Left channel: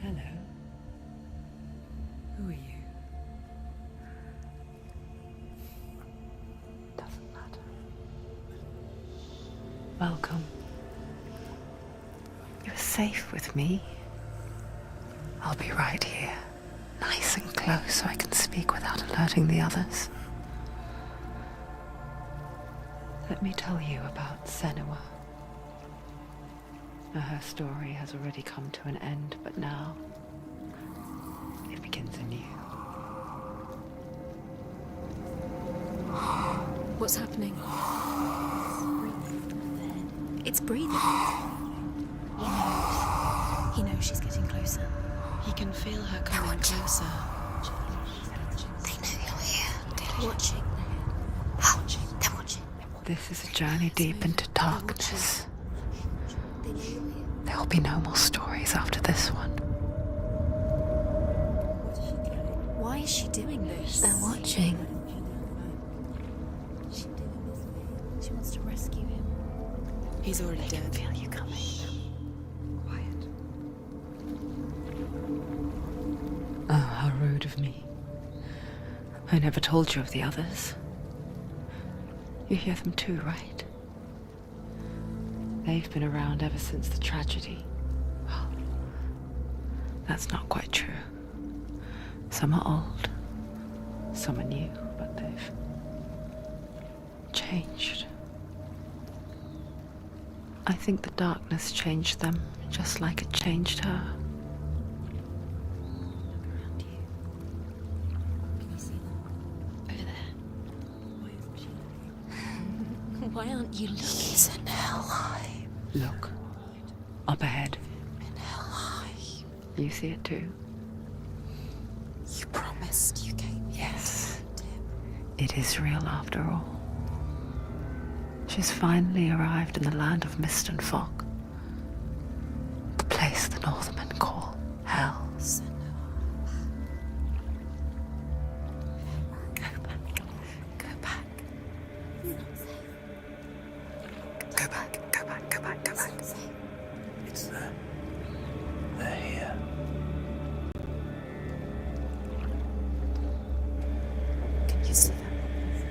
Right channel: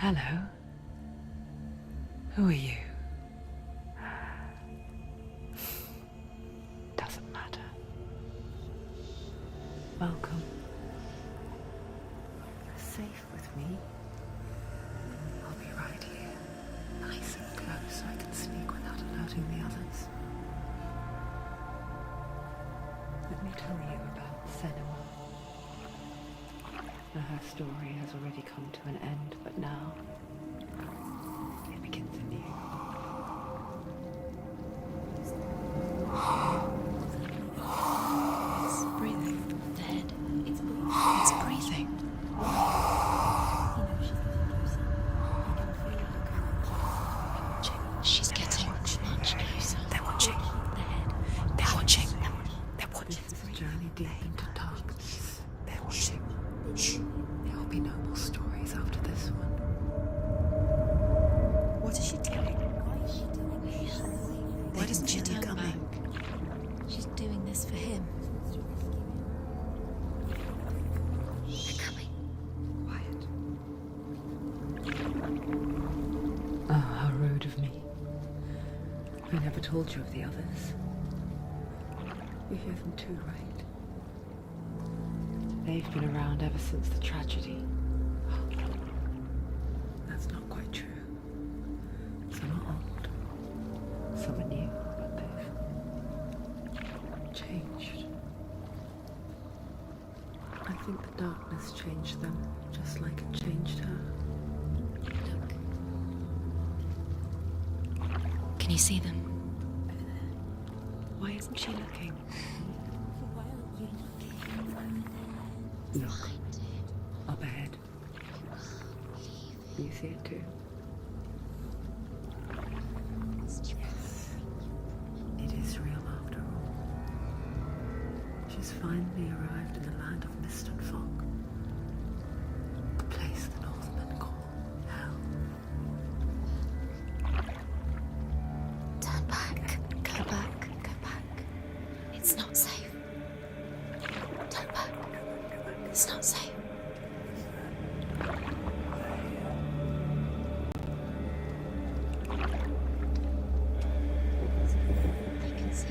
Hello. Who are you? Doesn't matter. Welcome. You're safe with me. I'll be right here, nice and close so I can speak without alerting the others. Let me tell you about Senua. Now, her story has already come to an end, but now it begins anew. What's happening? It's breathing. The head. It's breathing. It's breathing. He knows she's getting closer. He can feel her coming closer. She's getting closer. They're watching. The head. They're watching. They're watching. This is a journey deep into darkness. There will be no more stories after this one. What is she doing? Why is she doing this? They're watching. Why doesn't she turn back? She's doing this for him. She wants to rescue him. He's already dead. I feel you coming. Quiet. Oh, how rude of me. I never told you of the others. You hear them too, right? They've been around ever since the tragedy. Well, that's not quite true. Some are old, some are new, but they've changed. I think the darkness changed them, just like it changed her. Can you see them? Over there. Why isn't she looking? Why aren't you looking? He's in hell high. Look, up ahead. You see it too? You promised you gave you. Yes. It is real after all. She's finally arrived in the land of mist and fog. The place the Northmen call Hell. Turn back. Go back. Go back. It's not safe. Go back, go back, go back, go It's back. not safe. It's them. They're here. You see them? I can see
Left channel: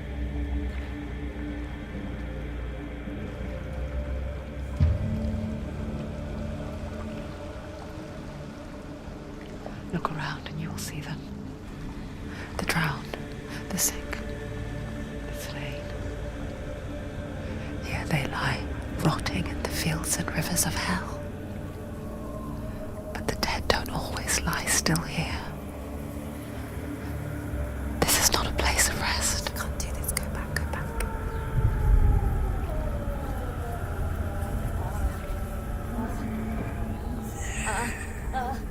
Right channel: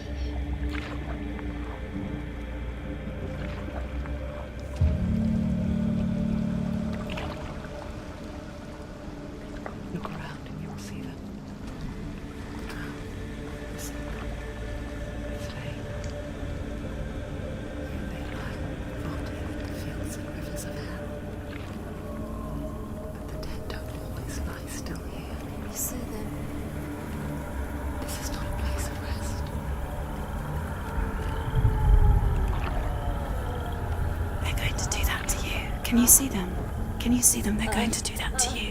Look around and you'll see them. The drowned, the sick, the slain. Here they lie, rotting in the fields and rivers of hell. But the dead don't always lie still here. You see them? This is not a place of rest. Can't do this. Go back. Go back. They're going to do that to you. Can you see them? Can you see them? They're going to do that to you.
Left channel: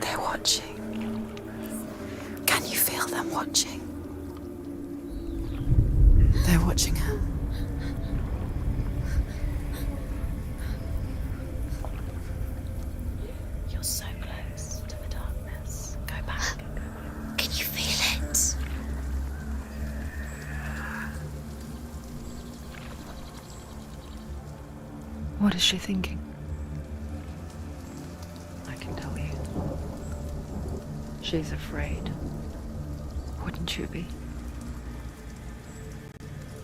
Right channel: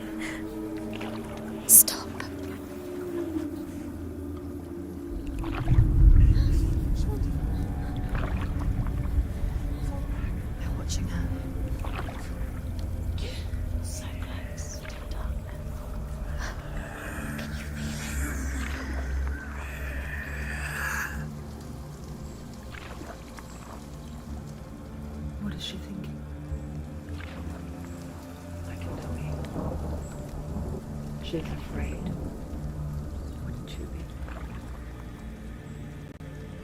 They're watching. Stop. Can you feel them watching? They're watching her. They're watching her. You're so close to the darkness. Go back. Can you feel it? What is she thinking? I can tell you. She's afraid. Wouldn't you be?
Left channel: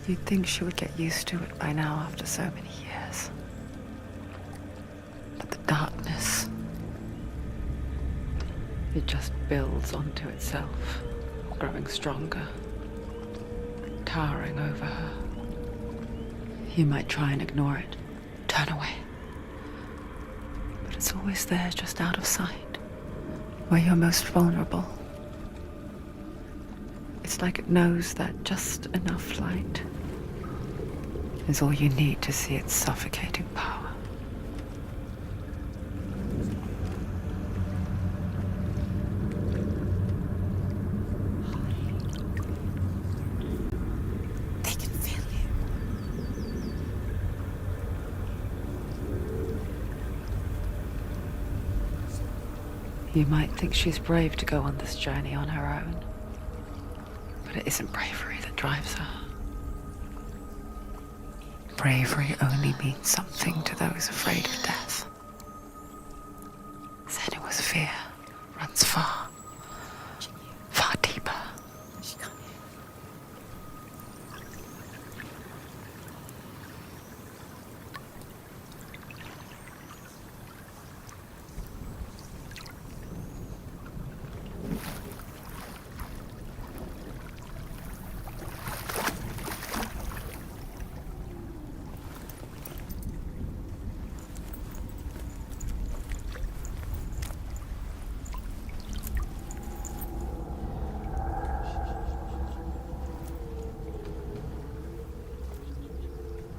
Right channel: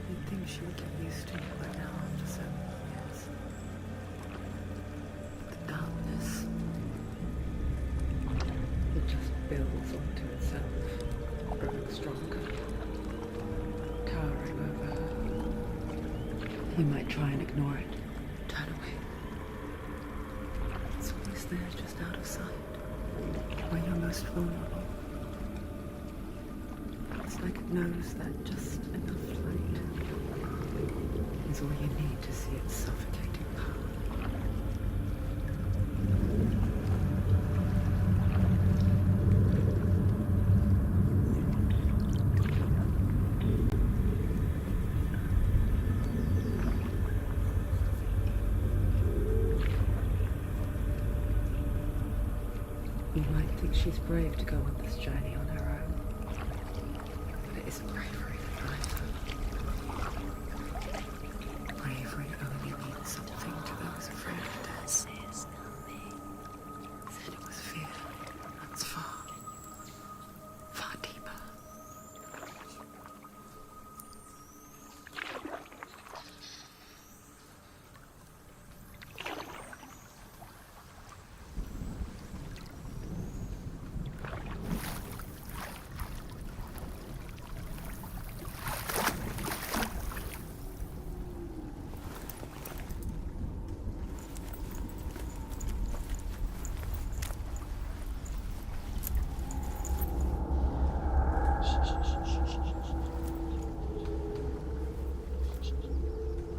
You'd think she would get used to it by now after so many years. But the darkness, it just builds onto itself, growing stronger, towering over her. You might try and ignore it, turn away. But it's always there, just out of sight, where you're most vulnerable. It's like it knows that just enough light is all you need to see its suffocating power. They can feel you. You might think she's brave to go on this journey on her own, but it isn't bravery that drives her. bravery only means something to those afraid of death, then it was fear runs far, far deeper.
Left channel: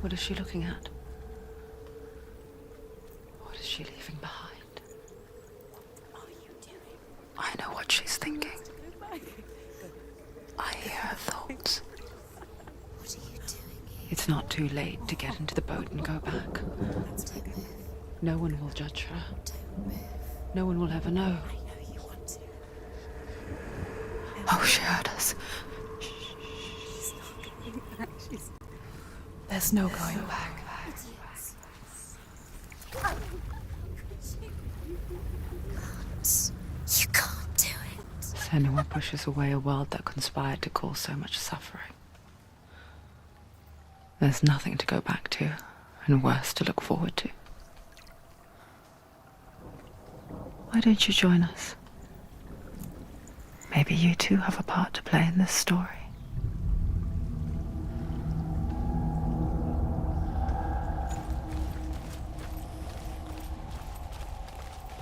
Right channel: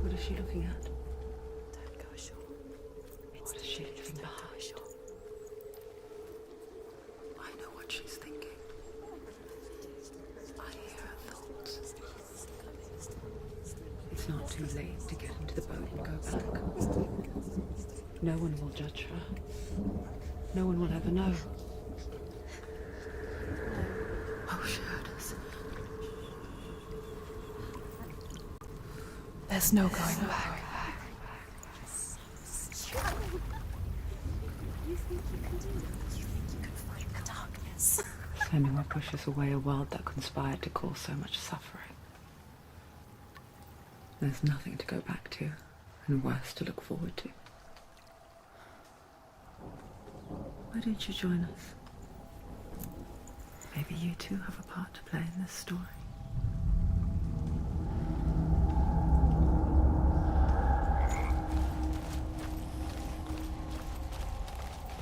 What is she looking at? What is she leaving behind? I know what she's thinking. I hear her thoughts. It's not too late to get into the boat and go back. No one will judge her. No one will ever know. Oh, she heard us. There's no going back. You can't do it. Senua pushes away a world that conspired to cause so much suffering. There's nothing to go back to, and worse to look forward to. Why don't you join us? Maybe you too have a part to play in this story.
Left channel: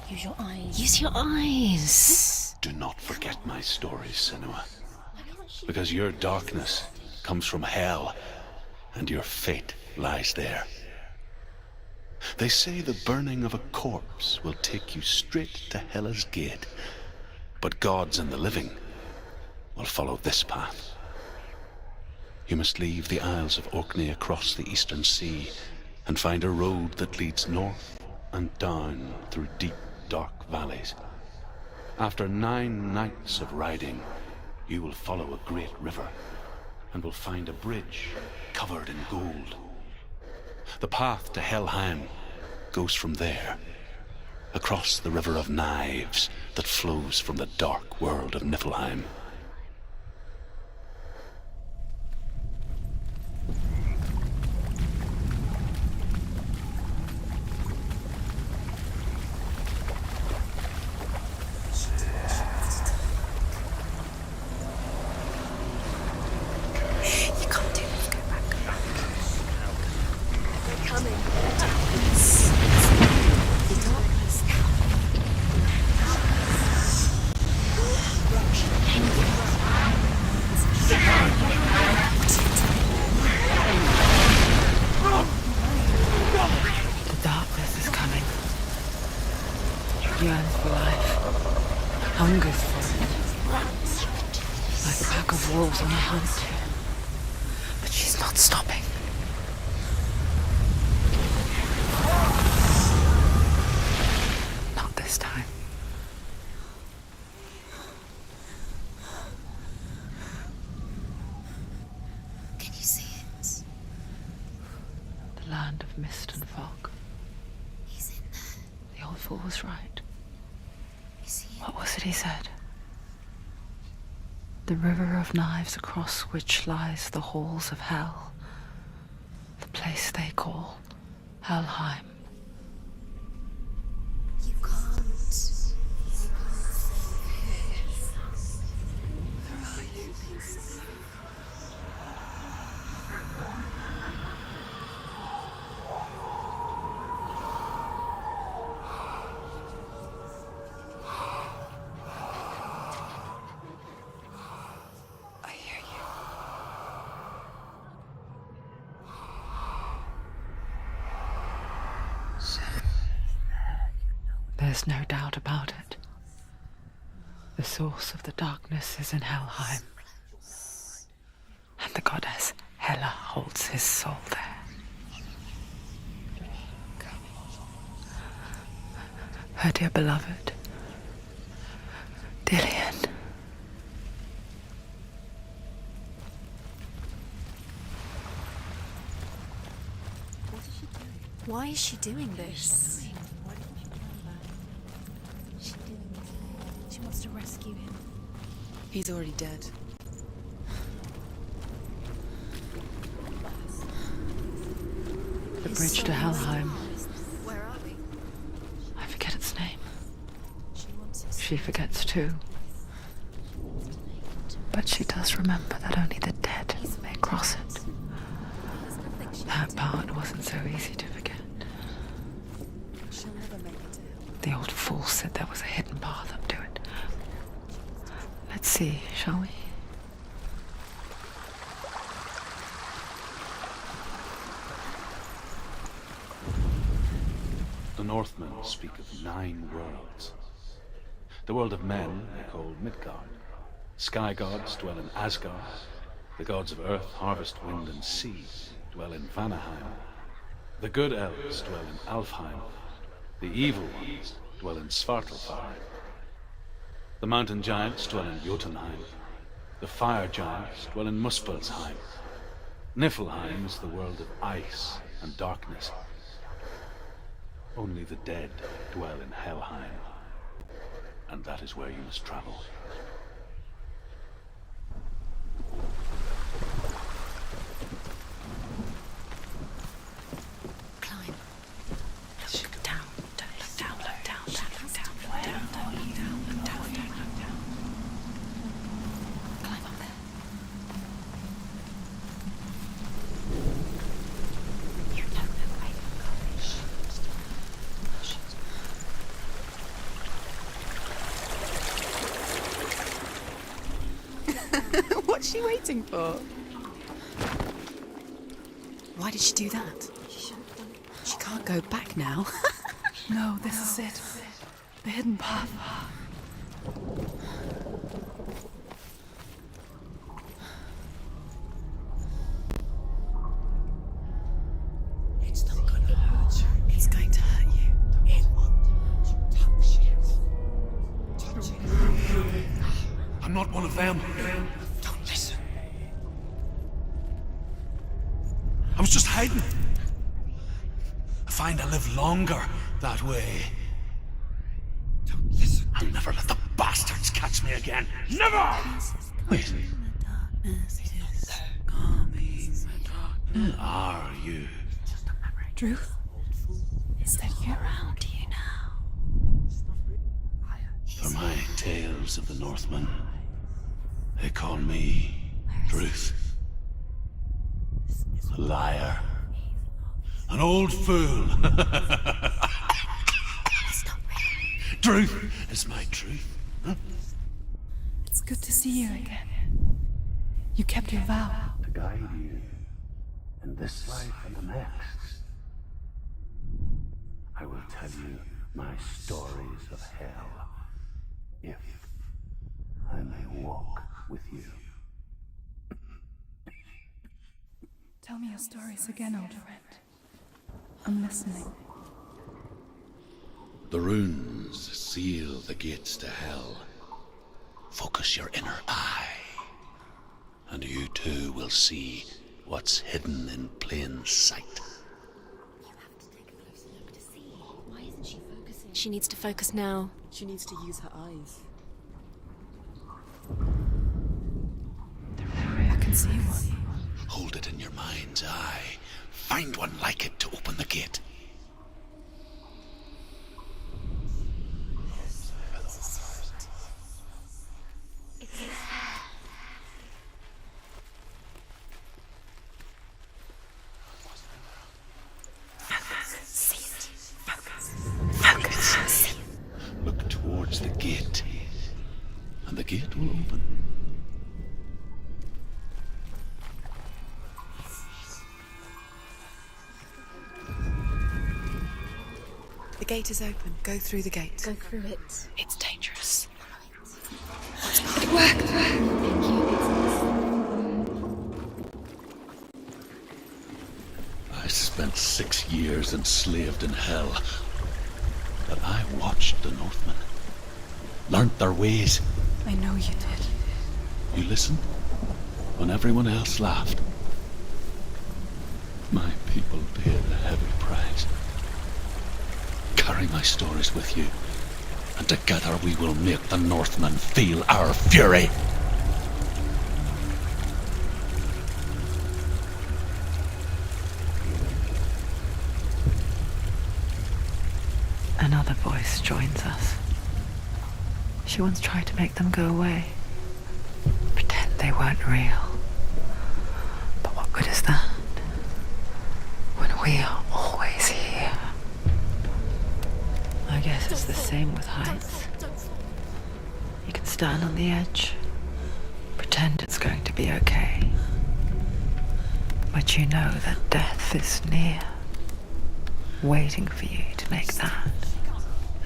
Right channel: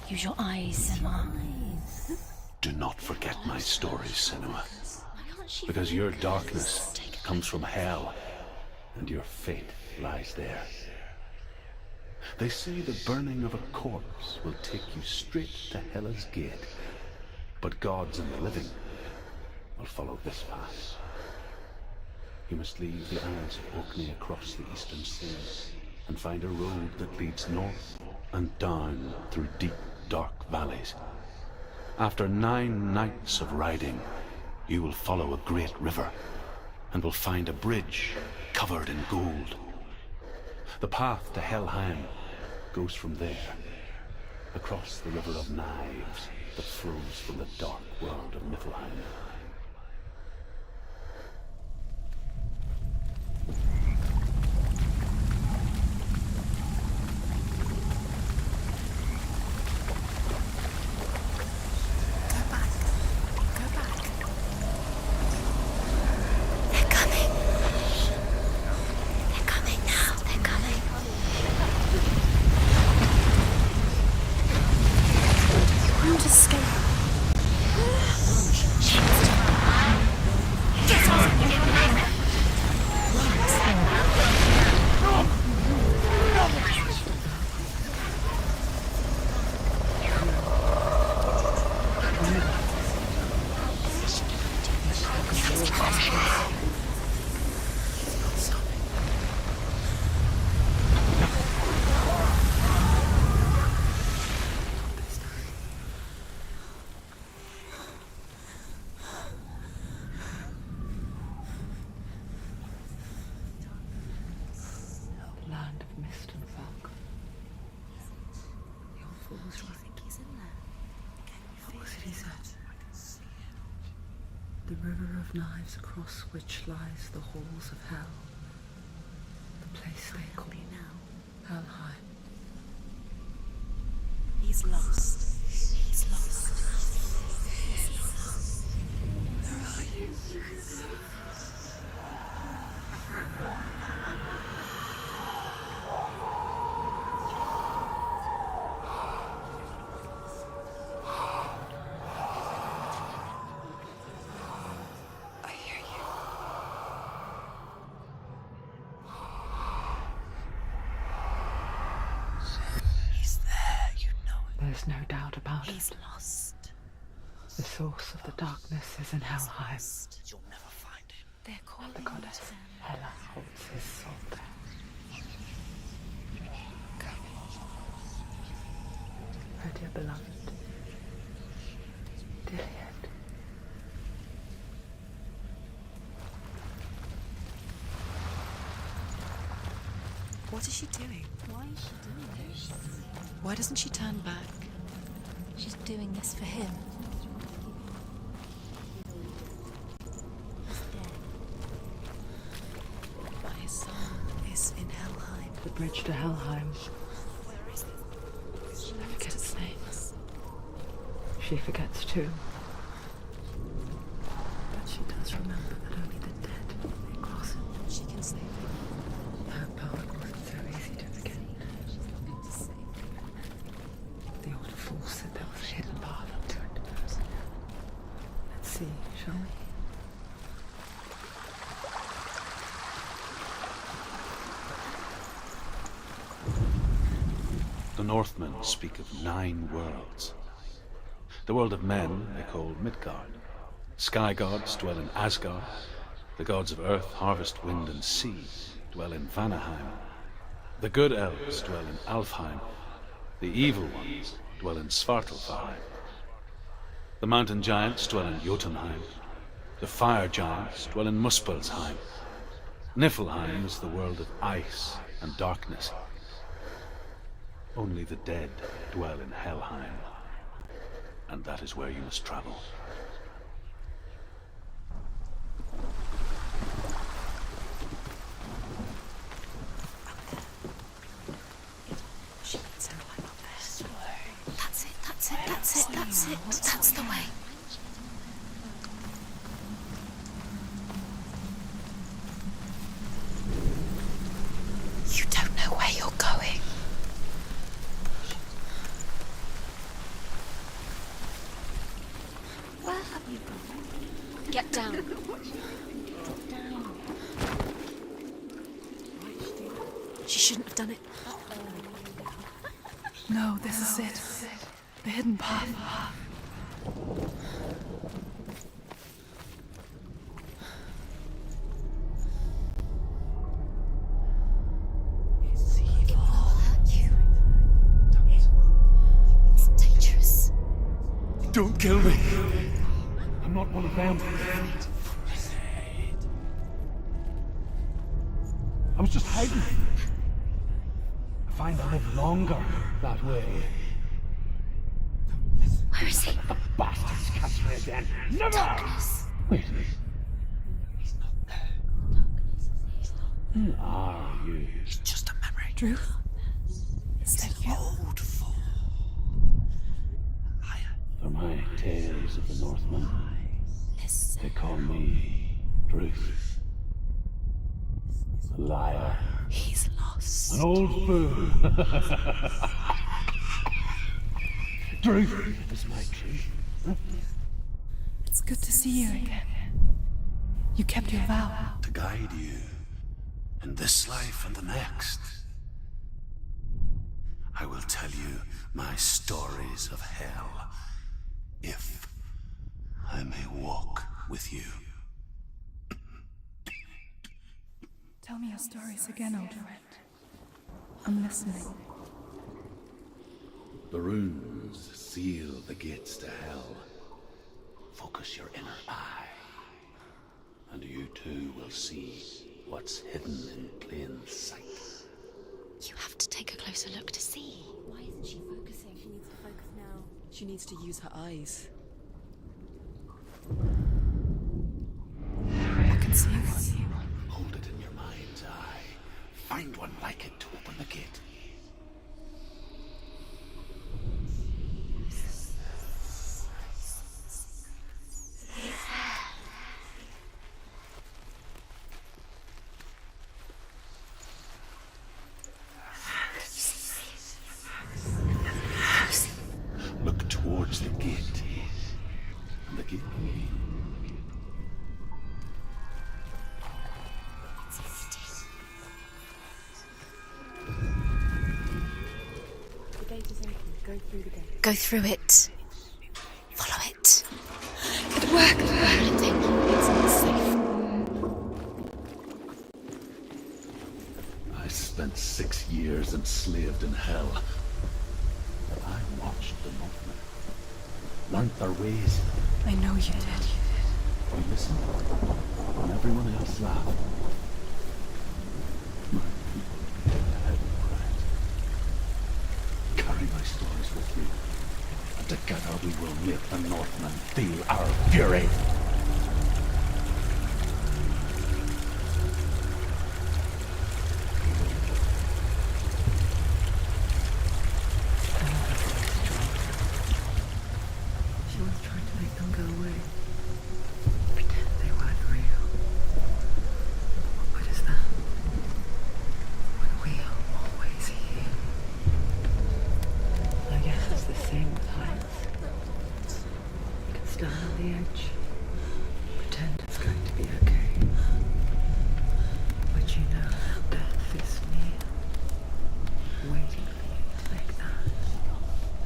Use your eyes. Use your eyes. Do not forget my stories, Senua. Because your darkness comes from hell, and your fate lies there. They say the burning of a corpse will take you straight to Hela's gate, but gods and the living will follow this path. You must leave the Isles of Orkney across the eastern sea and find a road that leads north and down through deep, dark valleys. After 9 nights of riding, you will follow a great river and will find a bridge covered in gold. The path to Helheim goes from there, across the river of knives that flows from the dark world of Niflheim. But she's not stopping. Not this time. Can you see it? The land of mist and fog. He's in there. The old fool was right. He's in there. You see it? What was it he said? The river of knives across which lies the halls of hell. The place they call Helheim. He's lost. He's lost. Where are you? I hear you. He's there, you know it. There's no doubt about He's it. lost. The source of the darkness is in Helheim, and the goddess Hela holds his soul there. Her dear beloved, Dillian. What is she doing? Why is she doing this? Why doesn't she turn back? She's doing this for him. She wants to rescue him. He's already dead. His soul is in Helheim. The His bridge to soul is- Helheim. I forget its name. She forgets too. But she does remember that only the dead may cross it. That part wasn't so easy to forget. The old fool said there was a hidden path up to it. Let's see, shall we? The Northmen speak of 9 worlds. The world of men they call Midgard. Sky gods dwell in Asgard. The gods of earth, harvest, wind, and sea dwell in Vanaheim. The good elves dwell in Alfheim. The evil ones dwell in Svartalfheim. The mountain giants dwell in Jotunheim. The fire giants dwell in Muspelheim. Niflheim is the world of ice and darkness. Only the dead dwell in Helheim. And that is where you must travel. That's the way. You don't know where you're going. Get down. What's she waiting for? Why did she do that? She shouldn't have done it. She can't go back now. No, this is it. The hidden path. It's not going to hurt. It's going to hurt you. It won't. It's dangerous. Don't kill me. I'm not one of them. Don't listen. I was just hiding. I find I live longer that way. Don't listen. Never let the bastards catch me again. Never! Wait. Who are you? It's just a memory. Drew? Is that you? Around you now. For my tales of the Northmen, they call me Druth. A liar. He's lost. An old fool. It's not real. Truth is my truth. It's good to see you again. You kept your vow. To guide you in this life and the next. I will tell you my stories of hell, if I may walk with you. Tell me your stories again, old friend. I'm listening. The runes seal the gates to hell. Focus your inner eye, and you too will see what's hidden in plain sight. You have to take a closer look to see. Why isn't she focusing? She needs to focus now. She needs to use her eyes. I can see one. Hold it in your mind's eye. Find one like it to open the gate. Look towards the gate, and the gate will open. The gate is open. Go through the gate. Go through it. It's dangerous. Follow it. It worked! Thank you. It's not safe. I spent 6 years enslaved in hell. But I watched the Northmen, learnt their ways. I know you did. You listened when everyone else laughed. My people paid the heavy my stories with you, and together we will make the Northmen feel our fury. Another voice joins us. She once tried to make them go away. Pretend they weren't real. But what good is that? When we are always here. I guess it's the same with heights. You can stand on the edge, pretend it's going to be okay. But you know that death is near, waiting for you to make that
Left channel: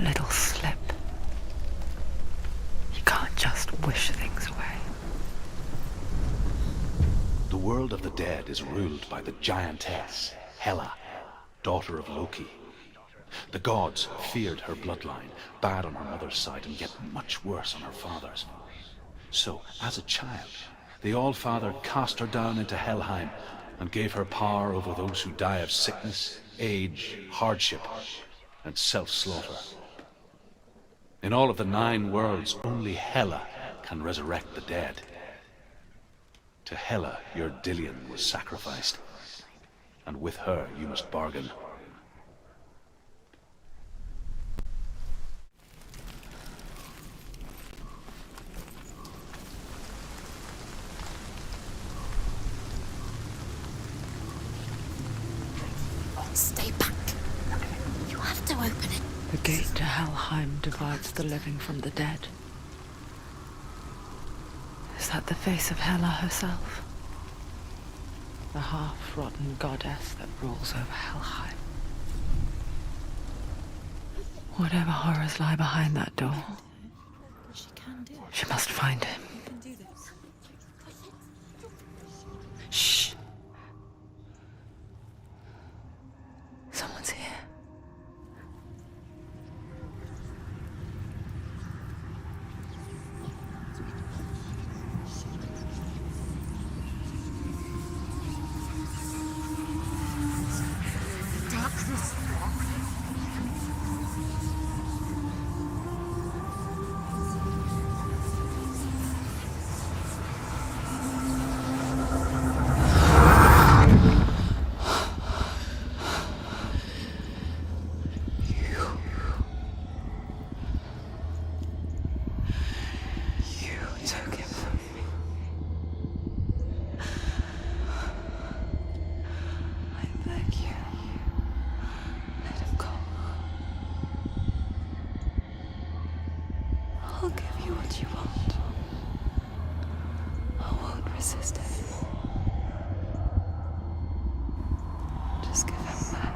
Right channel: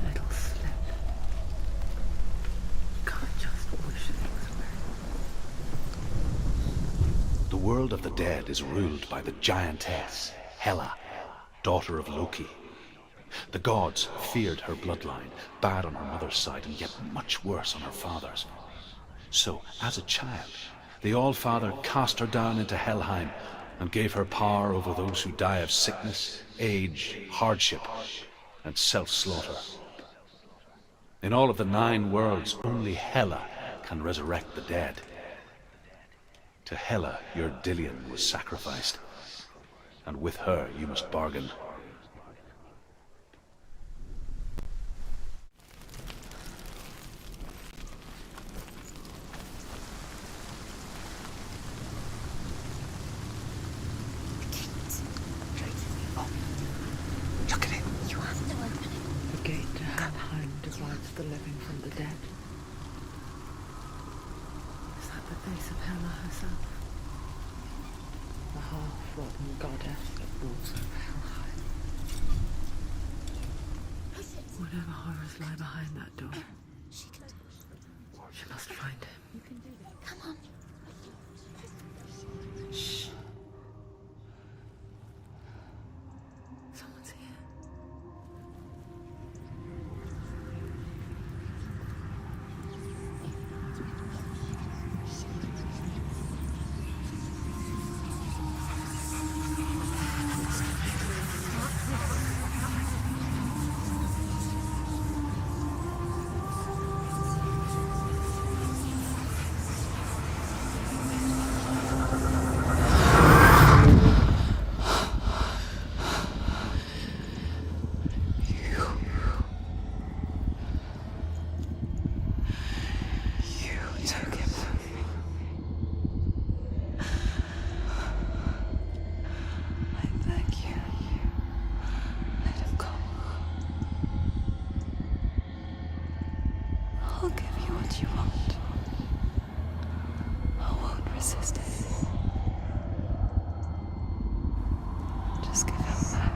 little slip. You can't just wish things away. The world of the dead is ruled by the giantess, Hela, daughter of Loki. The gods feared her bloodline, bad on her mother's side and yet much worse on her father's. So, as a child, the All-Father cast her down into Helheim and gave her power over those who die of sickness, age, hardship, and self-slaughter. In all of the 9 worlds, only Hela can resurrect the dead. To Hela, your Dillion was sacrificed, and with her you must bargain. Stay back. Look at it. You have to open it. The gate to Helheim divides the living from the dead. Is that the face of Hela herself? The half-rotten goddess that rules over Helheim. Whatever horrors lie behind that door, she must find him. Shh. Someone's here. Took him from me. I beg you, let him go. I'll give you what you want. I won't resist anymore. Just give him back.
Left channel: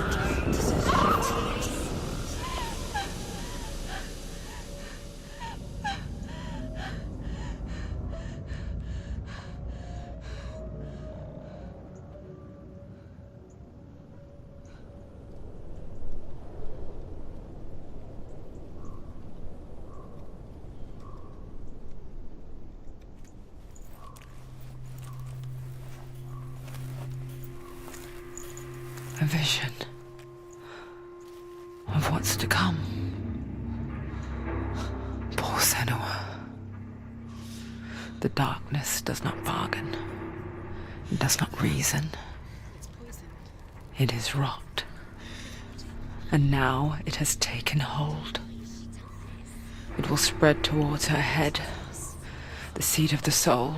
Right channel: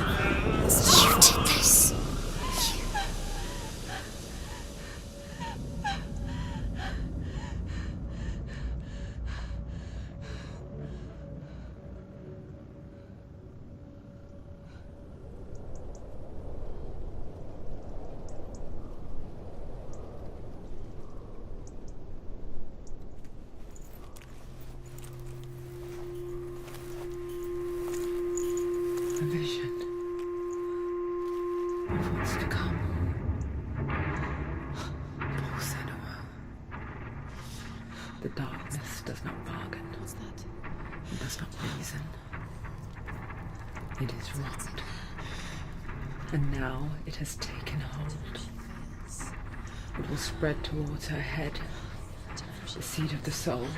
You did this. A vision of what's to come. Poor Senua. The darkness does not bargain. It does not reason. It is rot. And now it has taken hold. It will spread towards her head, the seat of the soul,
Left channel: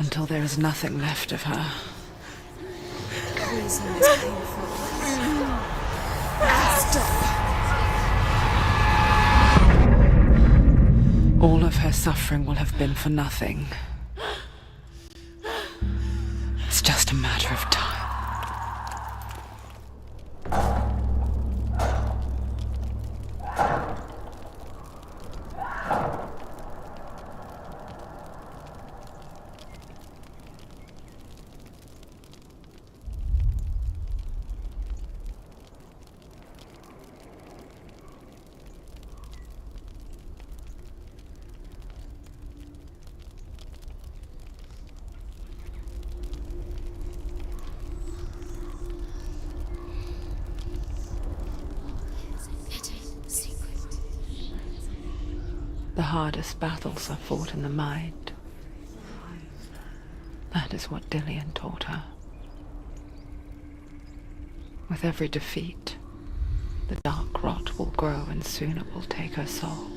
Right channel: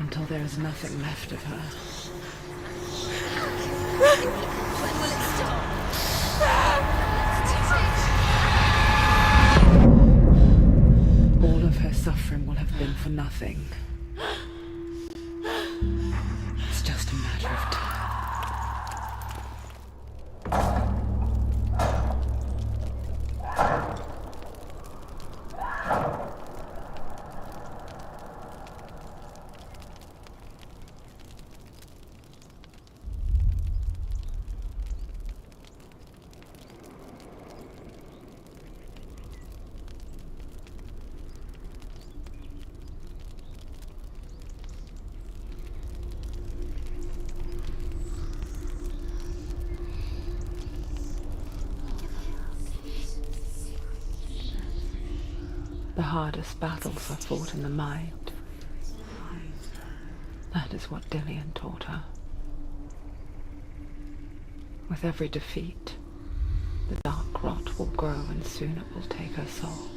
until there is nothing left of her. All of her suffering will have been for nothing. It's just a matter of time. The hardest battles are fought in the mind. That is what Dillian taught her. With every defeat, the dark rot will grow and soon it will take her soul.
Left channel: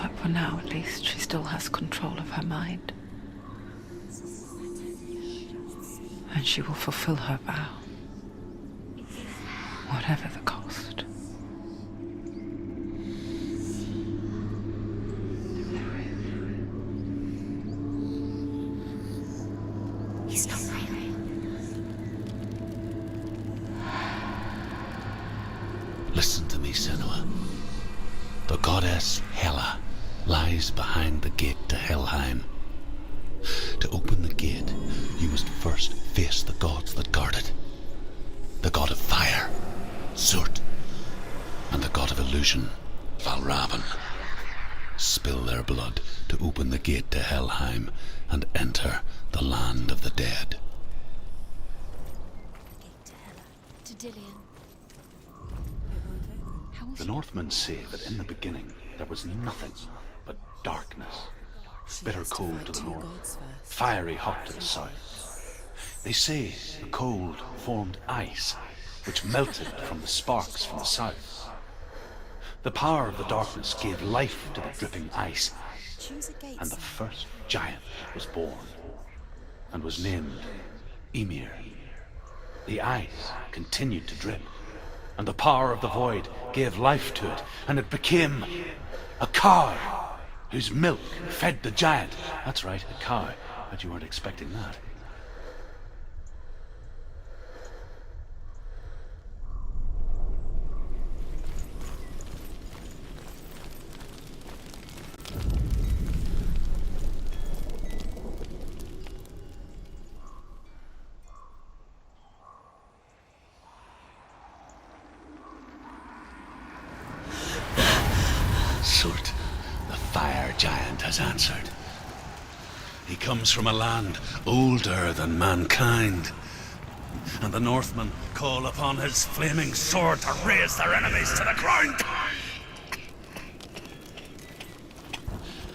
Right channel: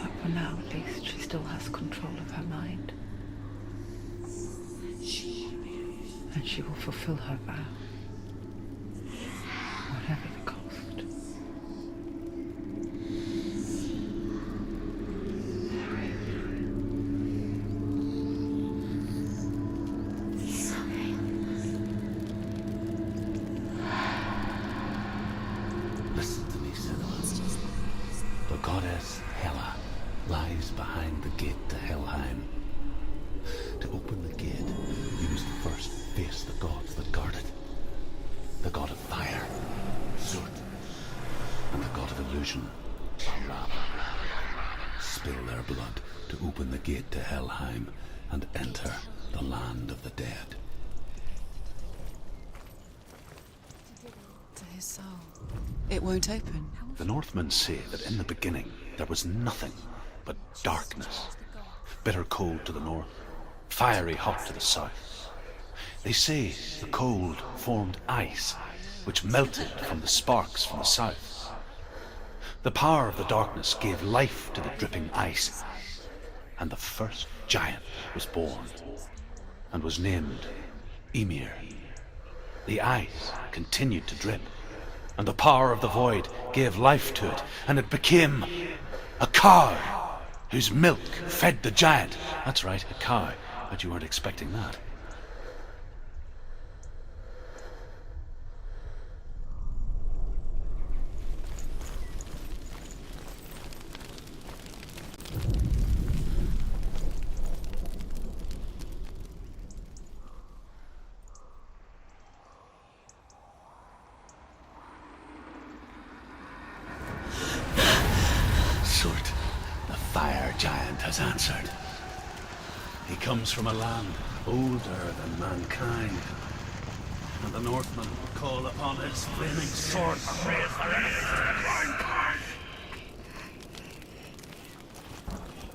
But for now, at least, she still has control of her mind. And she will fulfill her vow. Whatever the cost. He's not right. Listen to me, Senua. The goddess Hela lies behind the gate to Helheim. To open the gate, you must first face the gods that guard it. The god of fire, Zurt, and the god of illusion, Valravan. Spill their blood to open the gate to Helheim and enter the land of the dead. To Dillian. To his soul. It won't open. The Northmen say that in the beginning there was nothing but darkness. Bitter cold to the north, fiery hot to the south. They say the cold formed ice, which melted from the sparks from the south. The power of the darkness gave life to the dripping ice, and the first giant was born, and was named Ymir. The ice continued to drip, and the power of the void gave life to it, and it became a cow, whose milk fed the giant. That's right, a cow. Bet you weren't expecting that. Surt, the fire giant, has answered. He comes from a land older than mankind, and the Northmen call upon his flaming sword to raise their enemies to the ground.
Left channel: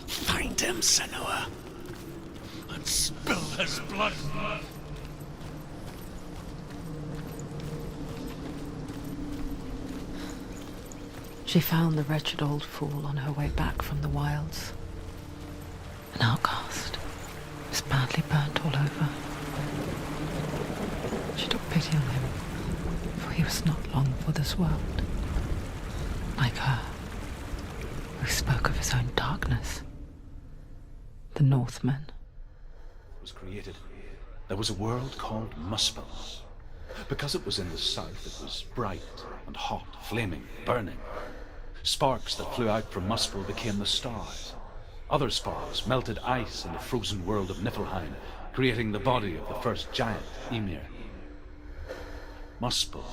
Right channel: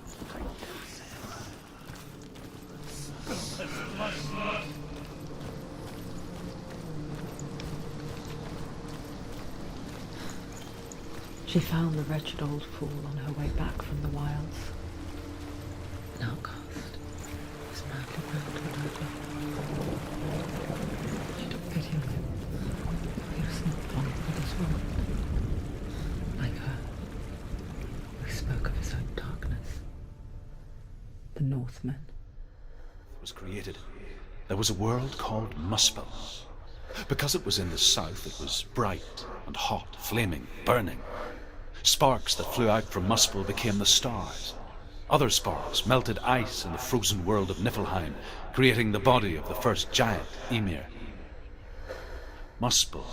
Find him, Senua, and spill his blood. She found the wretched old fool on her way back from the wilds. An outcast. He was badly burnt all over. She took pity on him, for he was not long for this world. Like her, who spoke of his own darkness. The Northmen. Was created, there was a world called Muspel. Because it was in the south, it was bright and hot, flaming, burning. Sparks that flew out from Muspel became the stars. Other sparks melted ice in the frozen world of Niflheim, creating the body of the first giant, Ymir. Muspel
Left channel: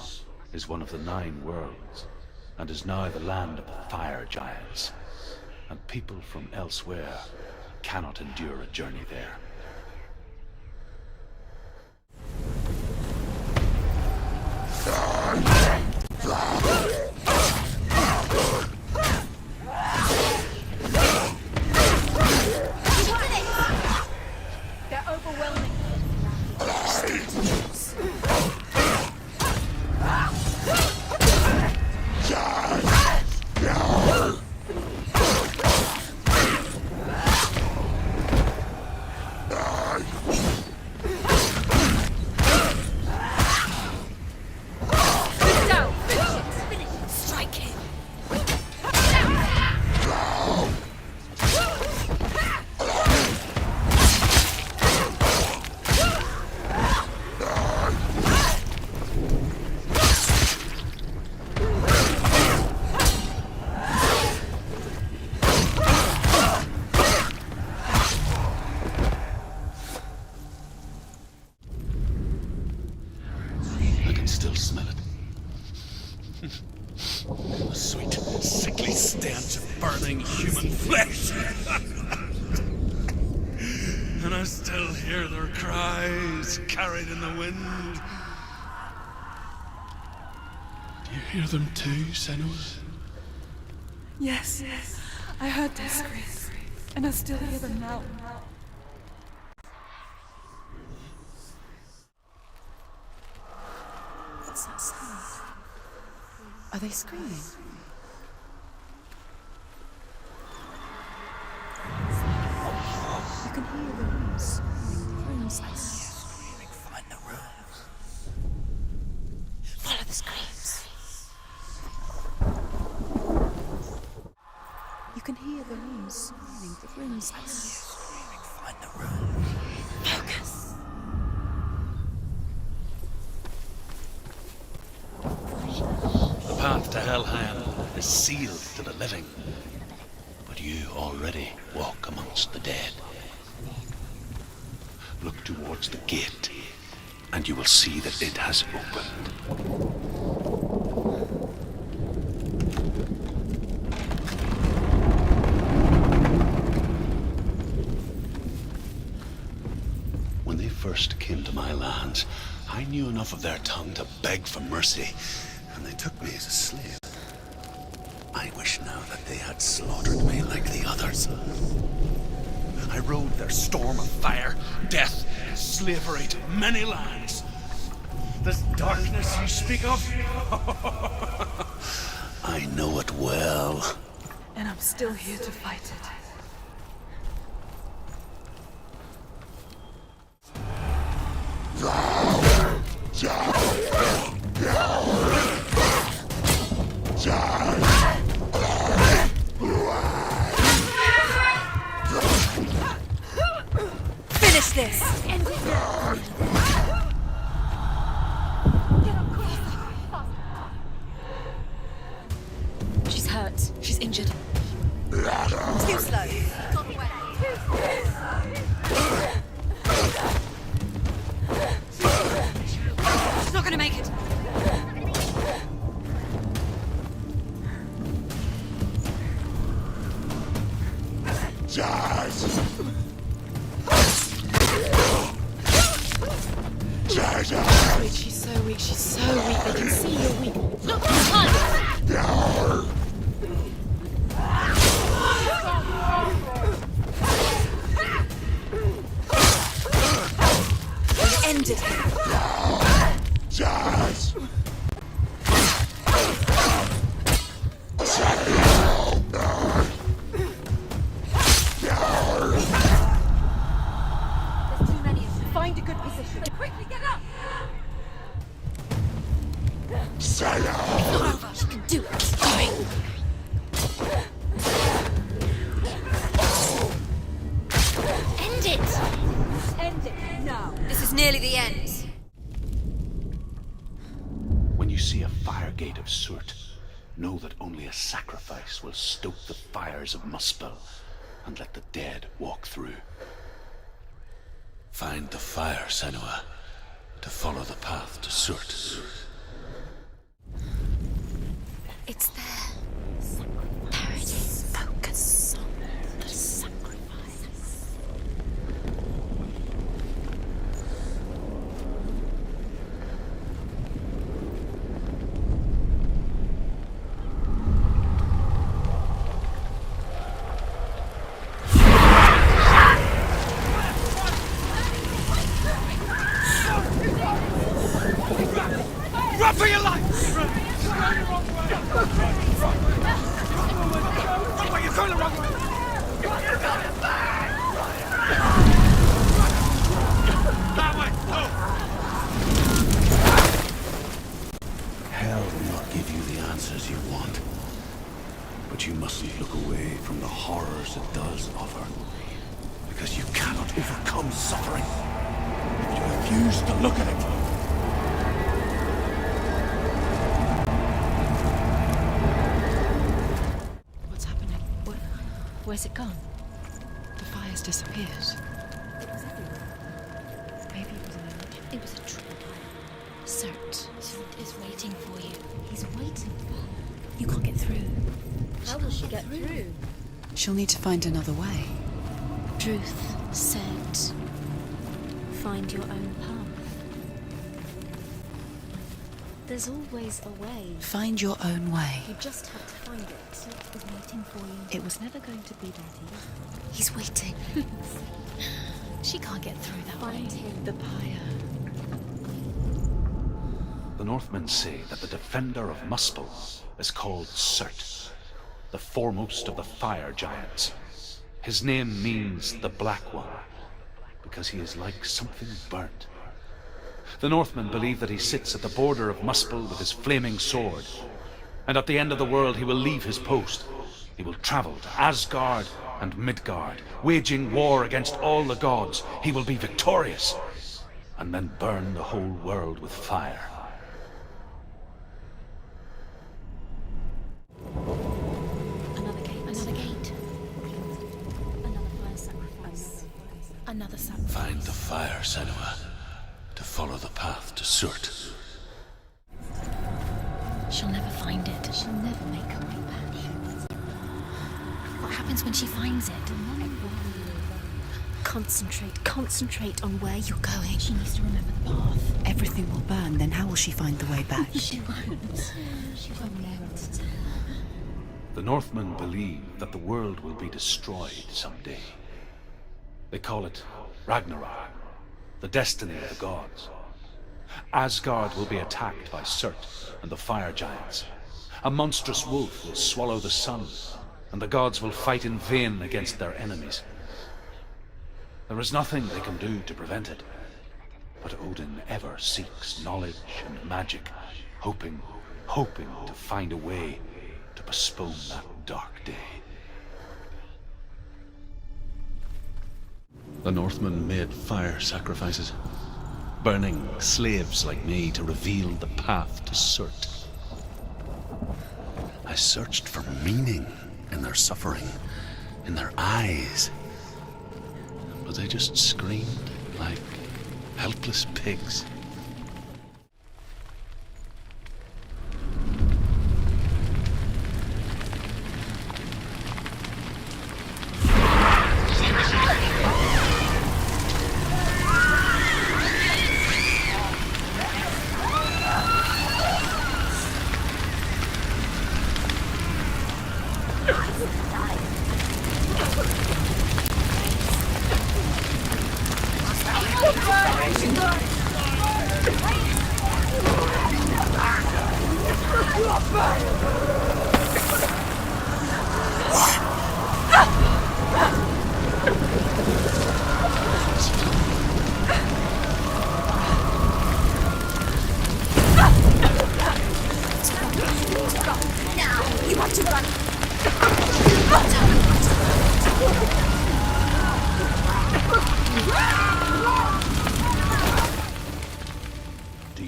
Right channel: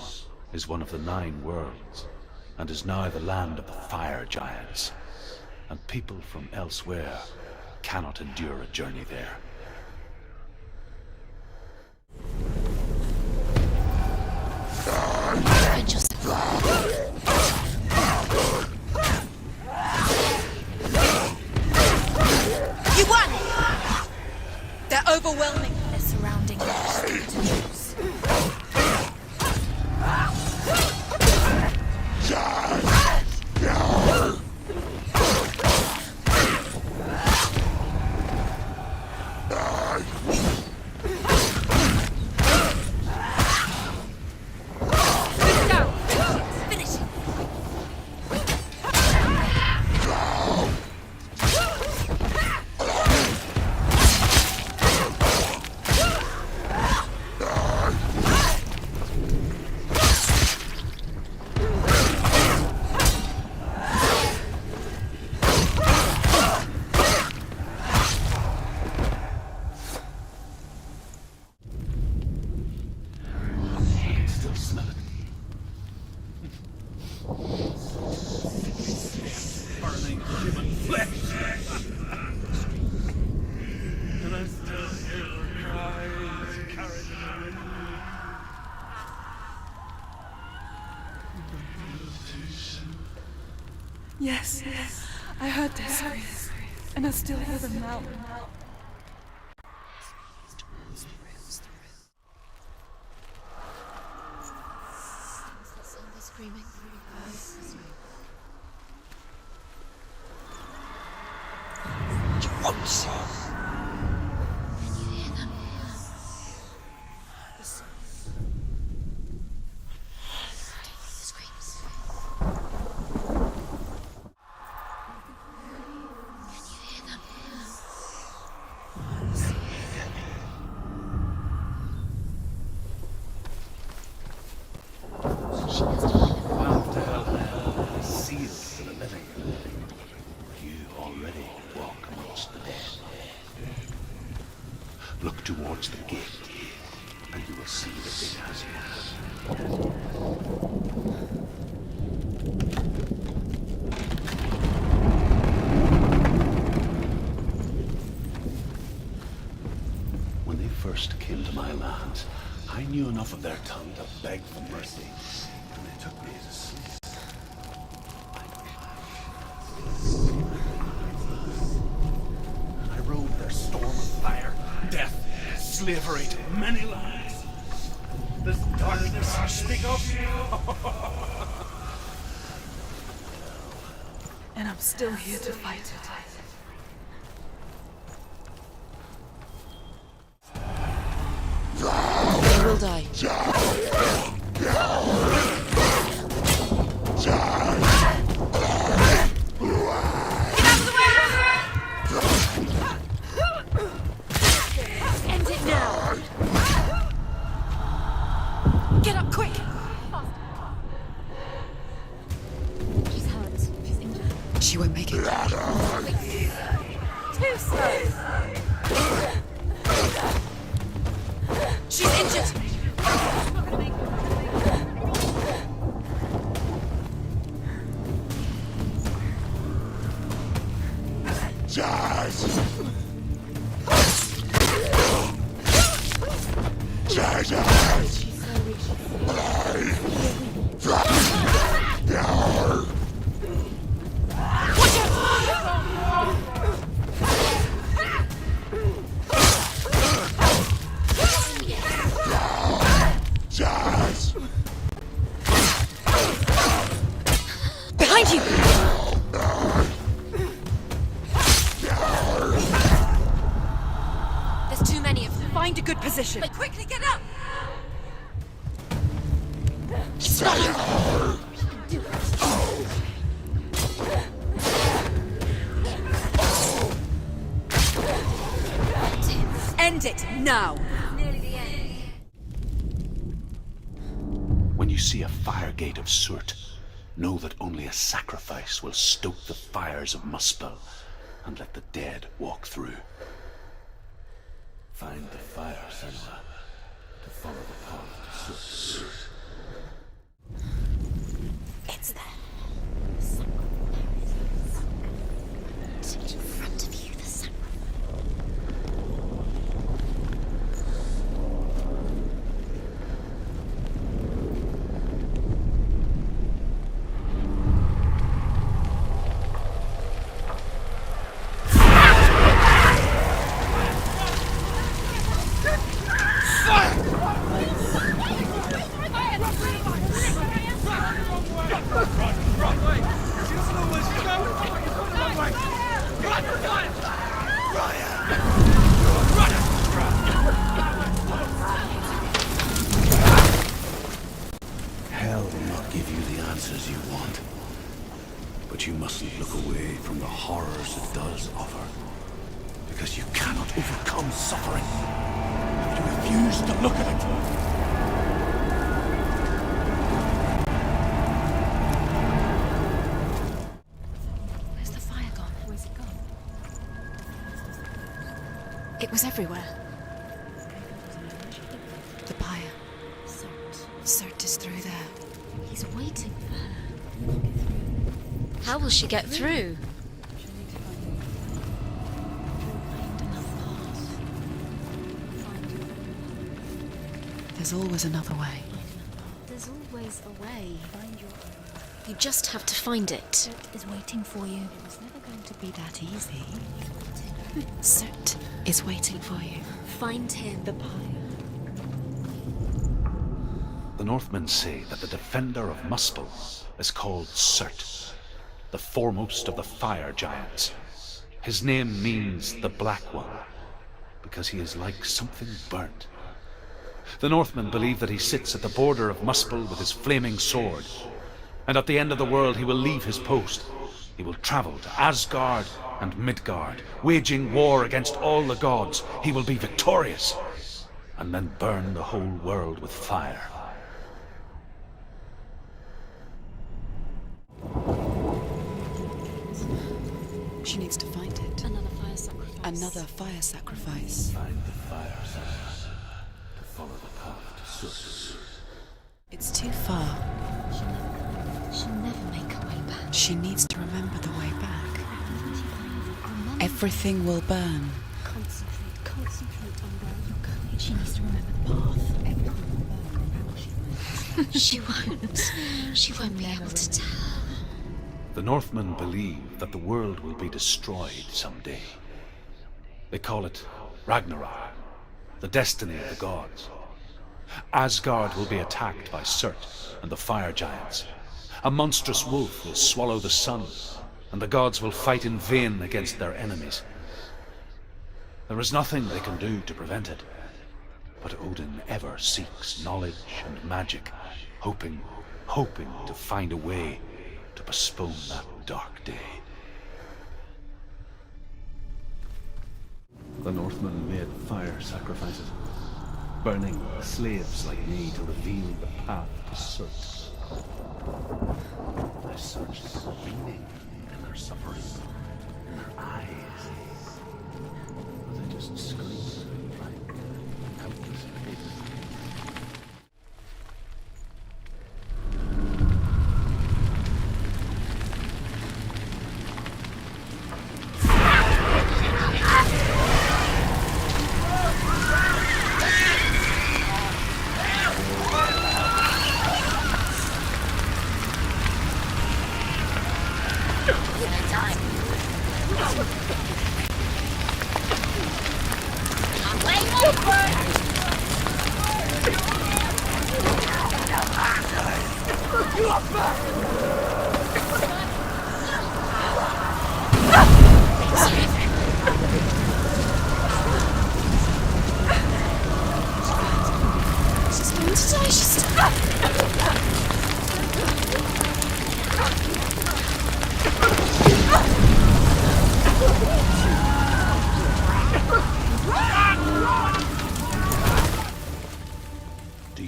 is one of the 9 worlds, and is now the land of the fire giants. And people from elsewhere cannot endure a journey there. You won it! They're overwhelming us, surrounding us. Still smell it. The sweet, sickly stench of burning human flesh. And I still hear their cries carried in the wind. Do you hear them too, Senua? Yes, I heard their screams, and I still hear them now. Are they screaming? Close. Find the ruins. Follow the screams. You can hear the runes. Find the ruins. Focus. The path to Helheim is sealed to the living, but you already walk amongst the dead. Look towards the gate, and you will see that it has opened. When they first came to my lands, I knew enough of their tongue to beg for mercy, and they took me as a slave. I wish now that they had slaughtered me like the others. I rode their storm of fire, death, slavery to many lands. This darkness you speak of, I know it well. And I'm still here to fight it. Finish this! End it now! Get up quick! She's hurt. She's injured. She won't make it. Too slow. Too slow. She's injured. She's not gonna make it. She's so weak, she's so weak. I can see her weak. End it. Behind you! There's too many of them. Find a good position. Quickly get up! You can do it. End it now. This is nearly the end. When you see a fire gate of Surt, know that only a sacrifice will stoke the fires of Muspel and let the dead walk through. Find the fire, Senua, to follow the path to Surt. It's there. There it is. Focus. To the front of you. Hell will not give you the answers you want. But you mustn't look away from the horrors it does offer. Because you cannot overcome suffering if you refuse to look at it. What's happening? Where's the fire gone? Where's it gone? The fire's disappeared. It was everywhere. Maybe it was an illusion. It was a trick. The pyre. Cert is through there. He's waiting for her. You can't get through. How will she get through? She'll need to find another way. Truth. Cert. Find your own path. There's always another way. There's always a way. Find your own way. You just have to find it. Cert is waiting for you. It was never going to be that easy. He's waiting. Cert is waiting for you. Find him. The pyre. The Northmen say that the defender of Muspel is called Surt, the foremost of the fire giants. His name means the Black One, because he is like something burnt. The Northmen believe that he sits at the border of Muspel with his flaming sword, and at the end of the world he will leave his post. He will travel to Asgard and Midgard, waging war against all the gods. He will be victorious, and then burn the whole world with fire. She needs to find it. Another fire sacrifice. Another fire sacrifice. Find the fire, Senua, to follow the path to Surt. It's too far. She'll never find it. She'll never make her way back. She needs to remember the way back. What happens when she finds it? Remember. Everything will burn. Concentrate on where you're going. She needs to remember the path. Everything will burn, then how will she find the way back? She won't. She won't be able to tell. The Northmen believe that the world will be destroyed someday. They call it Ragnarok, the destiny of the gods. Asgard will be attacked by Surt and the fire giants. A monstrous wolf will swallow the sun, and the gods will fight in vain against their enemies. There is nothing they can do to prevent it, but Odin ever seeks knowledge and magic, hoping to find a way to postpone that dark day. The Northmen made fire sacrifices, burning slaves like me to reveal the path to Surt. I searched for meaning in their suffering, in their eyes. But they just screamed like helpless pigs.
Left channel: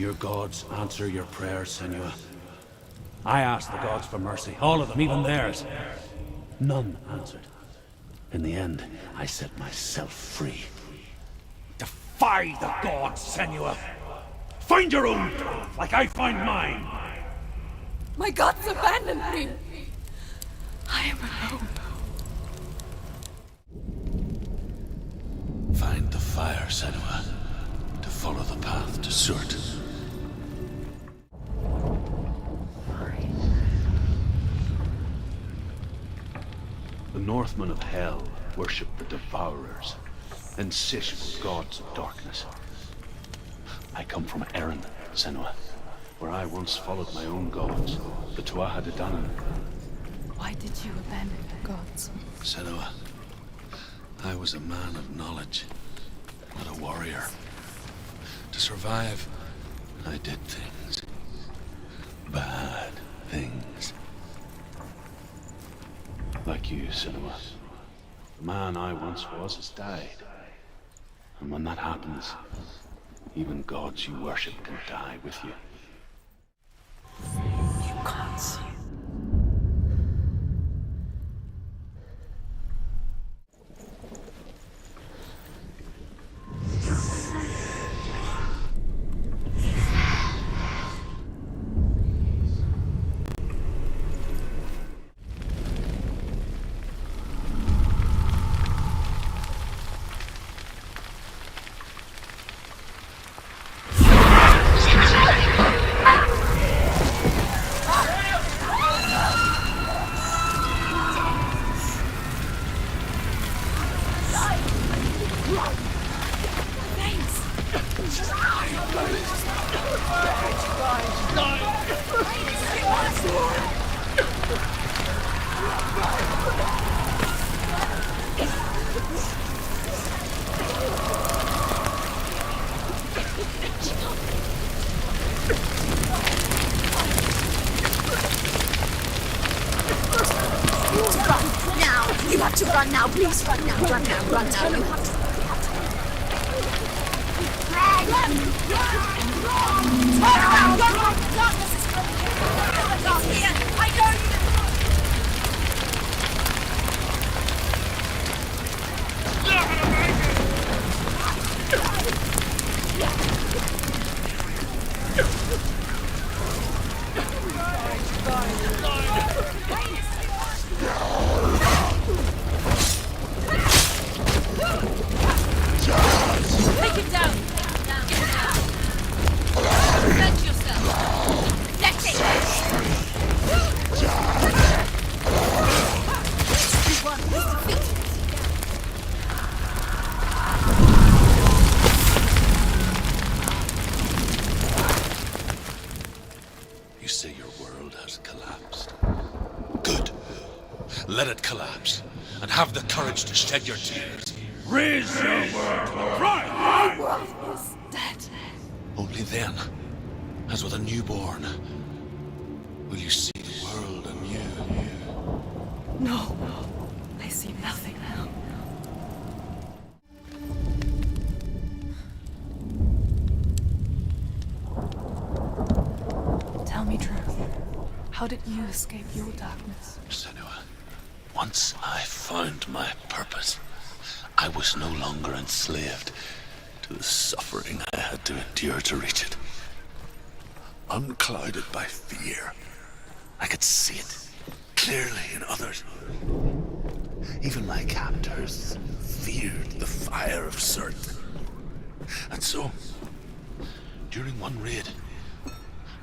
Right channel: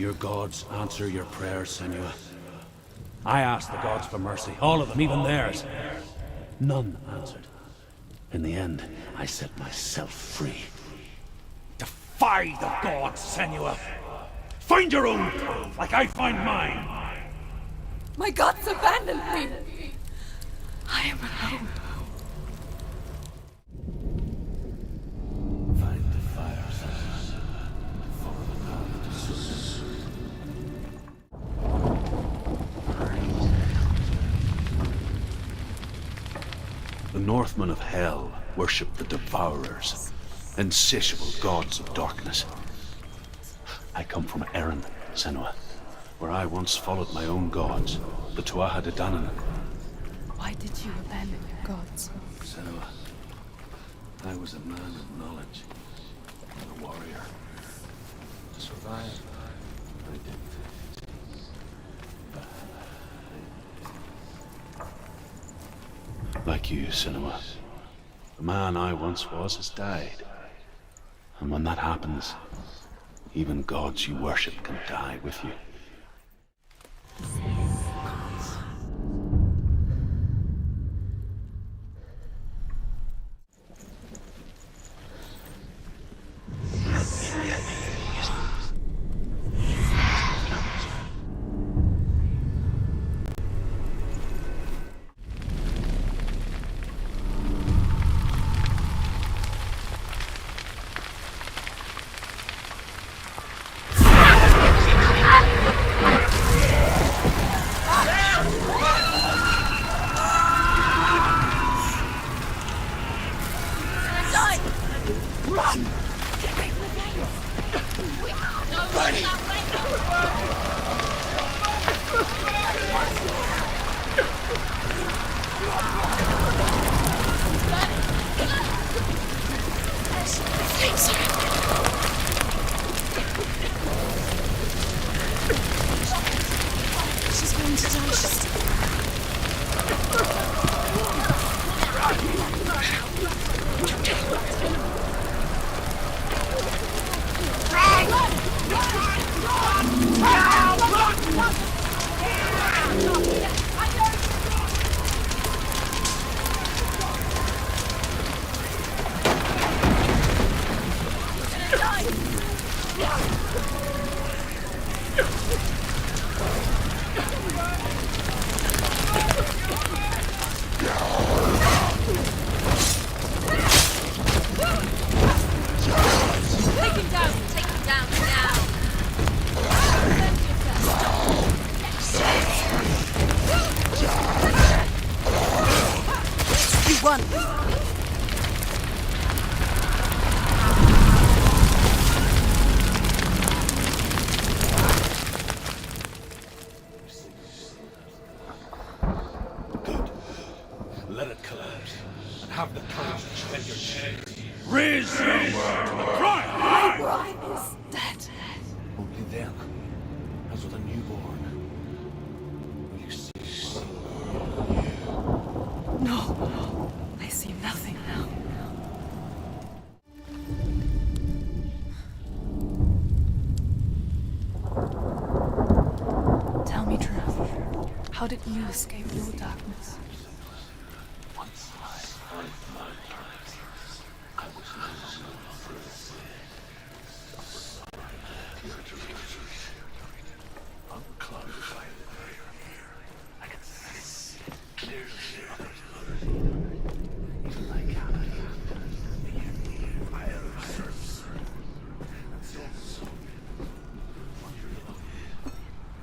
your gods answer your prayers, Senua? I asked the gods for mercy, all of them, even theirs. None answered. In the end, I set myself free. Defy the gods, Senua! Find your own path, like I find mine! My gods abandoned me. I am alone. Find the fire, Senua, to follow the path to Surt. The Northmen of Hell worship the Devourers, insatiable gods of darkness. I come from Erin, Senua, where I once followed my own gods, the Tuatha De Danann. Why did you abandon your gods? Senua, I was a man of knowledge, not a warrior. To survive, I did things. Bad things. Like you, Senua. The man I once was has died. And when that happens, even gods you worship can die with you. You can't see. You say your world has collapsed. Good. Let it collapse, and have the courage to shed your tears. Raise your world to the prime! My world is dead. Only then, as with a newborn, will you see the world anew. No, I see nothing now. Tell me truth. How did you escape your darkness? Senua, once I found my purpose, I was no longer enslaved to the suffering I had to endure to reach it. Unclouded by fear, I could see it clearly in others. Even my captors feared the fire of Surt. And so, during one raid,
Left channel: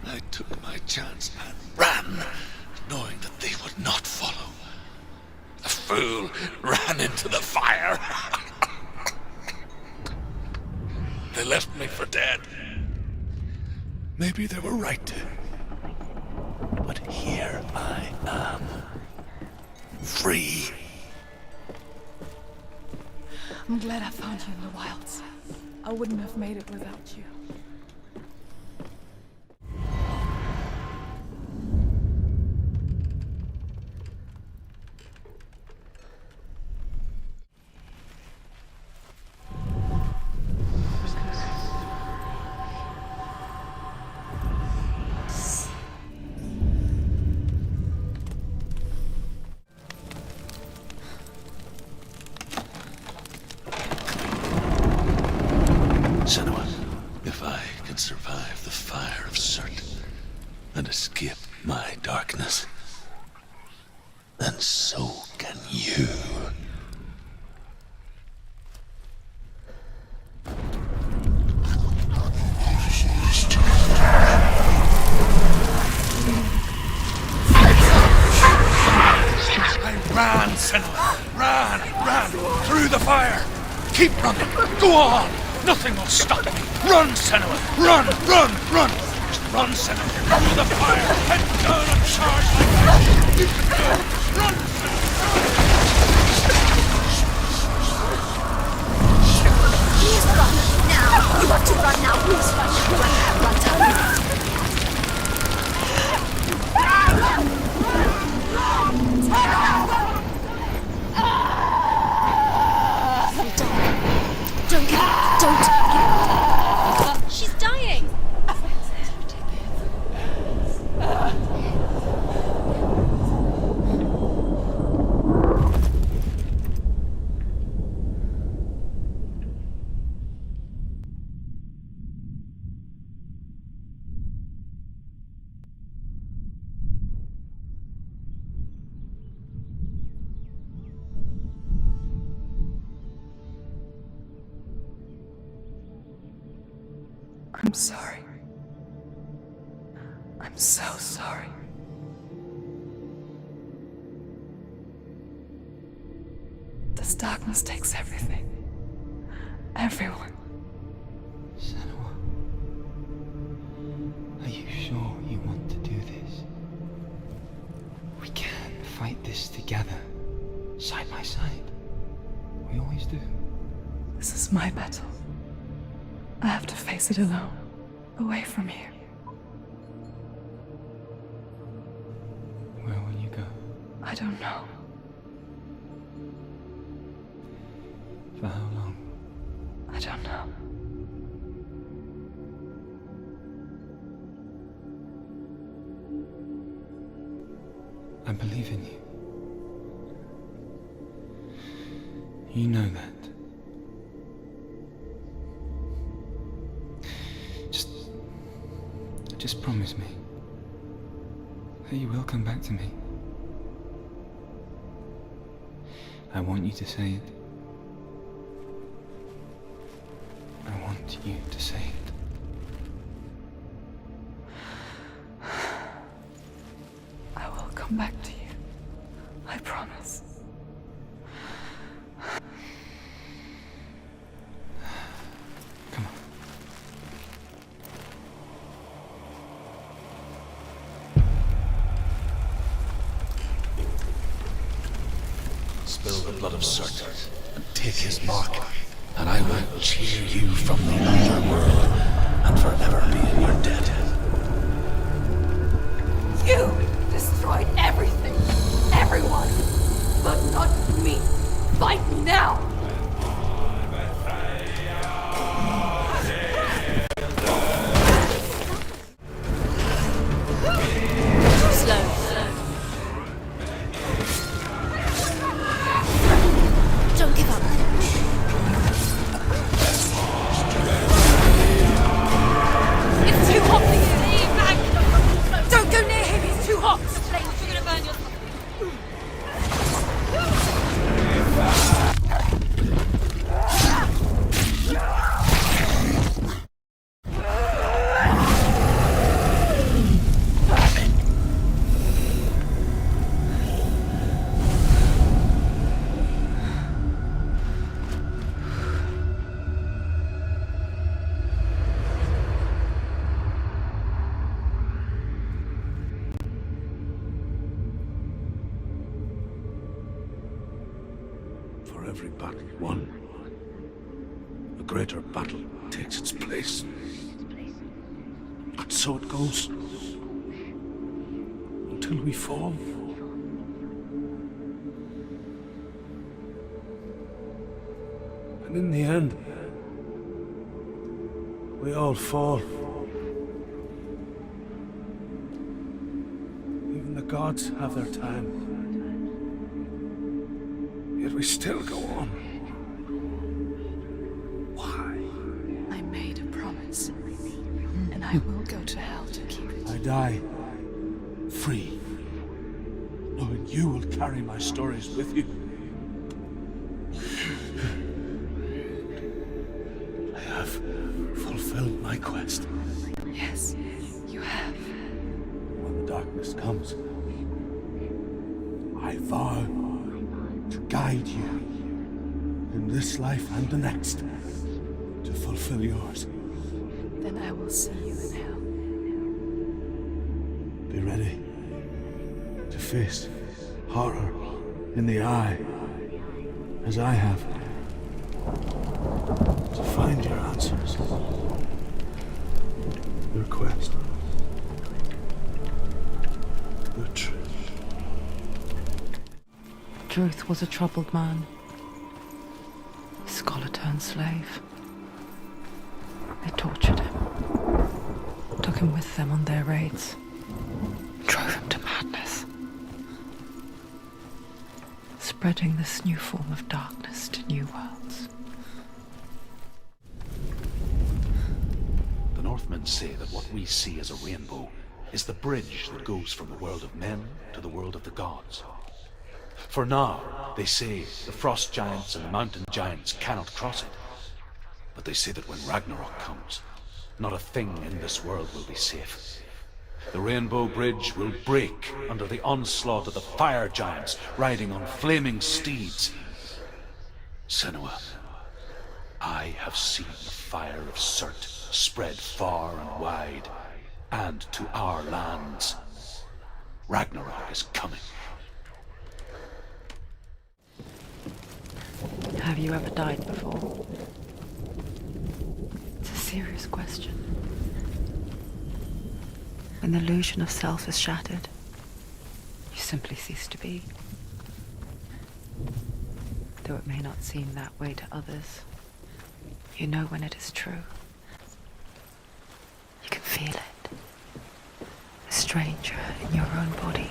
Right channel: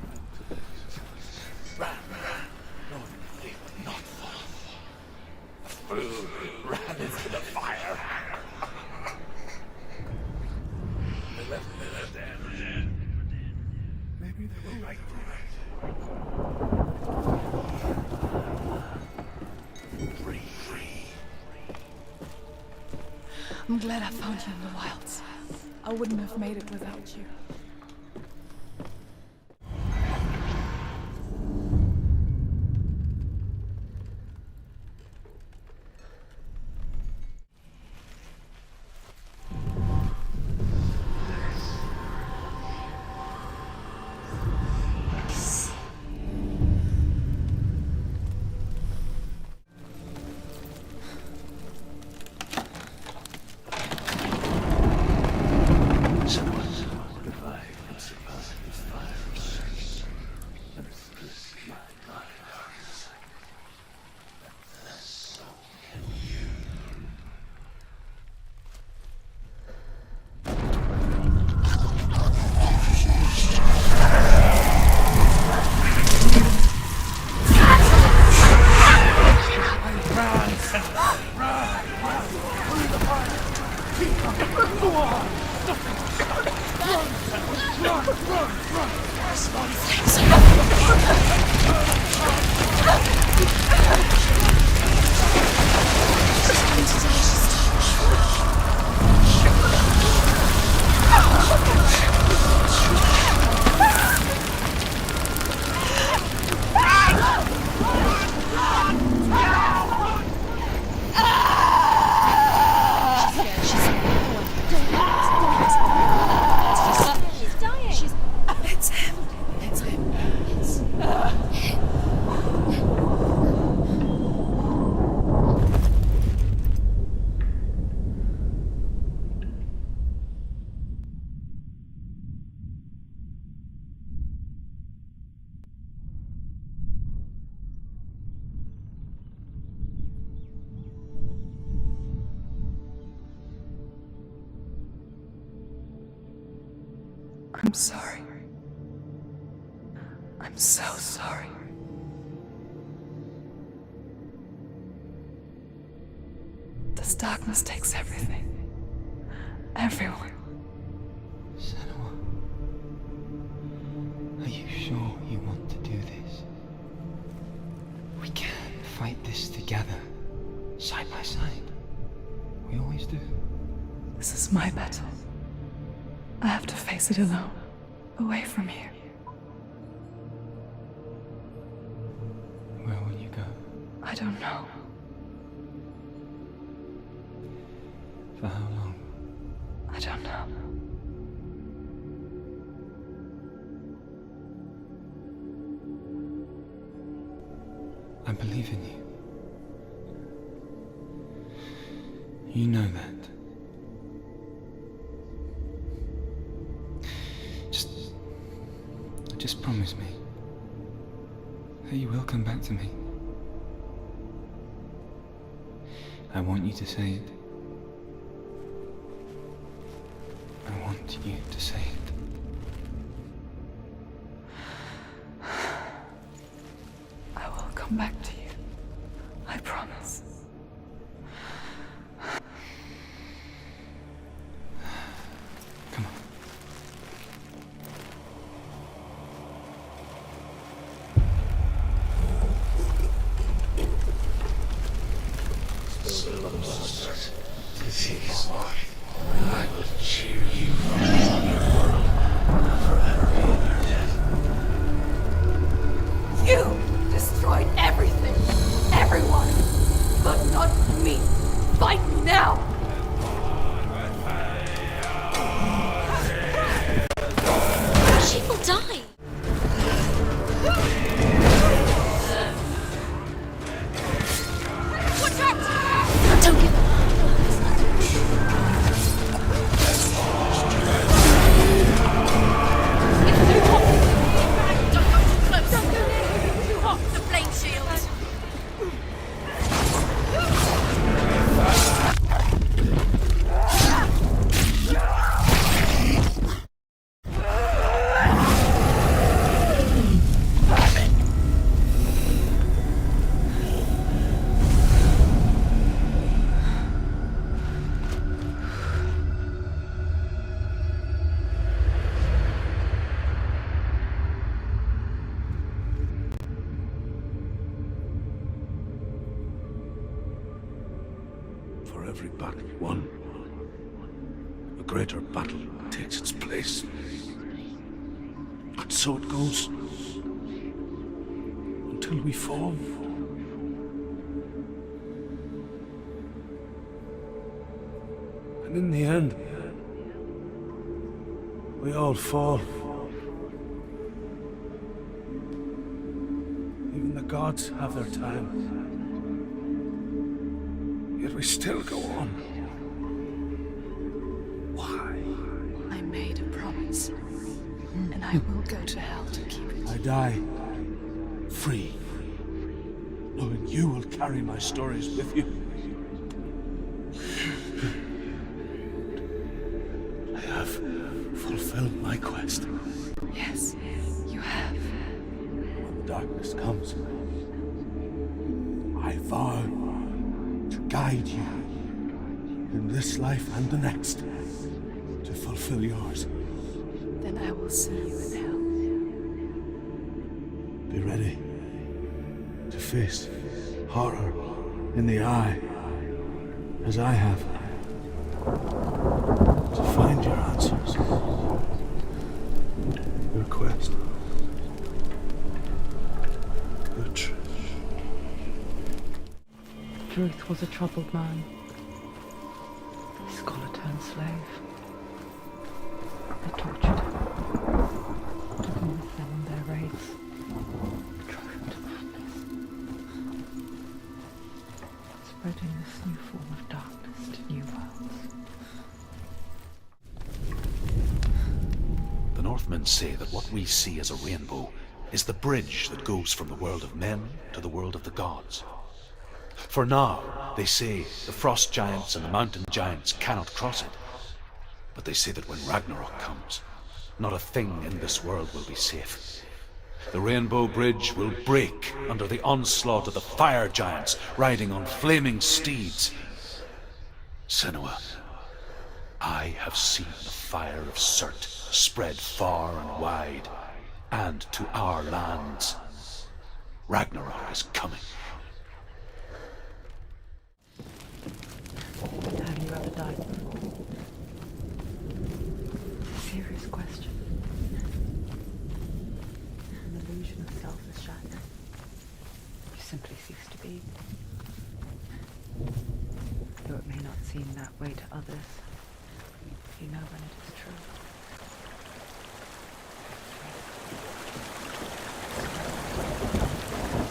I took my chance and ran, knowing that they would not follow. The fool ran into the fire. They left me for dead. Maybe they were right to. But here I am. Free. I'm glad I found you in the wilds. I wouldn't have made it without you. Keep running! Go on! Nothing will stop you! Run, Senua! Run! Run! Run! Run, Senua! The fire! She's dying! It's him. It's him. I'm sorry. I'm so sorry. This darkness takes everything. Everyone. Senua, are you sure you want to do this? We can fight this together, side by side. We always do. This is my battle. I have to face it alone, away from here. Where will you go? I don't know. For how long? I don't know. I believe in you. You know that. Just promise me that you will come back to me. I want you to say it. I want you to say it. I will come back to you. I promise. Come on. Spill the blood of Celtic and take his mark, and I will cheer you from forever and forever leave you dead. You destroyed everything, everyone, but not me. Fight me now. She will die! Don't give up. It's too hot. Don't go near him. It's too hot. The flame shield. For every battle won, a greater battle takes its place. And so it goes. Until we fall. And in the end, we all fall. Even the gods have their time. Yet we still go on. Why? I made a promise, and I will go to hell to keep it. I die free, knowing you will carry my stories with you. I have fulfilled my quest. Yes, you have. When the darkness comes, I vow to guide you in this life and the next, to fulfill yours. Then I will see you in hell. Be ready to face horror in the eye, as I have. To find your answers. Your quest. Your truth. Truth was a troubled man. Scholar turned slave. They tortured him. Took him with them on their raids. Drove him to madness. Spreading this new form of darkness to new worlds. The Northmen say that what we see as a rainbow is the bridge that goes from the world of men to the world of the gods. For now, they say, the frost giants and the mountain giants cannot cross it. But they say that when Ragnarok comes, not a thing in this world will be safe. The Rainbow Bridge will break under the onslaught of the fire giants riding on flaming steeds. Senua, I have seen the fire of Surt spread far and wide, and to our lands. Ragnarok is coming. Have you ever died before? It's a serious question. When the illusion of self is shattered, you simply cease to be. Though it may not seem that way to others, you know when it is true. You can feel it. A stranger in your own body.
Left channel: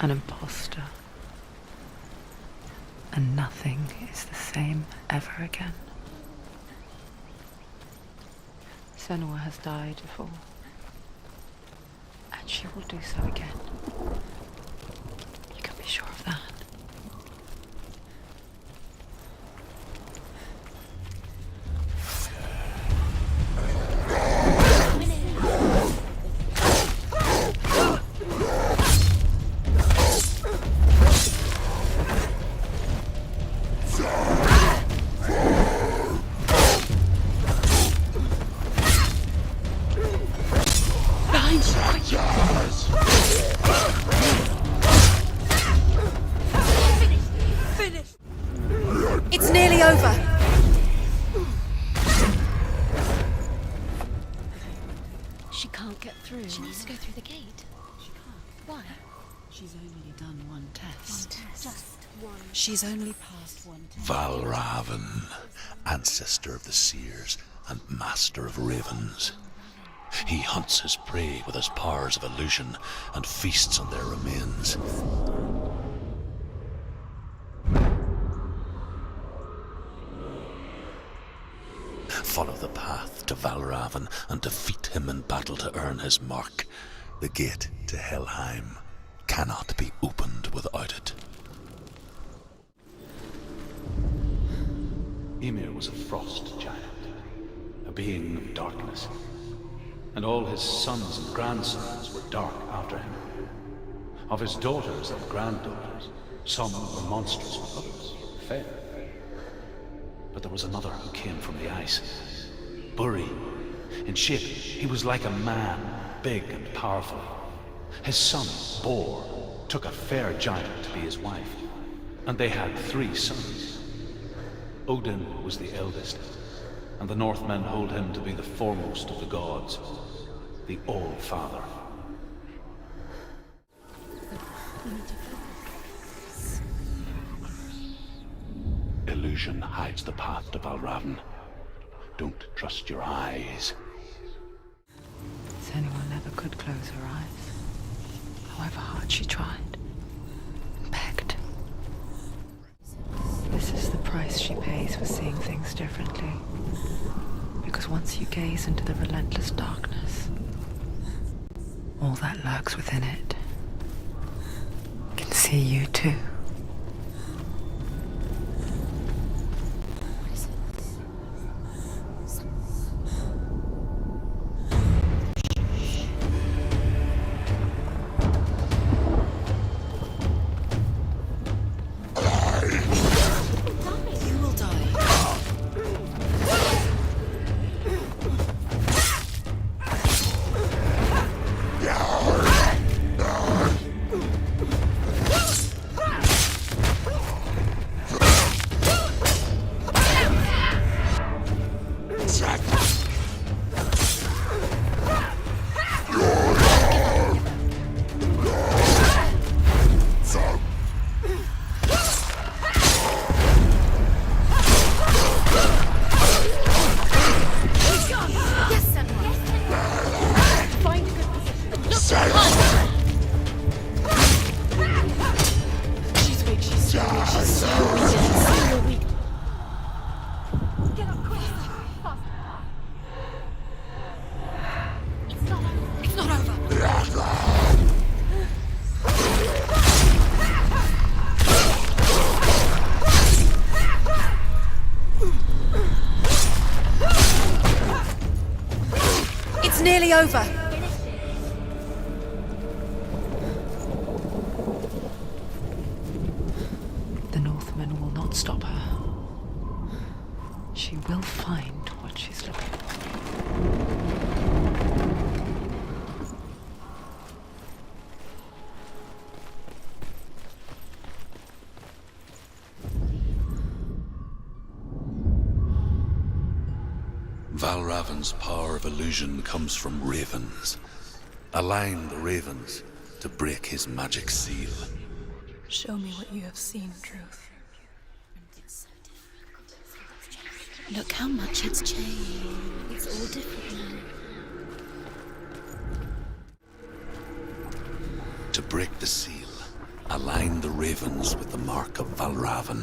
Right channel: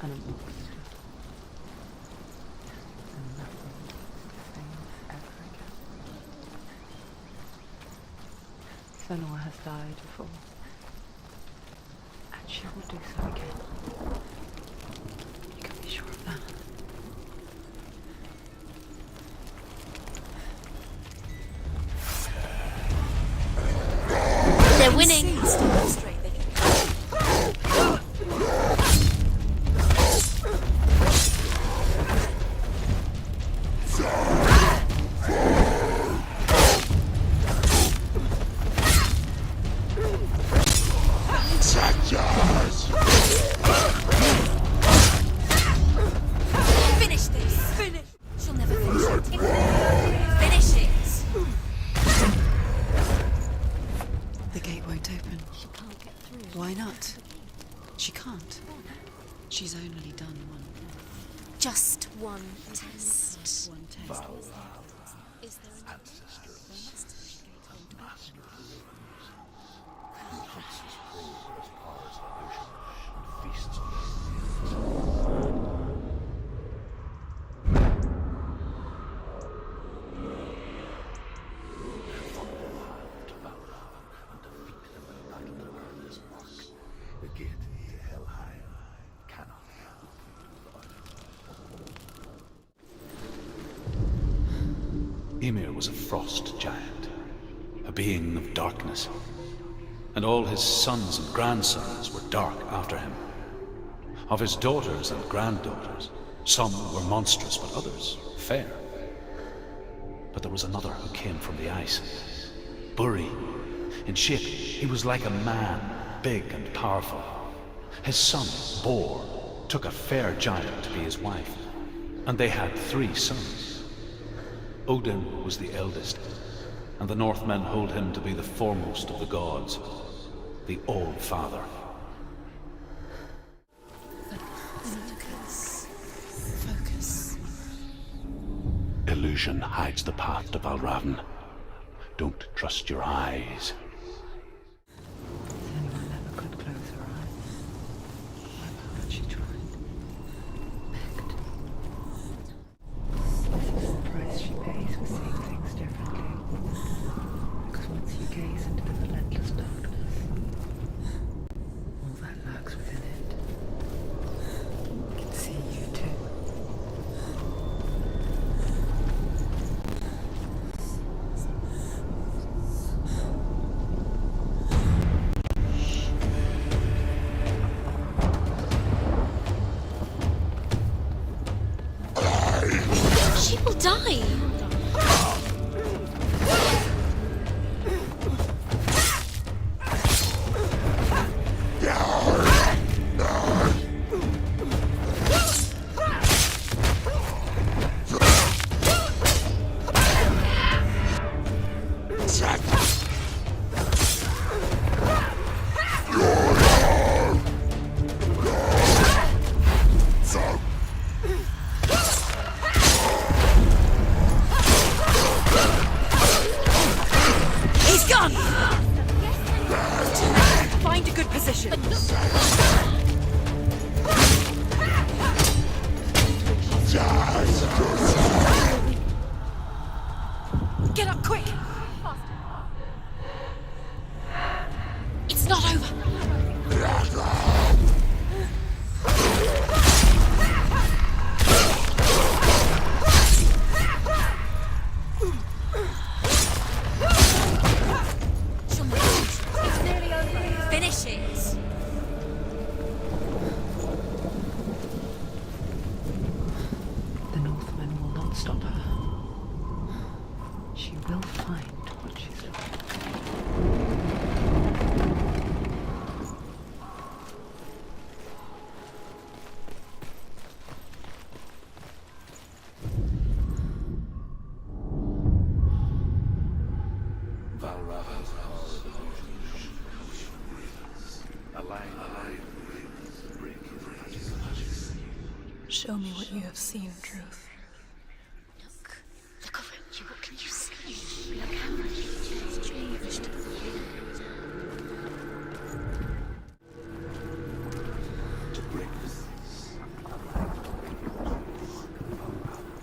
An imposter. And nothing is the same ever again. Senua has died before, and she will do so again. You can be sure of that. We're winning. It's nearly over. Finish it. The gate won't open. She can't get through. Why Let's go not? to the gate. She can't. Why? She's only done one test. Just one. She's only passed one test. Valravan, ancestor of the seers and master of ravens. He hunts his prey with his powers of illusion and feasts on their remains. Follow the path to Valravan and defeat him in battle to earn his mark. The gate to Helheim cannot be opened without it. Ymir was a frost giant, a being of darkness, and all his sons and grandsons were dark after him. Of his daughters and granddaughters, some were monstrous, but others fair. But there was another who came from the ice. Buri. In shape, he was like a man, big and powerful. His son, Bor, took a fair giant to be his wife, and they had 3 sons. Odin was the eldest, and the Northmen hold him to be the foremost of the gods, the All-Father. Illusion hides the path to Valravan. Don't trust your eyes. Senua never could close her eyes, however hard she tried. Begged. This is the price she pays for seeing things differently. Because once you gaze into the relentless darkness, all that lurks within it can see you too. She will find what she's looking for. Valravan's power of illusion comes from ravens. Align the ravens to break his magic seal. Show me what you have seen, Truth. Look how much it's changed. It's all different now. To break the seal, align the ravens with the mark of Valravan.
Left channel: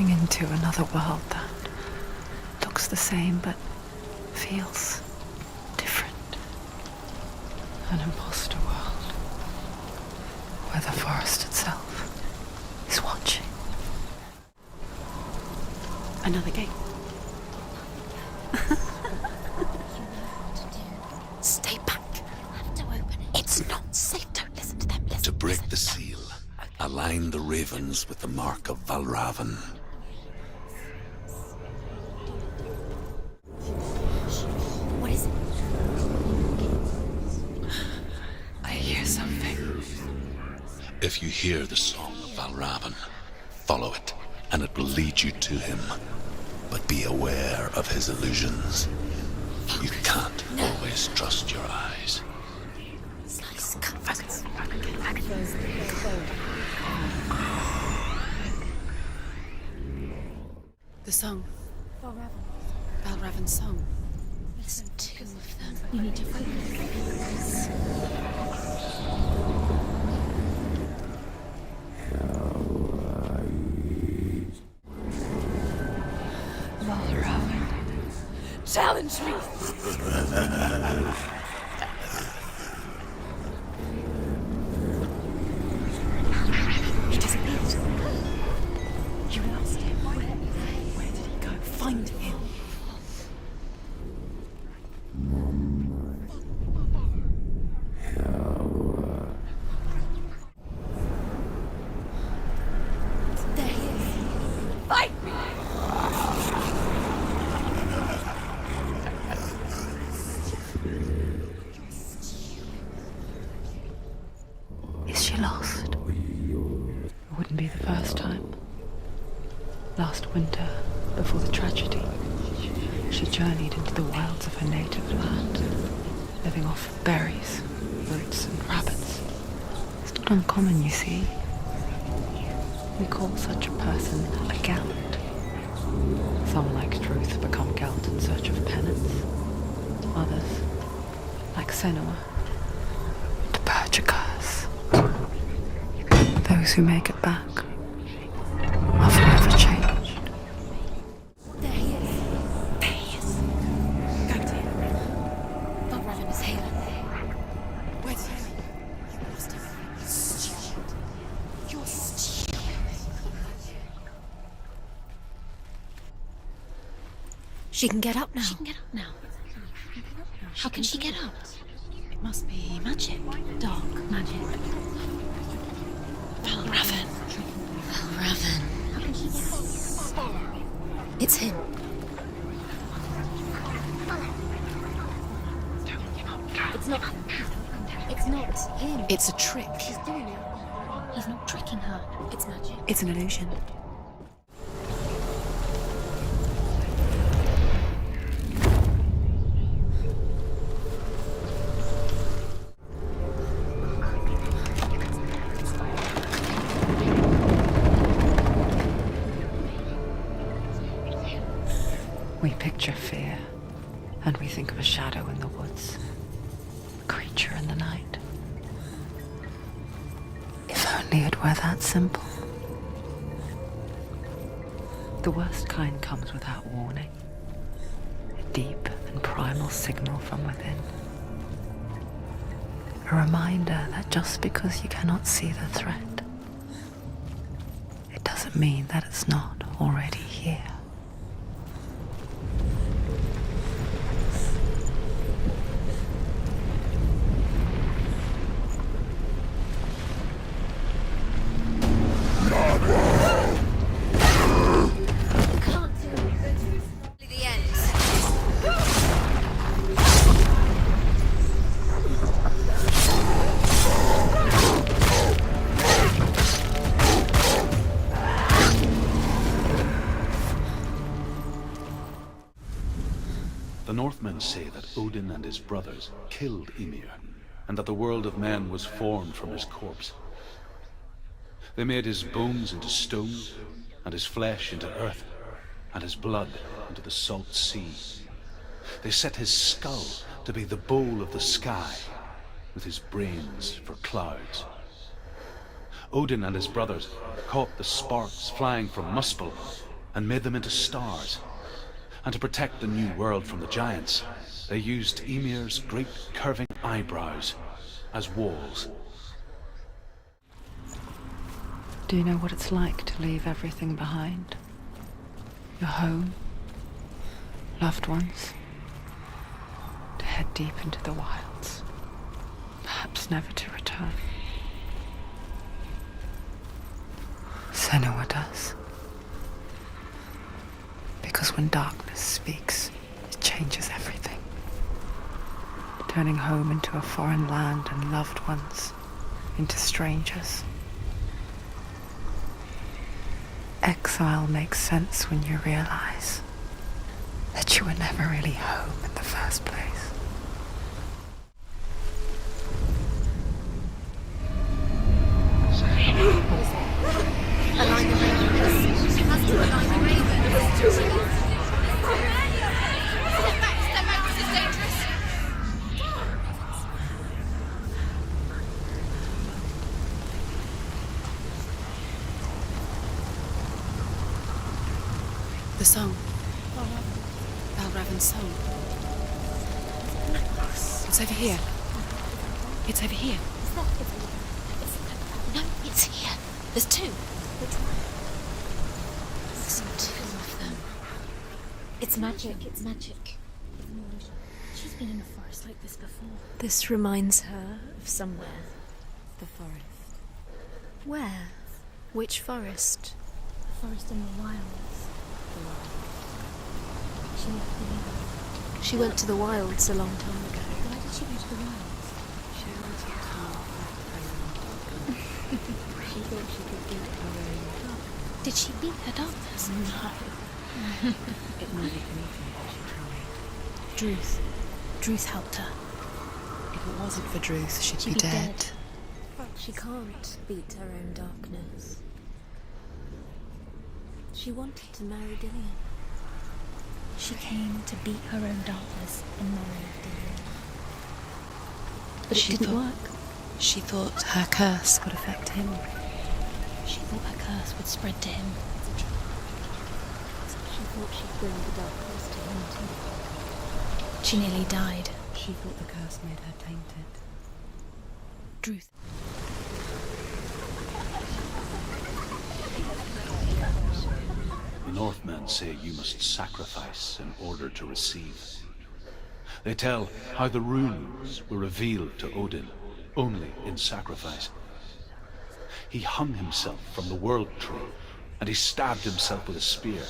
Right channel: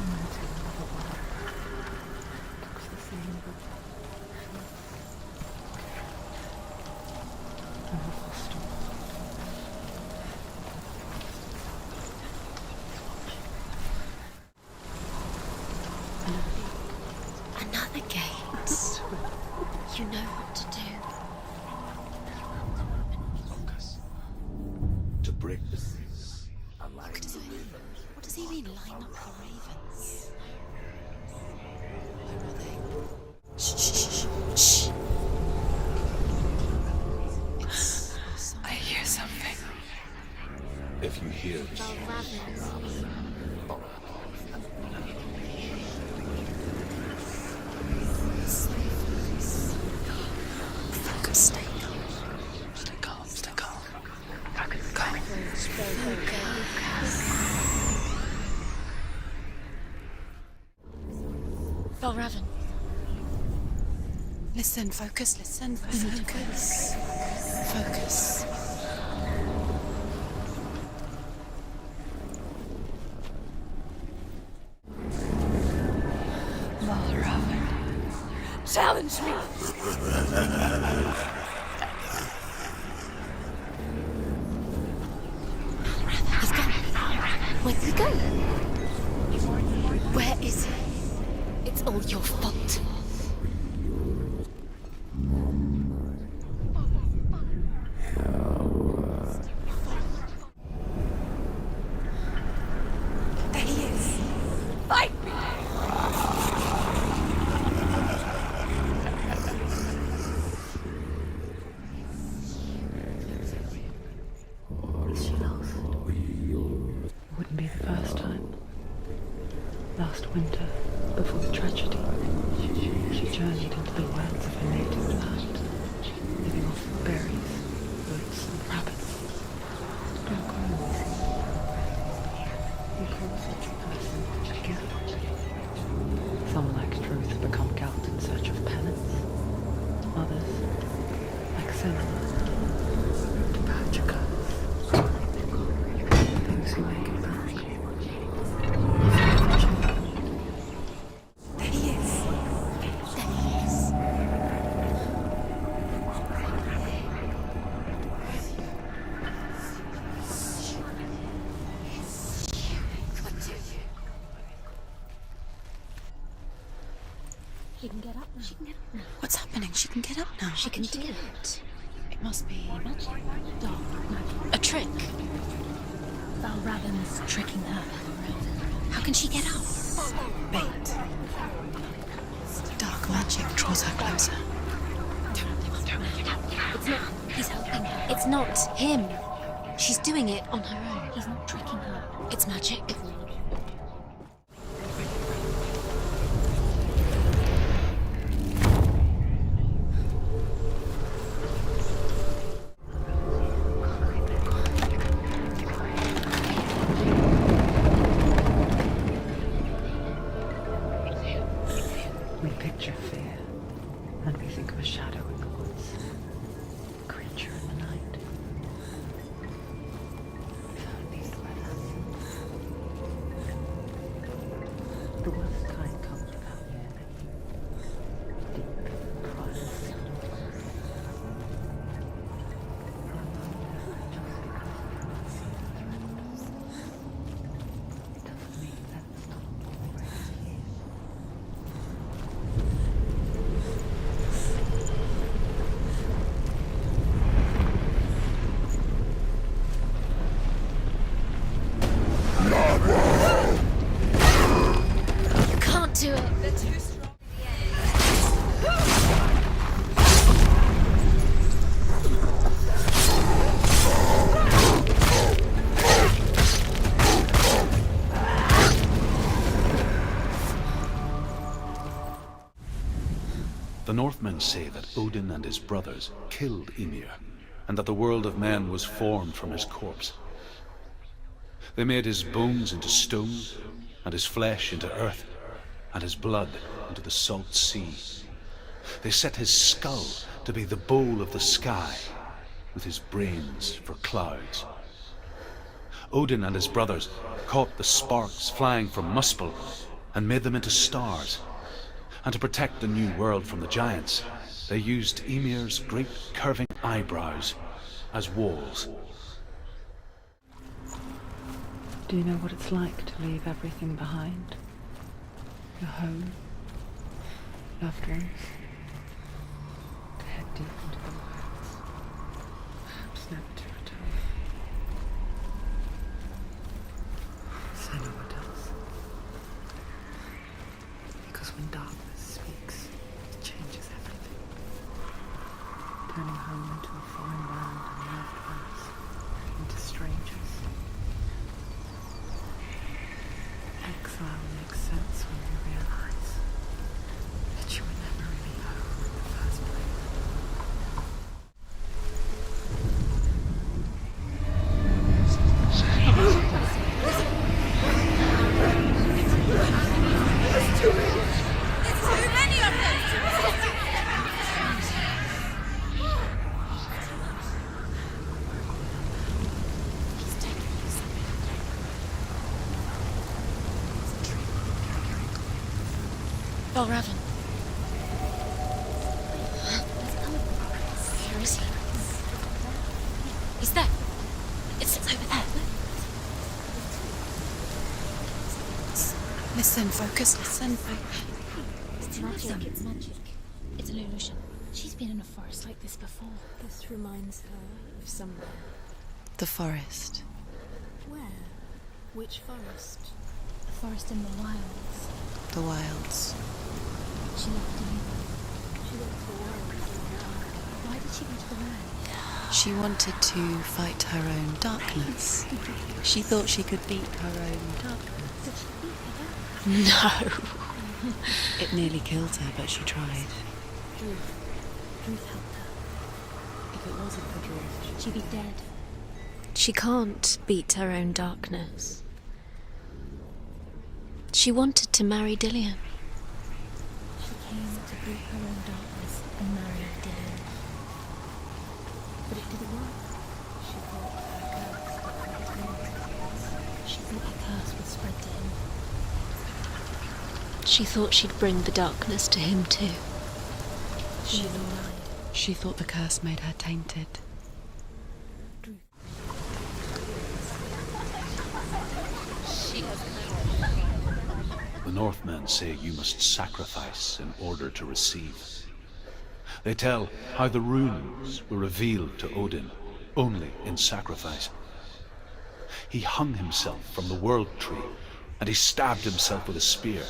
Into another world that looks the same but feels different. An imposter world where the forest itself is watching. Another gate. Another gate. You know what to do. Stay back. I have to open it. It's not safe. Don't listen to them. Listen, To break the seal, align the ravens with the mark of Valravan. Shh. What is it? I hear something. If you hear the song of Valravan, follow it, and it will lead you to him. But be aware of his illusions. You can't always trust your eyes. The song. Valravan. Valravan's song. Listen, focus, listen. We need to focus. Focus. Valravan. Challenge me! Where'd he go? Where is he? It's all your fault. There he is. Fight me! Is she lost? Wouldn't be the first time. Last winter, before the tragedy, she journeyed into the wilds of her native land, living off berries, roots, and rabbits. It's not uncommon, you see. We call such a person a Gelt. Some, like Truth, become Gelt in search of penance. Others, like Senua, to purge a curse. Those who make it back are forever changed. There he is. There he is. She can get up now. She can get up now. What's happening? She can get up now. How can she get out? It must be magic. Dark magic. A trick. Valravan tricking her. Valravan. How can she get out? Bait. It's him. Dark magic draws her closer. It's not. He's helping her. It's not him. It's a trick. She's doing it on her own. He's not tricking her. It's magic. It's an illusion. We picture fear, and we think of a shadow in the woods, a creature in the night. If only it were that simple. The worst kind comes without warning, a deep and primal signal from within. A reminder that just because you cannot see the threat, it doesn't mean that it's not already here. Can't do it. The ends. The Northmen say that Odin and his brothers killed Ymir, and that the world of men was formed from his corpse. They made his bones into stone, and his flesh into earth, and his blood into the salt sea. They set his skull to be the bowl of the sky, with his brains for clouds. Odin and his brothers caught the sparks flying from Muspel and made them into stars. And to protect the new world from the giants, they used Ymir's great curving eyebrows as walls. Do you know what it's like to leave everything behind? Your home, loved ones, to head deep into the wilds, perhaps never to return. Senua does. Because when darkness speaks, it changes everything. Turning home into a foreign land and loved ones into strangers. Exile makes sense when you realize that you were never really home in the first place. The song. Balraven's song. It's over here. It's over here. Is that? It's over there. No, it's here. There's two. Listen, focus, listen. It's magic, it's magic. It's an illusion. She's been in the forest like this before. This reminds her of somewhere. The forest. Where? Which forest? The forest in the wilds. The wilds. She left the She went to the wilds a long time ago. Why did she go to the wilds? She wanted to fight her own darkness. She thought she could beat her own darkness. Did she beat her darkness? No. It nearly killed her, but she tried. Druth helped her. If it wasn't for Druth, she'd She'd be be dead. dead. She can't beat her own darkness. She wanted to marry Dillian. She came to beat her own darkness and marry Dillian. But it didn't work. She thought her curse could affect him. She thought her curse would spread to him. She thought she'd bring the darkness to him too. She nearly died. She thought the curse made her tainted. Druth. The Northmen say you must sacrifice in order to receive. They tell how the runes were revealed to Odin only in sacrifice. He hung himself from the world tree, and he stabbed himself with a spear,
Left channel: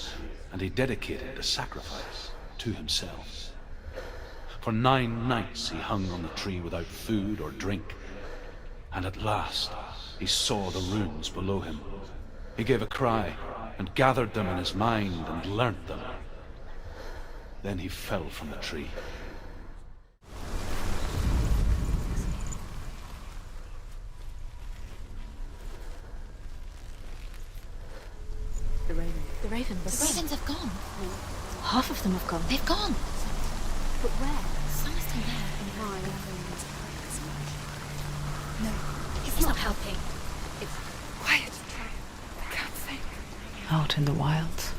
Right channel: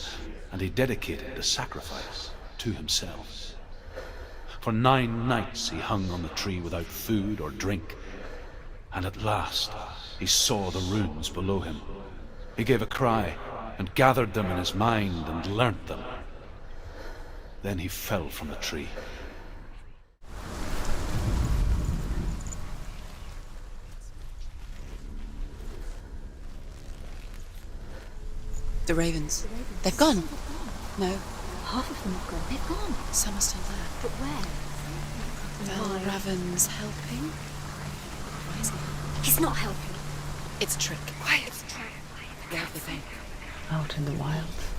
and he dedicated the sacrifice to himself. For 9 nights he hung on the tree without food or drink, and at last he saw the runes below him. He gave a cry, and gathered them in his mind and learnt them. Then he fell from the tree. The ravens. The ravens. They've gone. The ravens have gone. No. Half of them have gone. They've gone. Some are still there. But where? Some are still there. Raven's helping. He's not helping. It's a trick. Quiet. Out in the wilds,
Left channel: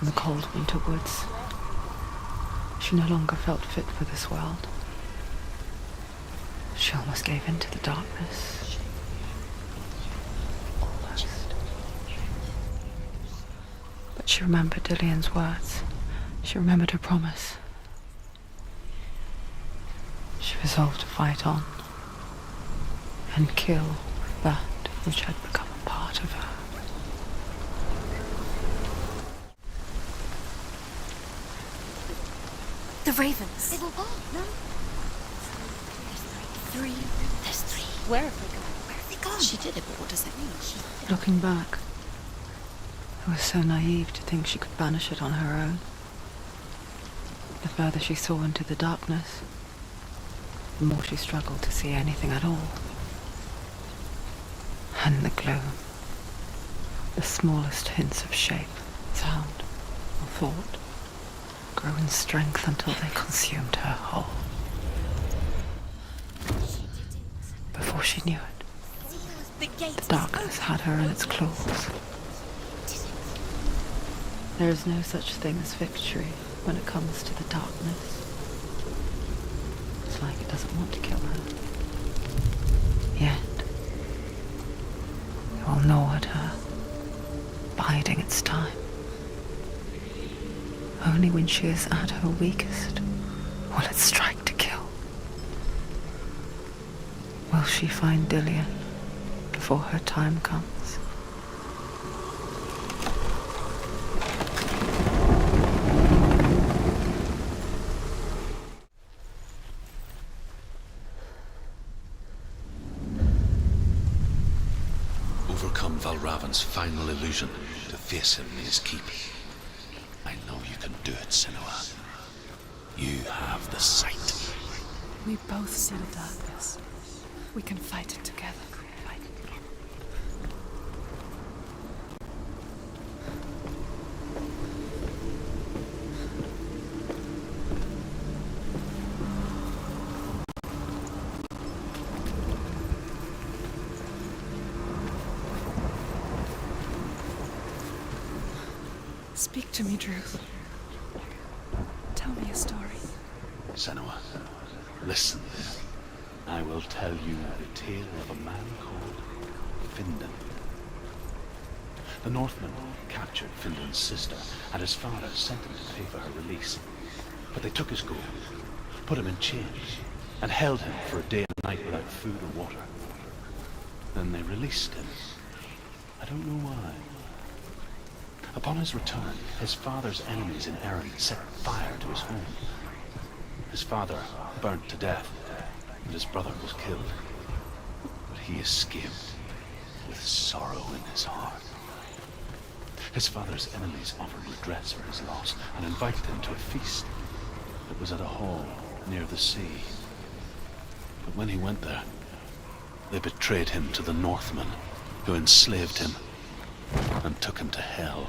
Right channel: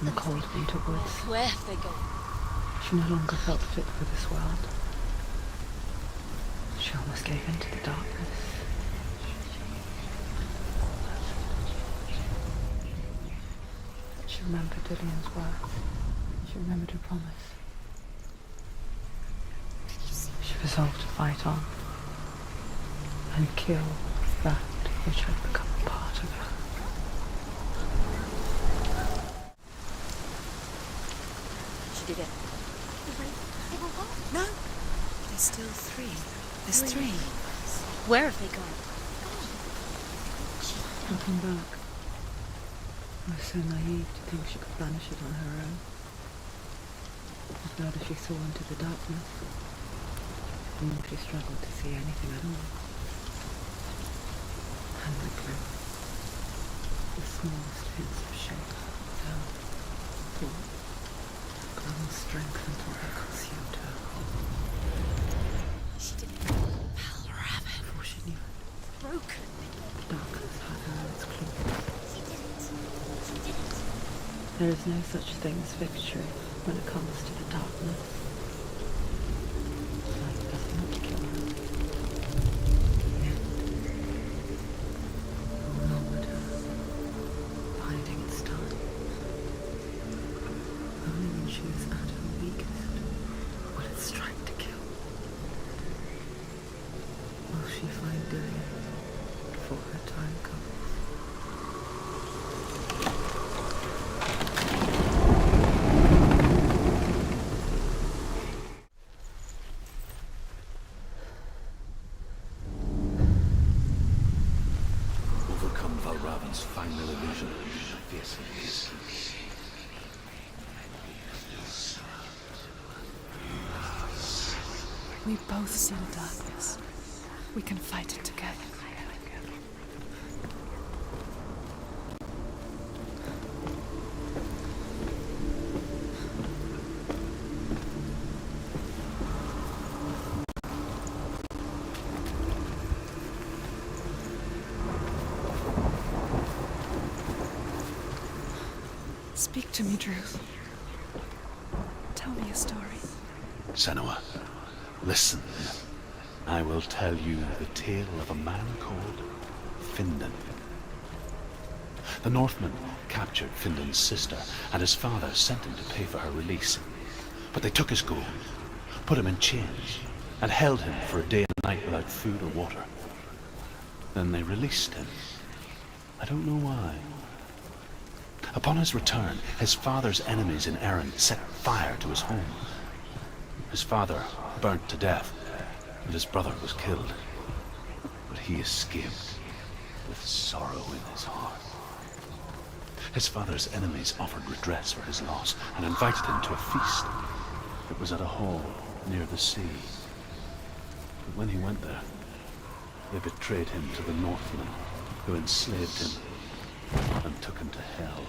in the cold winter woods, Where have they gone? she no longer felt fit for this world. She almost gave in to the darkness. But she remembered Dillian's words. She remembered her promise. She resolved to fight on and kill that which had become a part of her. The ravens. They were gone. No. There's still three. There's three. Where have they gone? Where have they gone? She did it. What does it mean? Looking back, I was so naive to think she could banish it on her own. The further she saw into the darkness, the more she struggled to see anything at all. And the glow, the smallest hints of shape, sound, or thought, grew in strength until they consumed her whole. Before she knew it, the darkness had her in its claws. There is no such thing as victory when it comes to the darkness. It's like it doesn't want to kill her. Yet, it will gnaw at her, biding its time. Only when she is at her weakest will it strike to kill. Will she find Dillian before her time comes? Overcome Valravan's final illusion to face him in his keep. I know you can do it, Senua. You have the sight. We both see the darkness. We can fight it together. Speak to me, Druth. Tell me a story. Senua, listen. I will tell you the tale of a man called Findan. The Northmen captured Findan's sister, and his father sent him to pay for her release. But they took his gold, put him in chains, and held him for a day and a night without food or water. Then they released him. I don't know why. Upon his return, his father's enemies in Erin set fire to his home. His father burnt to death, and his brother was killed. But he escaped with sorrow in his heart. His father's enemies offered redress for his loss and invited him to a feast. It was at a hall near the sea. But when he went there, they betrayed him to the Northmen, who enslaved him and took him to Hell.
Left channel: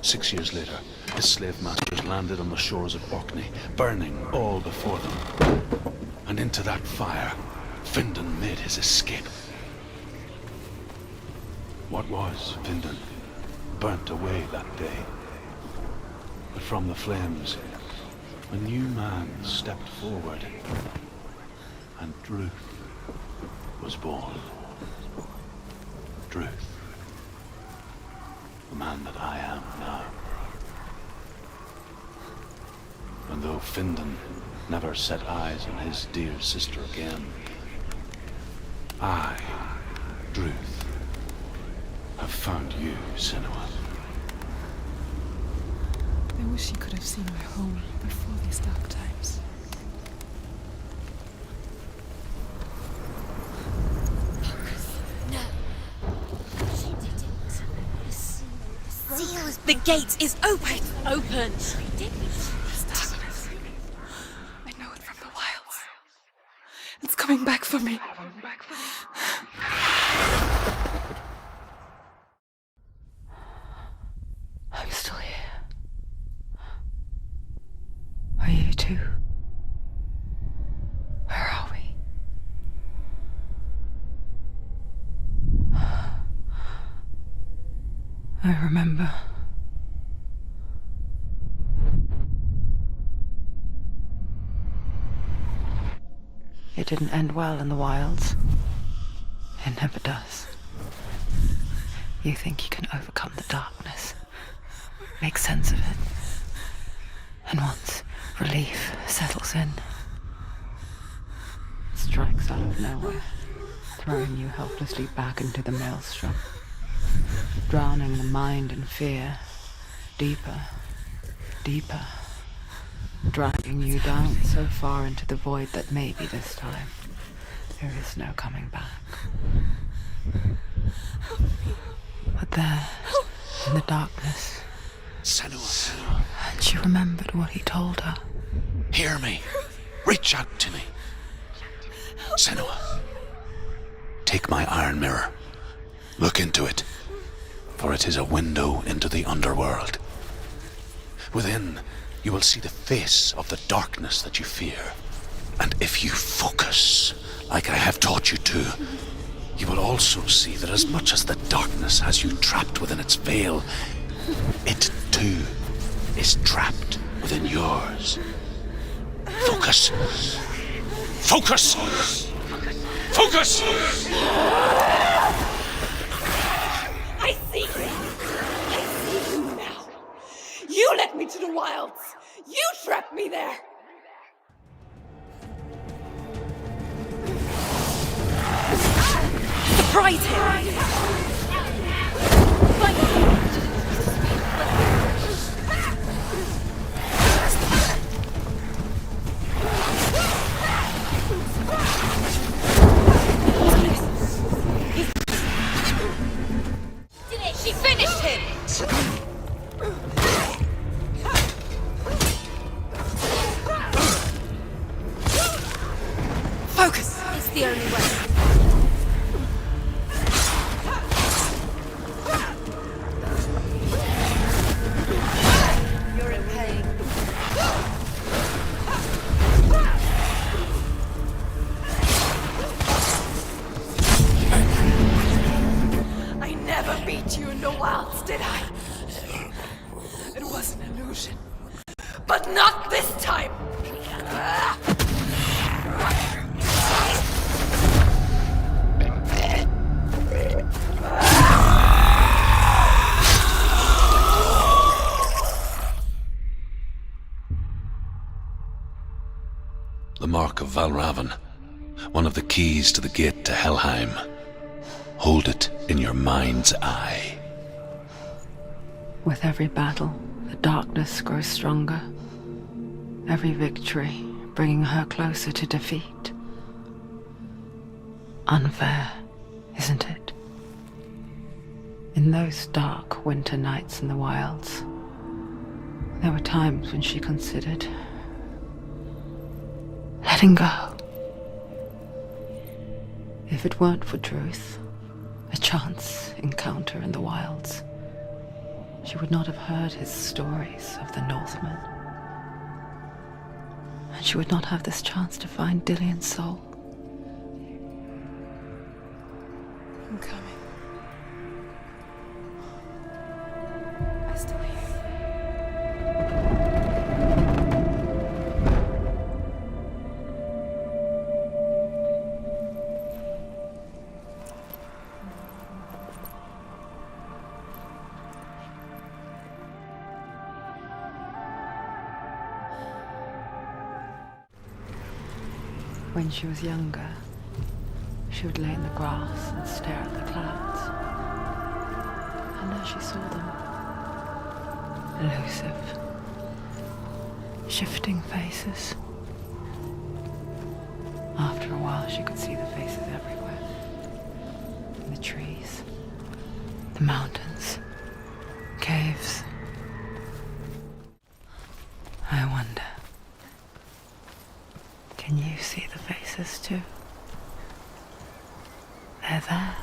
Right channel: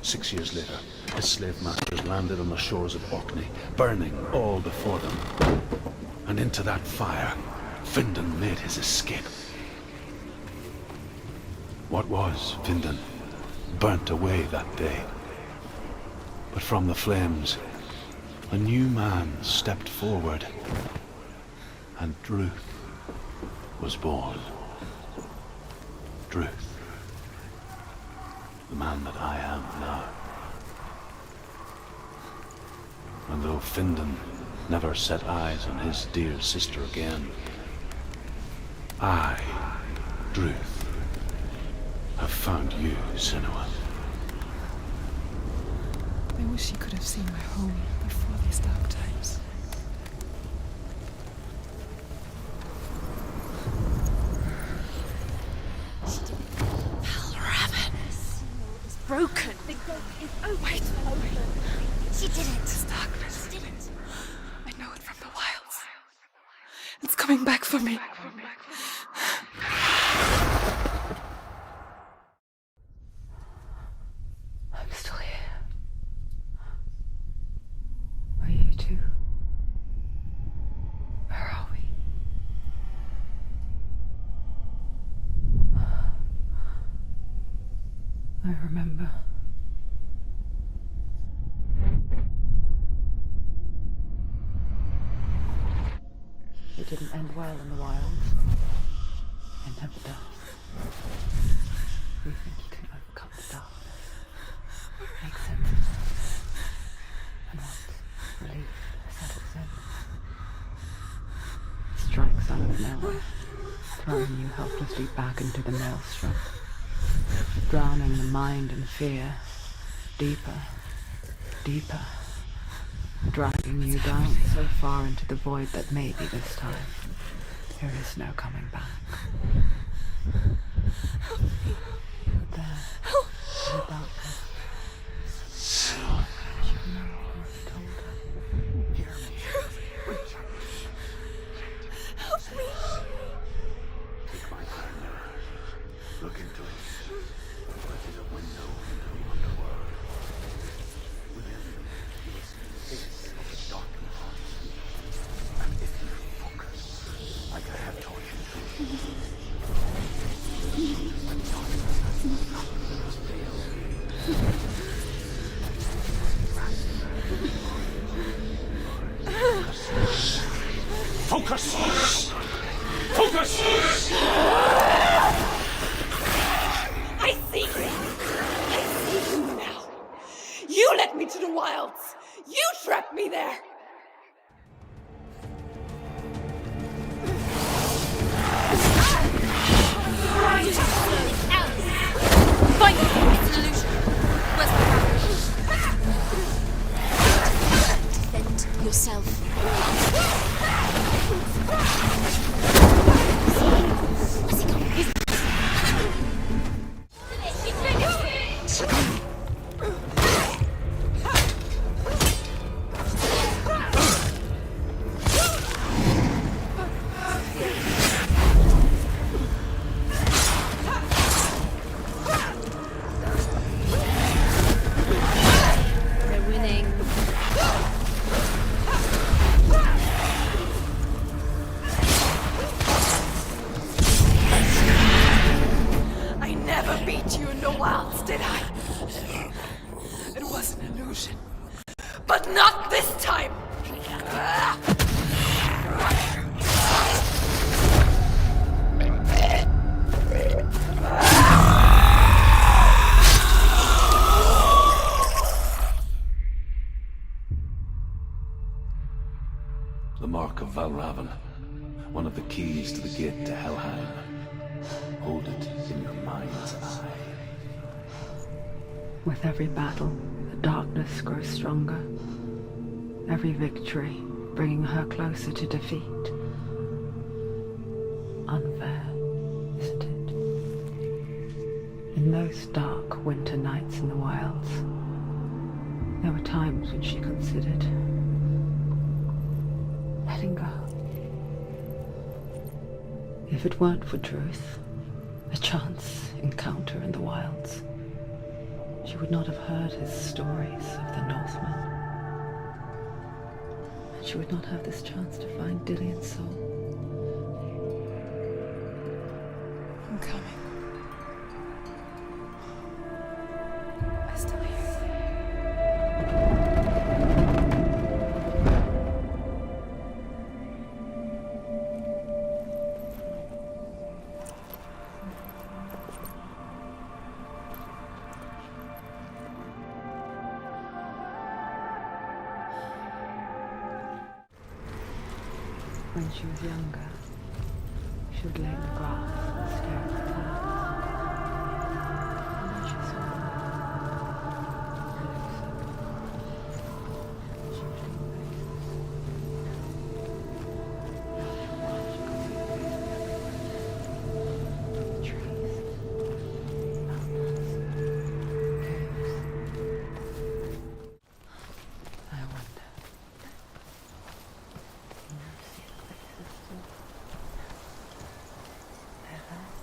6 years later, his slave masters landed on the shores of Orkney, burning all before them. And into that fire, Findan made his escape. What was Findan burnt away that day. But from the flames, a new man stepped forward, and Druth was born. Druth. The man that I am now. And though Findan never set eyes on his dear sister again, I, Druth, have found you, Senua. I wish you could have seen my home before these dark times. Broke. The gate is open. Open. This darkness. I know it from the wilds. It's coming back for me. I'm still here. Are you too? Where are we? I remember. It didn't end well in the wilds. It never does. You think you can overcome the darkness, make sense of it, and once relief settles in, it strikes out of nowhere, throwing you helplessly back into the maelstrom, drowning the mind in fear, deeper, deeper, dragging you down so far into the void that maybe this time there is no coming back. But there, in the darkness, Senua, and she remembered what he told her. hear me. Reach out to me. Senua, take my iron mirror. Look into it, for it is a window into the underworld. Within, you will see the face of the darkness that you fear. And if you focus, like I have taught you to, you will also see that as much as the darkness has you trapped within its veil, it too is trapped within yours. Focus. Focus! Focus! I see you! I see you now! You led me to the wilds! You trapped me there! Right! Yourself. She finished him! Focus! It's the only way. We're winning. I never beat you in the wilds, did I? It was an illusion. But not this time! The mark of Valravan, one of the keys to the gate to Helheim. Hold it in your mind's eye. With every battle, the darkness grows stronger. Every victory bringing her closer to defeat. Unfair, isn't it? In those dark winter nights in the wilds, there were times when she considered letting go. If it weren't for Truth, a chance encounter in the wilds, she would not have heard his stories of the Northmen. And she would not have this chance to find Dillion's soul. I'm coming. I still hear you. When she was younger, she would lay in the grass and stare at the clouds. And as she saw them, elusive, shifting faces. After a while, she could see the faces everywhere. The trees, the mountains, caves. I wonder, can you see the faces too? They're there,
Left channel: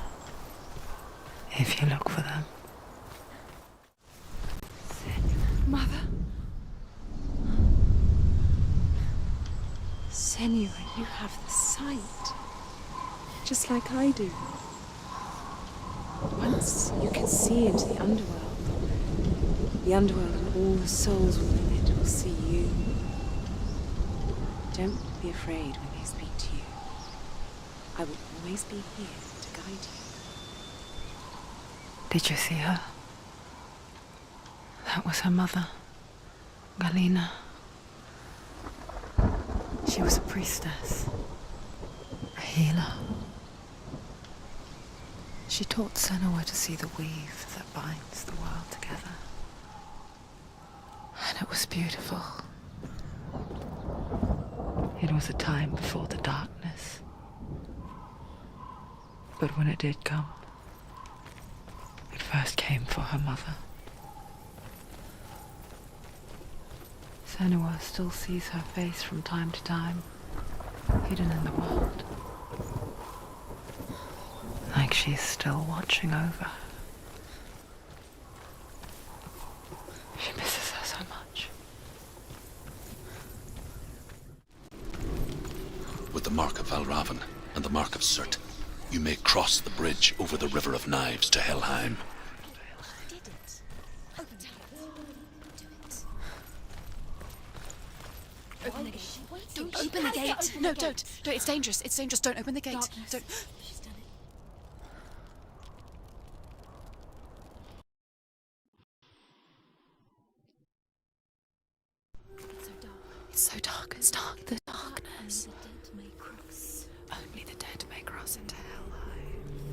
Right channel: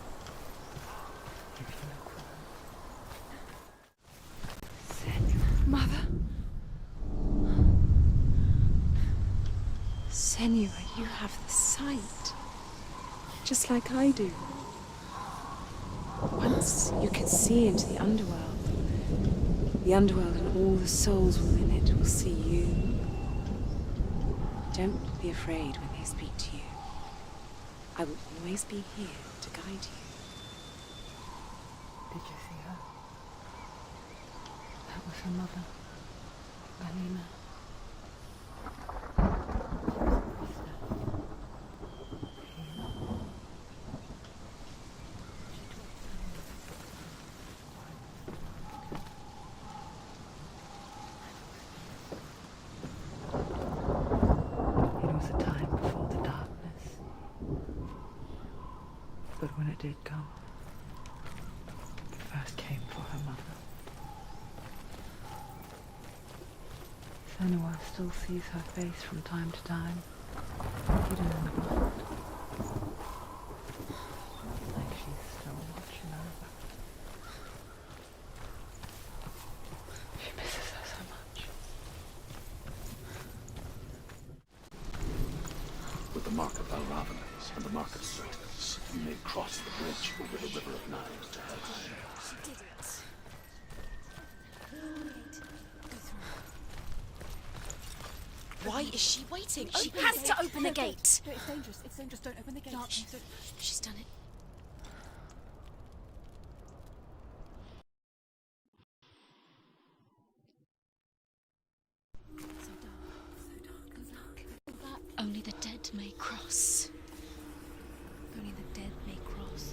if you look for them. Mother? Senua, you have the sight. Just like I do. Once you can see into the underworld and all the souls within it will see you. Don't be afraid when they speak to you. I will always be here to guide you. Did you see her? That was her mother, Galina. She was a priestess, a healer. She taught Senua to see the weave that binds the world together. And it was beautiful. It was a time before the darkness. But when it did come, it first came for her mother. Senua still sees her face from time to time, hidden in the world. Like she's still watching over her. She misses her so much. With the mark of Valravan and the mark of Surt, you may cross the bridge over the River of Knives to Helheim. Why is she waiting? She Open the has gate. to open No, the gate. don't. It's dangerous. It's dangerous. Don't open the gate. Darkness. Don't. She's done it. It's so dark. It's dark. The darkness. Only the dead may cross. Only the dead may cross Only into the hell. dead may cross.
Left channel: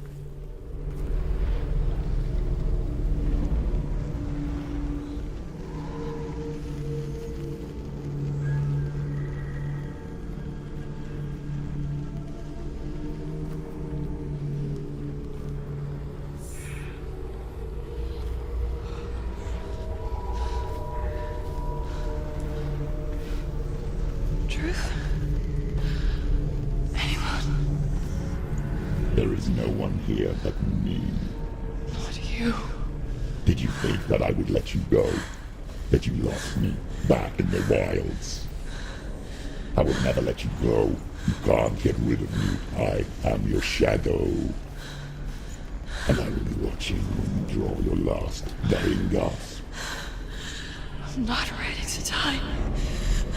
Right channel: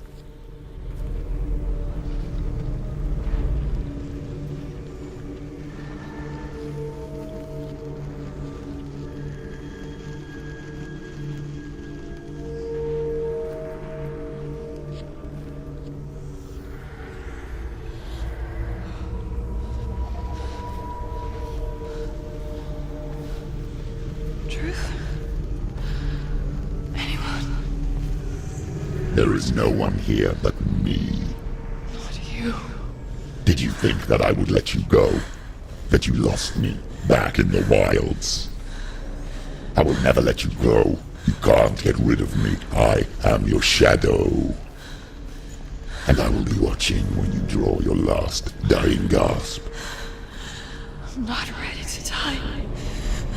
Truth? Anyone? There is no one here but me. Not you. Did you think that I would let you go? That you lost me back in the wilds? I will never let you go. You can't get rid of me. I am your shadow. And I will be watching when you draw your last dying gasp. I'm not ready to die.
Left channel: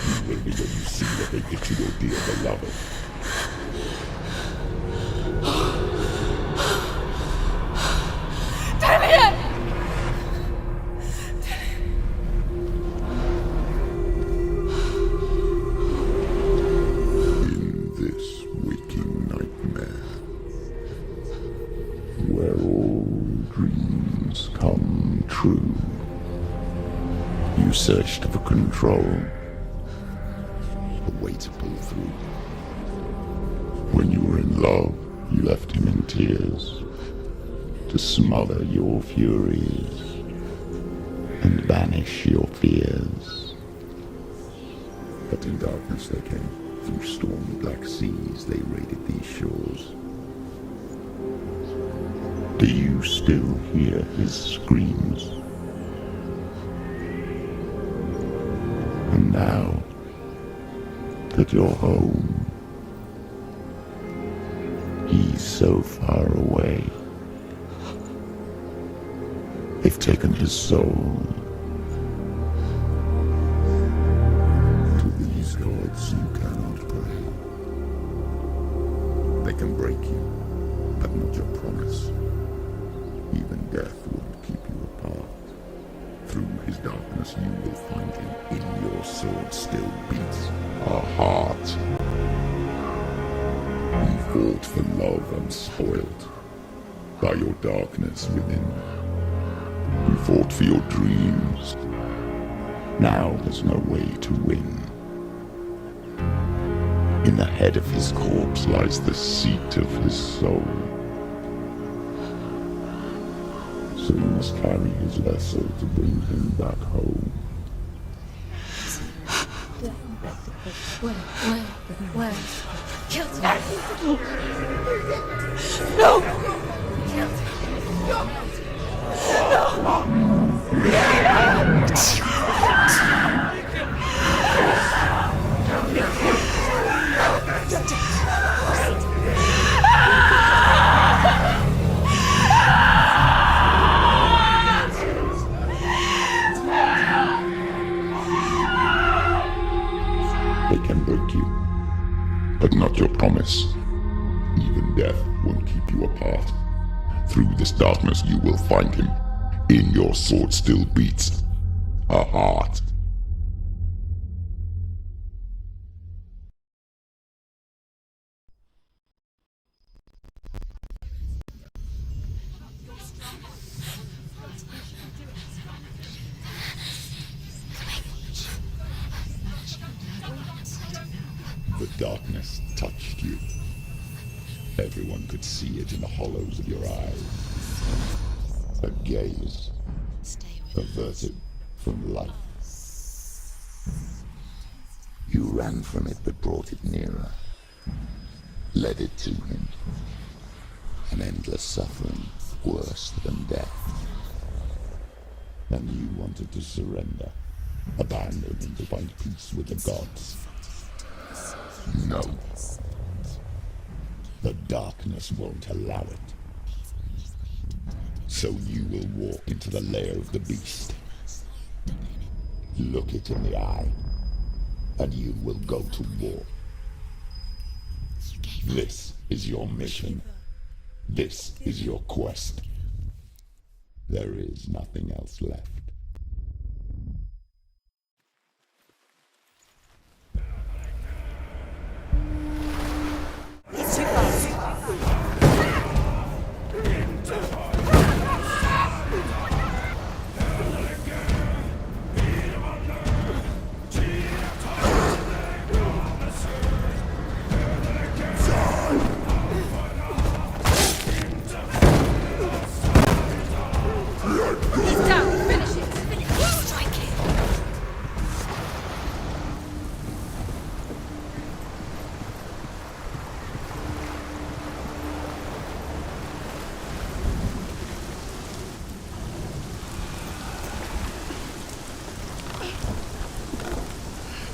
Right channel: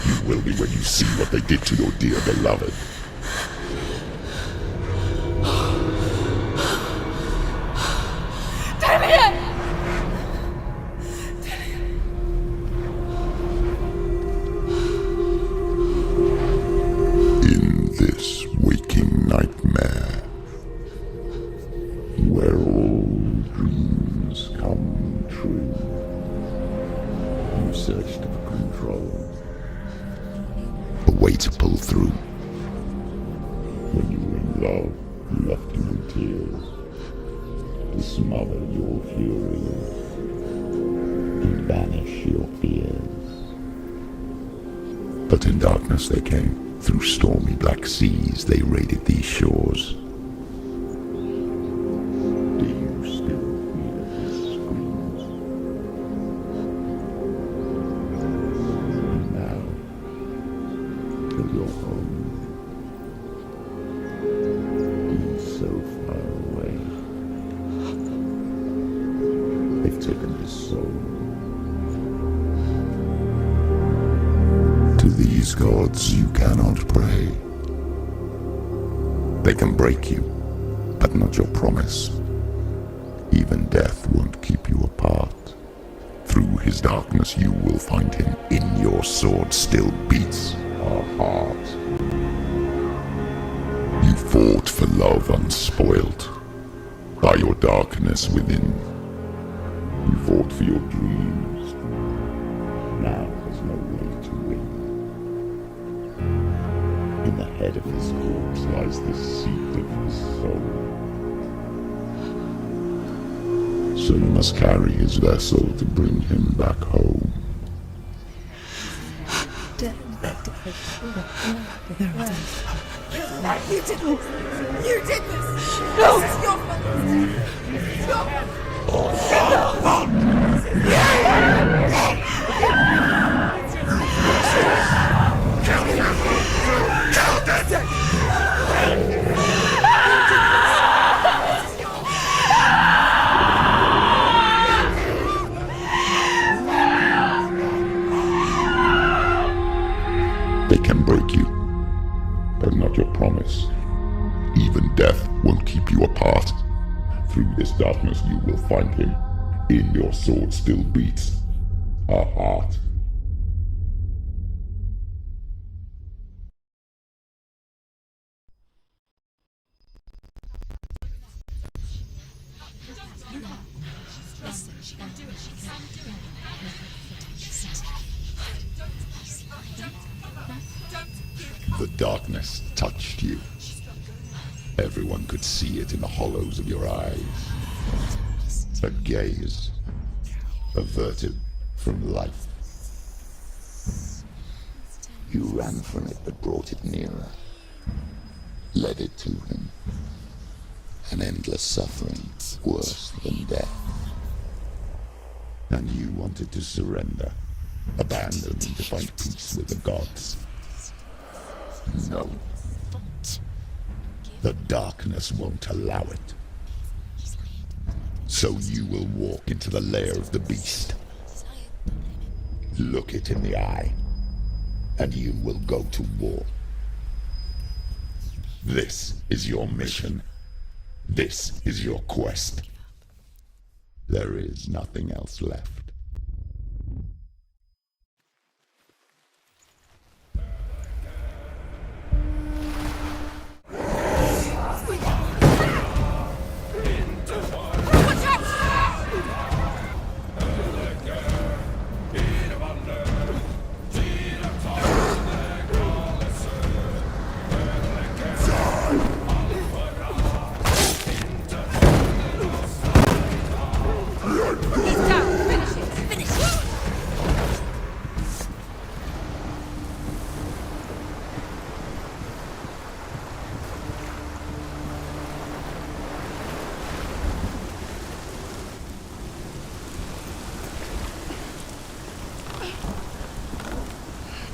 You will be when you see what they did to your dear beloved. In this waking nightmare, where all dreams come true, you searched for control, a way to pull through. When you were in love, you left him in tears, to smother your furies and banish your fears. But in darkness they came, through stormy black seas they raided these shores. Do you still hear his screams? And now that you're home, he's so far away. They've taken his soul. To these gods you cannot pray. They can break you, but not your promise. Even death won't keep you apart. Through his darkness you will find him. In your sword still beats a heart. You fought for love unspoilt by your darkness within. You fought for your dreams. Now there's no way to win. In the head of his corpse lies the seat of his soul. So you must carry his vessel to bring him back home. They can break you, but not your promise. Even death won't keep you apart. Through this darkness you will find him. In your sword still beats a heart. The darkness touched you. Everyone could see it in the hollows of your eyes. A gaze averted from life. You ran from it but brought it nearer. Led it to him. An endless suffering worse than death. And you wanted to surrender. Abandon him to find peace with the gods. No. The darkness won't allow it. So you will walk into the lair of the beast. Look it in the eye, and you will go to war. This is your mission. This is your quest. There is nothing else left.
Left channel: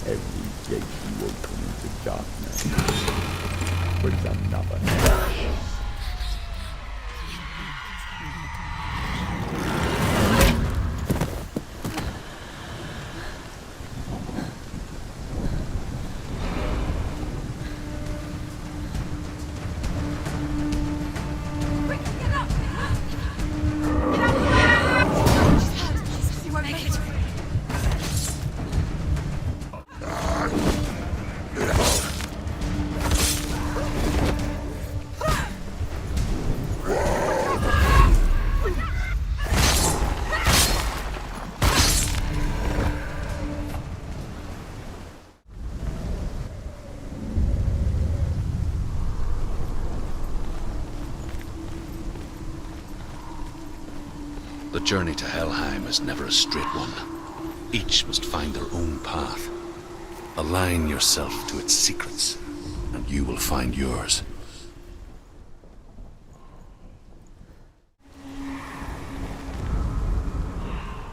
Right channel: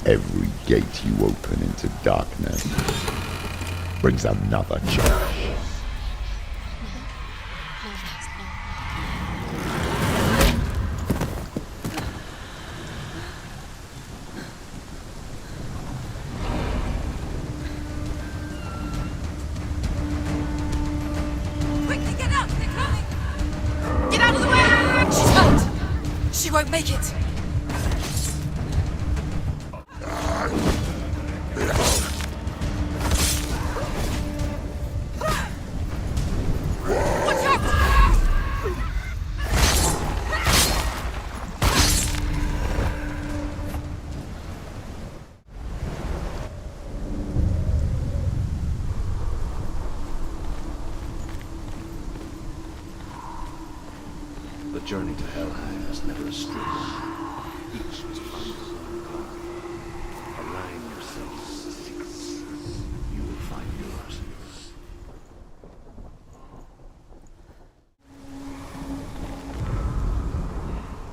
Every gate you open into darkness brings another change. Quickly get up! They're coming! Get out of the way! She's not! She won't make it! The journey to Helheim is never a straight one. Each must find their own path. Align yourself to its secrets, and you will find yours.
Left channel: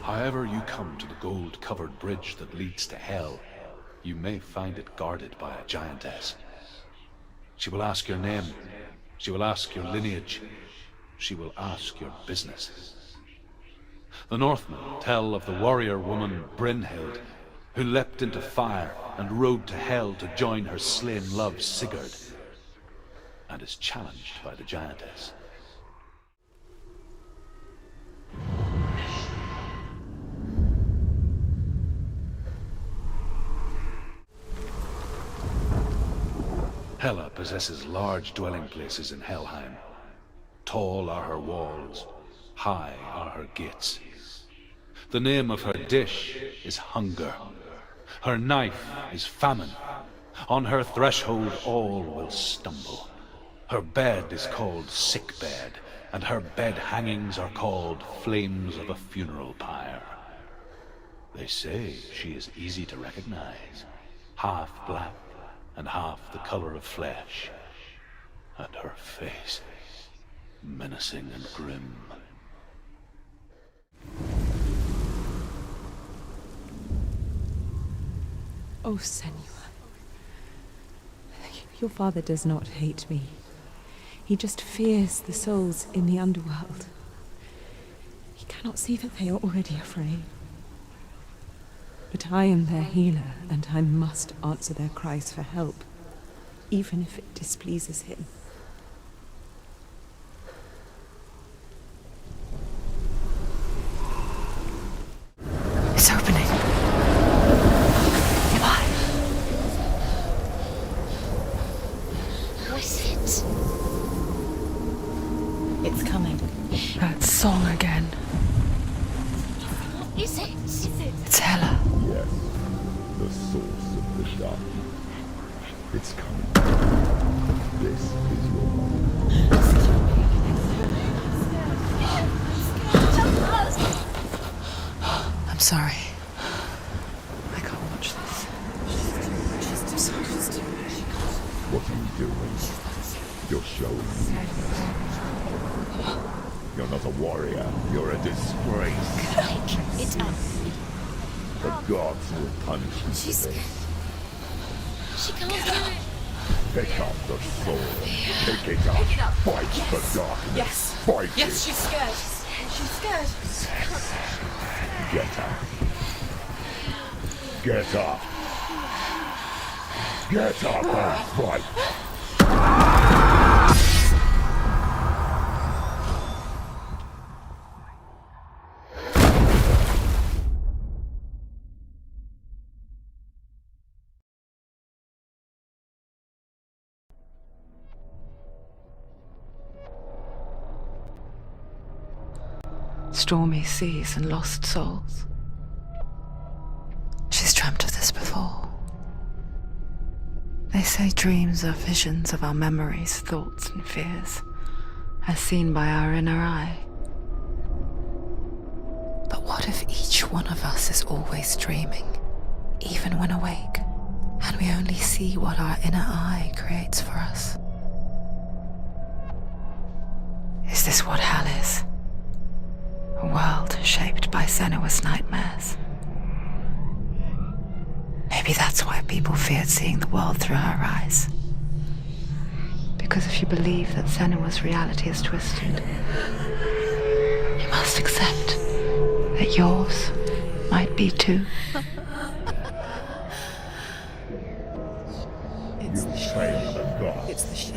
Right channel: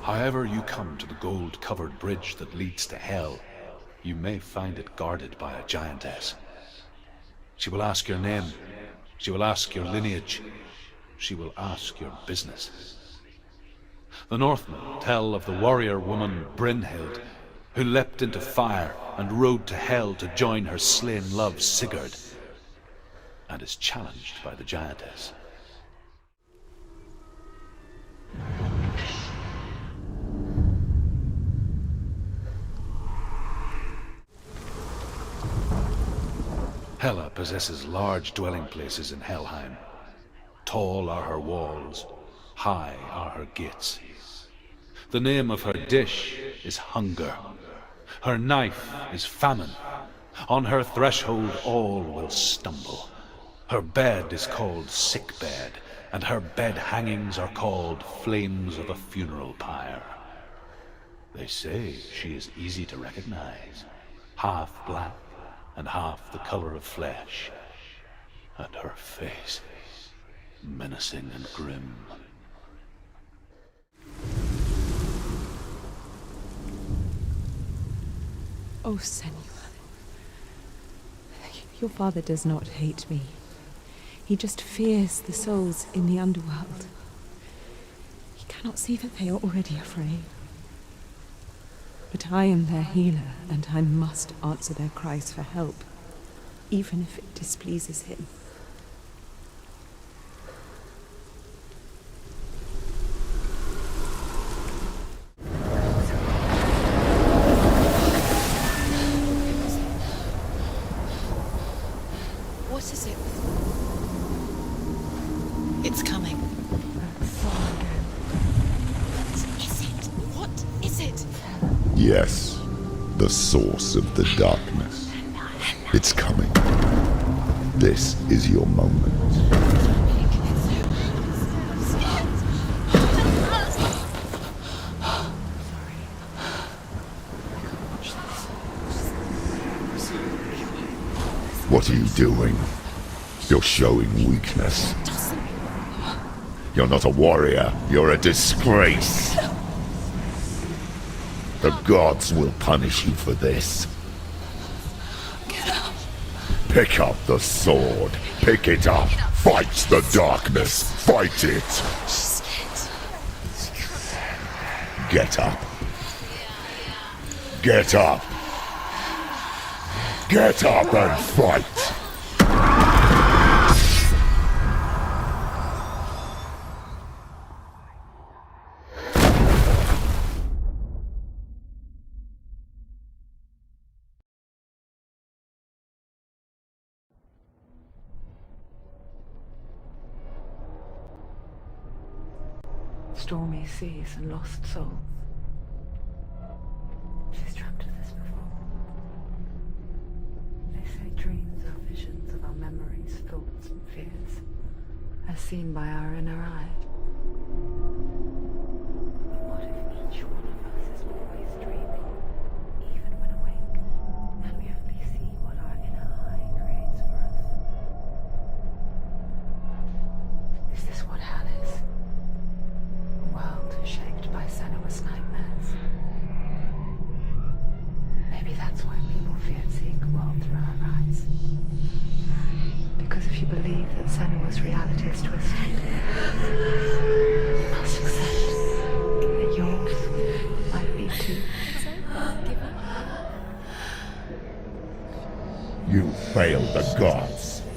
However you come to the gold-covered bridge that leads to Hell, you may find it guarded by a giantess. She will ask your name. She will ask your lineage. She will ask your business. The Northmen tell of the warrior woman Brynhild, who leapt into fire and rode to Hell to join her slain love Sigurd, and is challenged by the giantess. Hela possesses large dwelling places in Helheim. Tall are her walls, high are her gates. The name of her dish is hunger. Her knife is famine. On her threshold all will stumble. Her bed is called sick bed, and her bed hangings are called flames of a funeral pyre. They say she is easy to recognize, half black and half the color of flesh, and her face menacing and grim. Oh, Senua. Your father does not hate me. He just fears the souls in the underworld. He cannot see that they are already afraid. But I am their healer, and I must answer their cries for help, even if it displeases him. It's... It's coming. That song again. Is it? Is it? It's Hella. Yes, the source of the darkness. It's coming. This is your moment. I'm sorry. I can't watch this. What are you doing? You're showing weakness. You're not a warrior. You're a disgrace. The gods will punish you for this. Pick up the sword. Pick it up. Fight the darkness. Fight it. Get up. Get up. Get up and fight. Stormy seas and lost souls. She's dreamt of this before. They say dreams are visions of our memories, thoughts and fears, as seen by our inner eye. But what if each one of us is always dreaming, even when awake, and we only see what our inner eye creates for us? Is this what hell is? A world shaped by Senua's nightmares. Maybe that's why people feared seeing the world through her eyes. Because if you believe that Senua's reality is twisted, you must accept that yours might be too. You failed the gods.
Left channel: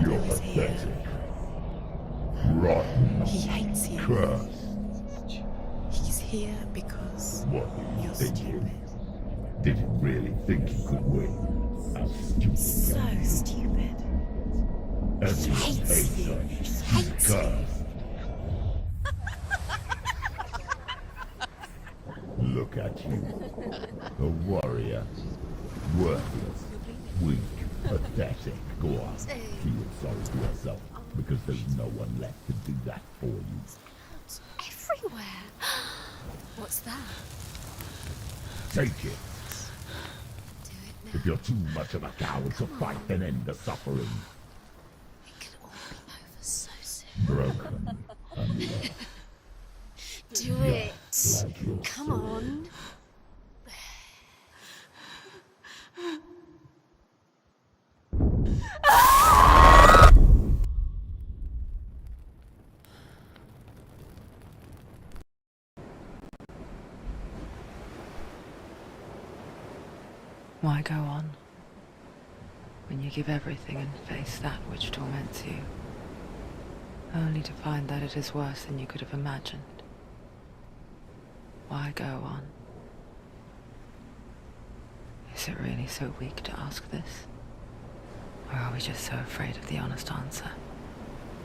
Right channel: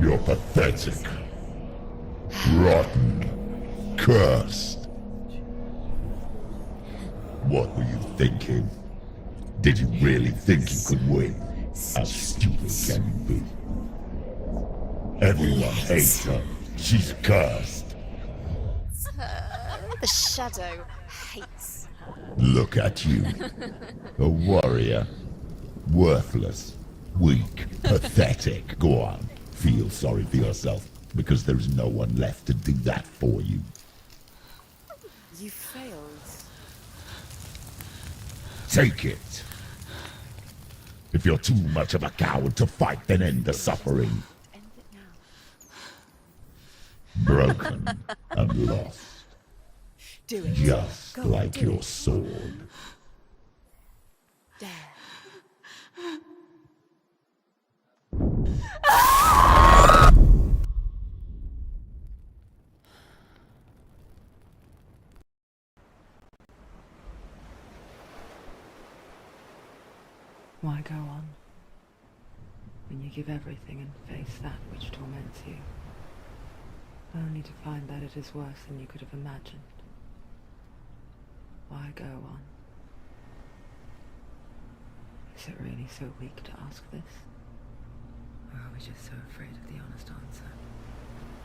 You're pathetic. Rotten. Cursed. He's here because... What were you thinking? Did you really think you could win? How stupid can you be? stupid. Everyone hates her. She's cursed. The shadow hates. Look at you. A warrior. Worthless. Weak. Pathetic. Go on. Feel sorry for yourself, because there's no one left to do that for you. Everywhere. You filled. What's that? Take it. If you're too much of a coward to fight, then end the suffering. Broken and lost. Just like your sword. Why go on when you give everything and face that which torments you, only to find that it is worse than you could have imagined? Why go on? Is it really so weak to ask this? Or are we just so afraid of the honest answer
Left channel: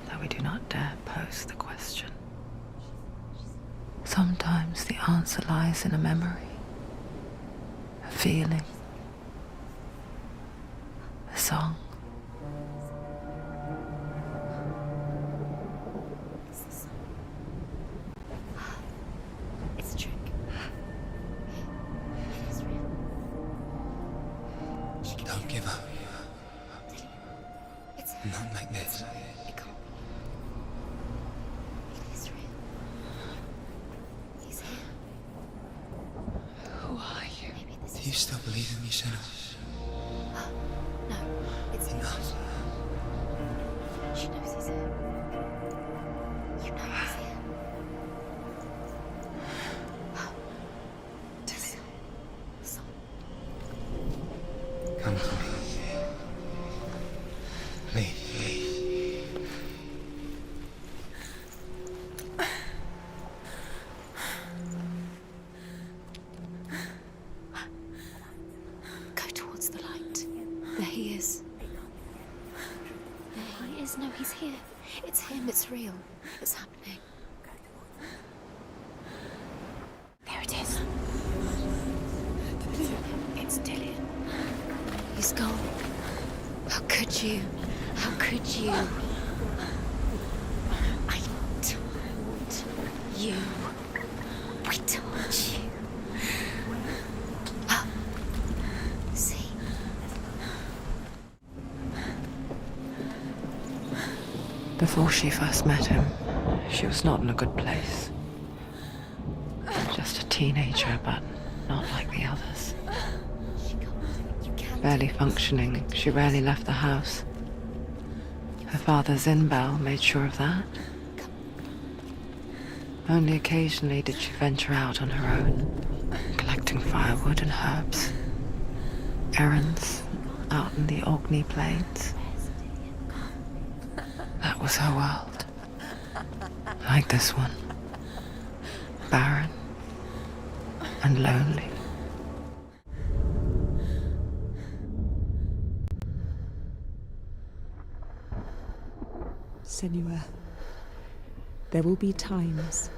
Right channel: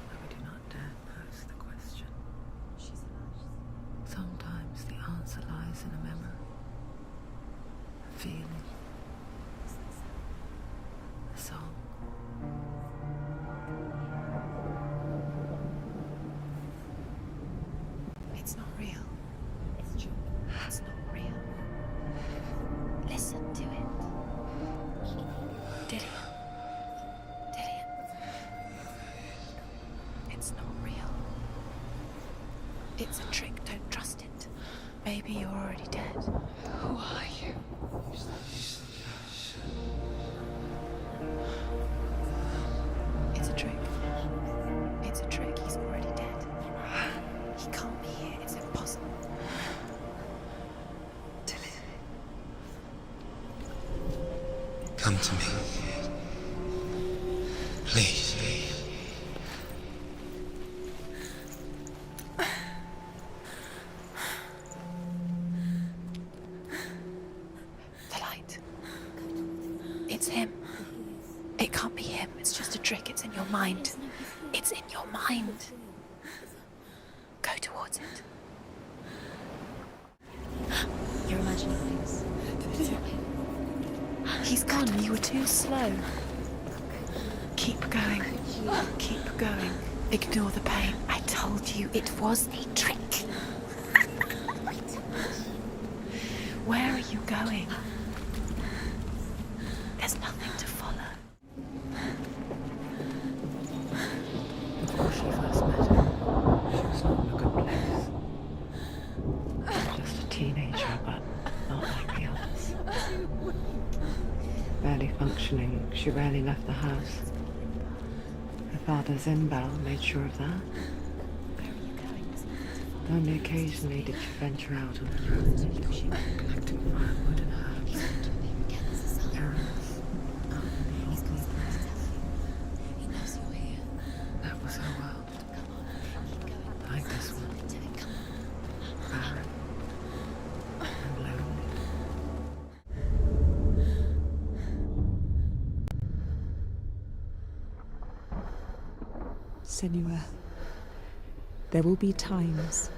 that we do not dare pose the question? Sometimes the answer lies in a memory, a feeling, a song. It's not real. It's a trick. It's not real. It's real. Listen to it. Don't give up. Did it? It's Not like this. It's not real. It's real. It's a trick. Don't trust it. Maybe you're already dead. Who are you? Do you still believe in yourself? No, it's not. It's a trick. She knows it's him. It's a trick. He's already dead. You know he can't be here. It's impossible. Tilly. Come to me. Please. The light. Go towards the light. It's him. There he is. It can't be him. mind. Yes, no, he's here. It's in your It's mind. him, it's real. It's happening. Go towards it. There it is. You're imagining things. It's Dillian. He's gone. He's gone. Slow. How could you? Keep going. How could you? Keep going. Ignore the pain. I told you it was to trick you. I told you. Where are you going? See, There's nothing to follow. Before she first met him, she was not in a good place. Just a teenager, but not like the others. Barely functioning, she rarely left the house. Her father's in-bow made sure of that. Only occasionally did she venture out on her own, collecting firewood and herbs. Errands out in the Orkney Plains. That was her world. Like this one. Barren and lonely. Senua, there will be times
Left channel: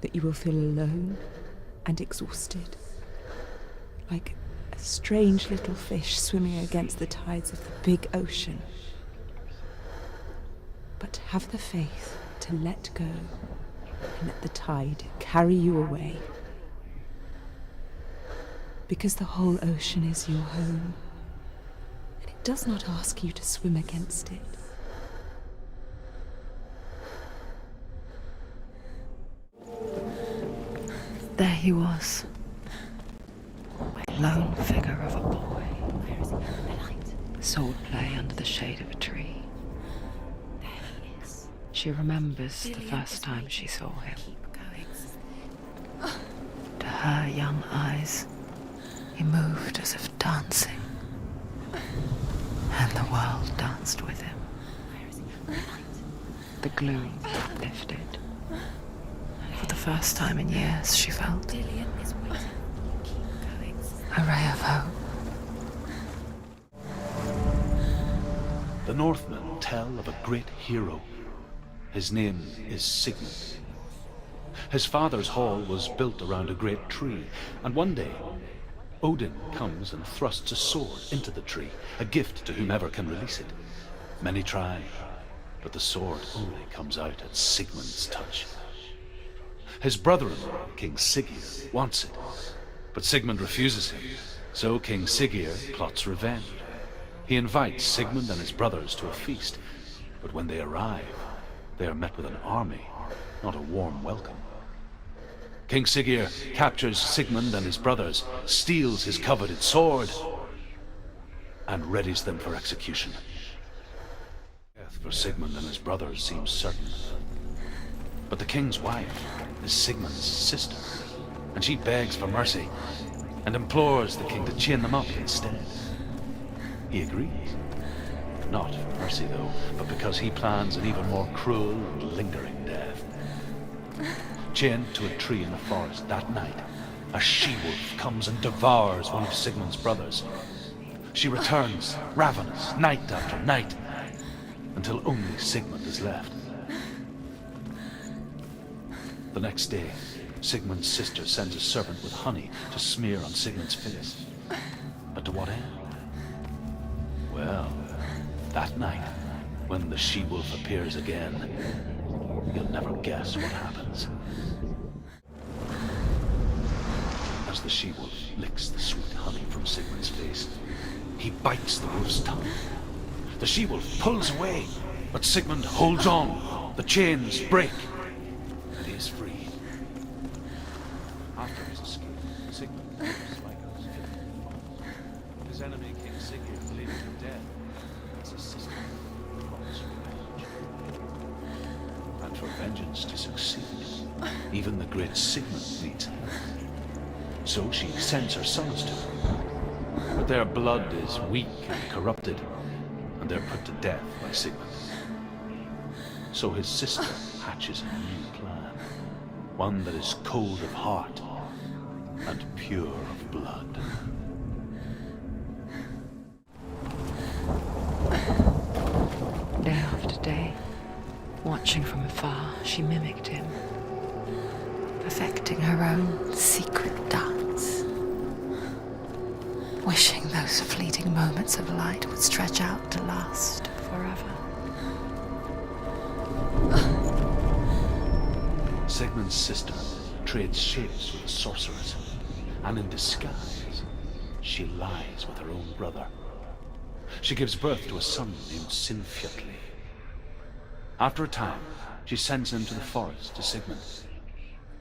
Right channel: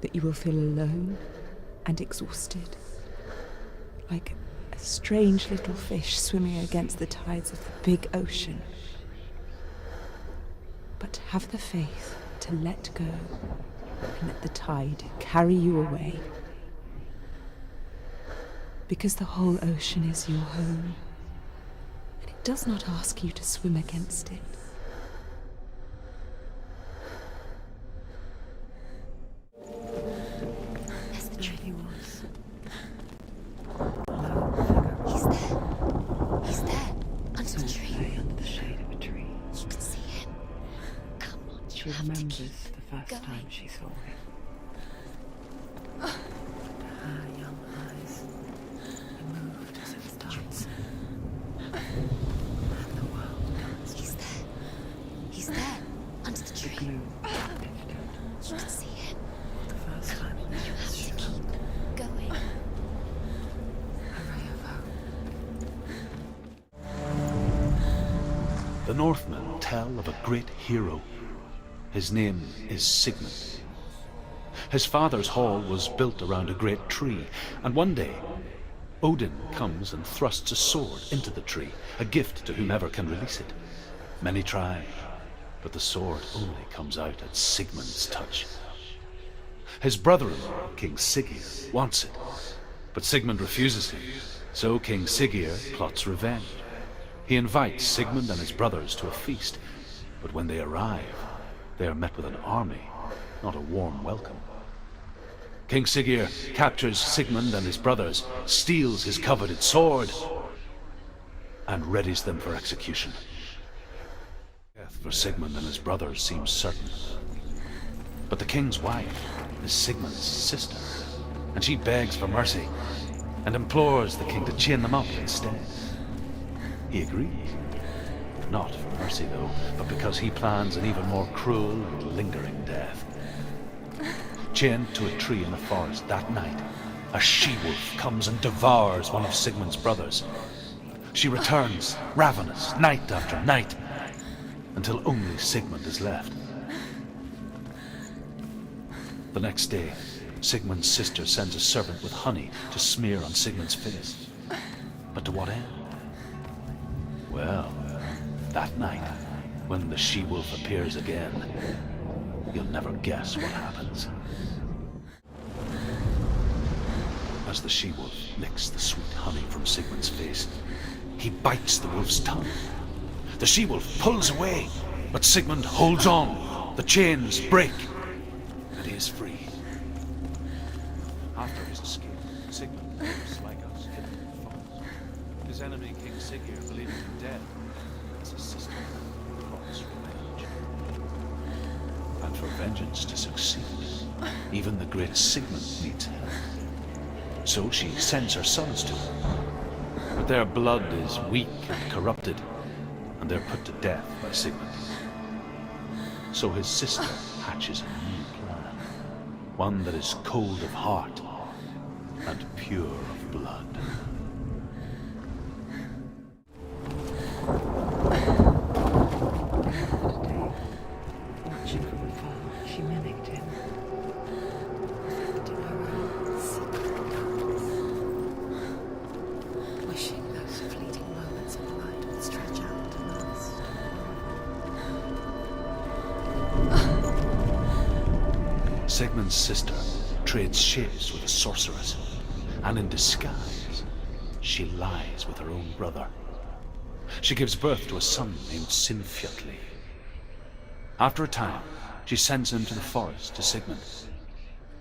that you will feel alone and exhausted, like a strange little fish swimming against the tides of the big ocean. But have the faith to let go and let the tide carry you away. Because the whole ocean is your home, and it does not ask you to swim against it. There he was. Lone figure of sword play under the shade of a tree. She remembers the first time she saw him. To her young eyes, he moved as if dancing, and the world danced with him. The gloom lifted. For the first time in years, she felt a ray of hope. The Northmen tell of a great hero. His name is Sigmund. His father's hall was built around a great tree, and one day Odin comes and thrusts a sword into the tree, a gift to whomever can release it. Many try, but the sword only comes out at Sigmund's touch. His brother-in-law, King Siggeir, wants it, but Sigmund refuses him, so King Siggeir plots revenge. He invites Sigmund and his brothers to a feast, but when they arrive, they are met with an army, not a warm welcome. King Siggeir captures Sigmund and his brothers, steals his coveted sword, and readies them for execution. Death for Sigmund and his brothers seems certain. But the king's wife is Sigmund's sister, and she begs for mercy and implores the king to chain them up instead. He agrees. Not for mercy, though, but because he plans an even more cruel and lingering death. Chained to a tree in the forest that night, a she-wolf comes and devours one of Sigmund's brothers. She returns, ravenous, night after night, until only Sigmund is left. The next day, Sigmund's sister sends a servant with honey to smear on Sigmund's face. But to what end? Well, that night, when the she-wolf appears again, you'll never guess what happens. As the she-wolf licks the sweet honey from Sigmund's face, he bites the wolf's tongue. The she-wolf pulls away, but Sigmund holds on. The chains break, and he is free. After his escape, Sigmund lives like us, hidden in the forest. His enemy, King Siggeir, believing him dead, as his sister plots revenge. And for vengeance to succeed, even the great Sigmund needs help. So she sends her sons to him. But their blood is weak and corrupted, and they're put to death by Sigmund. So his sister hatches a new plan, one that is cold of heart and pure of blood. Down she mimicked him, perfecting her own secret dance, wishing those fleeting moments of light would stretch out to last forever. Sigmund's sister trades shapes with a sorceress, and in disguise, she lies with her own brother. She gives birth to a son named Sinfjotli. After a time, she sends him to the forest to Sigmund.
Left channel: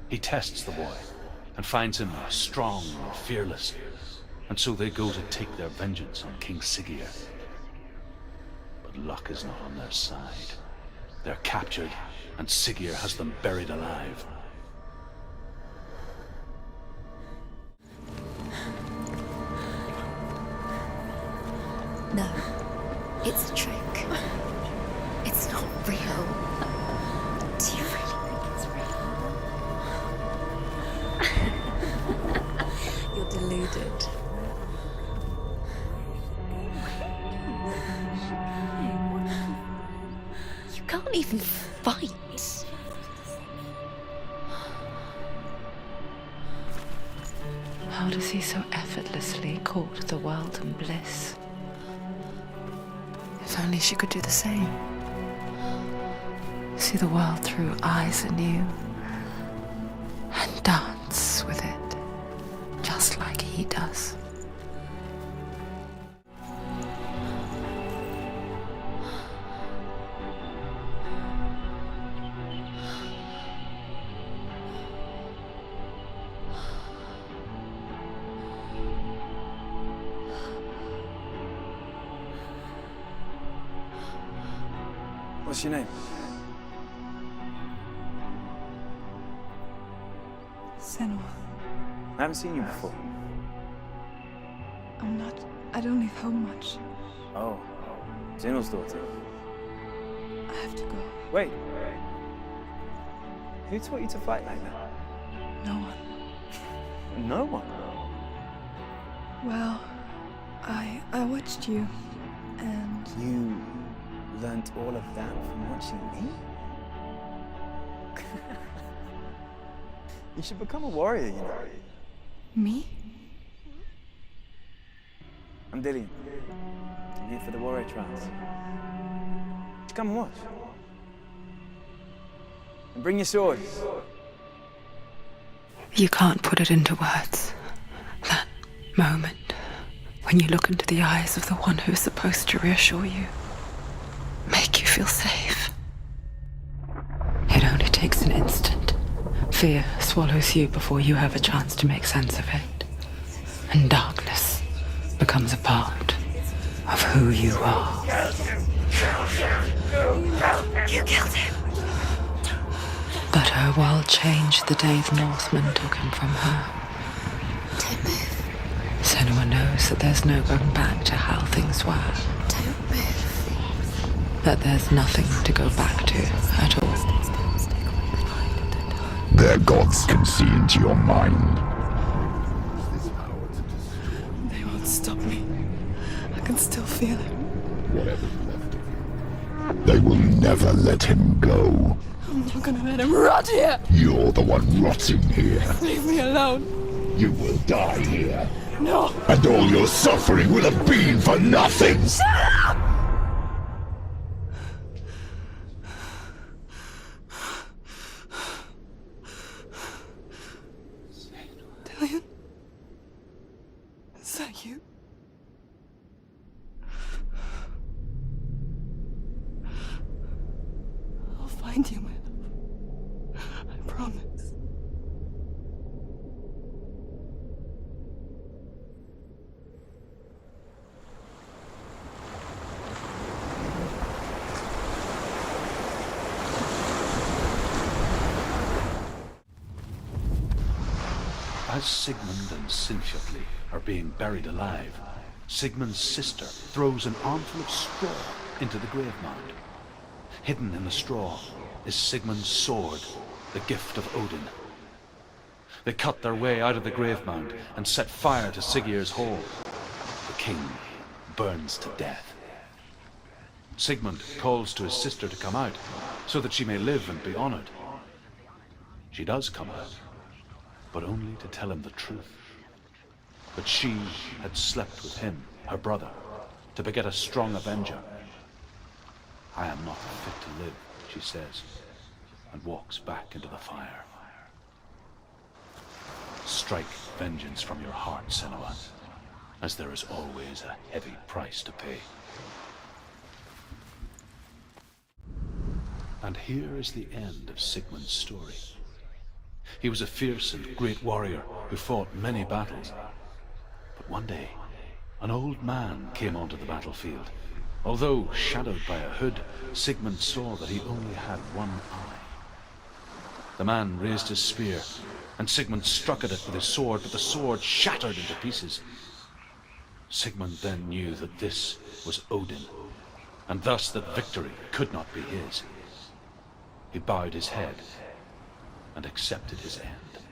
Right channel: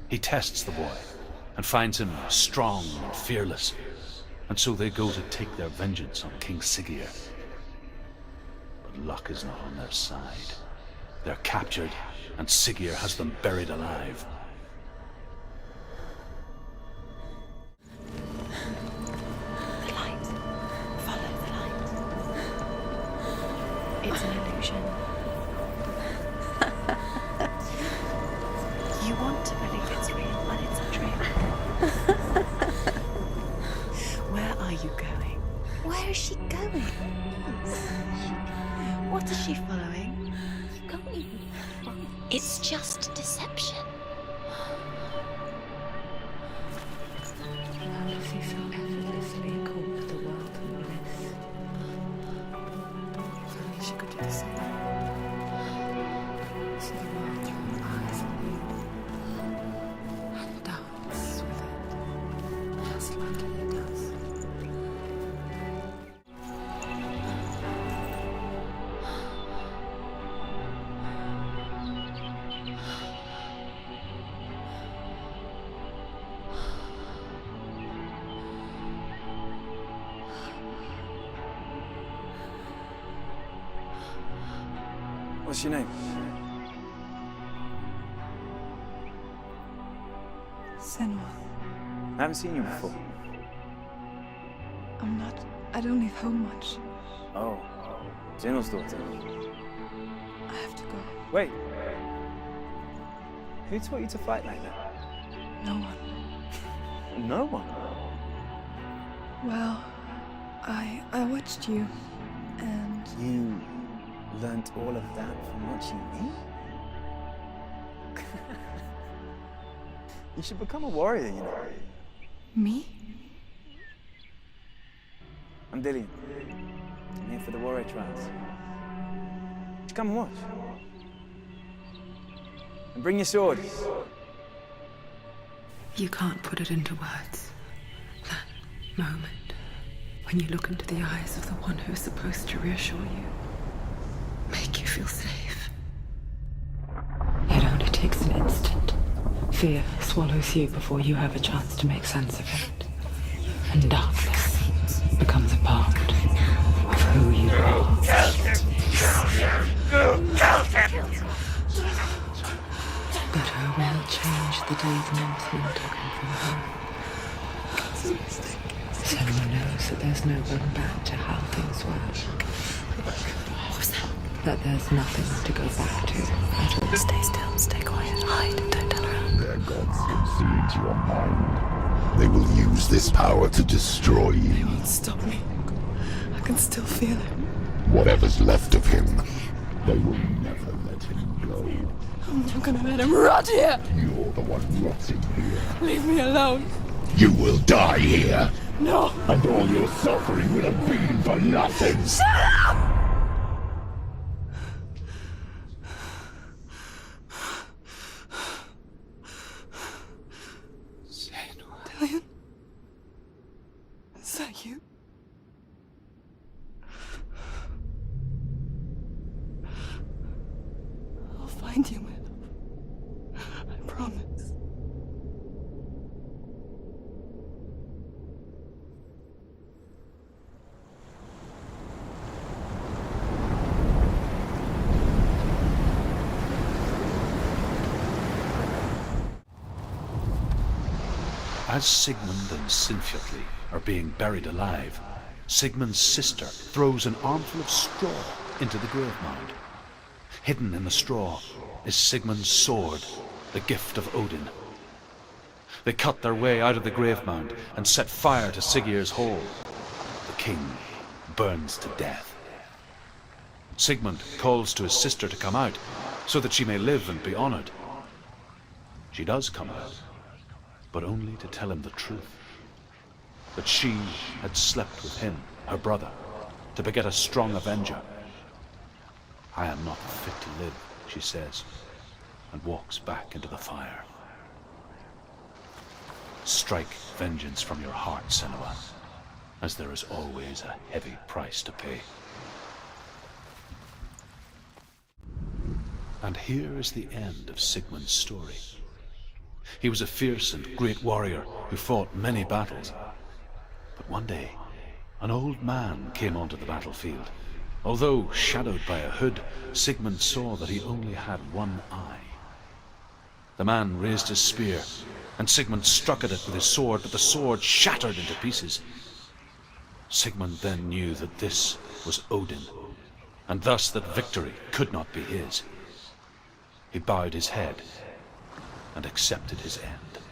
He tests the boy and finds him strong and fearless, and so they go to take their vengeance on King Siggeir. But luck is not on their side. They're captured, and Siggeir has them buried alive. No, it's a trick. It's an illusion. It's not real. Do you really? You want to believe it's real when it's a trick? You're deluded. Where are you going? Where is she going? What is she following? You can't even fight. It's just deception. How does he so effortlessly court the world and bliss? If only she could do the same. See the world through eyes anew and dance with it, just like he does. What's your name? Senua. I haven't seen you before. I don't leave home much. Oh, Zenua's daughter. I have to go. Wait. Who taught you to fight like that? No one. No one? Well, I watched you, and... You learnt all of that from watching me? You should become a warrior, you know. Me? I'm Dillian. I'm here for the warrior trials. Just come and watch. And bring your sword. You can't put it into words. That moment when you look into the eyes of the one who's supposed to reassure you, make you feel safe. It only takes an instant. Fear swallows you before you have a chance to make sense of it. And darkness becomes a part of who you are. You killed him. But her world changed the day the Northmen took him from her. Senua knows that there's no going back to how things were. That there's nothing to go back to at all. Stay still, stay quiet, hide, don't tell her. Their gods can see into your mind. They will use this power to destroy you. They won't stop me. I can still feel him. Whatever's left of him, they will never let him go. I'm not gonna let him rot here! You're the one rotting here. Leave me alone! You will die here. No! And all your suffering will have been for nothing. Shut up! Dillian? Is that you? I'll find you, my love. I promise. As Sigmund and Sinfjotli are being buried alive, Sigmund's sister throws an armful of straw into the grave mound. Hidden in the straw is Sigmund's sword, the gift of Odin. They cut their way out of the grave mound and set fire to Siggeir's hall. The king burns to death. Sigmund calls to his sister to come out so that she may live and be honored. she does come out, but only to tell him the truth. That she had slept with him, her brother, to beget a strong avenger. I am not fit to live, she says, and walks back into the fire. Strike vengeance from your heart, Senua, as there is always a heavy price to pay. And here is the end of Sigmund's story. He was a fierce and great warrior who fought many battles. But one day, an old man came onto the battlefield. Although shadowed by a hood, Sigmund saw that he only had one eye. The man raised his spear, and Sigmund struck at it with his sword, but the sword shattered into pieces. Sigmund then knew that this was Odin, and thus that victory could not be his. He bowed his head and accepted his end.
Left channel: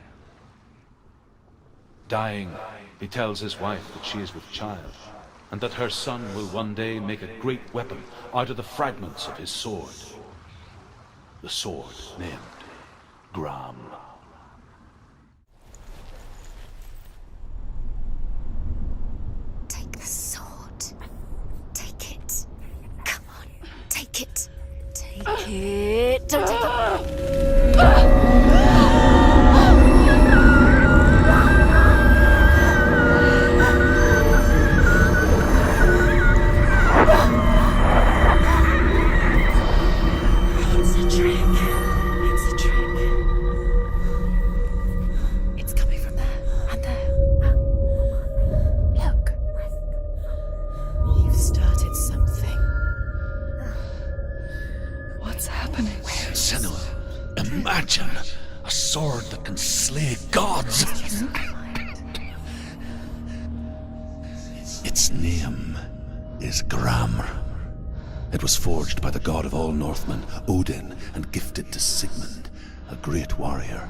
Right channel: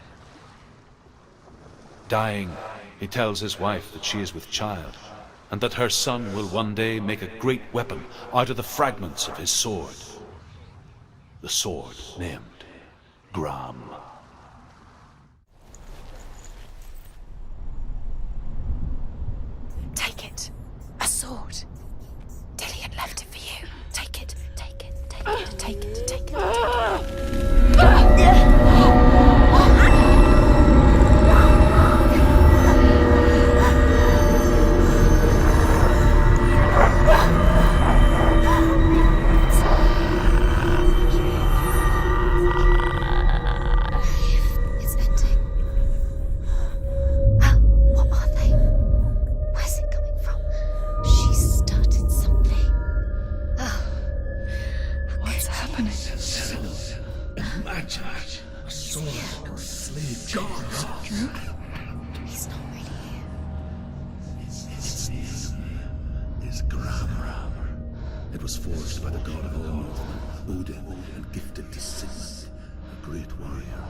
Dying, he tells his wife that she is with child, and that her son will one day make a great weapon out of the fragments of his sword. The sword named Gram. Take it. A sword. Take it. Dillian left it for you. Take it. Take it. Take it. Imagine a sword that can slay gods. Its name is Gram. It was forged by the god of all Northmen, Odin, and gifted to Sigmund, a great warrior.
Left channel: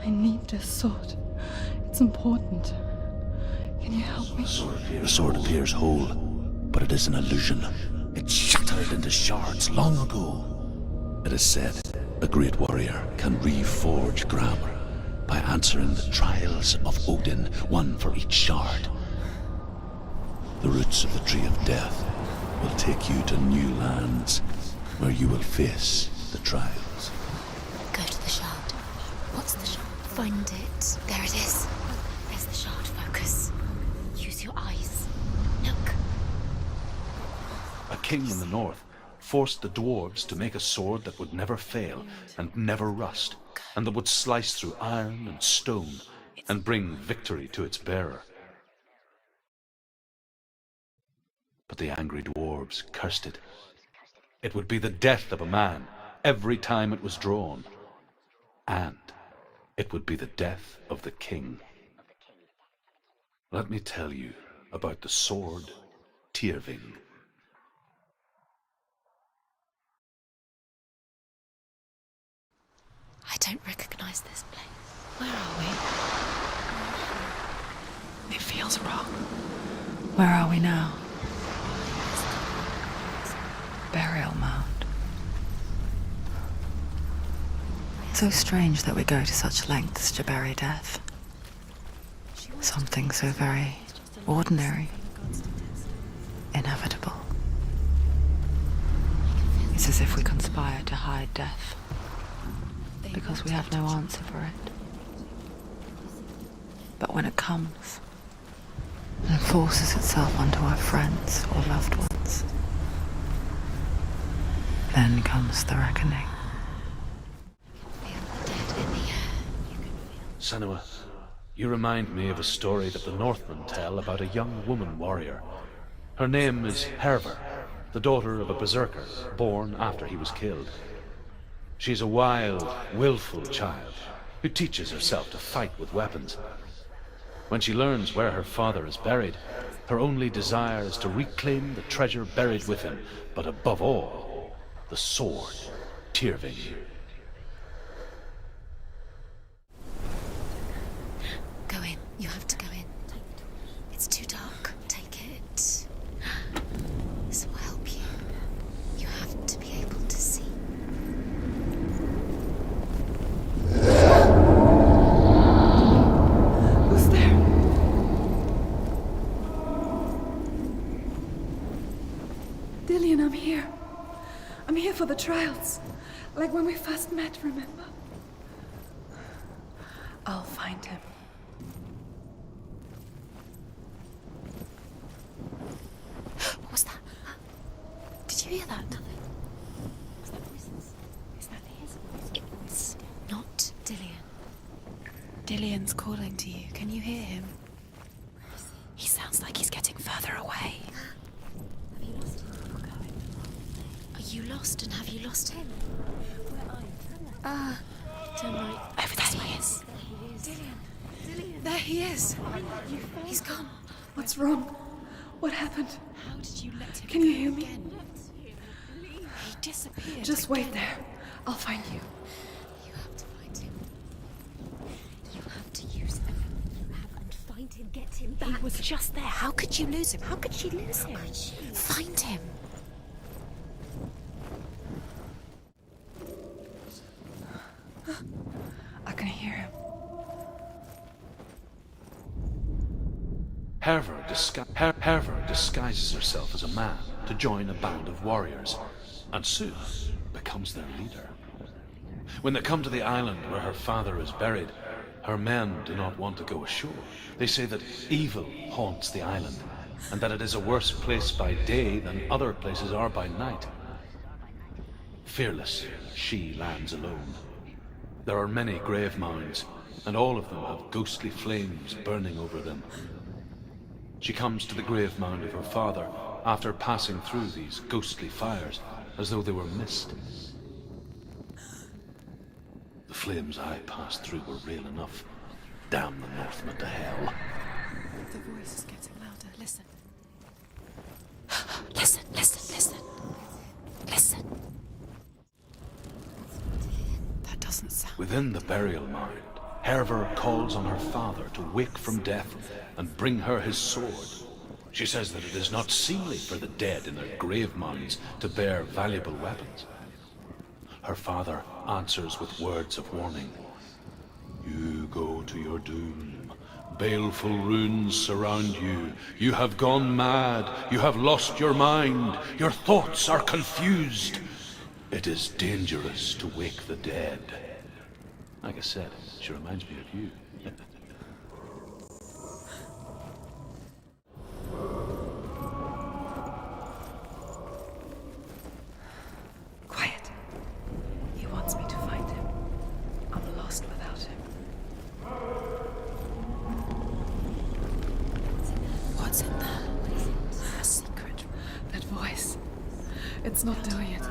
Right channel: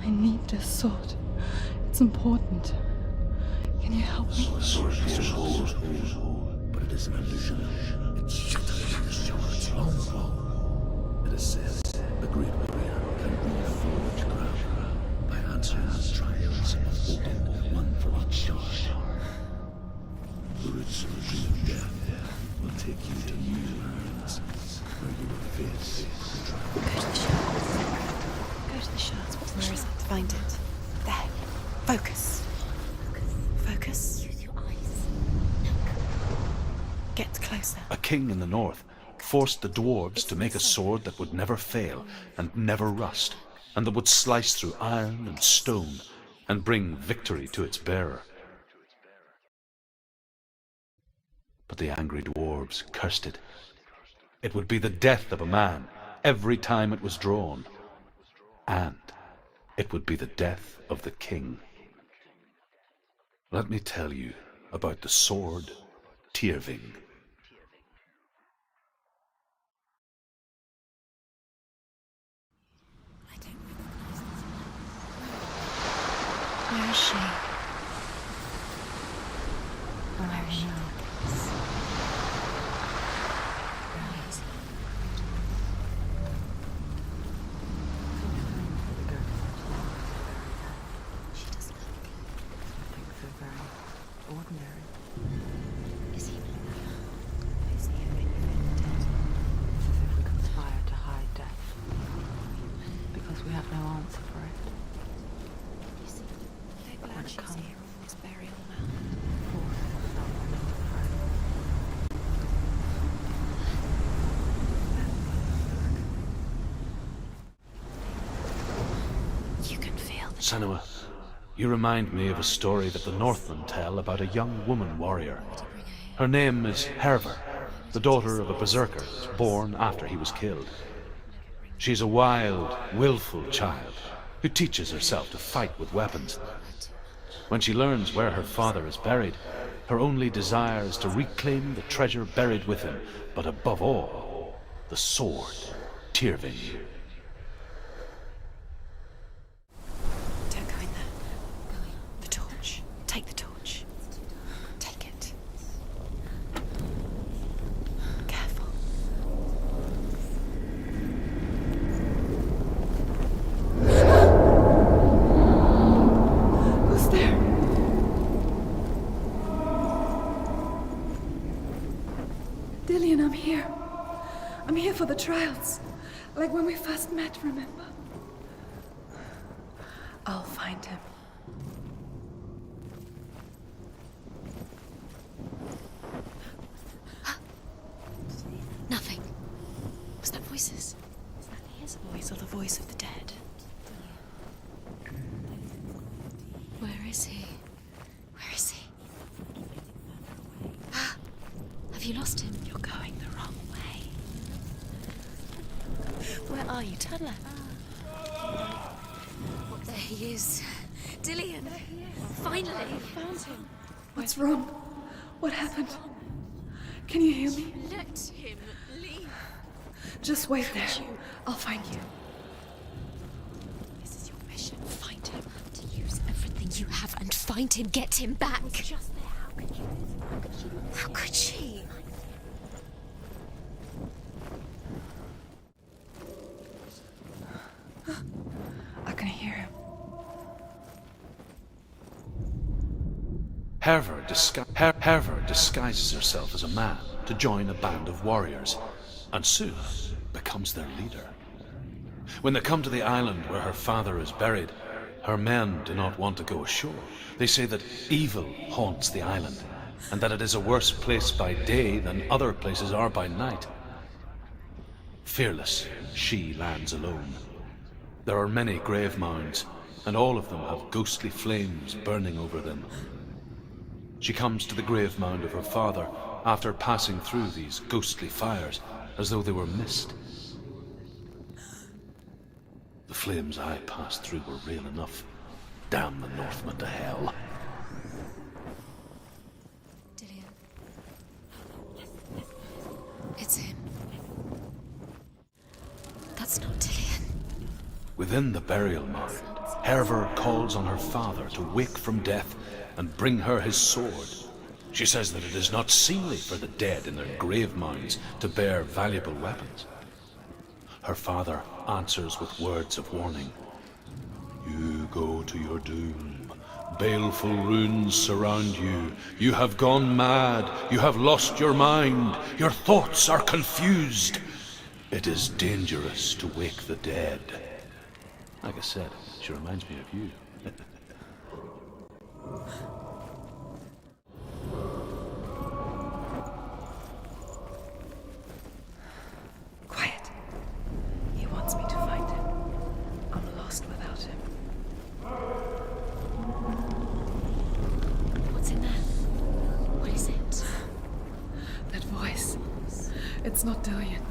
I need this sword. It's important. Can you help me? The sword appears whole, but it is an illusion. It shattered into shards long ago. It is said a great warrior can reforge Gram by answering the trials of Odin, one for each shard. The roots of the Tree of Death will take you to new lands where you will face the trials. Go to the shard. What's the shard? Find it. There it is. Focus. Where's the shard? Focus. Focus. Use your eyes. Look. Get closer. A king in the north forced the dwarves to make a sword that would never fail and never rust, and that would slice through iron and stone and bring victory to its bearer. But the angry dwarves cursed it. It would be the death of a man every time it was drawn, and it would be the death of the king. Let me tell you about the sword Tyrving. I don't recognize this place. Where are we? Where is she? It feels wrong. Where are we now? Burial mound. So strange that we go to such lengths to bury death. Something so very ordinary, inevitable. It's as if we conspire to hide death, because we have no answer for it. But when it comes and forces itself onto our friends or loved ones, then comes the reckoning. Senua, you remind me of a story that the Northmen tell about a young woman warrior. Her name is Hervor, the daughter of a berserker born after he was killed. She's a wild, willful child who teaches herself to fight with weapons. When she learns where her father is buried, her only desire is to reclaim the treasure buried with him, but above all, the sword Tyrving. Don't go in there. Go in. You're told to go in. Take the torch. It's too dark. Take it. This will help you. Careful. You have to be able to see. Dillian, I'm here. I'm here for the trials. Like when we first met, remember? I'll find him. What was that? Did you hear that? Nothing. Was that voices? Is that his voice or the voice of the dead? Not Dillian. Dillian's calling to you. Can you hear him? Where is he? He sounds like he's getting further away. Have you lost him? You're going the wrong way. Are you lost, and have you lost him? Where are you? Turn left. Over this way. There he is. Dillian. There he is. Finally. He's gone. What's wrong? What happened? How did you let him? Can you hear me? Let him leave. He disappeared. Just wait there. I'll find you. You have to find him. This is your mission. Find him. You have to use everything you have and find him. Get him back. He was just there. How could you lose him? How could she lose him? How could she? Find him. I can hear him. Herver disguises herself as a man to join a band of warriors, and soon becomes their leader. When they come to the island where her father is buried, her men do not want to go ashore. They say that evil haunts the island, and that it is a worse place by day than other places are by night. Fearless, she lands alone. There are many grave mounds, and all of them have ghostly flames burning over them. She comes to the grave mound of her father after passing through these ghostly fires as though they were mist. The flames I passed through were real enough. Damn the Northmen to hell. The voice is getting louder. Listen. Dillian. Listen, listen, listen. It's him. Listen. That's not Dillian. That doesn't sound... Within the burial mound, Herver calls on her father to wake from death and bring her his sword. She says that it is not seemly for the dead in their grave mounds to bear valuable weapons. Her father answers with words of warning. You go to your doom. Baleful runes surround you. You have gone mad. You have lost your mind. Your thoughts are confused. It is dangerous to wake the dead. Like I said, she reminds me of you. Quiet. He wants me to find him. I'm lost without him. What's in there? What's in there? What is it? A secret. That voice. It's not Dillian.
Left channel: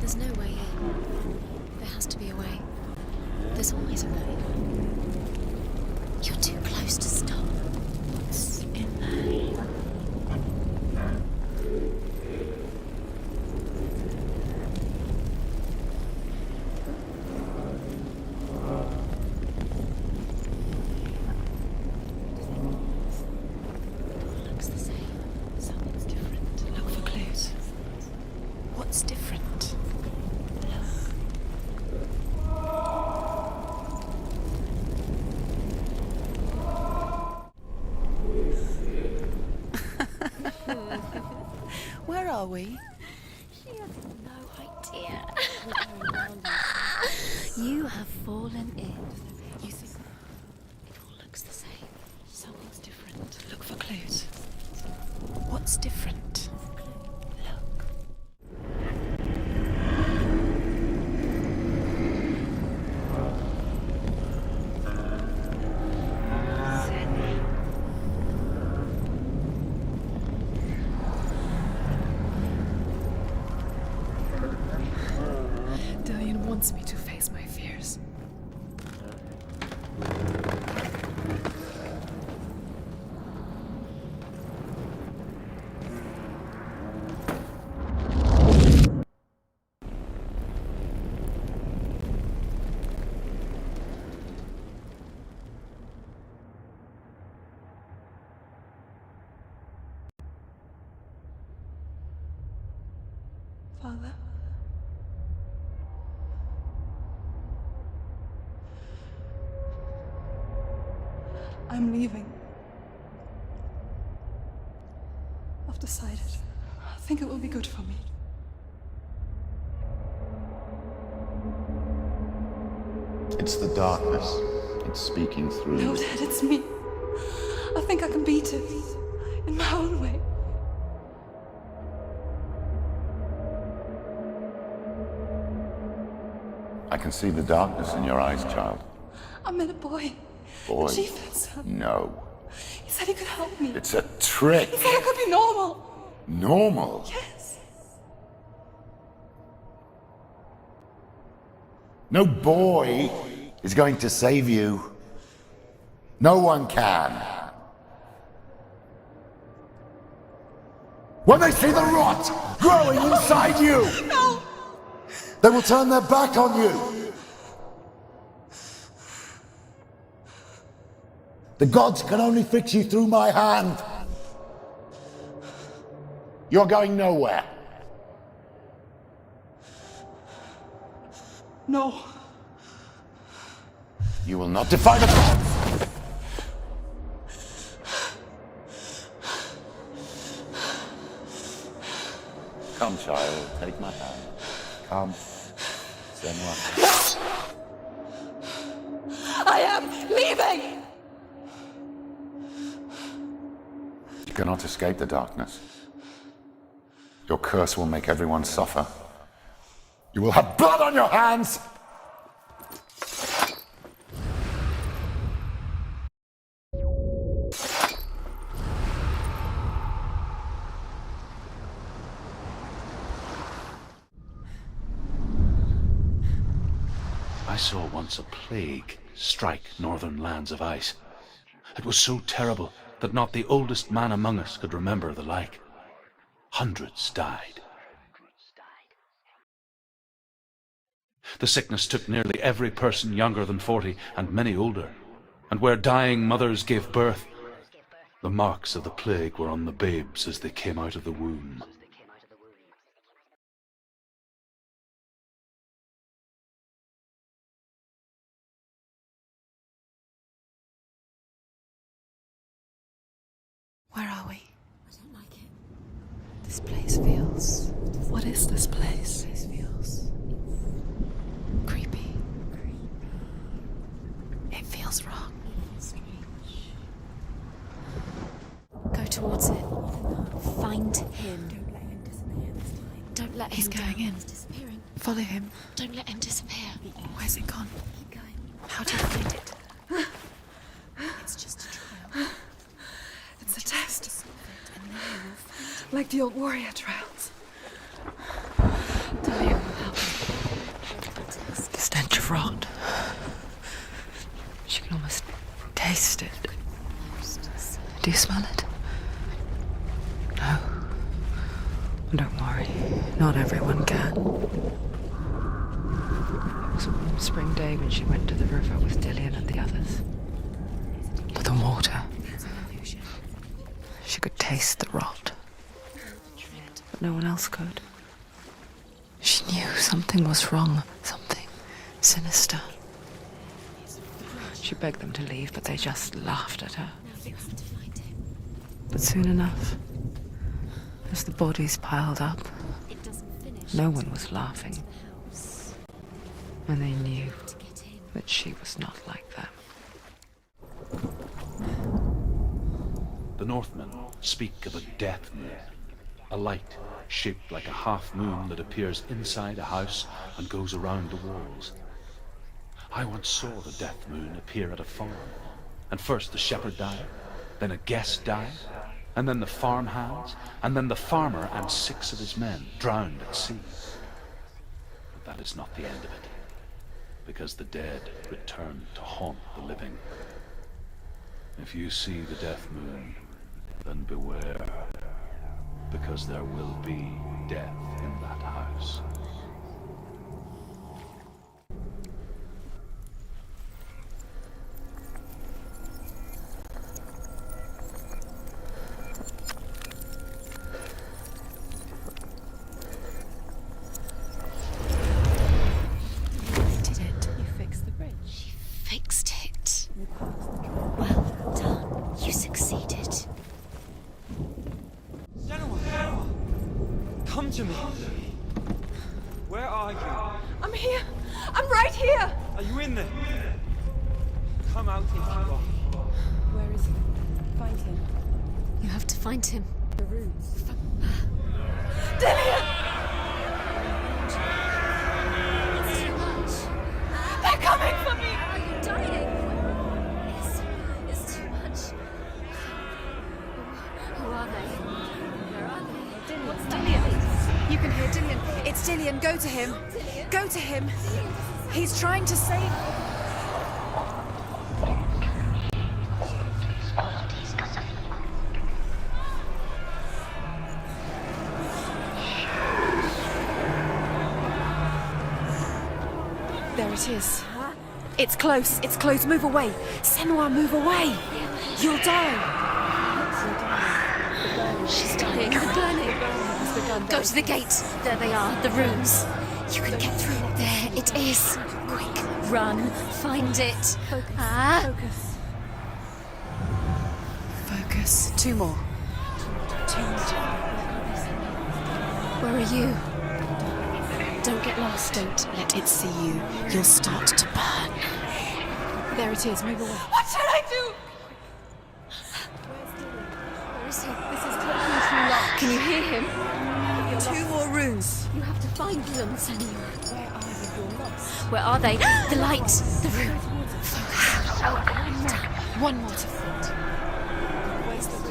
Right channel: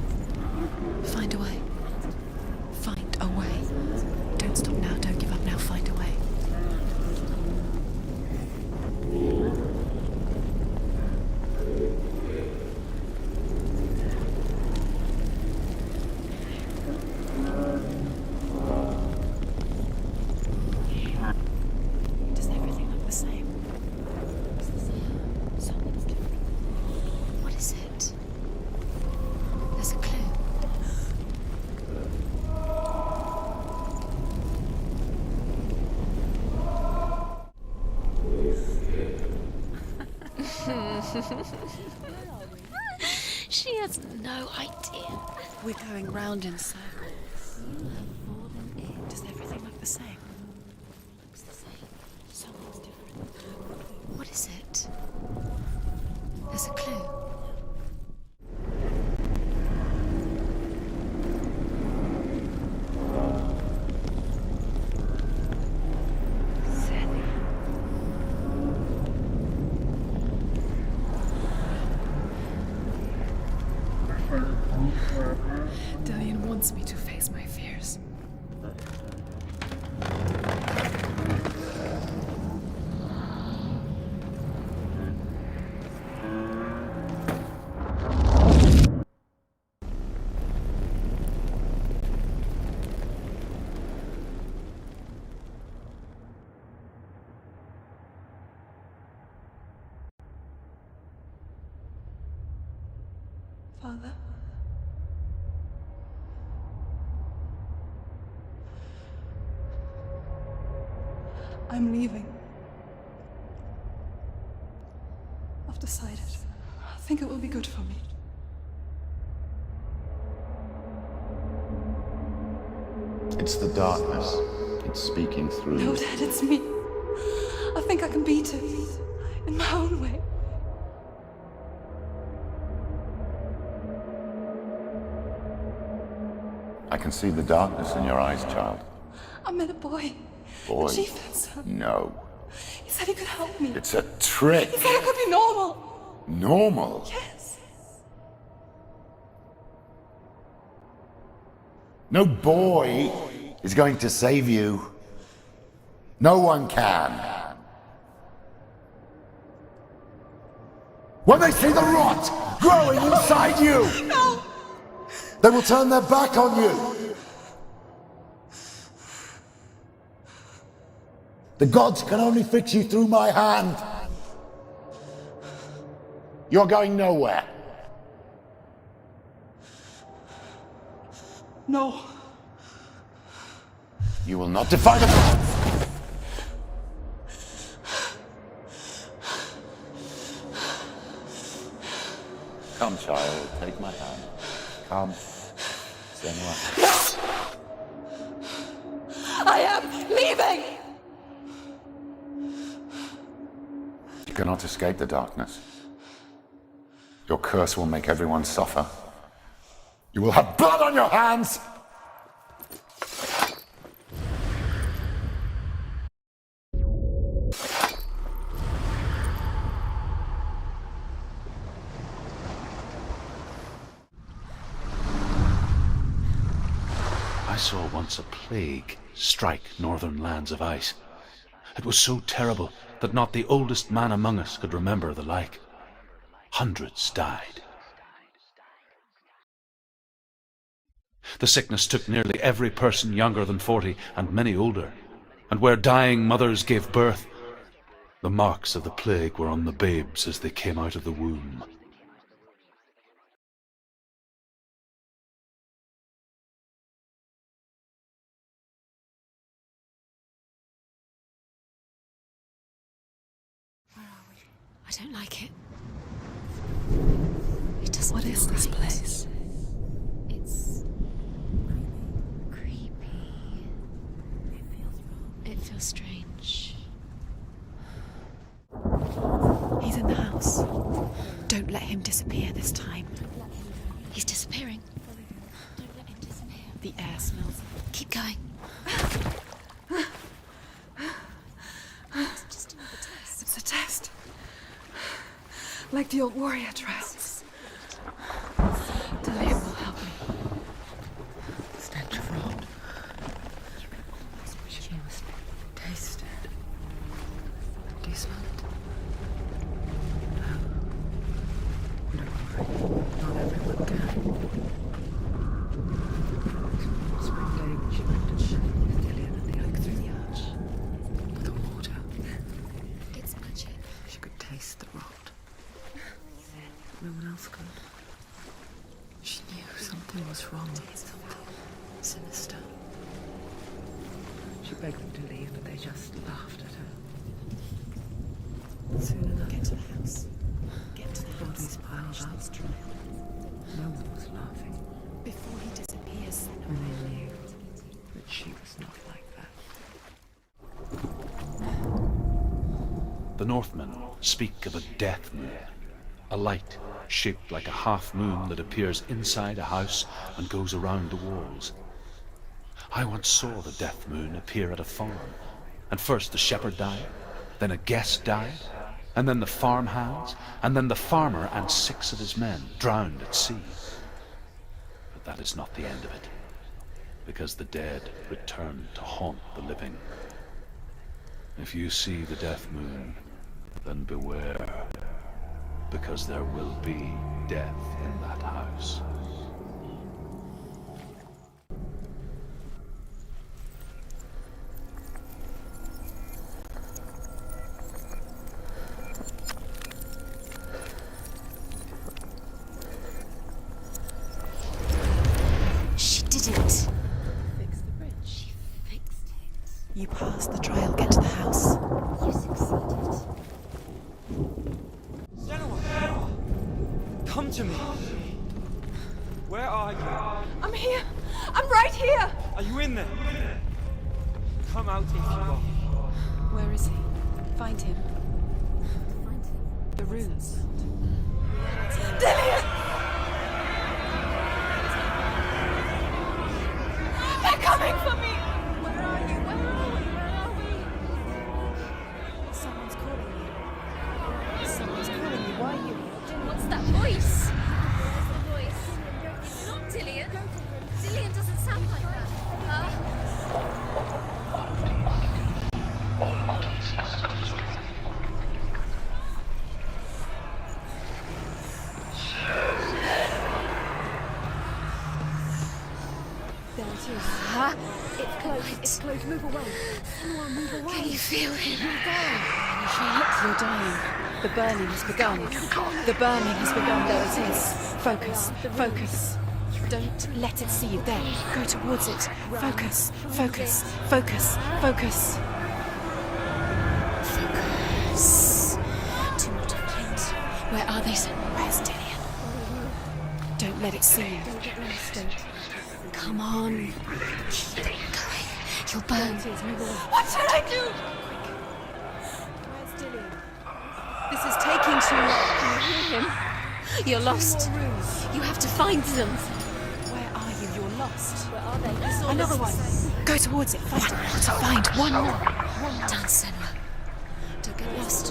There's no way out. Find a way. There has to be a way. Find a way. There's always a way. Don't stop now. Don't give up now. Find a way. You're too close to stop. It's in there. Does everything look the same? Looks the same. Something's different. Look for clues. What is it? What's different? There's a clue. Where are we? She has no idea. We're going round in circles. You have fallen in. Does everything look the same? Looks the same. Something's different. Look for clues. What is it? What's different? There's a clue. Dillian wants me to face my fears. Father? I'm leaving. decided. I think it will be good for me. It's the darkness. It's speaking through No, you. Dad, it's me. I think I can beat it. In my own way. I can see the darkness in your eyes, child. I met a boy. Boy. The chief and son. No. He said he could help me. It's a trick. He said I could be normal. Normal? Yes. No boy is going to save you. No one can. When they see the rot growing inside you, No! they will turn their back on you. The gods can only fix you through my hand. You're going nowhere. No. You will not defy the gods. Come, child, take my hand. Come, Senua. I am leaving! You cannot escape the darkness. Your curse will make everyone suffer. You will have blood on your hands! I saw once a plague strike northern lands of ice. It was so terrible that not the oldest man among us could remember the like. Hundreds died. The sickness took nearly every person younger than 40 and many older, and where dying mothers gave birth, the marks of the plague were on the babes as they came out of the womb. Where are we? I don't like it. This place feels... It doesn't. What is this place? This feels... It's... creepy. Creepy. It feels wrong. It feels strange. Go towards it. He's in the house. Find him. Don't let him disappear this time. Don't let him He's going in. He's disappearing. Follow him. Don't let him disappear. The air. Where's it gone? Keep going. How do you find it? It's just a dream. It's just It's a test. Like the old warrior trials. Dillian will help me. The stench of rot. She can almost taste it. Do you smell it? No. Don't worry. Not everyone can. It was one spring day when she went to the river with Dillian and the others. But the water. She could taste the rot. But no one else could. She knew something was wrong. Something sinister. She begged them to leave, but they just laughed at her. But soon enough, as the bodies piled up, no one was laughing. And they knew that she was not like that. The Northmen speak of a death moon, a light shaped like a half moon that appears inside a house and goes around the walls. I once saw the death moon appear at a farm, and first the shepherd died, then a guest died, and then the farm hands, and then the farmer and 6 of his men drowned at sea. But that is not the end of it, because the dead return to haunt the living. If you see the death moon, then beware, because there will be death in that house. She did it. You fixed the bridge. She fixed it. You passed the trial. Get to the house. You succeeded. Senua! Come to me. Where are you? I'm here. I'm right here. Are you in there? Come out if you are. Where is he? Find him. You have to find him. The runes. Dillian! They're coming for me! What's that voice? You can hear Dillian. It's Dillian. Go to him. Dillian? Go to him. Dillian doesn't sound... He's trying to save you. There it is. Huh? It's close. It's close. Move away. Senua, move away. I feel it. You'll die. You're dying. The burning has begun. The burning has begun. Go to the gate. There they are, the runes. You can get through. Let it see. It is. Go towards it. Run. Focus. Find it. Focus. Focus. Focus. Two more. Where are they, Senua? Where's Dillian? Where are you? Don't let it see you. Don't get lost. Don't let it see you. Come on. You'll start to burn. You'll burn. There it is. Move away. What should I do? Where's Dillian? This is taking too long. Can you hear him? You're Two lost. more runes. You have to find them, Senua. Where are you? You're lost. Where are they? The lights. Go towards it. Find one more. One more. Dancing. Don't get lost.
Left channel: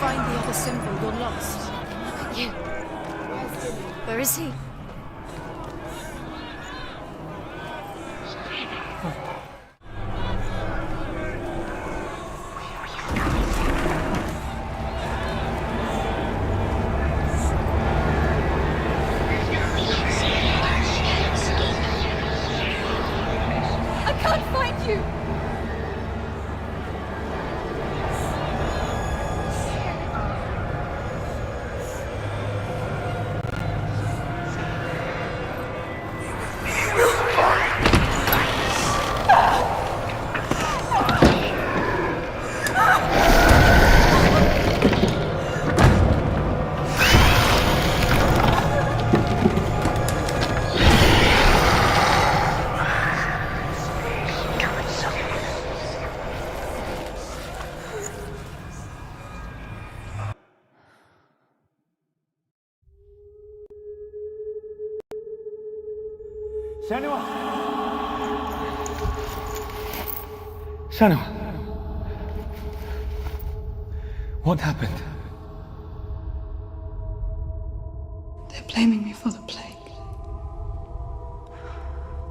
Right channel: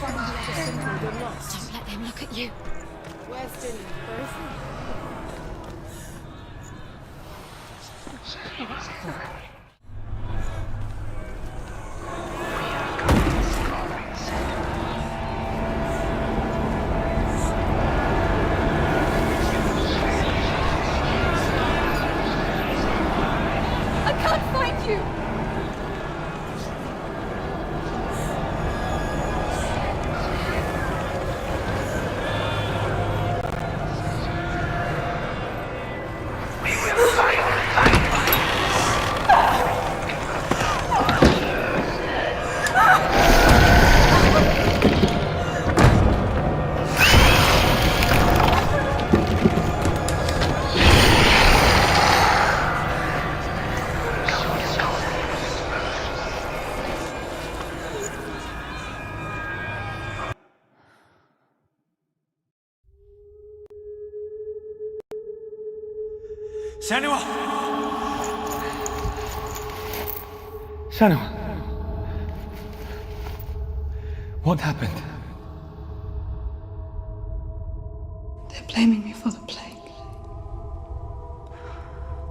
Find the other symbol. You're lost. Don't let them look at you. Where's Dillian? Where is he? I can't find you! Senua! Senua! What happened? They're blaming me for the plague.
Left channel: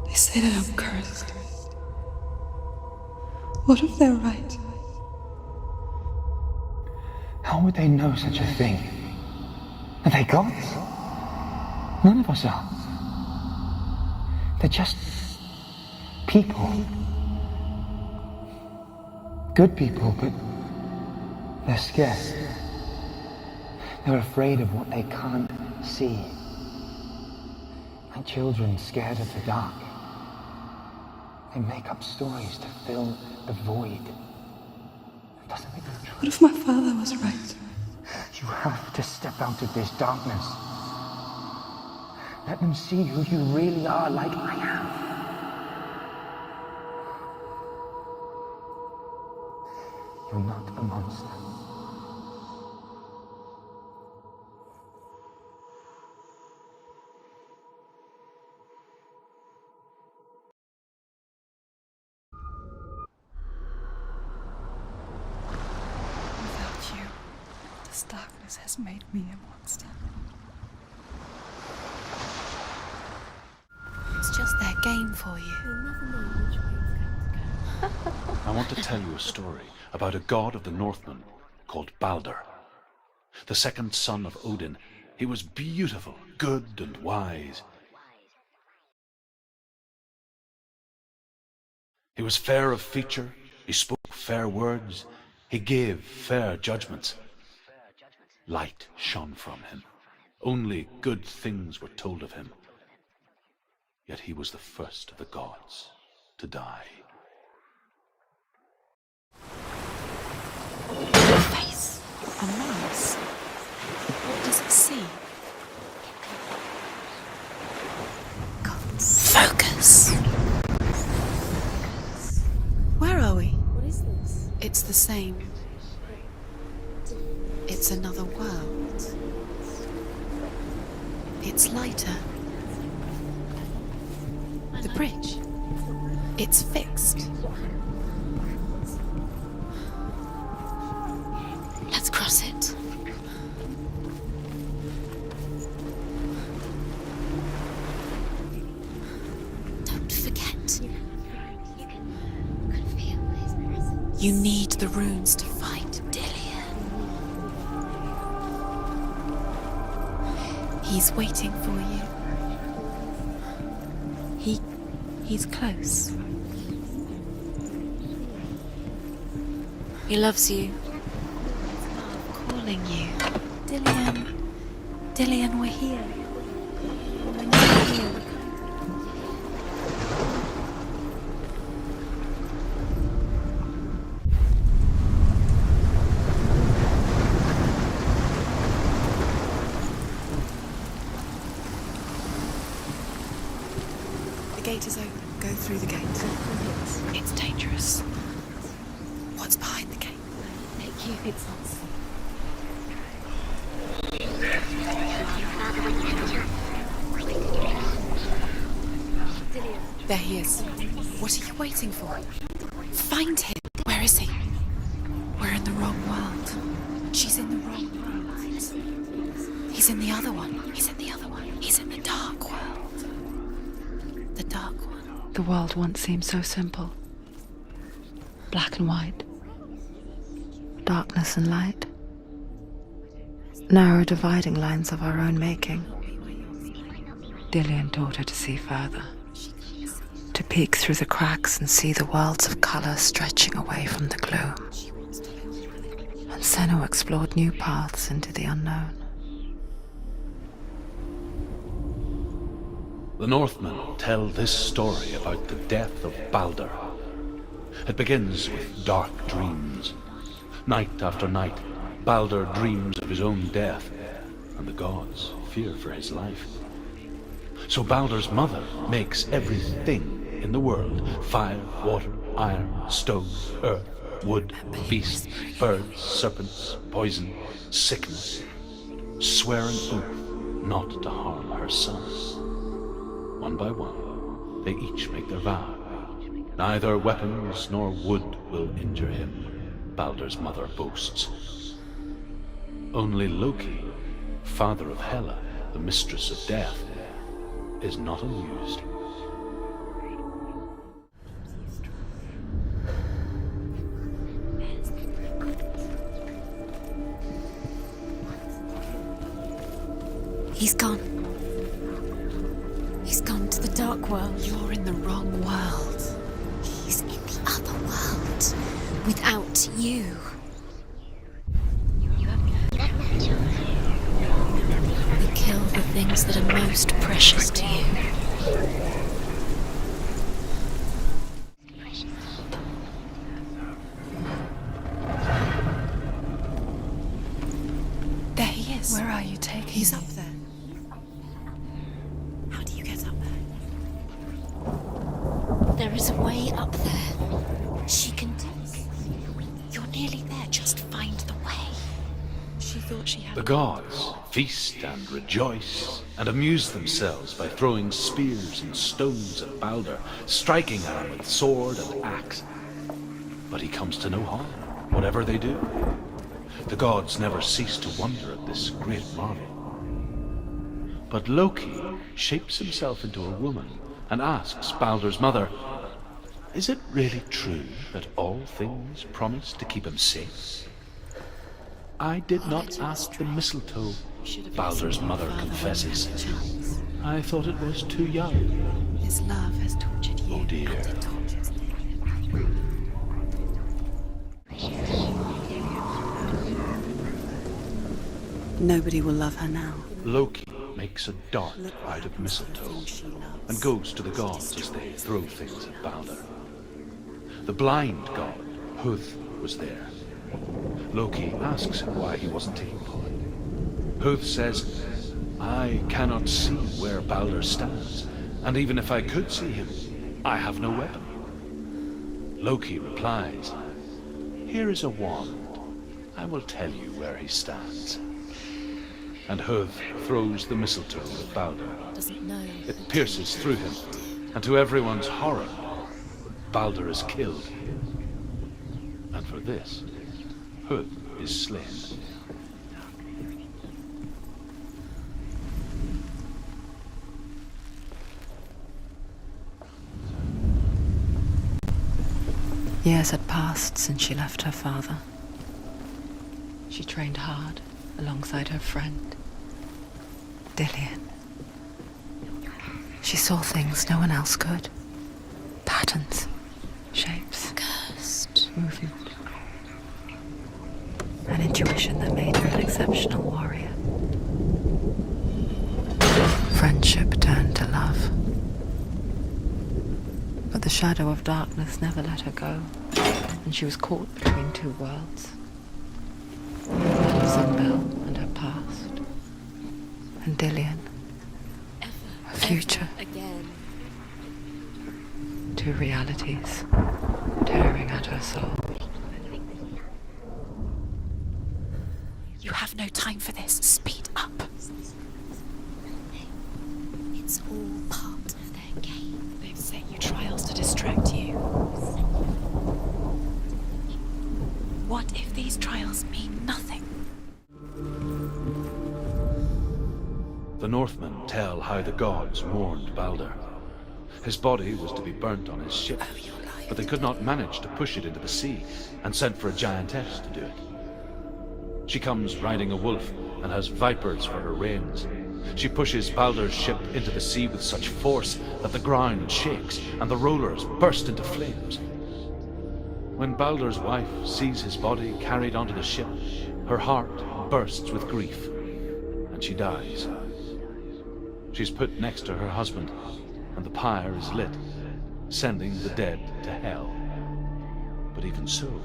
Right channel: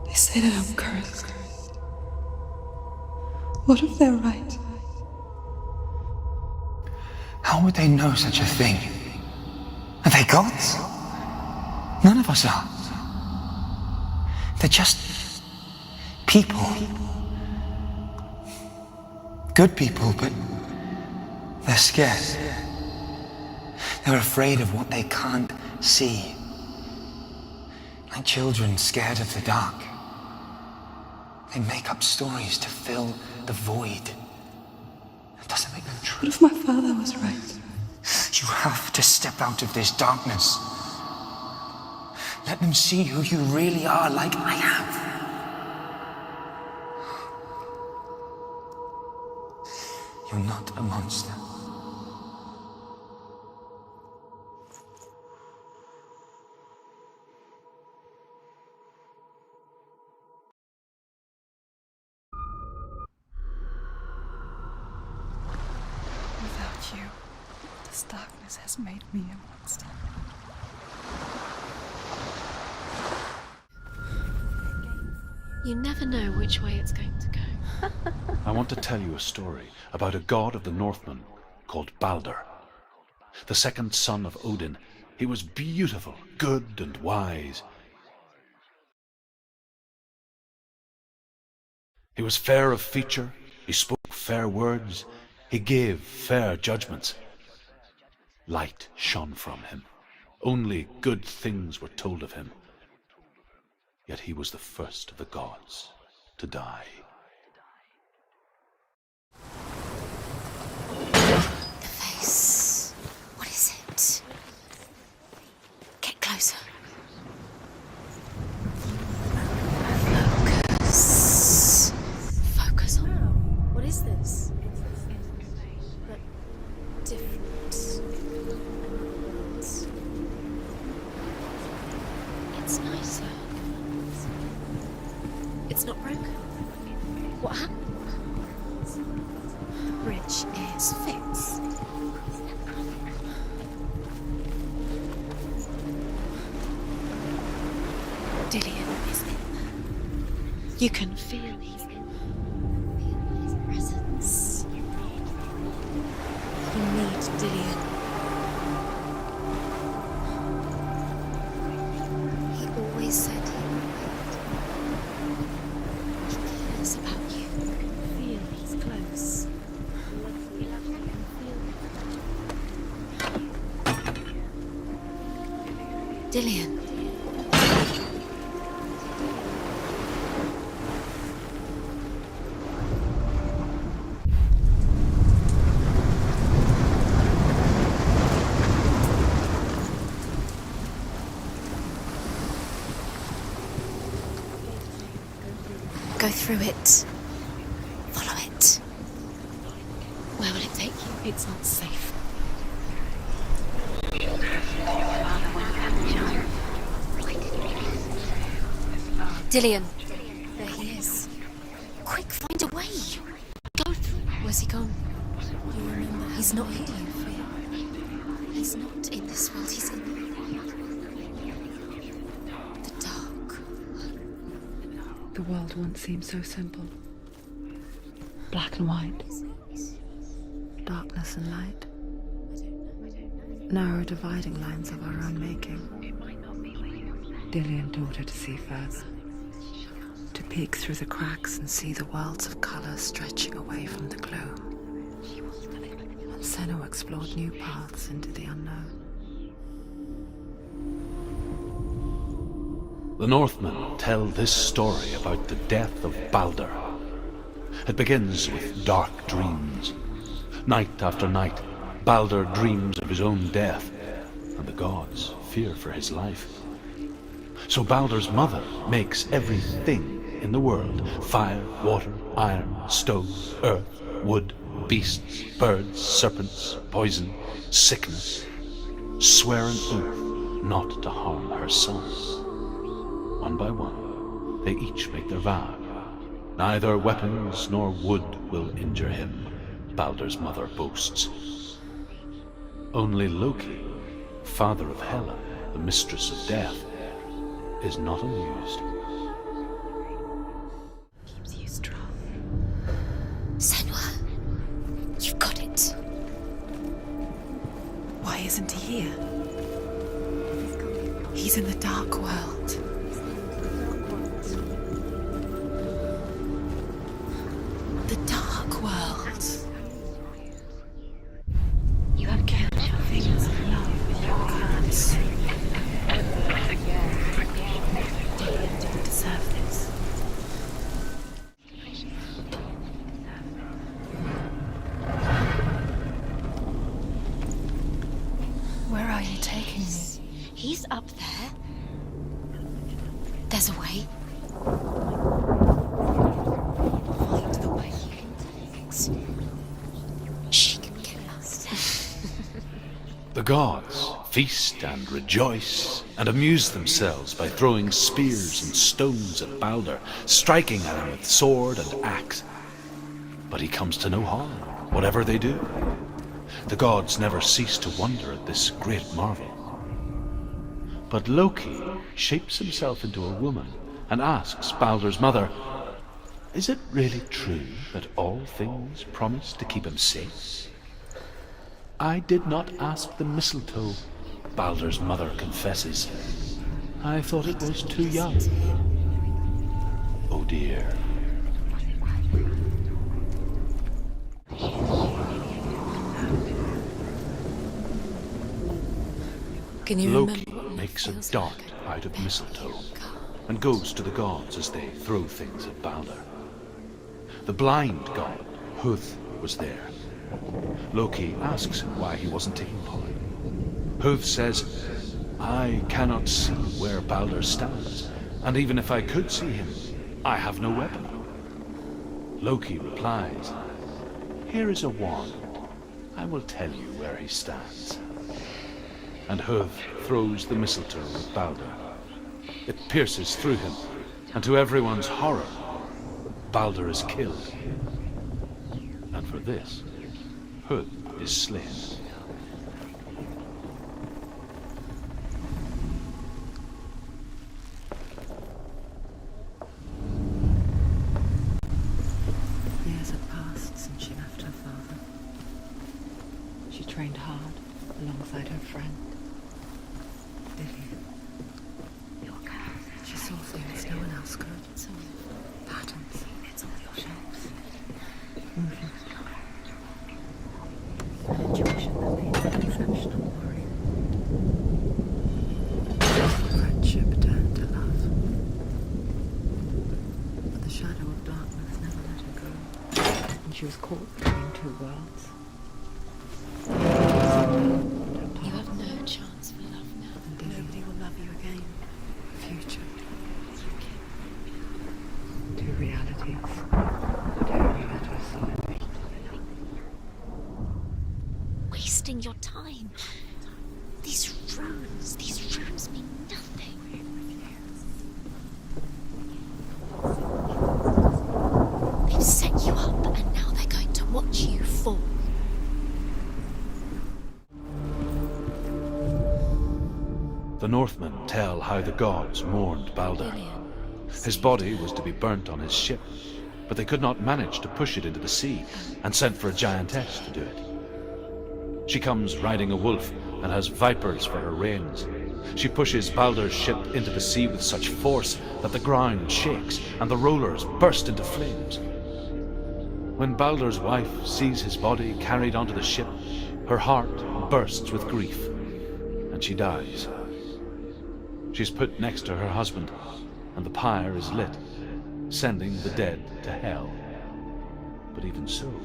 They say that I'm cursed. What if they're right? How would they know such a thing? Are they gods? None of us are. They're just people. Good people, but they're scared. They're afraid of what they can't see. Like children scared of the dark. They make up stories to fill the void. It doesn't make them true. What if my father was right? You have to step out of this darkness. Let them see who you really are, like I have. You're not a monster. Without you, this darkness has made me a monster. It's just their game for you. You never know which way it's going to go. I want to tell you a story about a god of the Northmen called Balder. The second son of Odin. He was beautiful, good and wise. He was fair of feature, he spoke fair words, he gave fair judgments. Light shone from him. Only good things were told of him. Yet he was the first of the gods to die. Face. What is it? It's another world. It's lighter. It's nicer. The bridge. It's not broken. It's fixed. What happened? The bridge is fixed. Let's cross it. Dillian, don't forget. You can feel it. You can feel his presence. You need the runes to fight Dillian. You need Dillian. He's waiting for you. He always said he's close. He cares about you. He feels close. He loves you. Calling you. Dillian. Dillian, we're here. Dillian. It's dangerous. Follow it. What's behind the gate? Where will it take you? It's unsafe. Dillian, there he is. What are you waiting for? Quick, find a way. Find him. Where is he? Where's he gone? We're in the wrong world. He's not here. She's in the right. He's not in this world. He's in the other one. He's in the other one. He's in the dark world. The dark. The dark world. The world once seemed so simple. Black and white. Darkness and light. Narrow dividing lines of our own making. Dillian taught her to see further. To peek through the cracks and see the worlds of colour stretching away from the gloom. And Senua explored new paths into the unknown. The Northmen tell this story about the death of Baldur. It begins with dark dreams. Night after night, Baldur dreams of his own death, and the gods fear for his life. So Baldur's mother makes everything in the world: fire, water, iron, stone, earth, wood, beasts, birds, serpents, poison, sickness, swear an oath not to harm her sons. One by one, they each make their vow. Neither weapons nor wood will injure him, Baldur's mother boasts. Only Loki, father of Hela, the mistress of death, is not amused. Keeps you strong. Senua, you've got it. Why isn't he here? He's gone. He's in the dark world. He's gone to the dark world. You're in the wrong world. He's in the other world. The dark world. Without you. You have killed your visions. You kill the things that are most precious to you. There he is. Where are you taking He's me? up there. He's up there. How do you get up there? There's a way. There is a way up there. She can do this. You're nearly there. She'll find the way. She thought she had. The gods feast and rejoice and amuse themselves by throwing spears and stones at Baldur, striking at him with sword and axe. But he comes to no harm, whatever they do. The gods never cease to wonder at this great marvel. But Loki shapes himself into a woman and asks Baldur's mother, "Is it really true that all things promise to keep him safe?" "I did not ask the mistletoe," Baldur's mother confesses. "I thought it was too young." His love has tortured you. Oh dear. Nobody will love her now. Can you Loki remember? makes a dart out of mistletoe and goes to the gods as they throw things at Baldur. The blind god, Huth, was there. Loki asks him why he wasn't taking part. Huth says, "I cannot see where Baldur stands, and even if I could see him, I have no weapon." Loki replies, "Here is a wand. I will tell you where he stands. And Huv throws the mistletoe at Balder. It pierces through him, and to everyone's horror, Balder is killed. And for this, Huv is slain. Years had passed since she left her father. She trained hard alongside her friend, Dillian. She saw things no one else could. Patterns, shapes, movement. An intuition that made her an exceptional warrior. Friendship turned to love. But the shadow of darkness never let her go, and she was caught between two worlds. Isabel and her past, and Dillian, her future. Two realities tearing at her soul. Wasting your time. You have no time for this. Speed up. These rooms mean nothing. It's all part of their game. They've set you trials to distract you. They've set you up, and now they're going to watch you for. What if these trials mean nothing? The Northmen tell how the gods mourned Balder. His body was to be burnt on his ship, but they could not manage to push it into the sea, and sent for a giantess to do it. She comes riding a wolf and has vipers for her reins. She pushes Balder's ship into the sea with such force that the ground shakes and the rollers burst into flames. When Balder's wife sees his body carried onto the ship, her heart bursts with grief, and she dies. She's put next to her husband, and the pyre is lit, sending the dead to hell. But even so,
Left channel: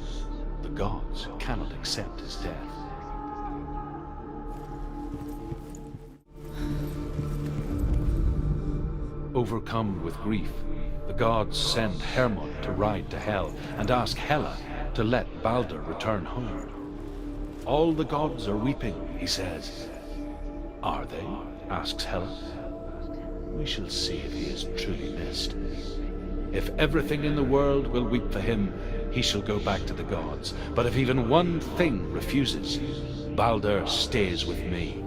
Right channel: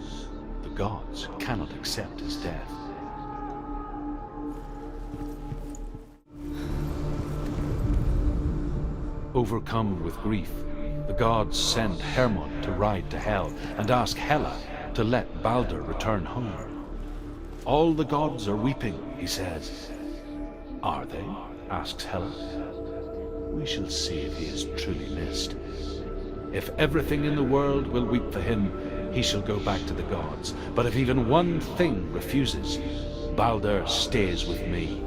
the gods cannot accept his death. Overcome with grief, the gods send Hermod to ride to Hell and ask Hela to let Balder return home. All the gods are weeping, he says. Are they? Asks Hela. We shall see if he is truly missed. If everything in the world will weep for him, he shall go back to the gods. But if even one thing refuses, Balder stays with me.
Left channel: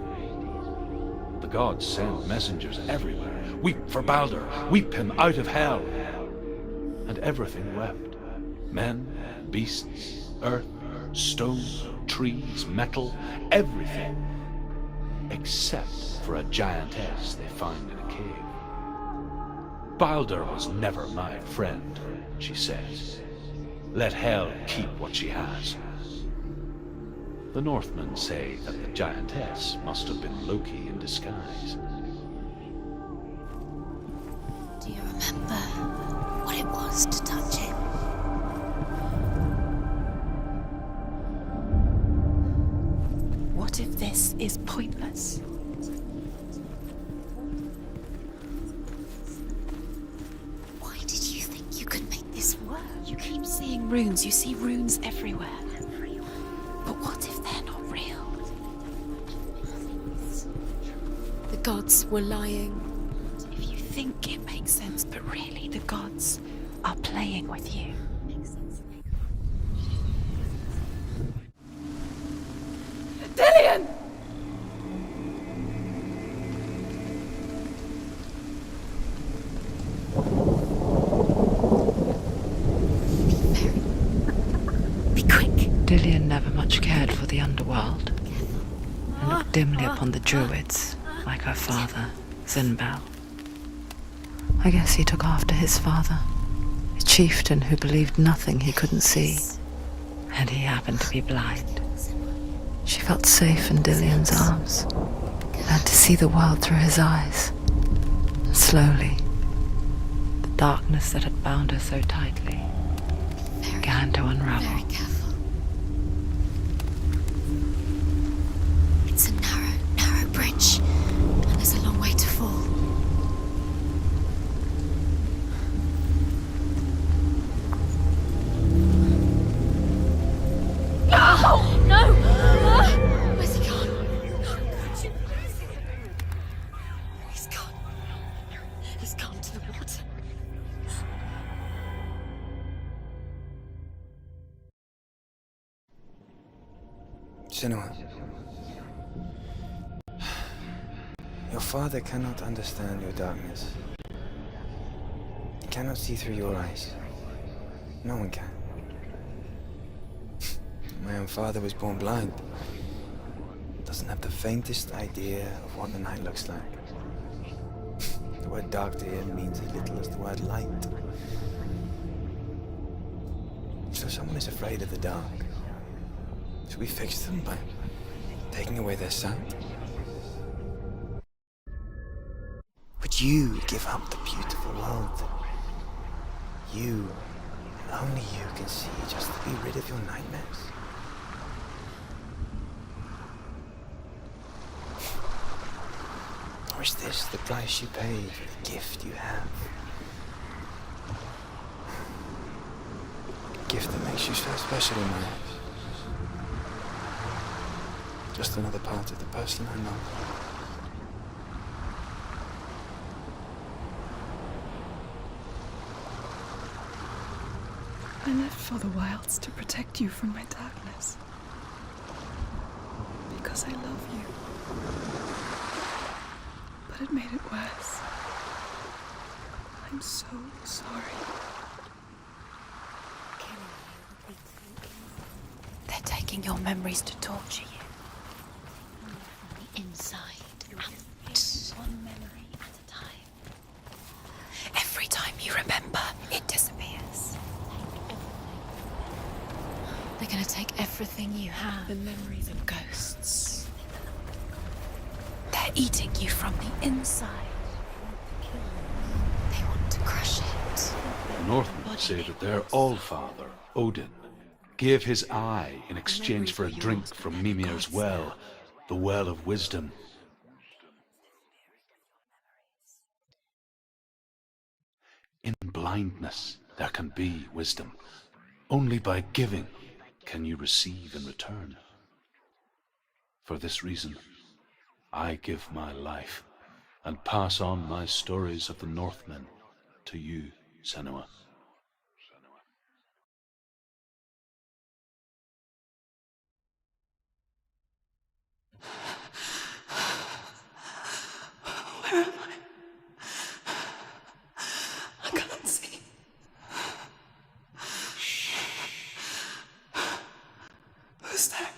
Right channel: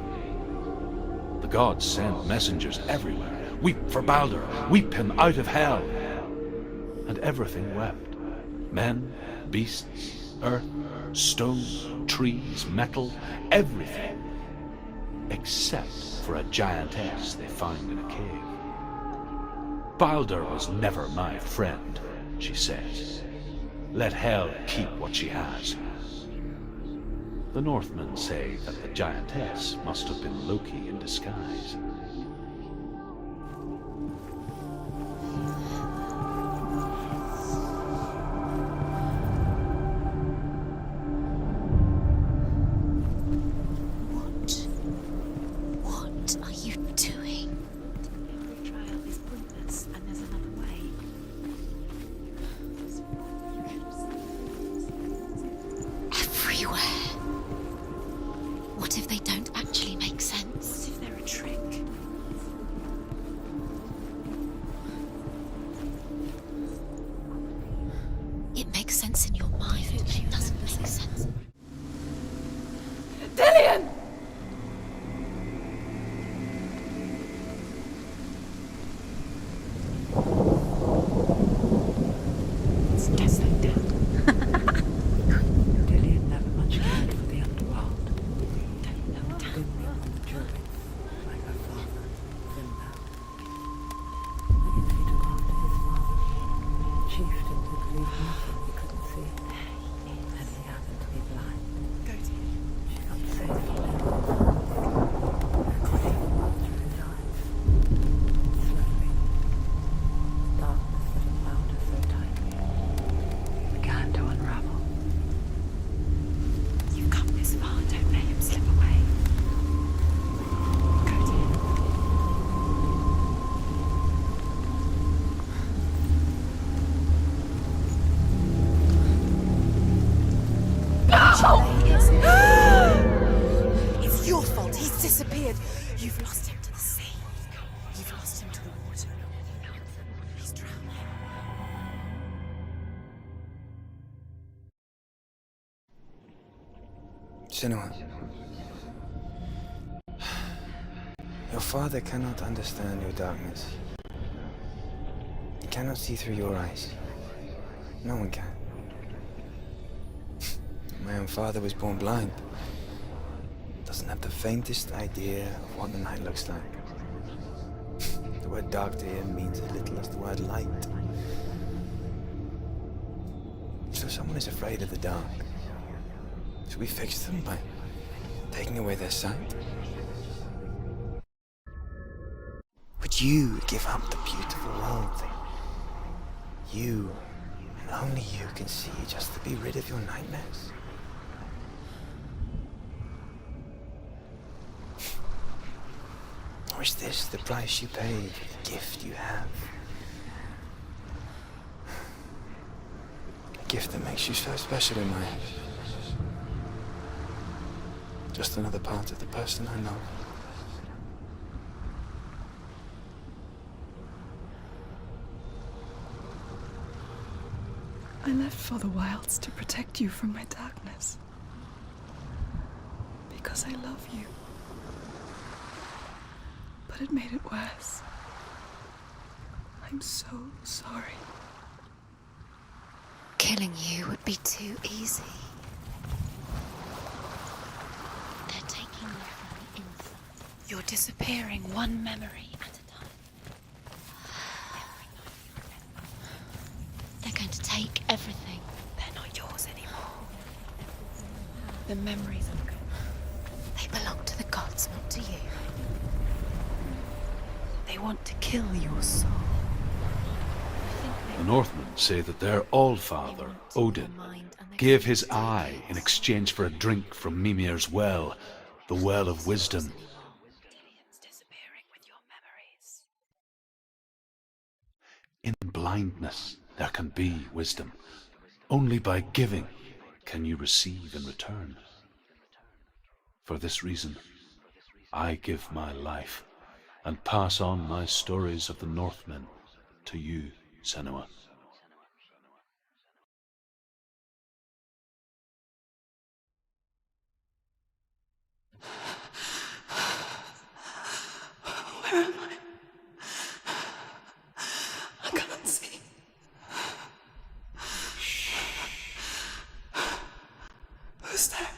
The gods send messengers everywhere. Weep for Balder, weep him out of hell. And everything wept. Men, beasts, earth, stone, trees, metal, everything. Except for a giantess they found in a cave. Balder was never my friend, she says. Let Hel keep what she has. The Northmen say that the giantess must have been Loki in disguise. Do you remember what it was to touch him? What if this is pointless? What are you doing? Why did you think you could make this work? You keep seeing runes. You see runes everywhere. Everywhere. But what if they're not real? What if they don't actually make sense? The gods were lying. If you think it makes sense, but really the gods are playing with you. It makes sense in your mind, but it doesn't make sense. Dillian! Be quick. Dillian never much cared for the underworld, and looked dimly upon the druids, like her father, Zinbel. I guess he took after his father, a chieftain who believed nothing he couldn't see, and he happened to be blind. She felt safe in Dillian's arms, learned to see the world through his eyes. Slowly, the darkness that had bound her so tightly began to unravel. Very careful. You've come this far, don't let him slip away. It's a narrow bridge, and there's a long way to fall. No! Senua. Your father cannot understand your darkness. He cannot see through your eyes. No one can. My own father was born blind. Doesn't have the faintest idea of what the night looks like. The word dark to him means as little as the word light. So someone is afraid of the dark. Should we fix them by taking away their sight? Would you give up the beautiful world that you, and only you, can see just to be rid of your nightmares? Or is this the price you pay for the gift you have? A gift that makes you so special in my eyes. Just another part of the person I know. I left for the wilds to protect you from my darkness. Because I love you. But it made it worse. I'm so sorry. Killing you would be too easy. They're taking your memories to torture you. They're taking you from the inside. You're disappearing one memory at a time. Every time you remember, it disappears. They're going to take everything. They're not yours anymore. They're going to take everything you have. The memories of ghosts. They belong to the gods, not to you. They're eating you from the inside. They want to kill your soul. They want to crush it. The Northmen say that their Allfather, Odin, gave his eye in exchange for a drink from Mimir's well, the well of wisdom. In blindness there can be wisdom. Only by giving can you receive in return. For this reason, I give my life and pass on my stories of the Northmen to you, Senua. Where am I? I can't see. Who's there?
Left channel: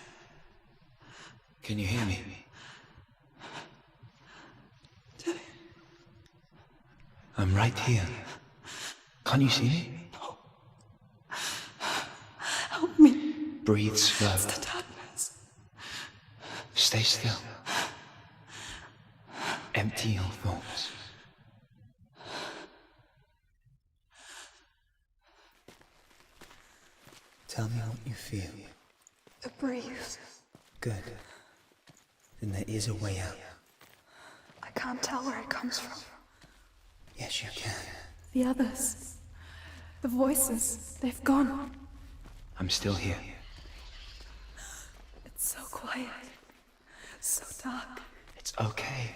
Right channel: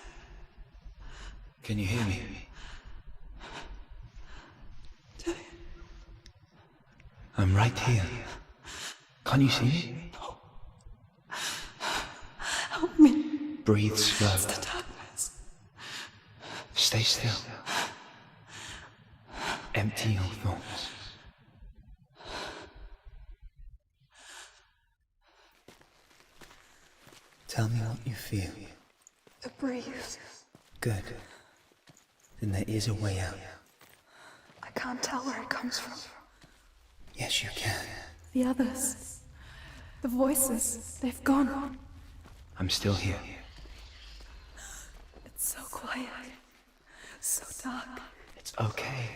Can you hear me? I'm right here. Can't you see me? No. Help me. Breathe slow. It's the darkness. Stay still. Empty your thoughts. Tell me what you feel. The breeze. Good. Then there is a way out. I can't tell where it comes from. Yes, you can. The others. The voices. They've gone. I'm still here. It's so quiet. So dark. It's okay.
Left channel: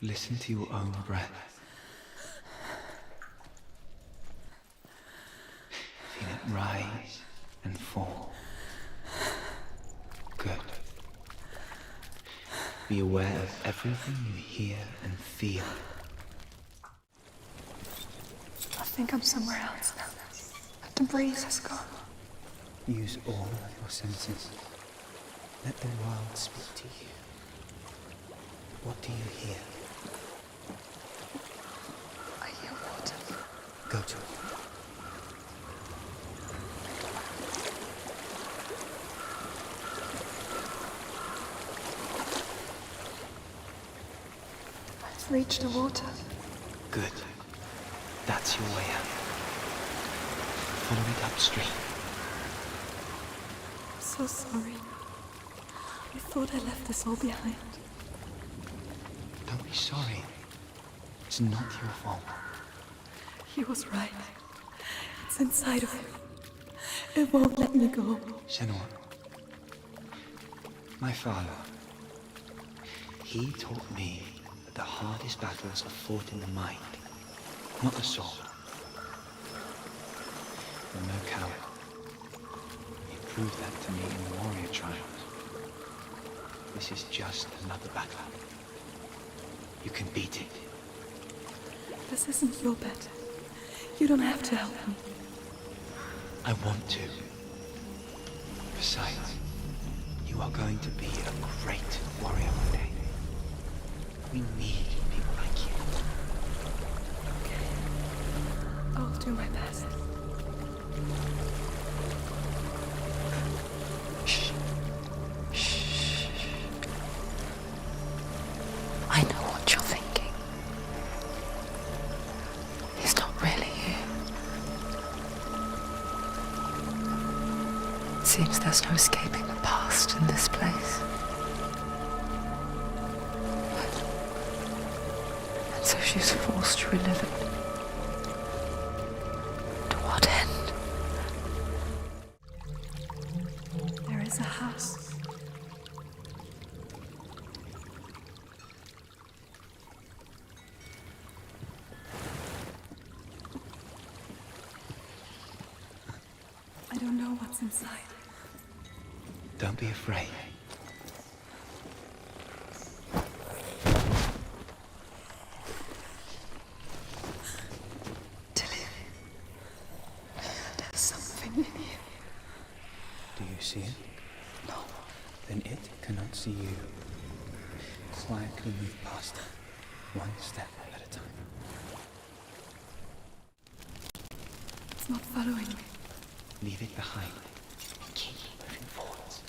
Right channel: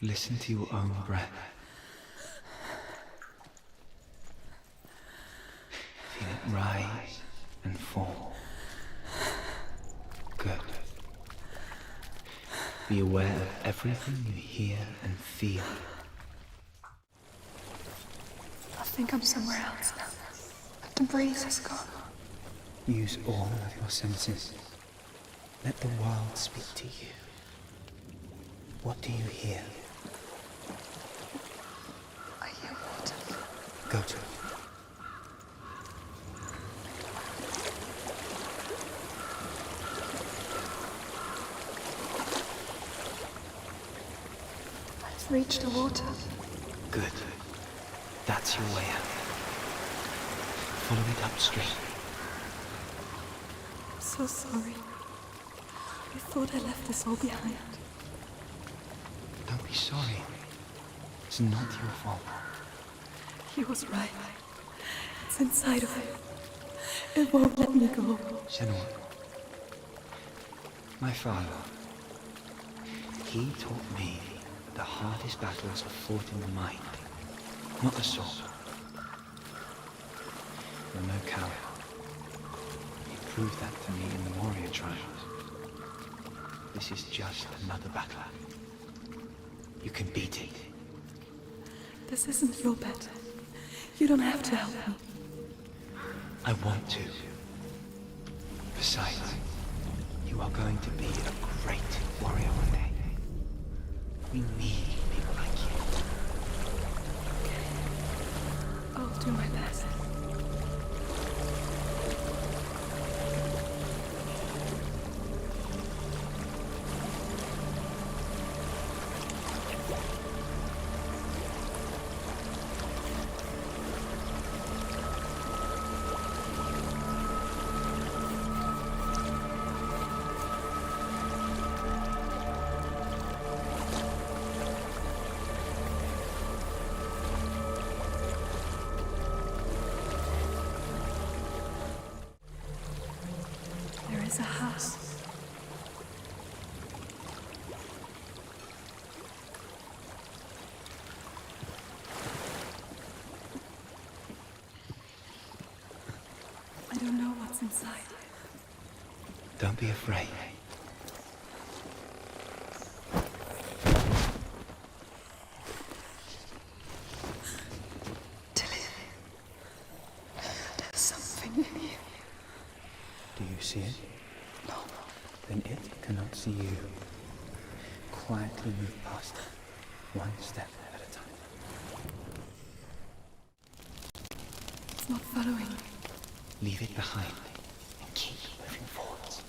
Listen to your own breath. Feel it rise and fall. Good. Be aware of everything you hear and feel. I think I'm somewhere else now. But the breeze has gone. Use all of your senses. Let the world speak to you. What do you hear? I hear water. Go to it. I've reached the water. Good. That's your way out. Follow it upstream. I'm so sorry. I thought I left this all behind. Don't be sorry. It's not your fault. He was right. It's inside of me. It won't let me go. Senua. My father. He taught me that the hardest battles are fought in the mind, not the sword. You're no coward. He proved that to me in the warrior trials. This is just another battle. You can beat it. This isn't your battle. You don't have to help me. I want to. Besides, you are going to be a great warrior one day. We need people like you. Okay. I'll do my best. I know what you're thinking. He's not really here. It seems there's no escaping the past in this place. So she's forced to relive it. To what end? There is a house. I don't know what's inside. Don't be afraid. There's something in here. Do you see it? No. Then it cannot see you. Quietly move past it, one step at a time. It's not following me. Leave it behind and keep moving forwards.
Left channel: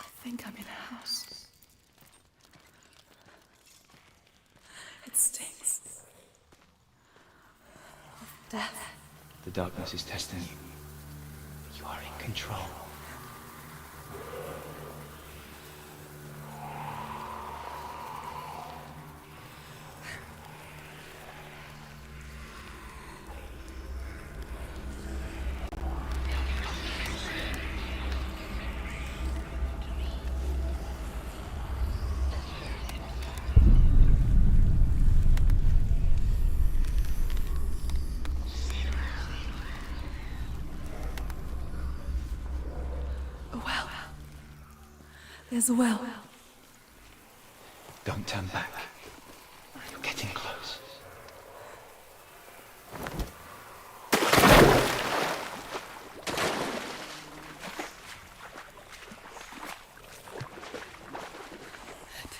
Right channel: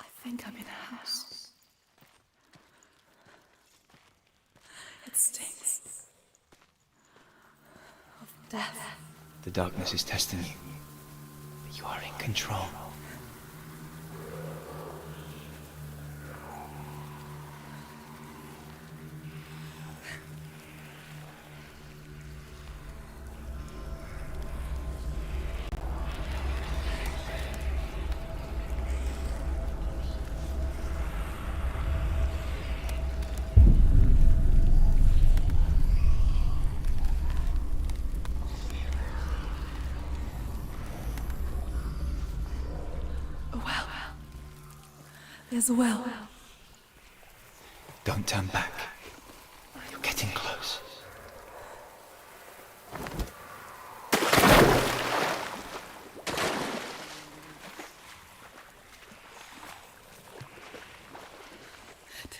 I think I'm in a house. It stinks of death. The darkness is testing you. You are in control. A well. There's a well. Don't turn back. You're getting close.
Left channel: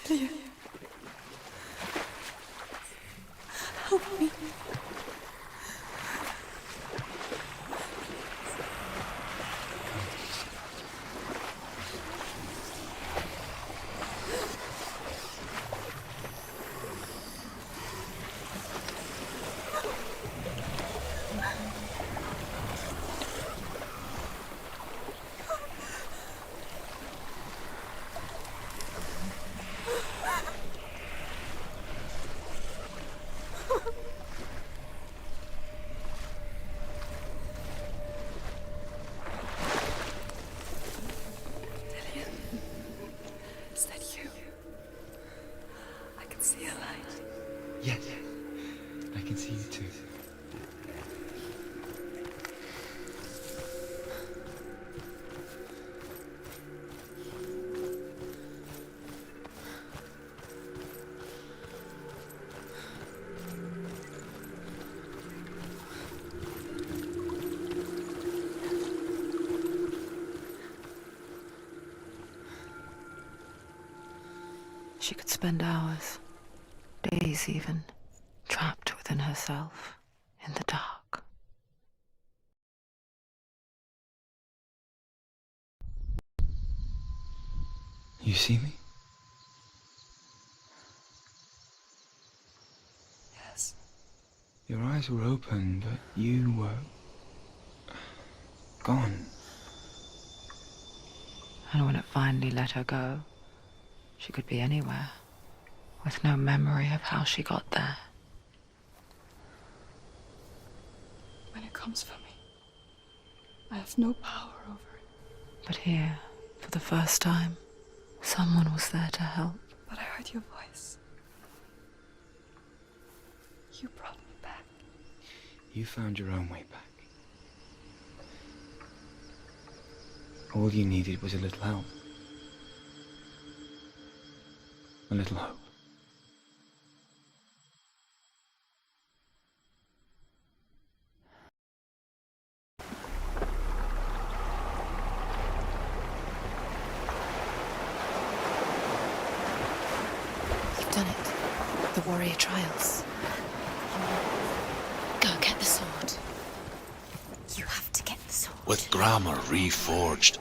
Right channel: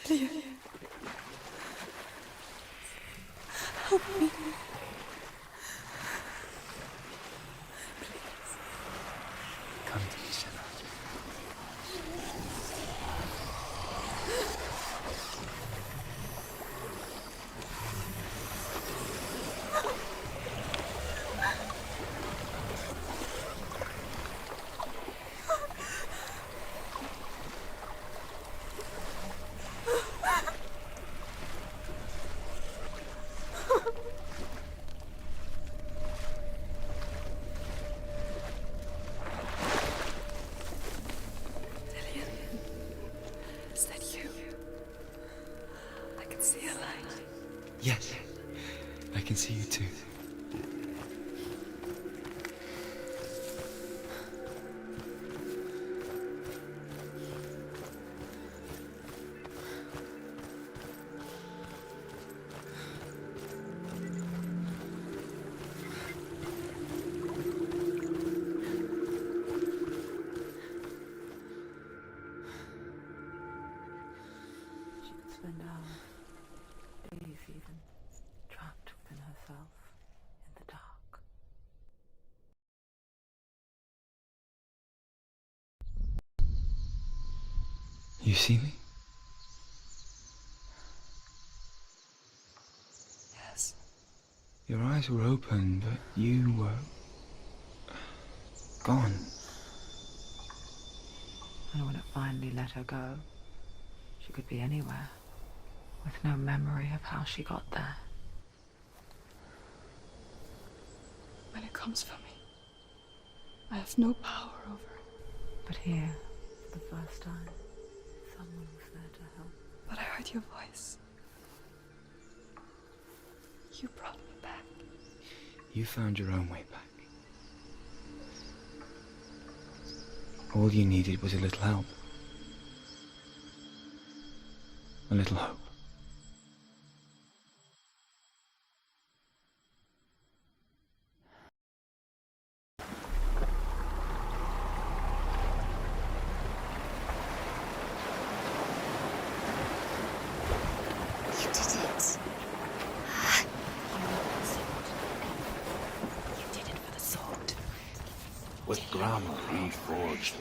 Dillian. Help me. Come to me, Senua. Is that you? I can see a light. Yes, I can see you too. She could spend hours, days even, trapped within herself, in the dark. You see me? Yes. Your eyes were open, but you were gone. And when it finally let her go, she could be anywhere, with no memory of how she got there. When it comes for me, I have no power over it. But here, for the first time, someone was there to help. But I heard your voice. You brought me back. You found your own way back. All you needed was a little help. A little hope. You've done it. The warrior triumphs. Go get the sword. You did it for the sword. You have to get the sword. With grammar reforged,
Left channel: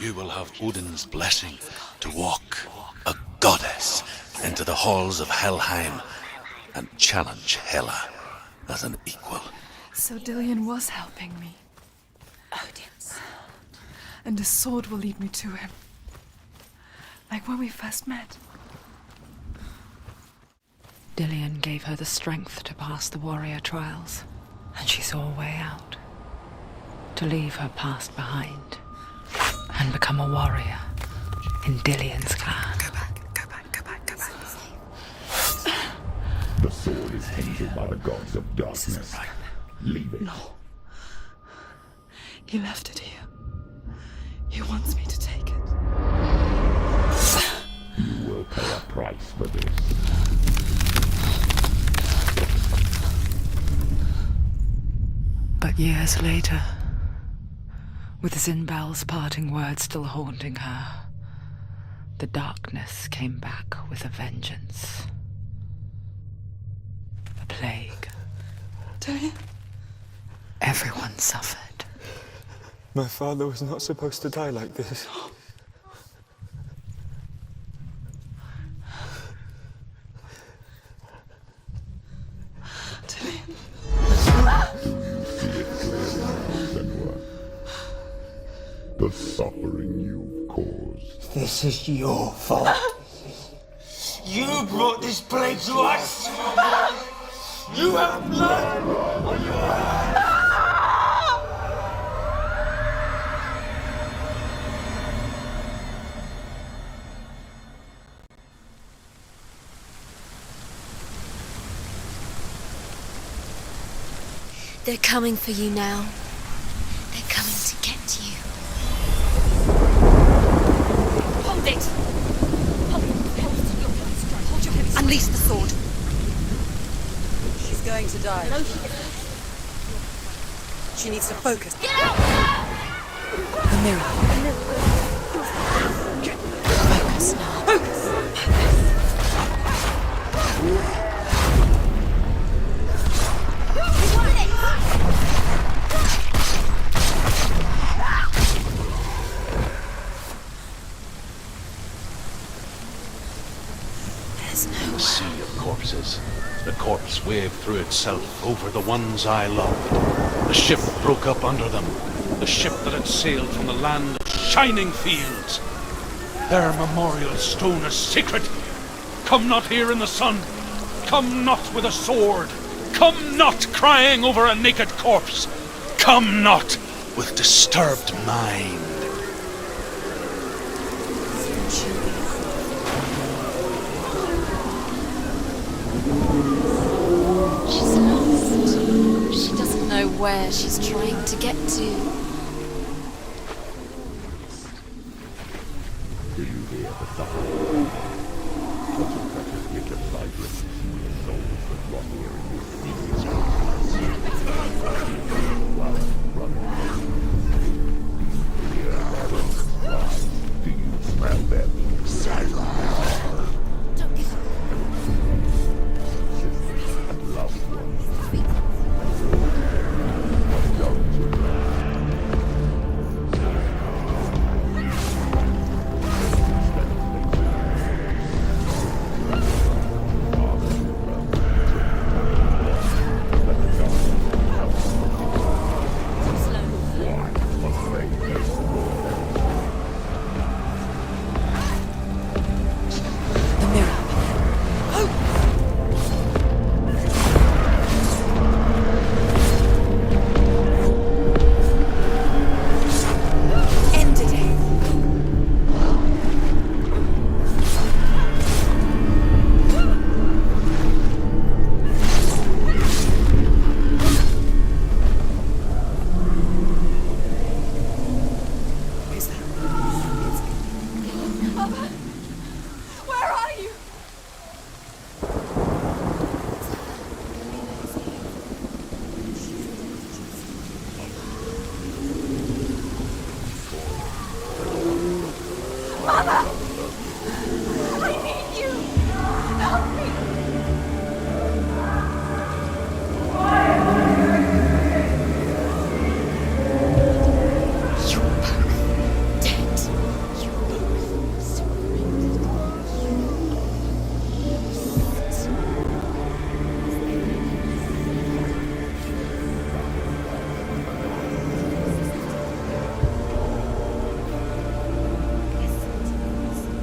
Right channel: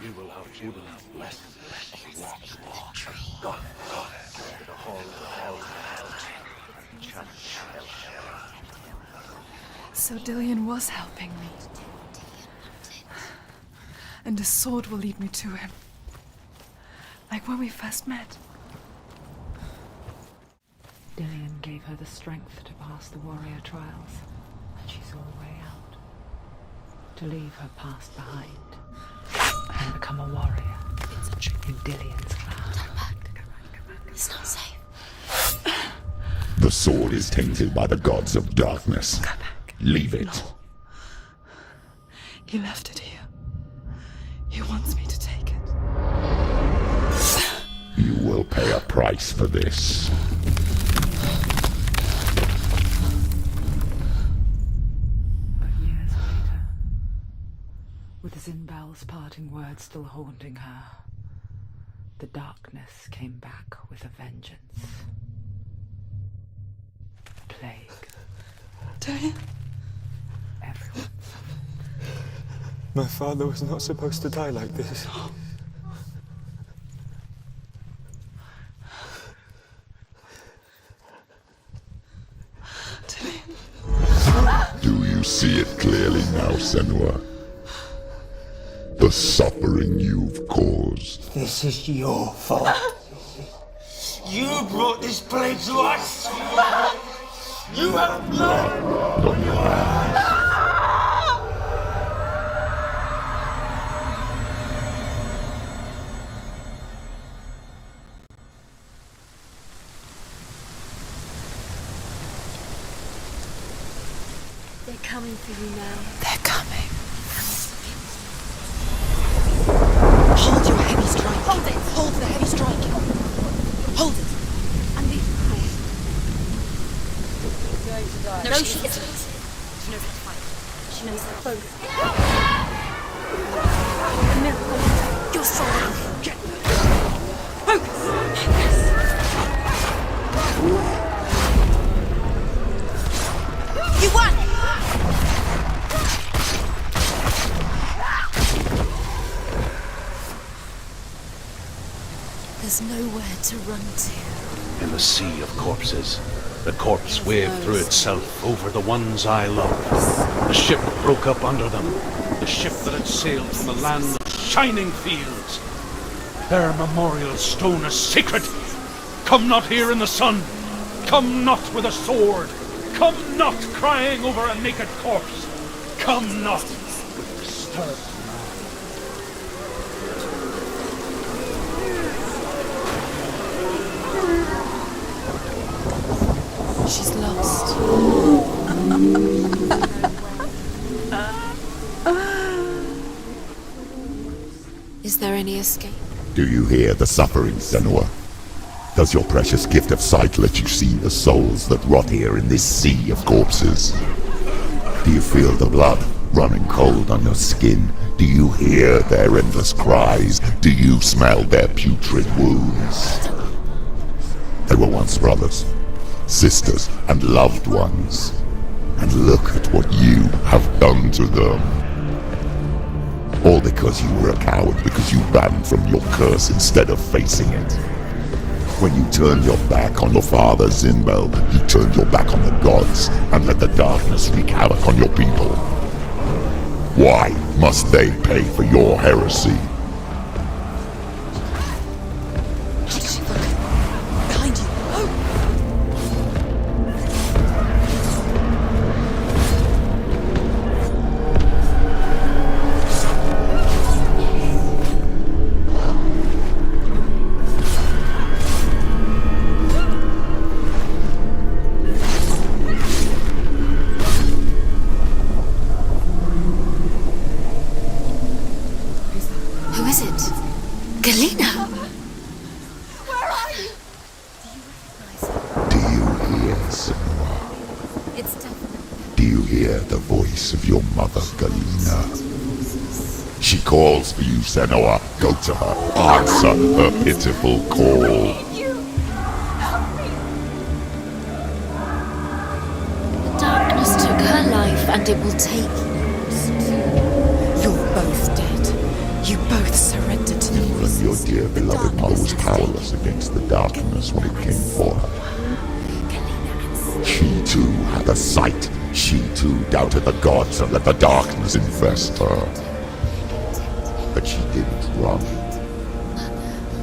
you will have Odin's blessing to walk a goddess into the halls of Helheim and challenge Hela as an equal. So Dillian was helping me. And the sword will lead me to him. Like when we first met. Dillian gave her the strength to pass the warrior trials, and she saw a way out. To leave her past behind and become a warrior in Dillian's clan. Go back. It's not safe. The sword is tainted by the gods of darkness. Leave it. No. He left it here. He wants me to take it. You will pay a price for this. But years later, with Zinbal's parting words still haunting her, the darkness came back with a vengeance. A plague. Dillian? Everyone suffered. My father was not supposed to die like this. Do you see it clearly now, Senua? The suffering you've caused. This is your fault. You brought this plague to us! You have blood on your hands! They're coming for you now. They're coming. They're coming to get you. Hold your heavy strike. Hold it. Hold the heavy strike. Hold. Unleash the sword. She's going to die. No, she isn't. She needs to focus. You're strong. Focus. want it! There's nowhere to run to. There's In no... the sea of corpses, the corpse waved through itself over the ones I loved. The ship broke up under them. The ship that had sailed from the land of shining fields. Their memorial stone is sacred. Come not here in the sun. Come not with a sword. Come not crying over a naked corpse. Come not with disturbed mind. She's lost. She's lost. She doesn't know where she's trying to get to. Is there any escape? Do you hear the suffering, Senua? Does your precious gift of sight let you see the souls that rot here in this sea of corpses? Do you feel the blood running cold on your skin? Do you hear their endless cries? Do you smell their putrid wounds? They were once brothers, sisters, and loved ones. And look at what you have done to them. All because you were a coward, because you ran from your curse instead of facing it. When you turned your back on your father, Zinbeld, you turned your back on the gods and let the darkness wreak havoc on your people. Why must they pay for your heresy? Senua, go to her. Answer her pitiful call. I need you. Help me. Darkness took her life, and it will take yours. You're both dead. You both surrendered to the voices. Your dear beloved one was powerless against the darkness when it came forth. She too had a sight. She too doubted the gods and let the darkness infest her. But she didn't run.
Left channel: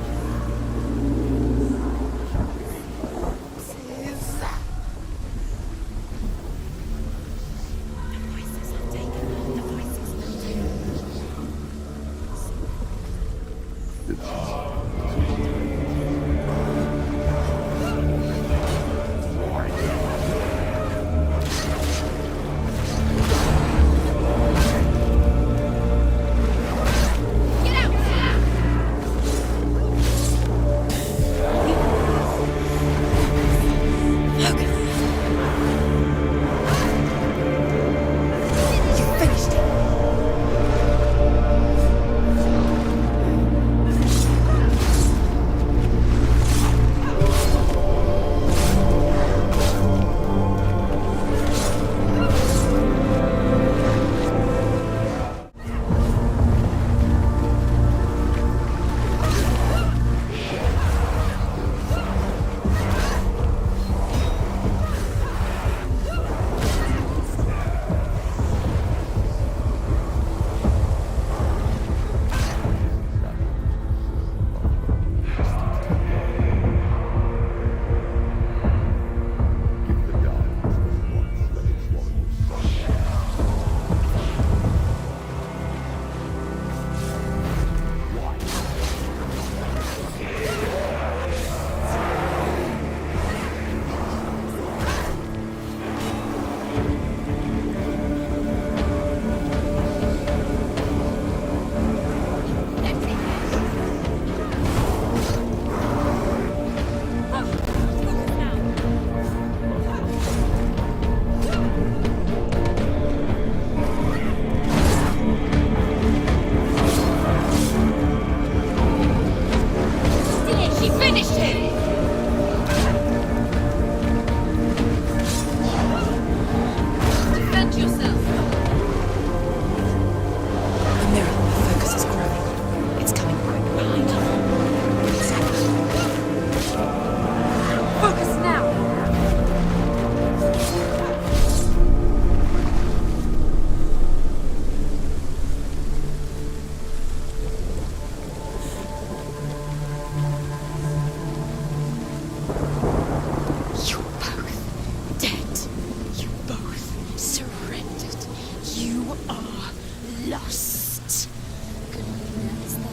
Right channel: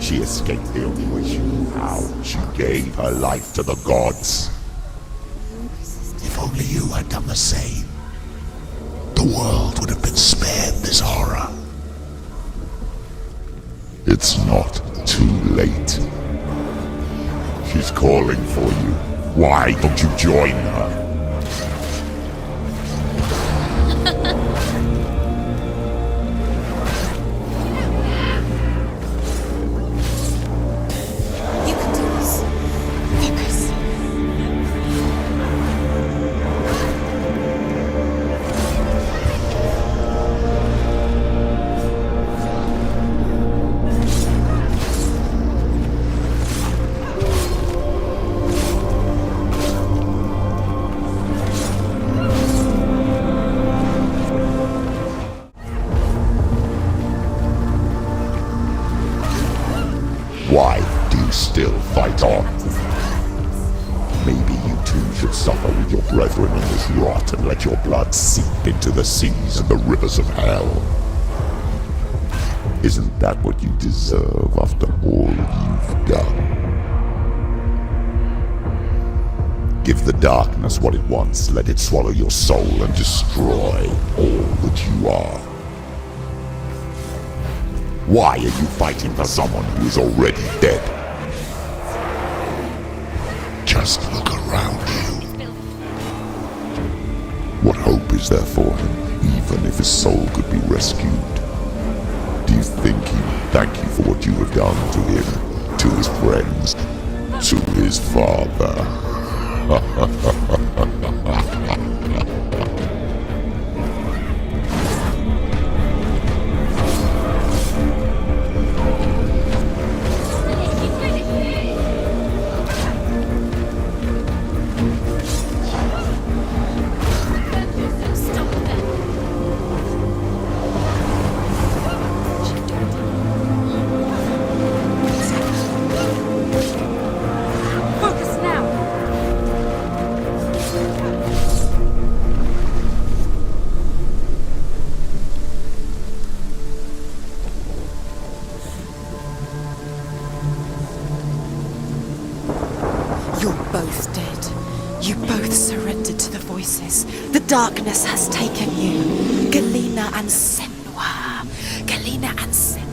She escaped the only way she knew how. She gave her life to the gods. If only you had done the same, the world would have been spared this horror. It's not too late. She's calling for you. Why don't you join her? Seas and the rivers of hell. Isn't that what you deserve after all you've done? Give the darkness what it wants, let it swallow your soul and destroy all that you are. Why are you fighting for someone who is already dead? Just look around you. What hope is there for him, even if his soul could be rescued? Do you think he would thank you for what you have done to him, to his friends, to his father? He finished it! darkness has taken you. Galena and Senua. Galena and Senua.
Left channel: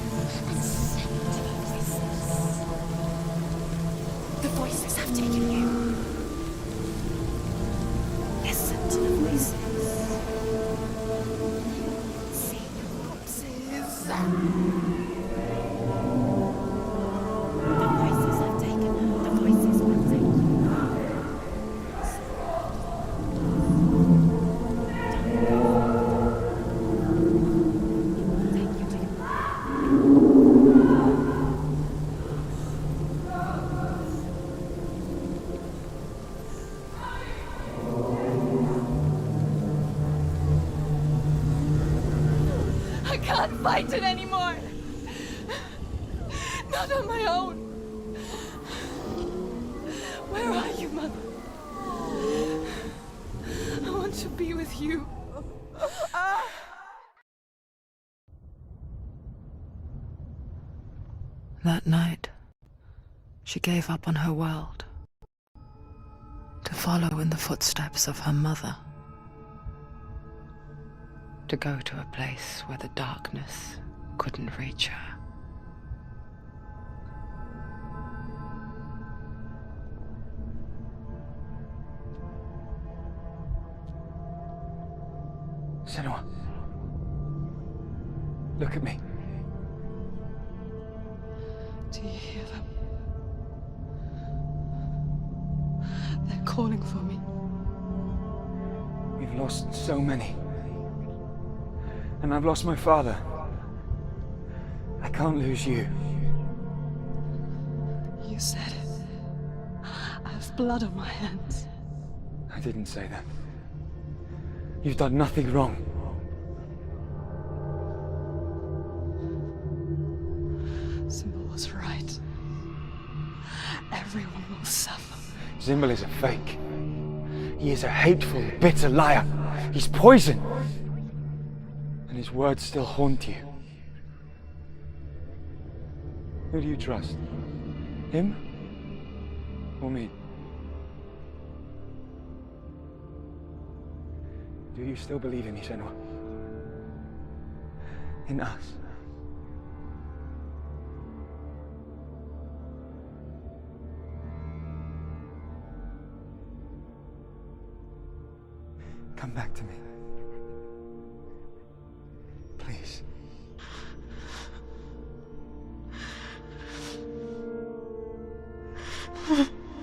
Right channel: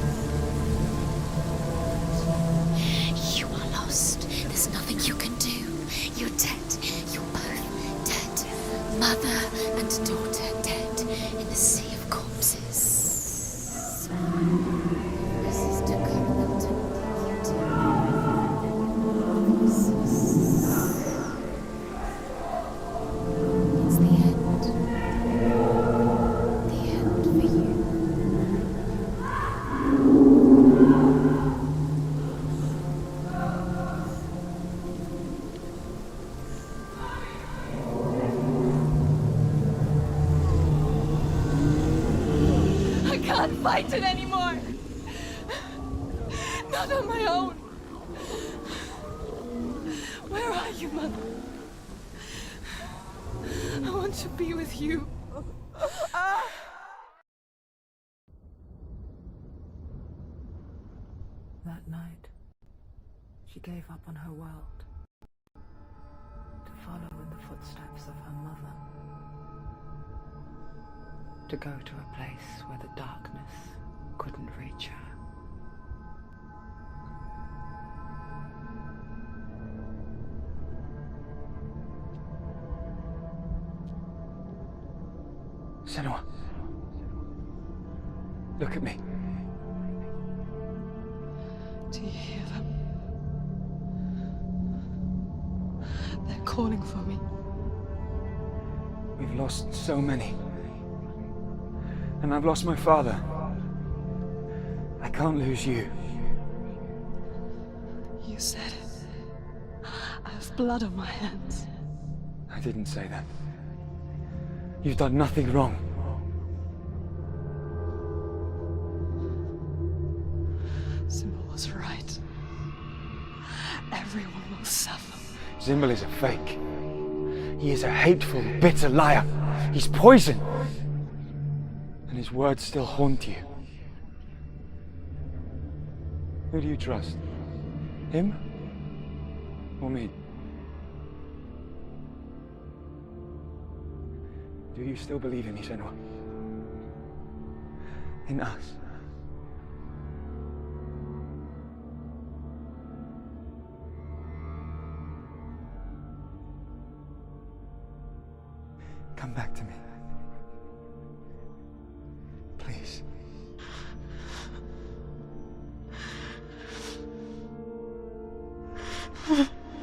You are lost. There's nothing you can do. You're dead. You're both dead. Mother and daughter dead in the sea of corpses. I can't fight it anymore. Not on my own. Where are you, Mother? I want to be with you. That night, she gave up on her world to follow in the footsteps of her mother, to go to a place where the darkness couldn't reach her. Senua, look at me. Do you hear them? They're calling for me. We've lost so many. And I've lost my father. I can't lose you. You said it. I have blood on my hands. I didn't say that. You've done nothing wrong. Symbol was right. Everyone will suffer. Zimbel is a fake. He is a hateful, bitter liar. He's poison. And his words still haunt you. Who do you trust? Him? Or me? Do you still believe in me, Senua? In us? Come back to me. Please.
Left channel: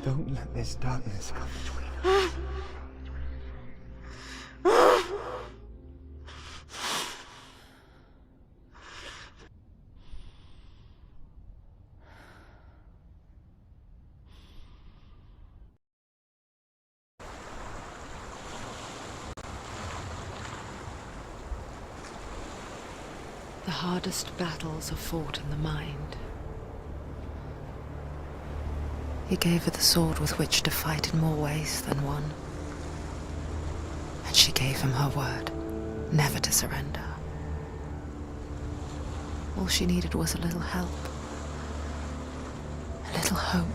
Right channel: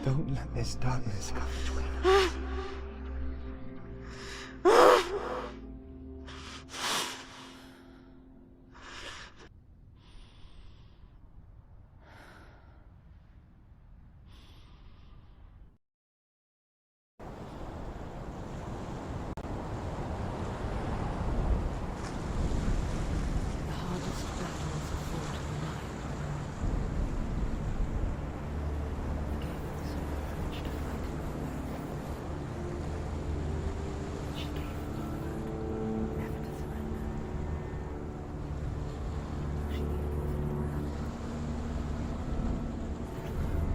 Don't let this darkness come between us. The hardest battles are fought in the mind. He gave her the sword with which to fight in more ways than one. And she gave him her word, never to surrender. All she needed was a little help, a little hope.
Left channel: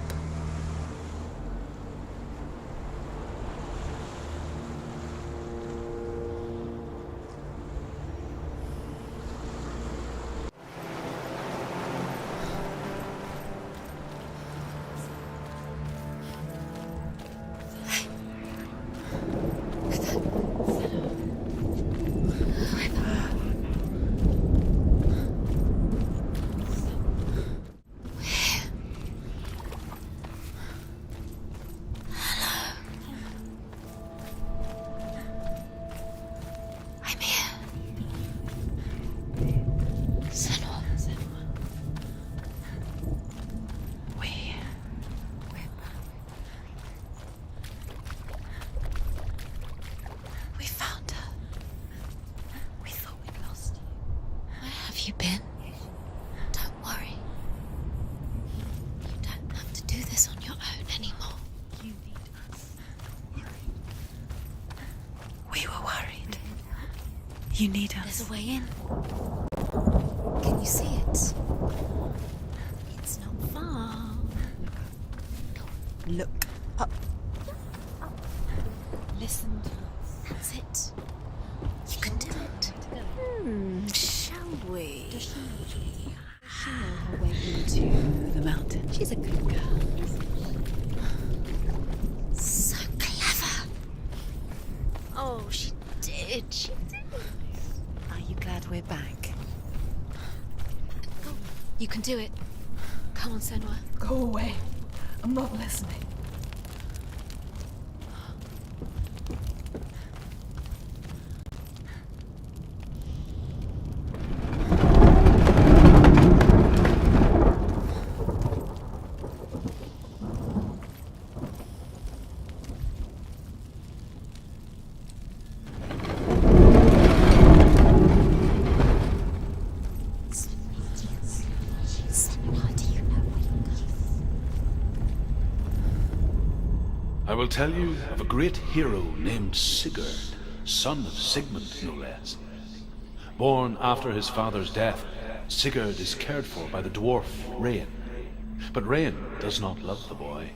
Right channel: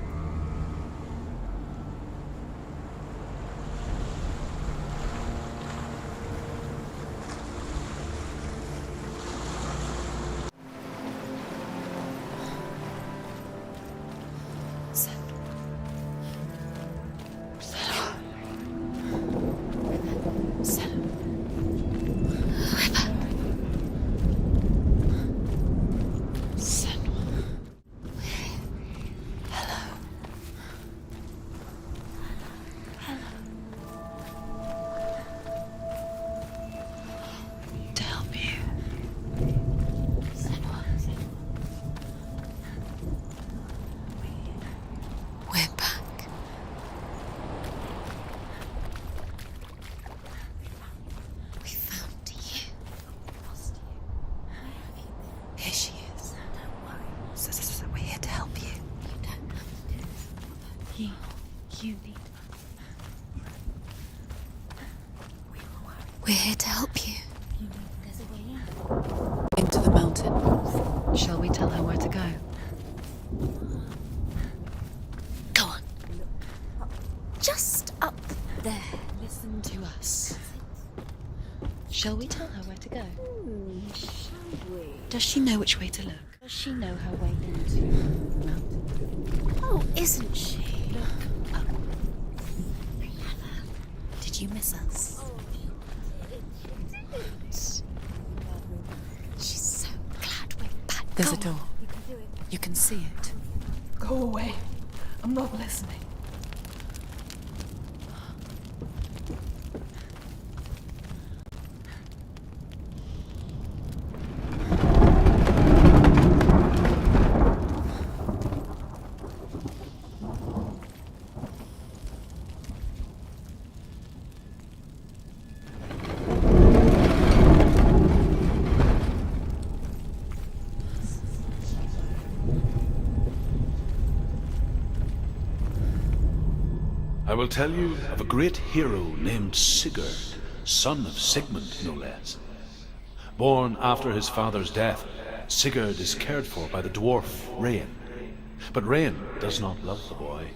We're here to help you. You need us. There's a way in. Into the mountain. Can you see it? Shall we tell her where to go? It's not far. Go on. Look up. Just up there. Listen listen to us. That's it. Shall we tell her where to go? Shall we? Does she know which way to look? Does she know her way into the mountain? She's a good girl, isn't she? So clever. Did you miss us? Oh, she did. She did. Are you glad we're back? She's so glad we're back. There's a door. You can do it. You can see it. Come on, Senua. Go away. I'm not listening. I will tell you of a great hero named Sigurd, son of Sigmund, no less. Born after his father's death, Sigurd is cared for by the dwarf Rain. But Rain does not love the boy.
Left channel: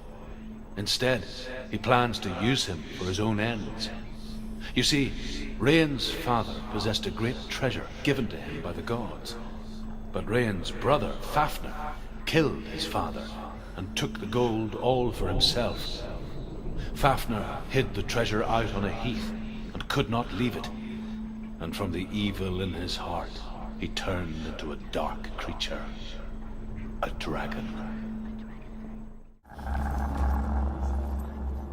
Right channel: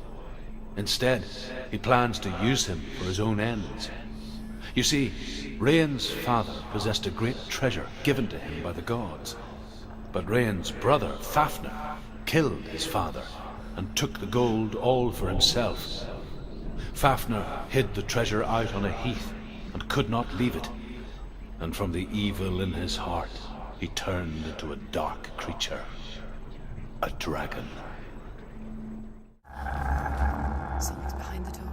Instead, he plans to use him for his own ends. You see, Rain's father possessed a great treasure given to him by the gods. But Rain's brother, Fafnir, killed his father and took the gold all for himself. Fafnir hid the treasure out on a heath and could not leave it. And from the evil in his heart, he turned into a dark creature. A dragon. Someone's behind the door.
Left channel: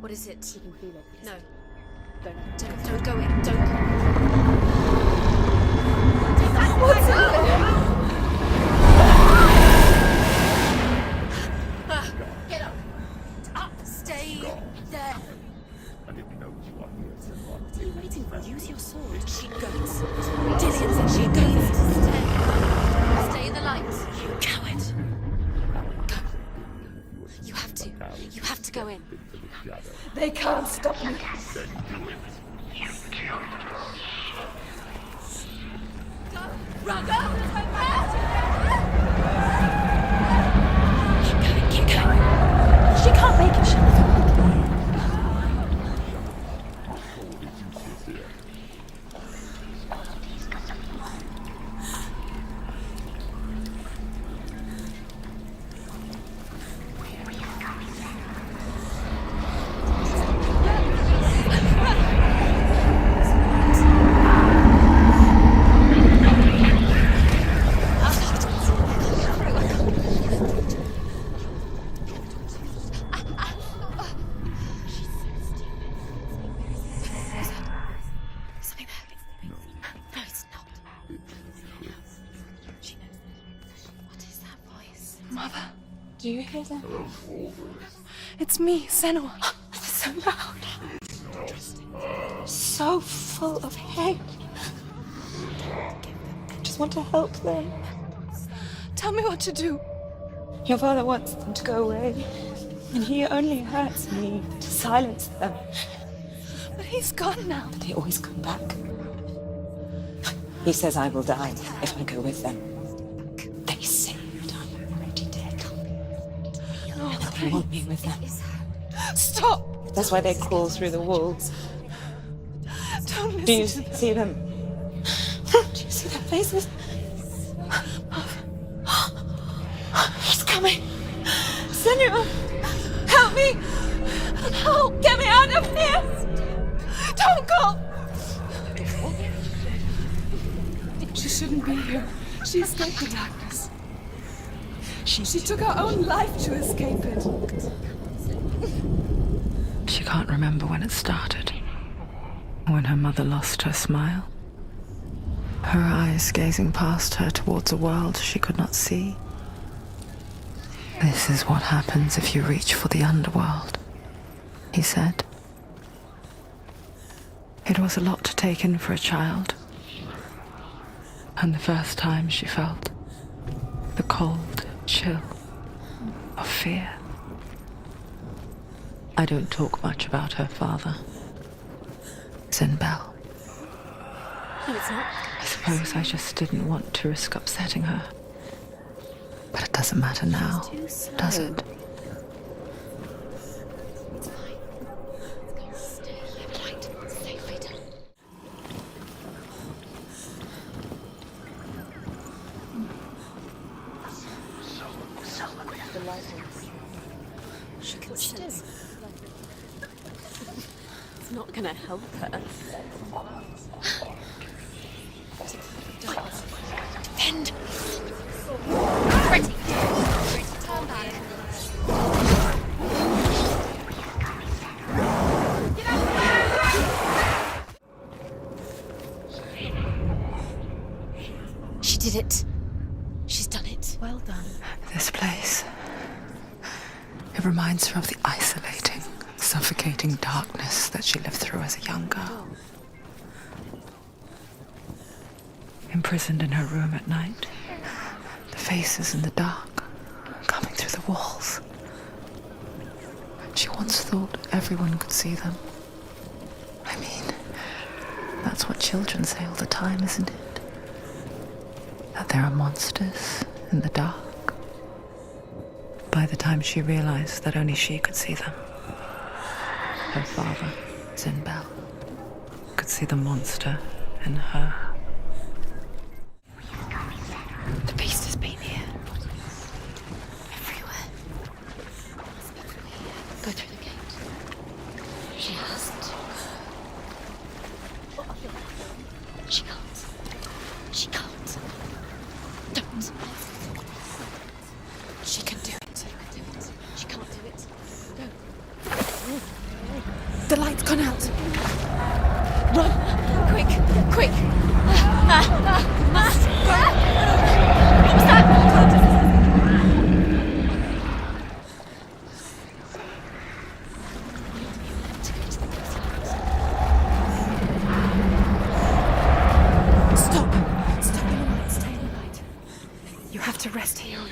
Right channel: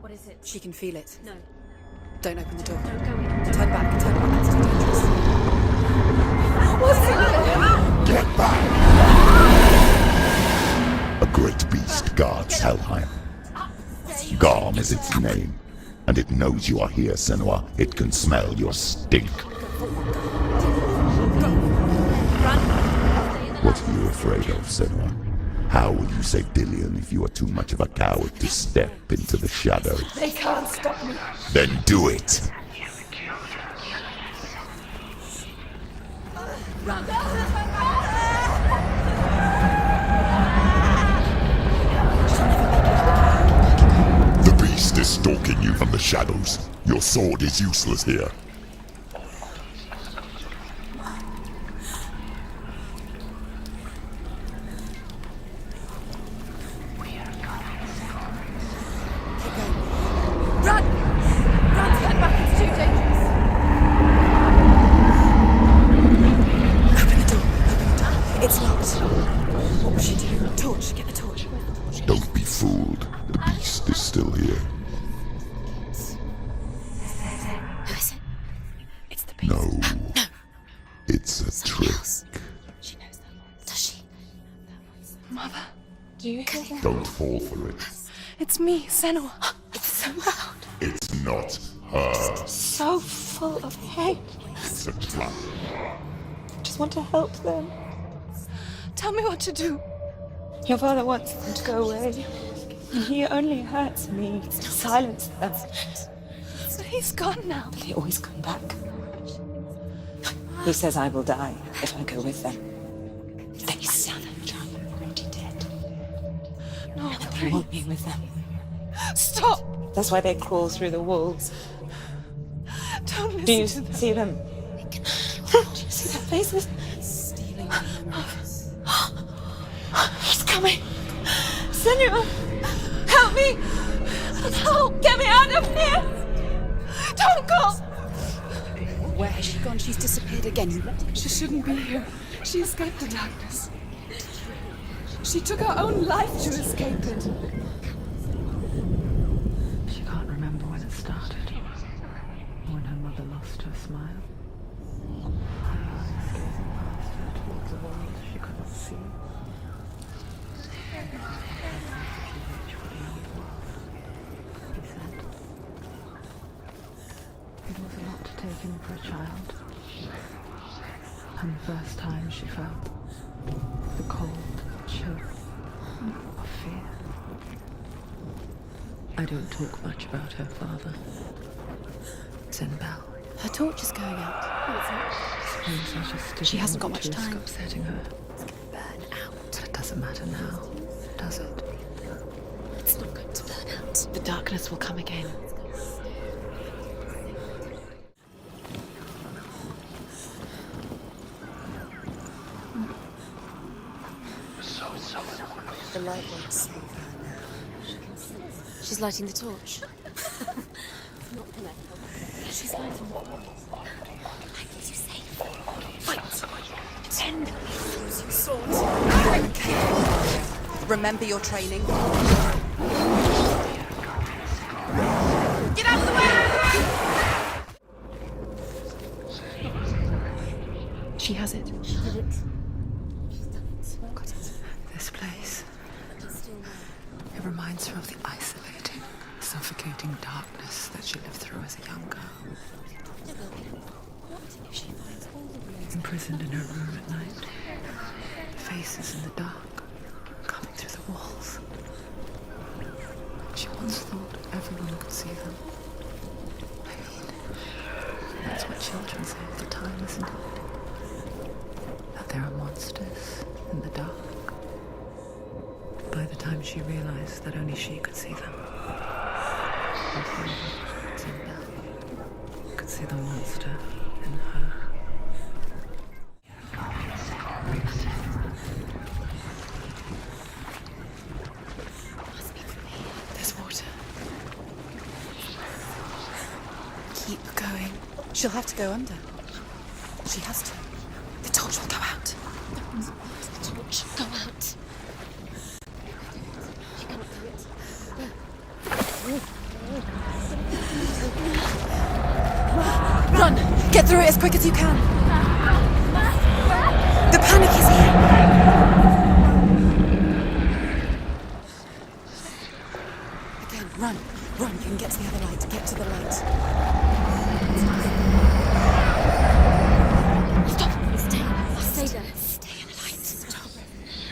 What is it? She can feel it. No. Don't open the door. Don't go in. Don't Turn back. Turn back. What's in there? Get back! A great beast guards Helheim. Garm is its name, and it knows you are here, Senua. It can smell your stink. What are you afraid of, Senua? How will you save Dillion if you are too much of a coward to step into the shadows? They can't stop me. Then do it! The beast is stalking you from the shadows. Your sword is useless here. Don't be fooled. The beast is still here. No. It's a trick. Mother, do you hear that? Don't fall for it. It's me, Senua. It's so loud. It's not her. So full of hate. It's a trap. I just want to help them. Tell me what to do. Your father wants them to go away, and he only hurts me to silence them. But he's gone now. They always come back. He says I will die if I go with them. They say that I'm already dead. No, And they want me with them. Stop! That's why they crawl through the walls. Don't listen Do you to them. see them? Do you see their faces? He's coming. Senua, help me! Help! Get me out of here! Don't go! Where has she gone? She's disappeared again. She shouldn't be here. She escaped the darkness. She took her own life to escape it. She can't remember when it started. When her mother lost her smile. Her eyes gazing past her towards a world she could not see. This is what happens if you reach for the underworld, he said. It was a lot to take in for a child. And the first time she felt the cold chill of fear. I don't talk much about her father. Zinbel. Her torch is going out. No, it's not. I suppose I just didn't want to risk upsetting her. But it doesn't matter now, does it? It's not going to burn out. The darkness will come again. lighting the torch. It's not gonna help her. She's going Remember your training. Get out of the way! She has it. She did it. She's done it. Well done. This place. It reminds her of the isolating, suffocating darkness that she lived through as a young girl. Imprisoned in her room at night, the faces in the dark, coming through the walls. She once thought everyone could see them. I mean, that's what children say all the time, isn't it? That there are monsters in the dark. By the time she realized that only she could see them, her father, Zinbel, could see the monster in her. The beast has been here. Everywhere. Must be from here. There's no keep going. She'll have to go under. She can't. She has to. She can't. The torch will go out. Don't let the torch go out. She can do it. She can't do it. No. The light's gone out. Run! Run! Get through it as quick as you can. The panic is again, run and get to the light, to get to the light. Stop! Stay there. Stay in the light. You have to rest here.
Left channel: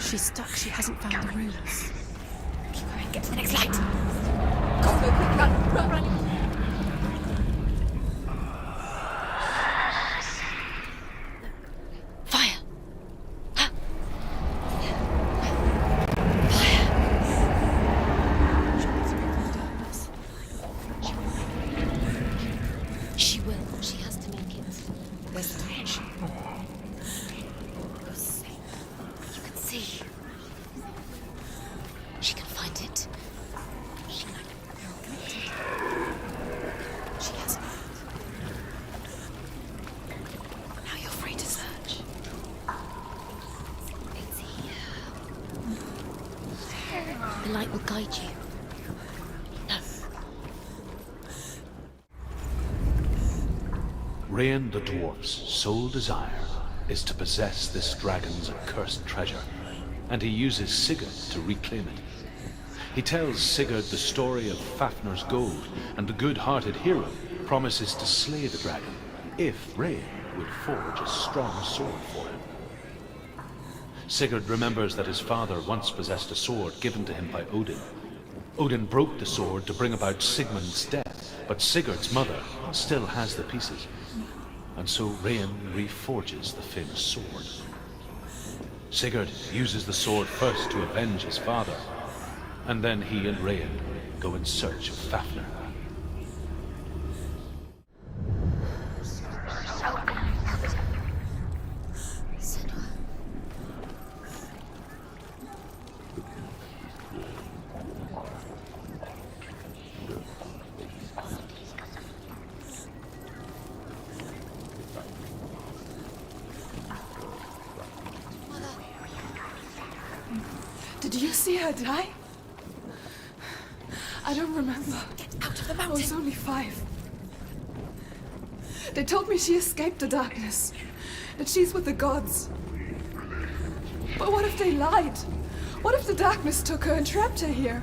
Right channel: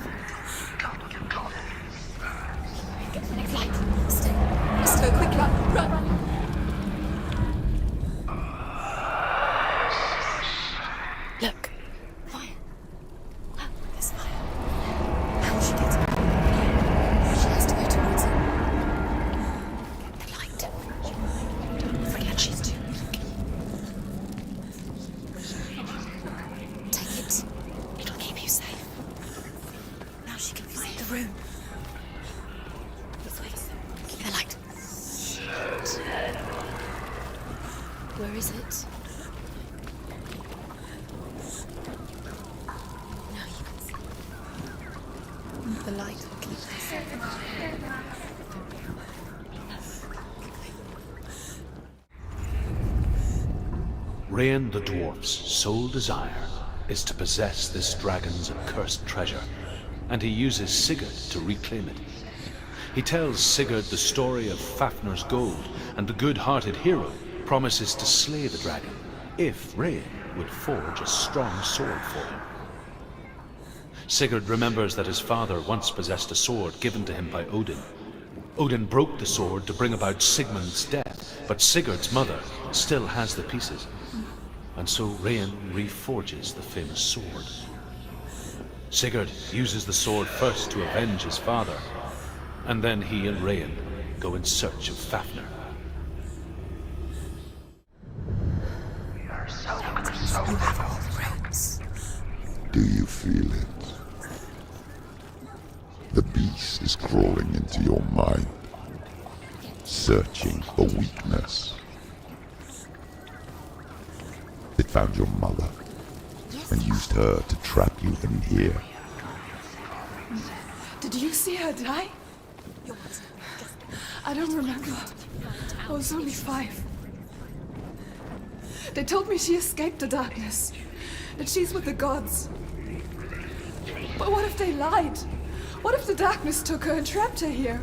She's stuck. She hasn't found the ruins. Keep going. Get to the next light. Let's go quickly. Run! Look. Fire. Ah. There's fire. How she gets it? Fire. She has to go towards it. Light. Forget she's too. She will. She has to make it. Where's the range? Take it. It'll keep you safe. You can see. Now she can find the room. She can find it. The light. Shit. She gets it. Where is it? Now you're free to search. The light will keep The light will guide you. No. Rain the dwarf's sole desire is to possess this dragon's accursed treasure, and he uses Sigurd to reclaim it. He tells Sigurd the story of Fafnir's gold, and the good-hearted hero promises to slay the dragon if Rain would forge a strong sword for him. Sigurd remembers that his father once possessed a sword given to him by Odin. Odin broke the sword to bring about Sigmund's death, but Sigurd's mother still has the pieces. And so Rain reforges the famous sword. Sigurd uses the sword first to avenge his father, and then he and Rain go in search of Fafnir. Do you feel it? The beast is crawling into your mind, searching for weakness. It found your mother and used her to trap you in here. Did you see her die? I don't remember. I was only 5. They told me she escaped the darkness, that she's with the gods. But what if they lied? What if the darkness took her and trapped her here?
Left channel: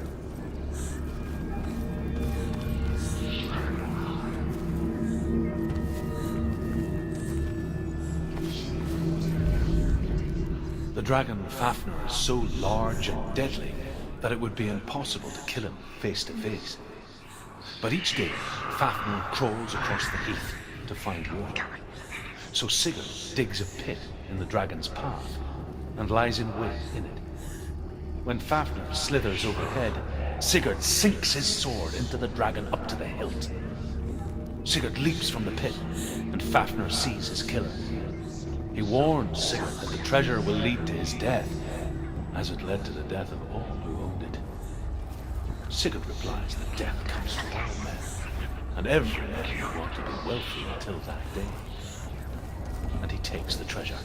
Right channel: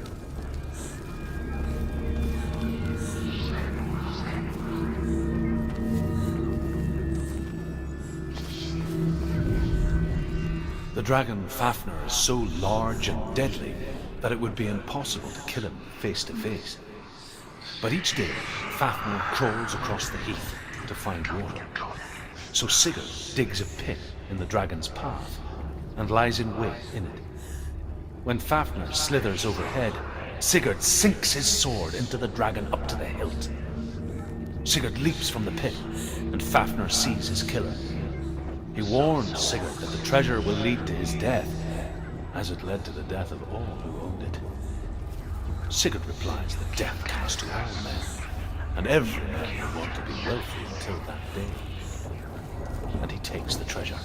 The dragon Fafnir is so large and deadly that it would be impossible to kill him face to face. But each day, Fafnir crawls across the heath to find water. So Sigurd digs a pit in the dragon's path and lies in wait in it. When Fafnir slithers overhead, Sigurd sinks his sword into the dragon up to the hilt. Sigurd leaps from the pit, and Fafnir sees his killer. He warns Sigurd that the treasure will lead to his death, as it led to the death of all who owned it. Sigurd replies that death comes to all men, and every man will want to be wealthy until that day. And he takes the treasure.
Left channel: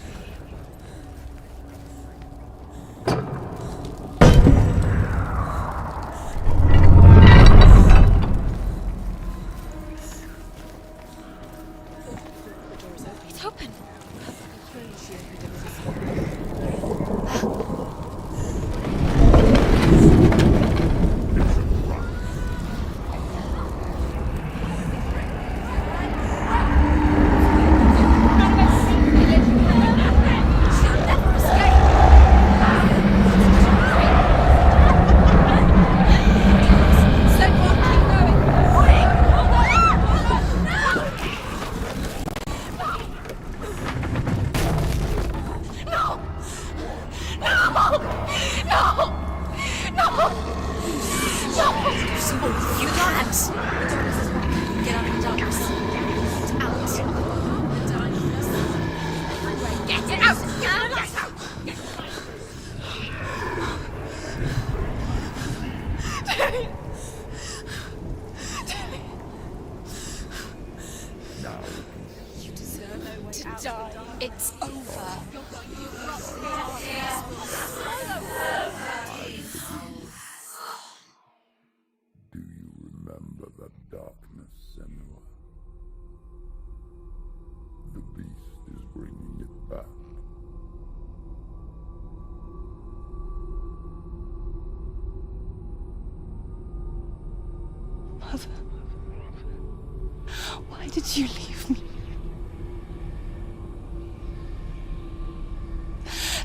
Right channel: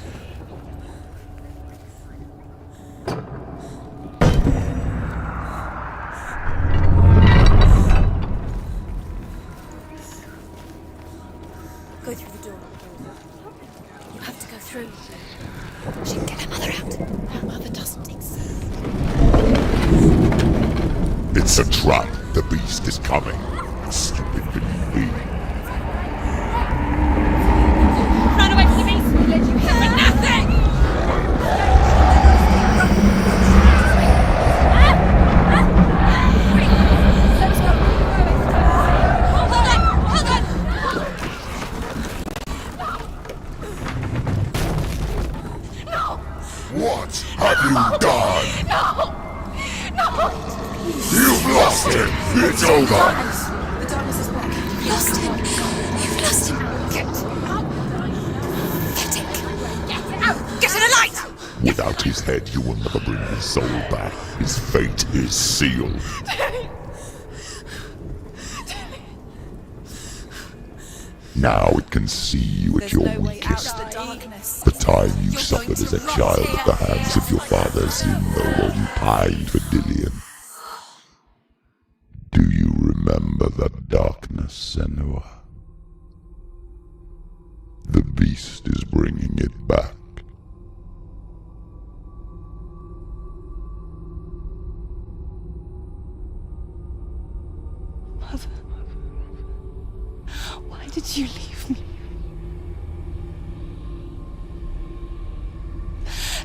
It's open. You have to go through. She can get her mother out. Her mother doesn't exist. It's a trap. The beast is coming. Stupid baby. Run away from the beast! You have nothing! What have you done? No! No! You've lost it. It's over. The darkness is back. You've lost him. You've lost him out. Get it out! Get in the light! Without his head, you will never bring his soul back. His fate is sealed. Now it can see you at your weakest. The time you suffered as a child at the hands of your father Zimno while you pined for Dillion. Do you remember that darkness, Senua? The beast is bringing it back. Mother, why did you leave me?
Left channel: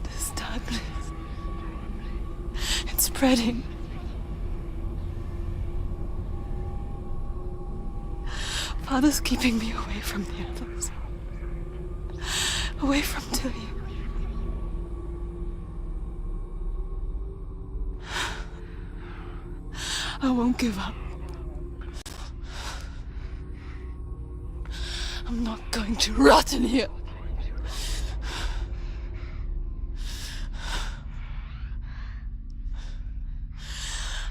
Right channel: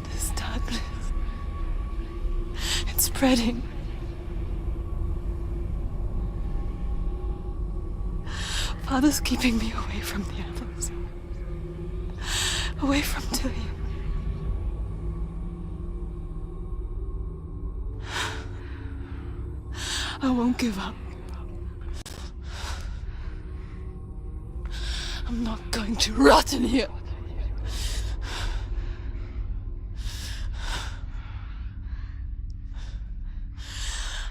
This darkness, it's spreading. Father's keeping me away from the others. Away from Tilly. I won't give up. I'm not going to rot in here.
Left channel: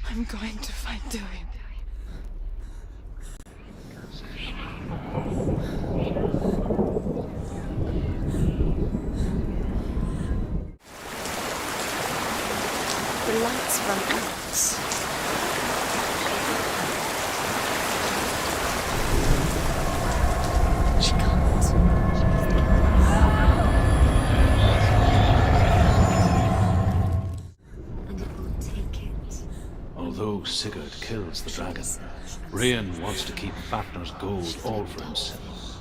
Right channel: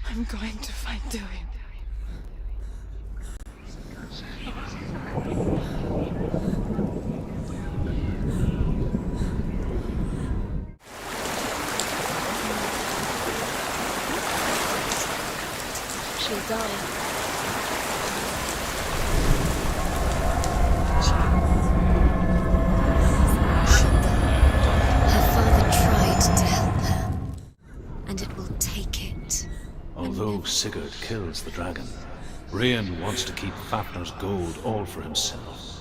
I'm going to find Dillion. Although Sigurd kills the dragon, Rain wants to keep Fafnir's gold all for himself.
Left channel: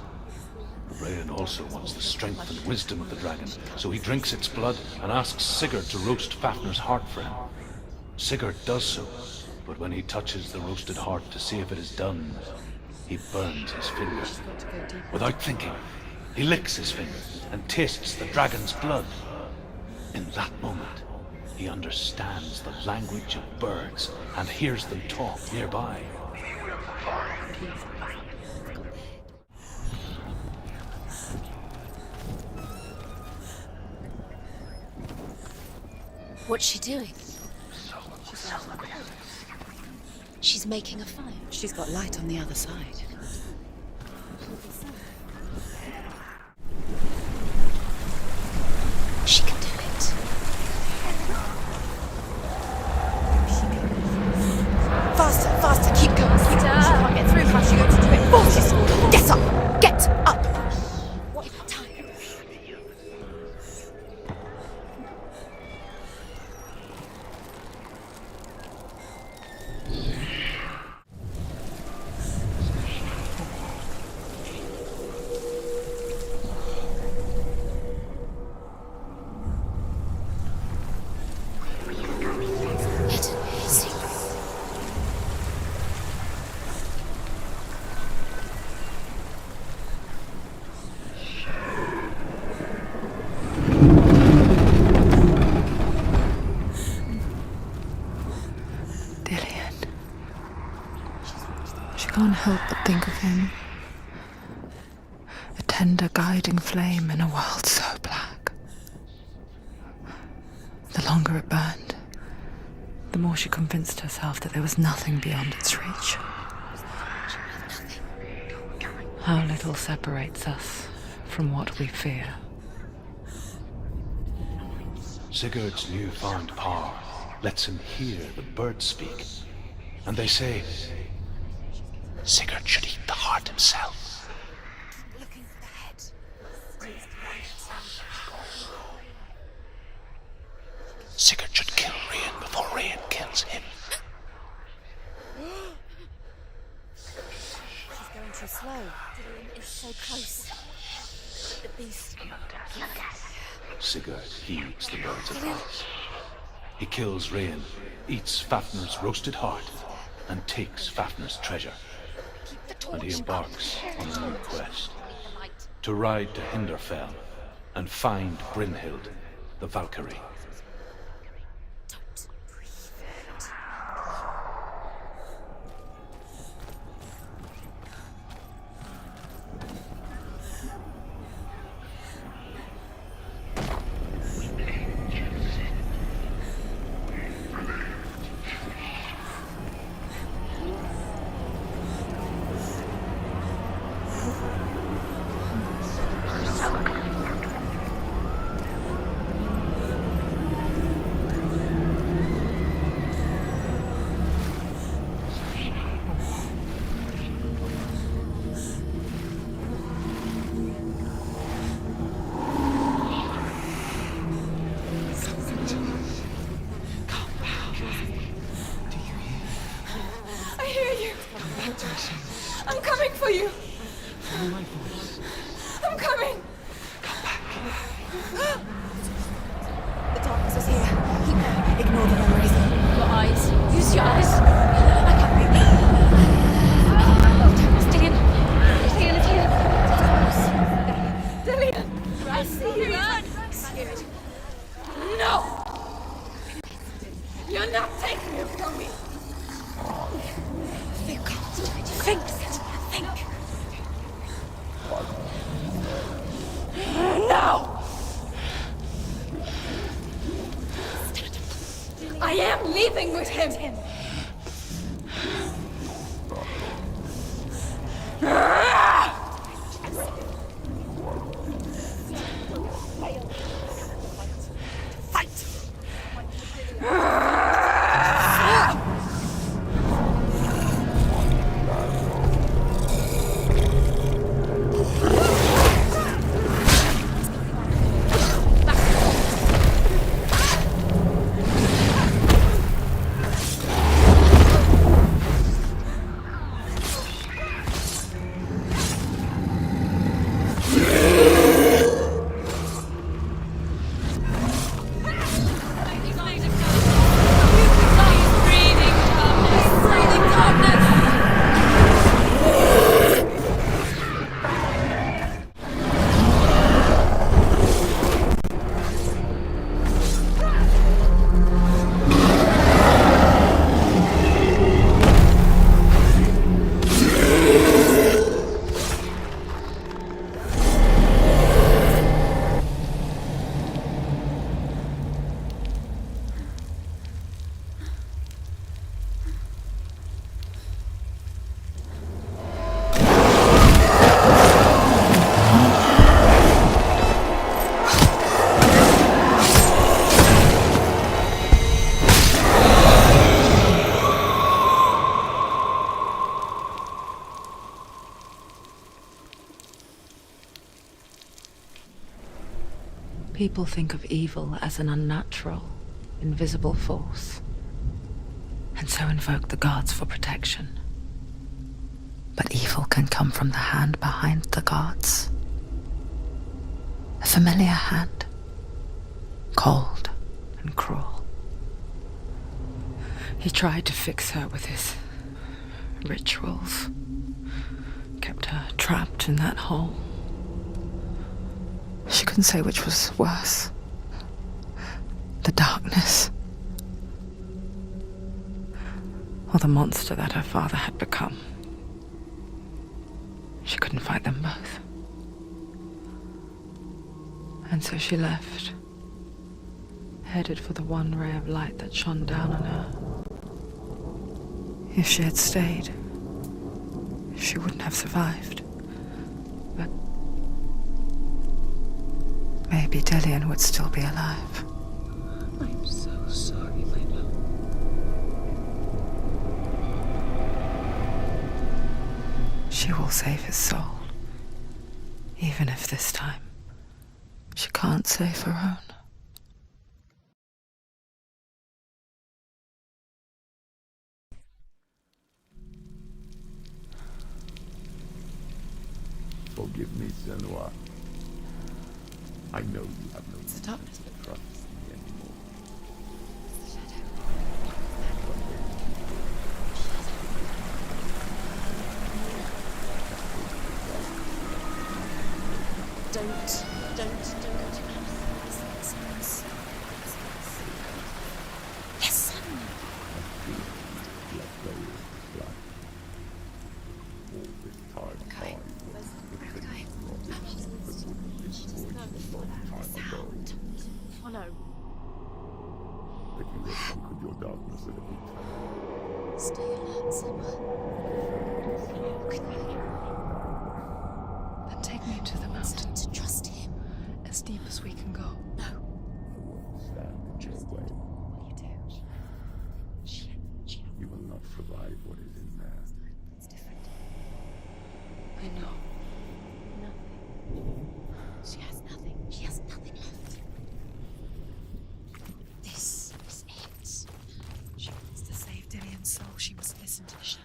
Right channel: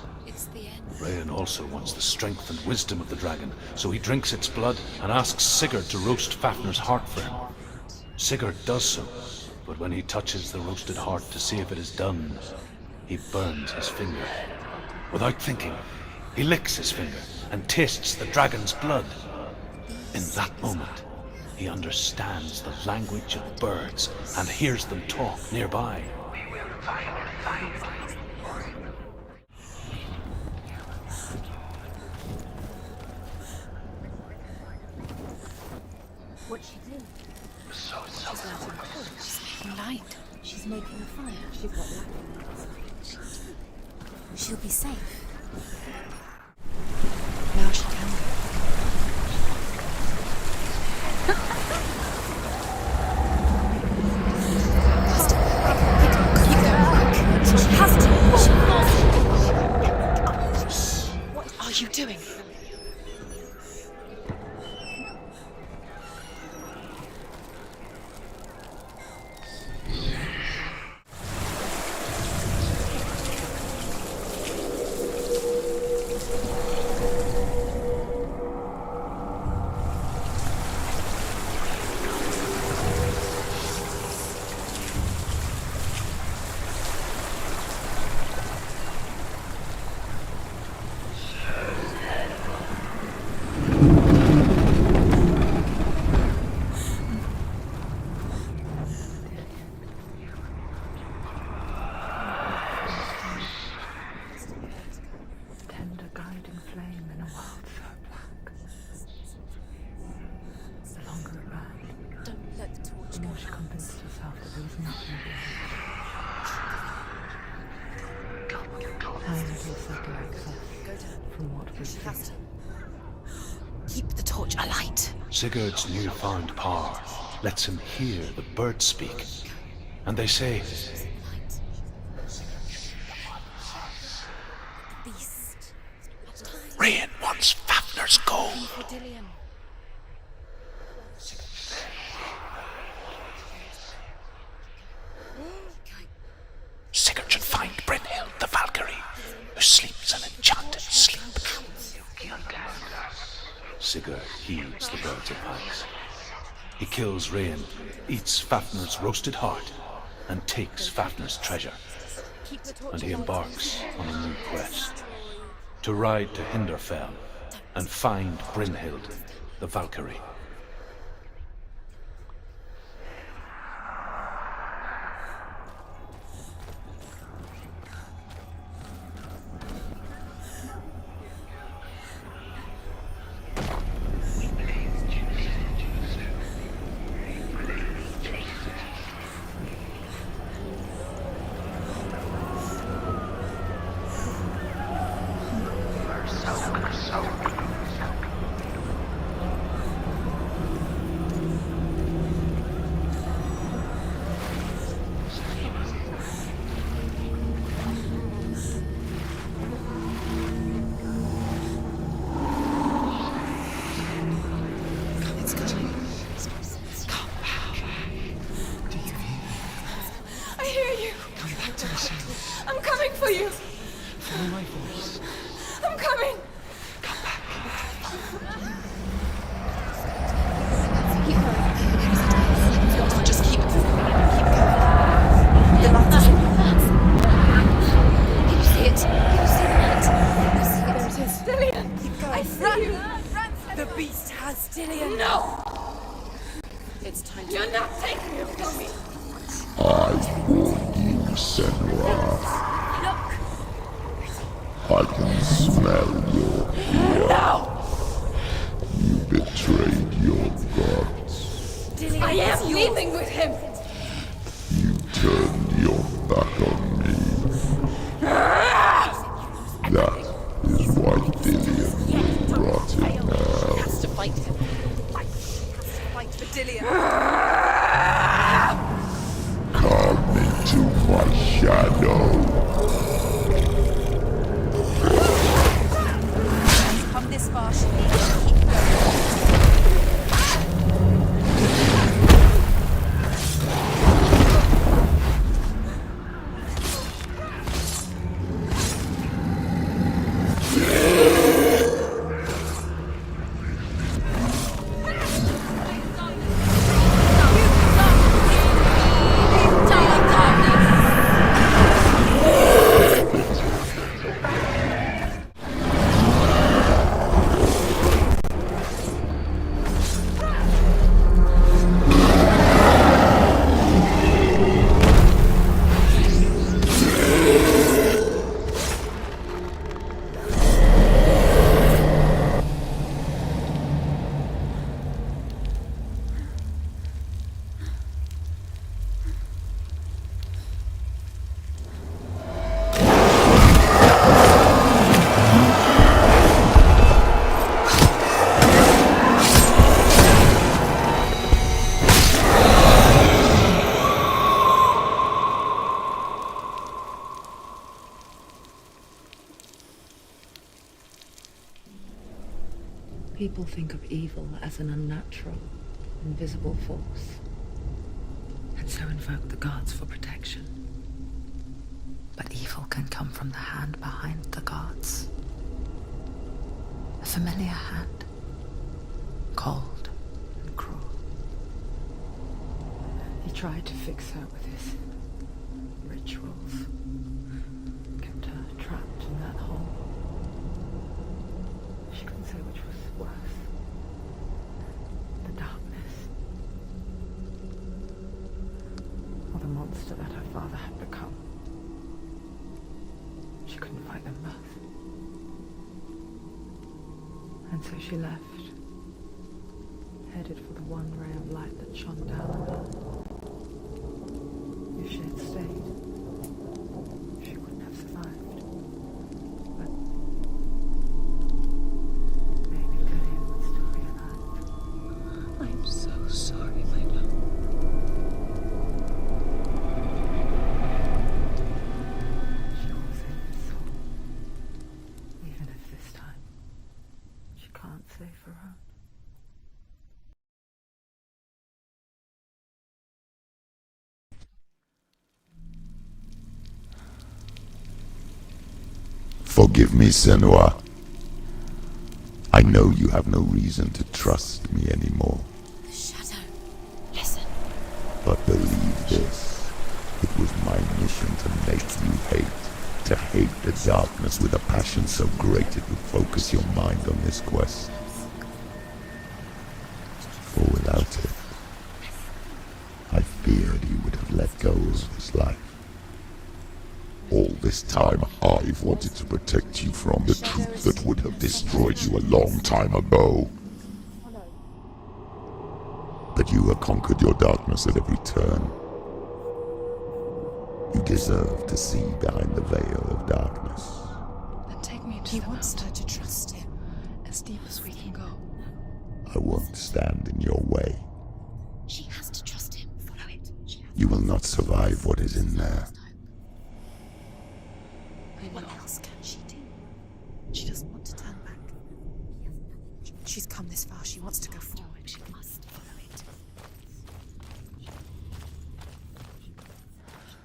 Rain also wants the strength and wisdom of the dragon, so he drinks its blood and asks Sigurd to roast Fafnir's heart for him. Sigurd does so, but when he touches the roasted heart to see if it is done, he burns his finger. Without thinking, he licks his finger and tastes the dragon's blood. In that moment, he understands the language of birds and hears them talk nearby. What's she doing? She's light. She's making a fire. She's got light on the other side. She'll be safe. No, she can do it. Faster, faster, keep going, keep going. Get through, she has to do it. Get up, get up. What are you doing? Can't help but think of him. A tender guiding flame in a world so black. The longer it burned, the more she convinced herself that there was nothing beyond its reach. How little separates us from what we fear. Keep the torch alight. Sigurd's newfound power lets him hear the birds speak. And they say, Sigurd should eat the heart himself. Rain wants Fafnir's gold. Sigurd should kill Rain before Rain kills him. Sigurd should find Brynhild the Valkyrie, who sleeps an enchanted sleep. Sigurd heeds the bird's advice. He kills Rain, eats Fafnir's roasted heart, and takes Fafnir's treasure. And he embarks on a new quest, to ride to Hinderfell and find Brynhild the Valkyrie. I'm coming for you. Follow my voice. I'm coming. Come back. Just keep use your eyes. Dillian, I see you. The beast has Dillian. No. You're not taking him from me. I warn you, Senua. I can smell your... No! You betrayed your god. I am leaving with him. You turned your back on me. That is why Dillian will rot in hell. Come into my shadow. People think of evil as an unnatural, invisible force, and so invoke the gods for protection. But evil can come from the hand behind the gods. A familiar hand, cold and cruel. He tried to fix her with his rituals, kept her trapped in that hole. She couldn't say which was worse. The darkness, or the monster that her father had become. She couldn't fight them both. And so she left, headed for the one ray of light that shone down on her. If she had stayed, she wouldn't have survived. But maybe Dillian would still be alive. I'm so sorry, my love. She will save his soul. Even if this time she can't save her own. Forgive me, Senua. I know you have no reason to trust me anymore. Shadow, listen. But believe this, it was my mission to make you hate. To hate the darkness with a passion so great it would focus your mind on this quest. For without it, I feared you would have let go of this life. All this time, I've wanted to protect you from the truth that would have destroyed you a long time ago. But you have conquered your darkness at every turn. You deserve to see behind the veil of darkness. Then take me to the mountain to trust him. As deep as we can go. No. I won't stand in your way. She has to trust him. Follow it. You will not survive what is in there. I know. She doesn't want to tell. She has nothing. She has nothing left. She's come this far. She wants to go forward. She wants this. She wants to save Dillian's soul. She must listen to the shadow.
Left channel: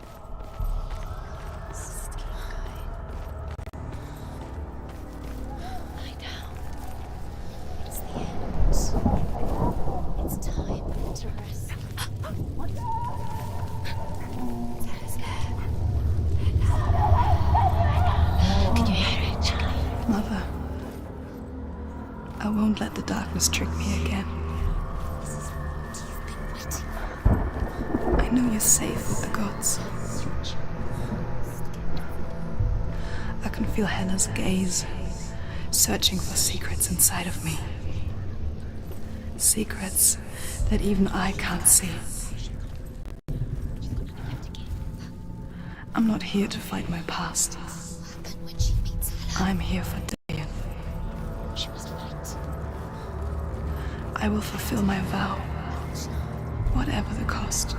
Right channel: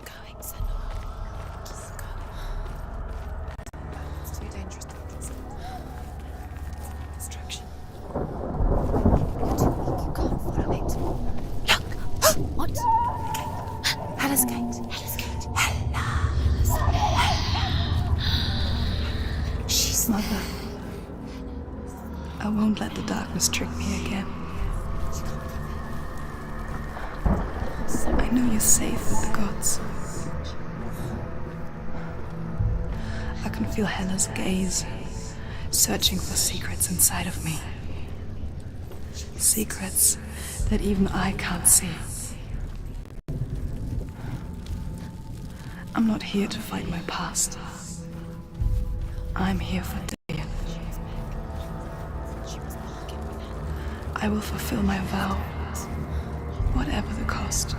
Keep going, Senua. It's too dangerous to lie down. Destruction is the end. You can't tell it. What? Hella's gate. Hella's gate. Hella. Can you hear it? She's Mother, I won't let the darkness trick me again. I know you're safe with the gods. I can feel Hella's gaze, searching for secrets inside of me. Secrets that even I can't see. I'm not here to fight my past. I'm here for Dillian. I will fulfill my vow, whatever the cost.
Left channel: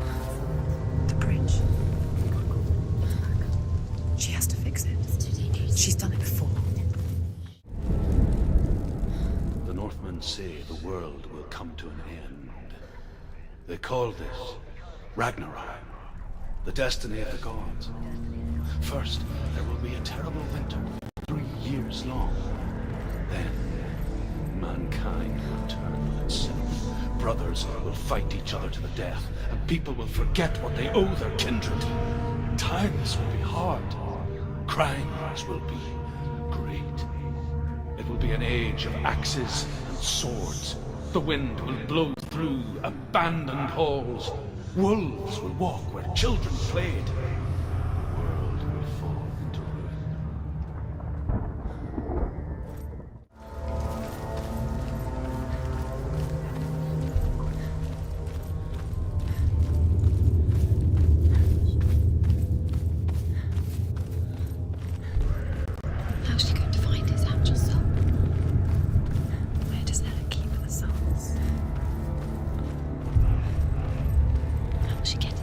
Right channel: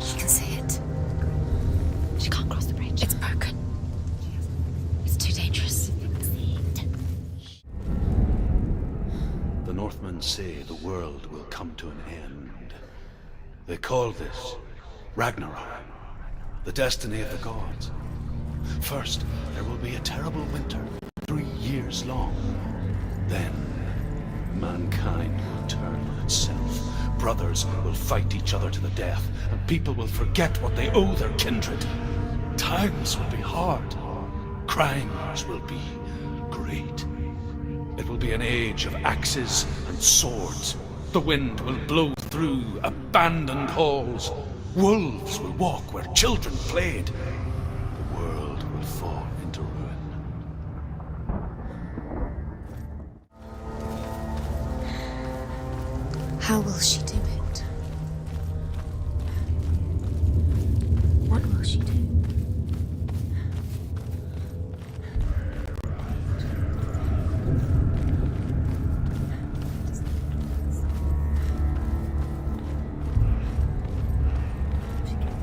She can see it. The bridge. She can't cross the bridge. It's broken. She has to fix it. It's too dangerous. She's done it before. The Northmen say the world will come to an end. They call this Ragnarok, the destiny of the gods. First, there will be a terrible winter, 3 years long. Then, mankind will turn on itself. Brothers will fight each other to the death, and people will forget what they owe their kindred. Times will be hard. Crimes will be great. It will be an age of axes and swords. The wind will blow through abandoned halls. Wolves will walk where children played. The world will fall into ruin. How will she do it? What will she do? How's she going to find his actual soul? Where does Hella keep her souls? How will she get it?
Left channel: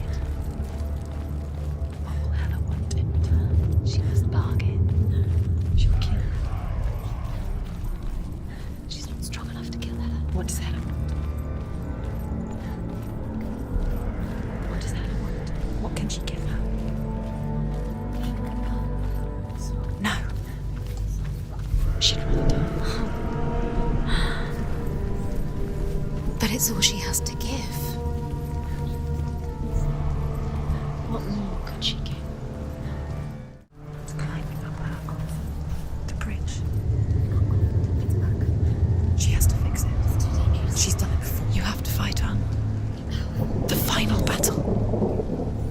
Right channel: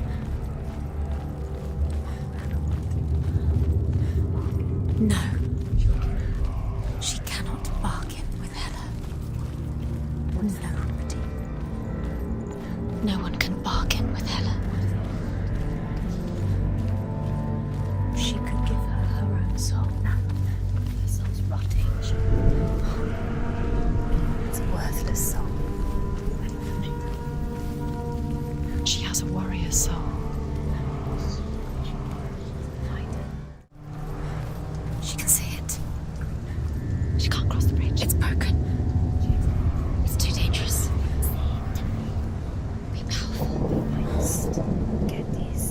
Hella won't in return. She must bargain. No. She'll kill him. She cannot bargain with Hella. She's not strong enough to kill Hella. What does Hella want? No one can bargain with Hella. What does Hella want? What can she give her? She could give her her own soul. No. Her soul's rotting. She'd rather die. It's a worthless soul. But it's all she has to give. She has a warrior soul. What more could she give? She can see it. The bridge. She can't cross the bridge. It's broken. She has to fix it. It's too dangerous. She's done it before. You have to fight her. The final battle. Get these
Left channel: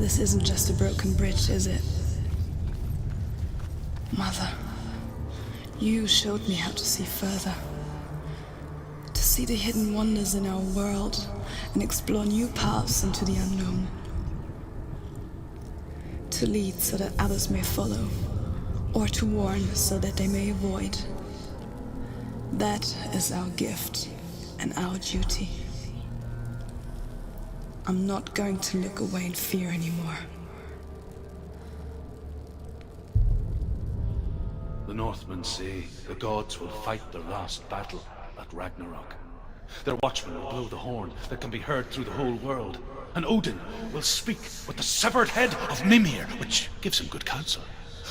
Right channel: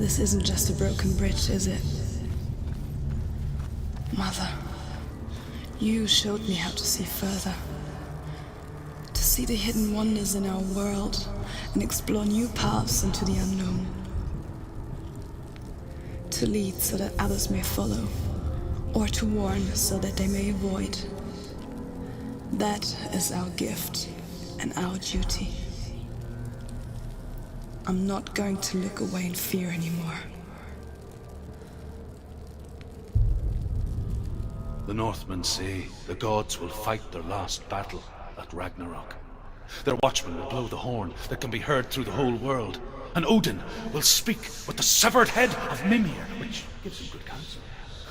This isn't just a broken bridge, is it? Mother, you showed me how to see further. To see the hidden wonders in our world and explore new paths into the unknown. To lead so that others may follow, or to warn so that they may avoid. That is our gift and our duty. I'm not going to look away in fear anymore. The Northmen say the gods will fight their last battle at Ragnarok. Their watchmen will blow the horn that can be heard through the whole world. And Odin will speak with the severed head of Mimir, which gives him good counsel.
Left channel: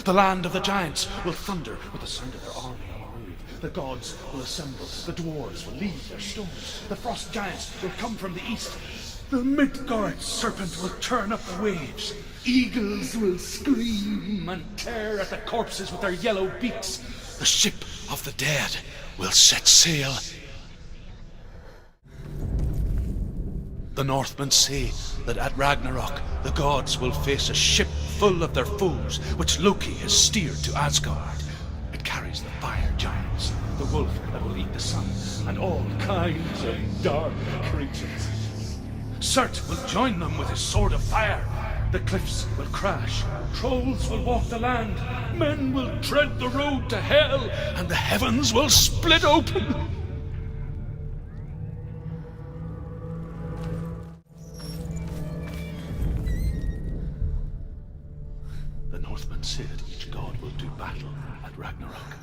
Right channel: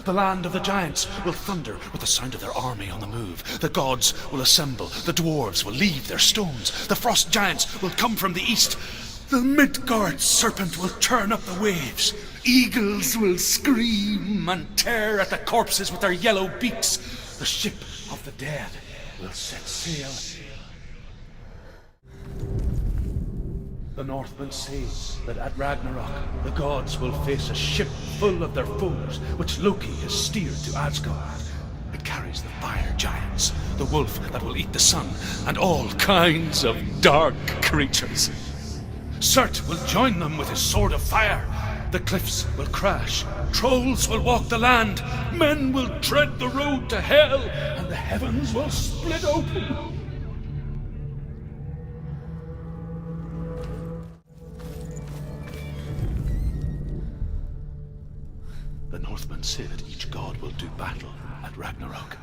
The land of the giants will thunder with the sound of their army on the move. The gods will assemble, the dwarves will leave their stones. The frost giants will come from the east. The Midgard serpent will turn up the waves. Eagles will scream and tear at the corpses with their yellow beaks. The ship of the dead will set sail. The Northmen say that at Ragnarok, the gods will face a ship full of their foes, which Loki has steered to Asgard. It carries the fire giants, the wolf that will eat the sun, and all kinds of dark creatures. Surt will join them with his sword of fire. The cliffs will crash, trolls will walk the land, men will tread the road to hell, and the heavens will split open. The Northmen say that each god will do battle at Ragnarok.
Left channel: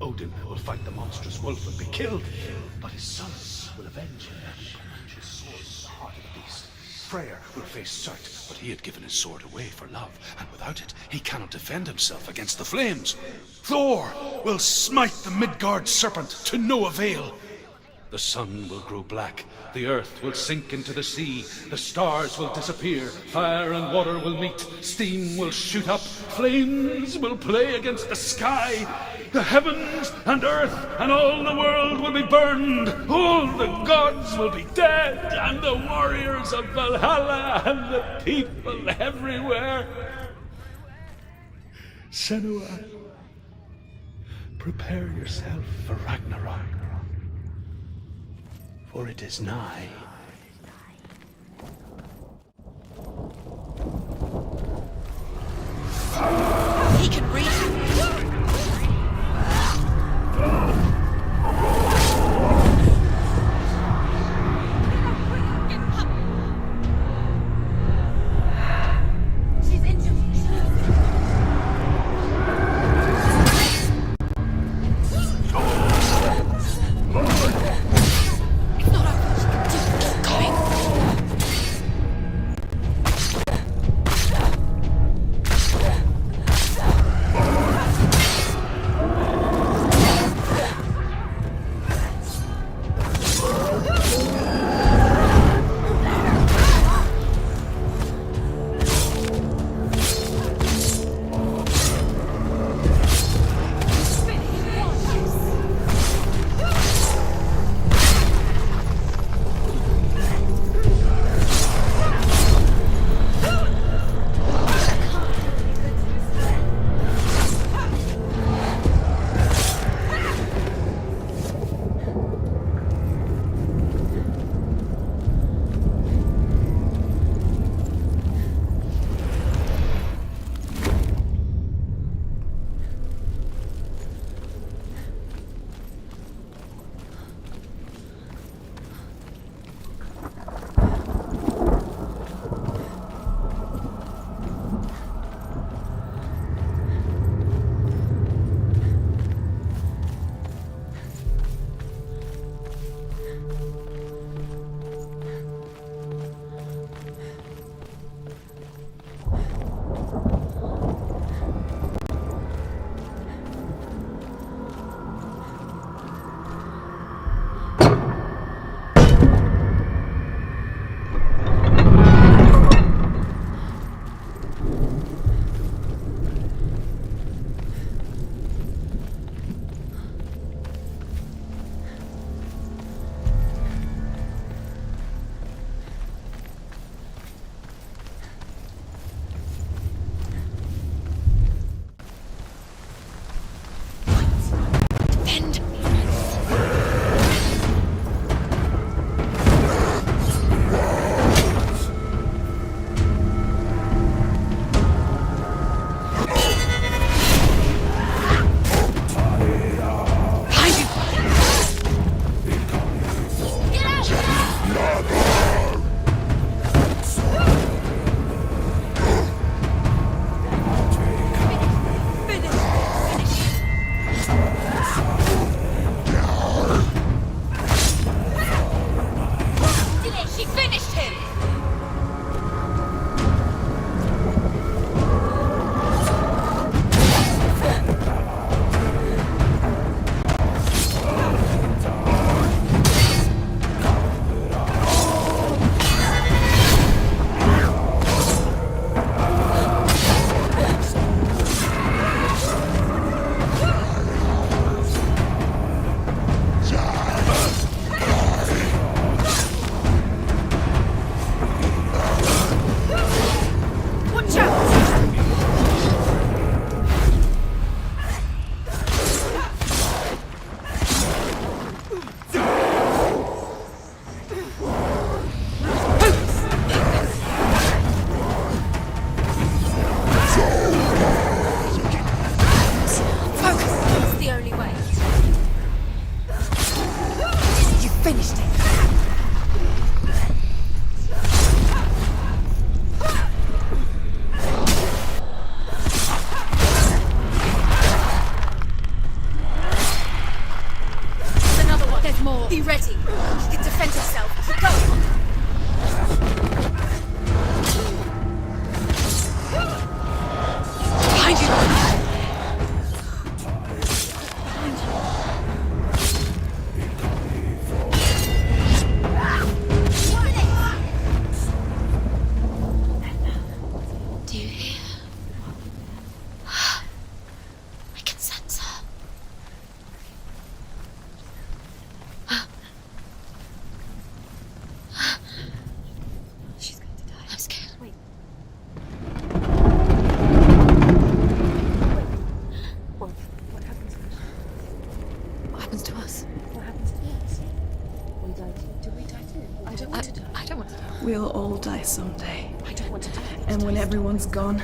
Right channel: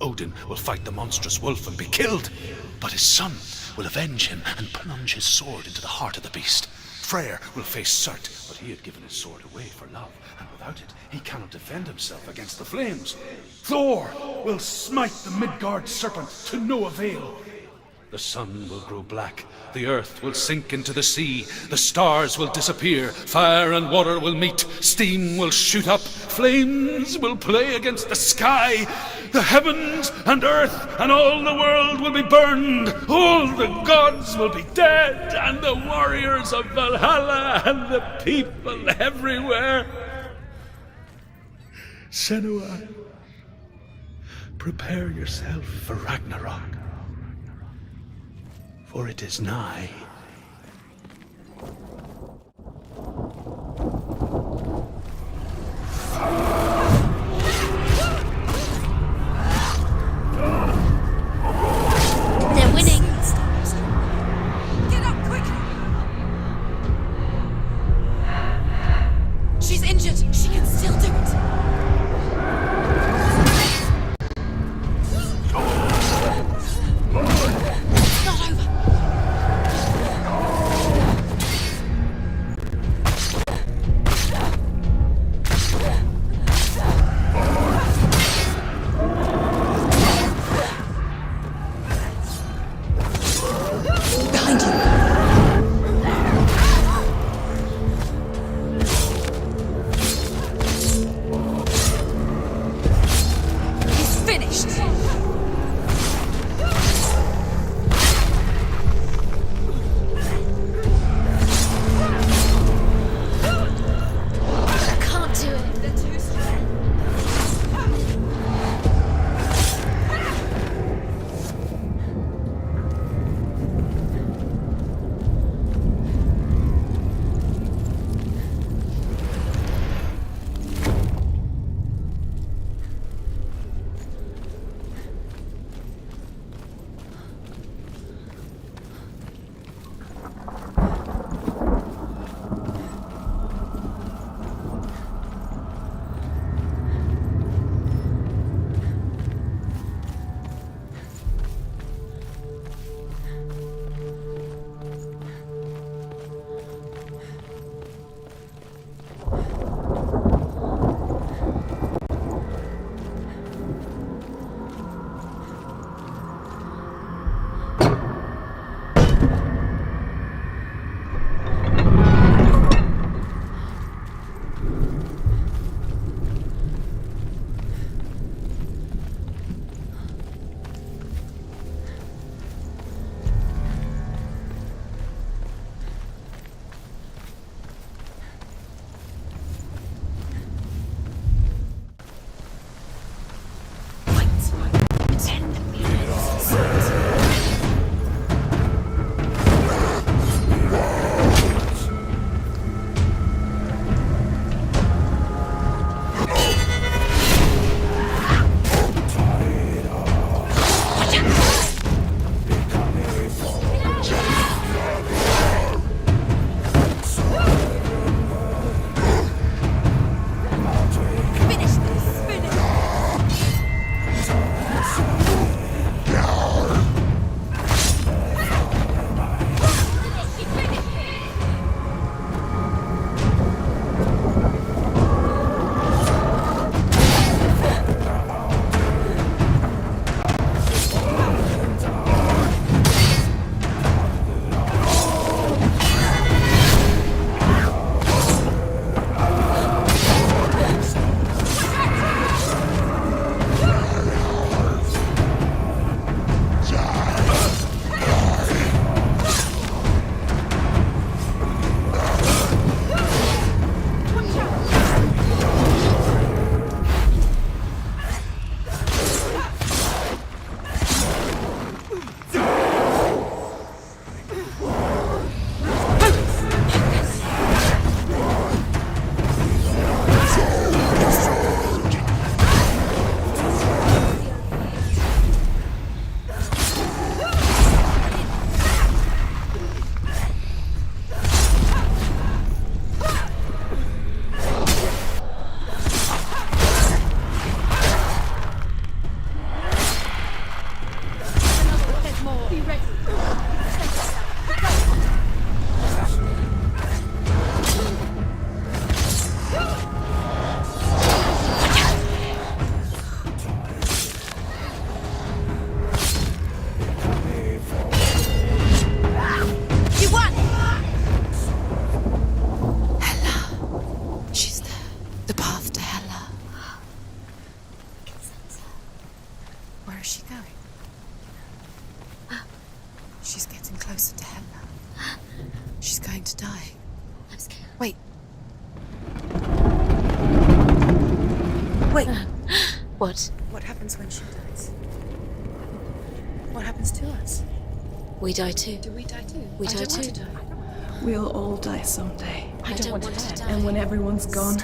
Odin will fight the monstrous wolf and be killed, but his son will avenge him and plunge his sword into the heart of the beast. Freyr will face Surt, but he had given his sword away for love, and without it, he cannot defend himself against the flames. Thor will smite the Midgard serpent to no avail. The sun will grow black, the earth will sink into the sea, the stars will disappear, fire and water will meet, steam will shoot up, flames will play against the sky, the heavens and earth and all the world will be burned, all the gods will be dead, and the warriors of Valhalla and the people everywhere. Senua, prepare yourself for Ragnarok. For it is nigh. He can reach. They're winning. Get up quick. She's injured. She can still do it. going to die. I'm scared. Wait. Wait. What? What happens when she dies? What happens to us? What happens to us? We die too. Do we die too? We I die don't want too. to die. I don't want to die. We'll all die someday. I don't want to die. And when everyone's gone,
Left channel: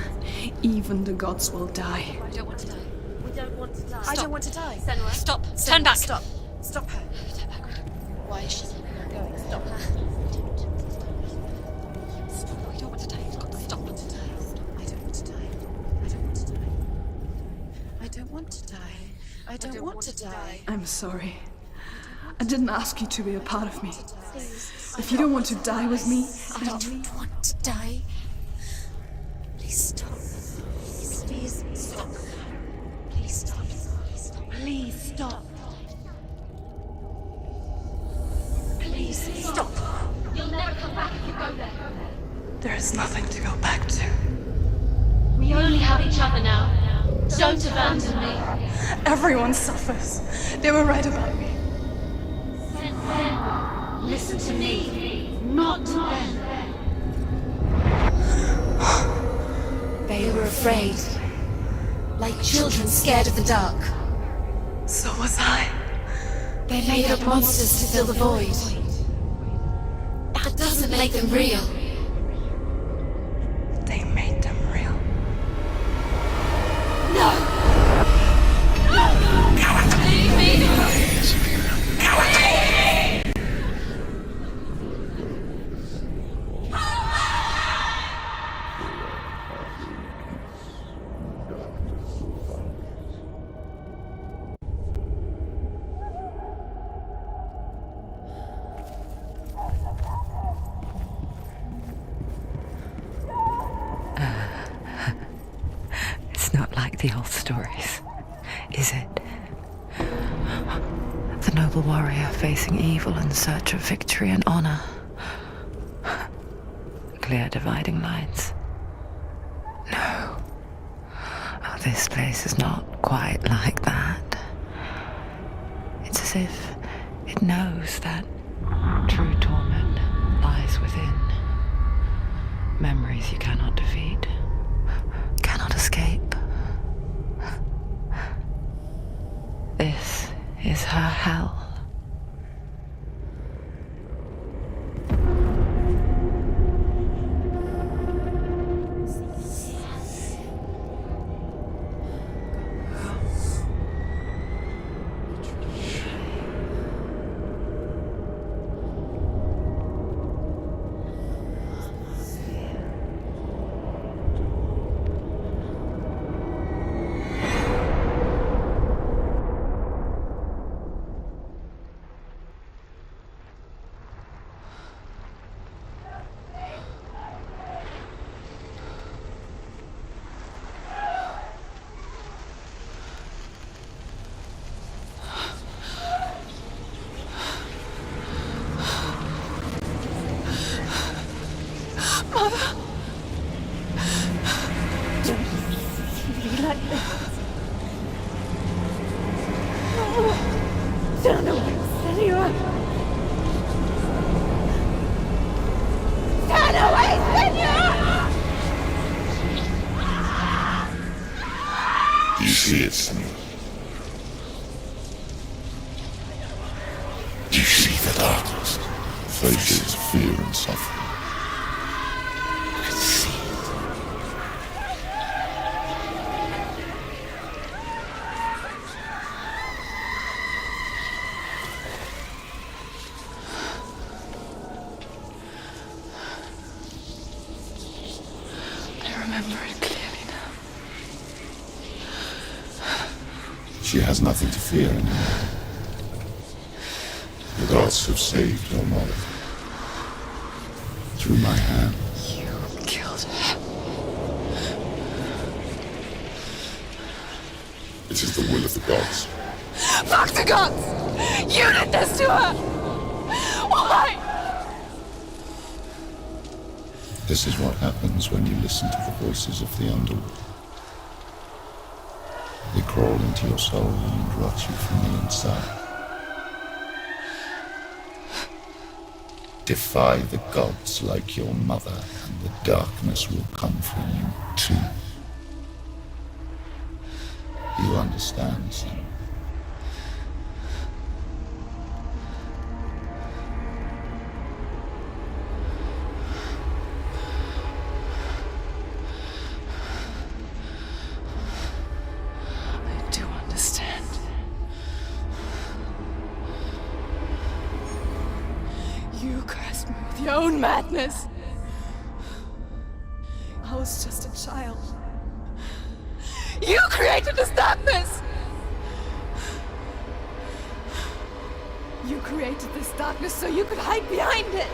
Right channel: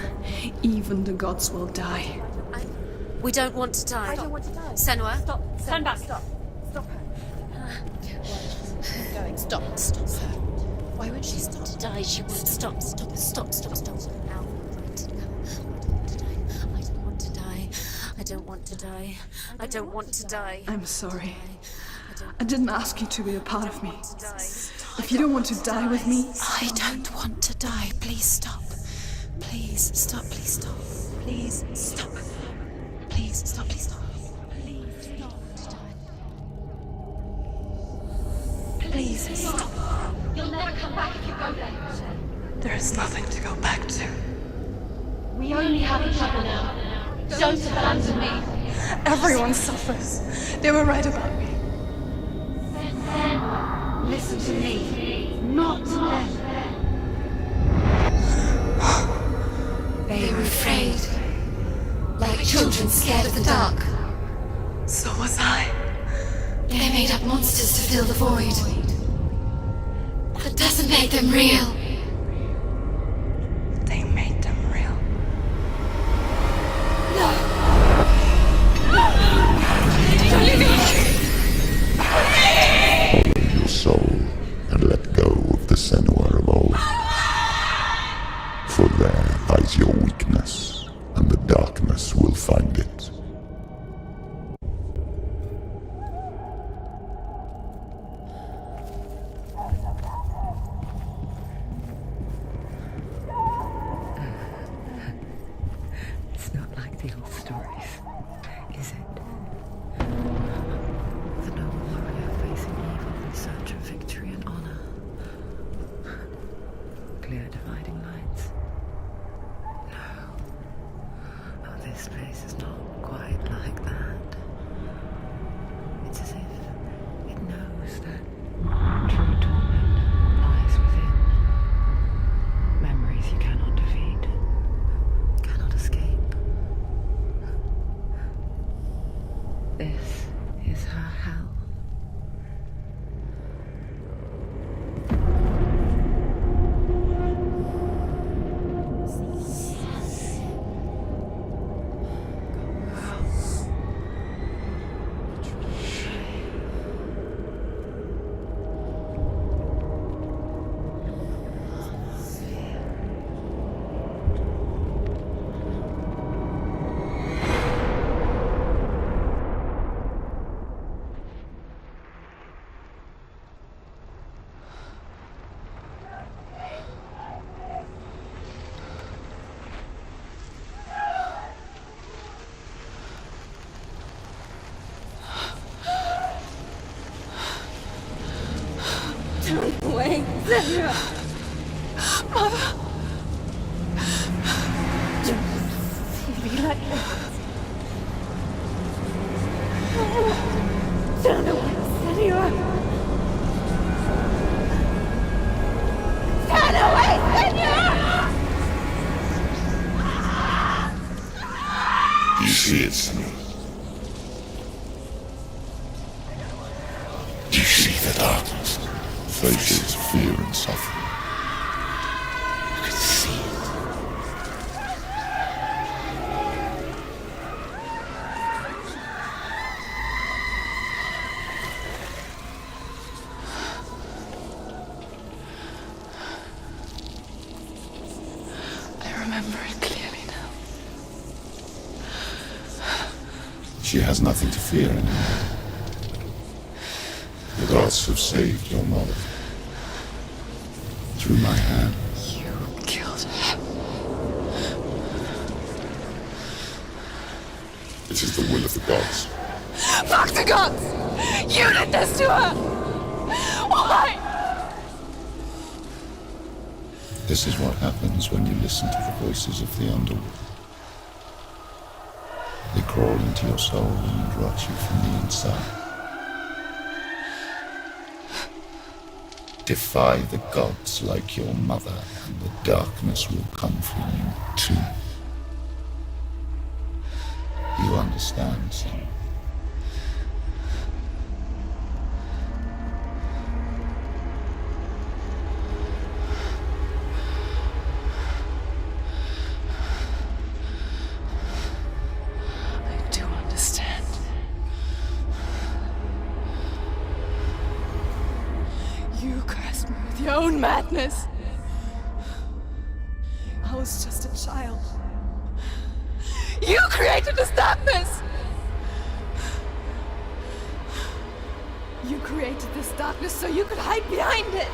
even the gods will die. I don't want to die. We don't want to die. I don't want to die. Senua, stop. Turn back. Stop. Stop her. Why is she not going? Stop. Stop. Why would she stop to die? She won't stop. Stop. Stop. I don't want to die. I don't want to die. I'm sorry. I didn't ask you to be a part of me. If you don't want to die with me, I don't want to die. Please stop. Please stop. Please stop. Please stop. Please stop. Please stop. Please stop. Please stop. You'll never come back if you go there. there is nothing to go back to. We only have each other now. Don't abandon me. Everyone suffers. They were right about me. Listen to me, not them. They were afraid. Like children scared of the dark. So was I. They made up monsters to fill the void. That doesn't make them real. They made them real. No! Follow your soul and let go of the Senua of old. For there lies your weakness, and the darkness will find it. It's not like the old stories, is it? The noble warrior facing evil in search of victory and honor. Clear dividing lines. No. Oh, this place is not quite like that. It's as if it knows that true torment lies within. Memories you cannot defeat, cannot escape. This is her hell. Mother! Don't see me like this. Turn away, Senua! Turn away, Senua! Do you see it, Senua? Do you see the darkness? Faces of fear and suffering. You can see it. I remember it clearly now. She has nothing to fear anymore. The gods have saved your mother. Through my hand. You killed her. It is the will of the gods. Fuck the gods! You did this to her! Why? This is what happens when you listen to the voices of the underworld. They crawl into your soul and rot you from the inside. Defy the gods like your mother, and the darkness will come for you too. You understand, Senua? I do understand. You cursed me with your own madness. I was just a child. You created this darkness! You created this darkness so you could hide behind it!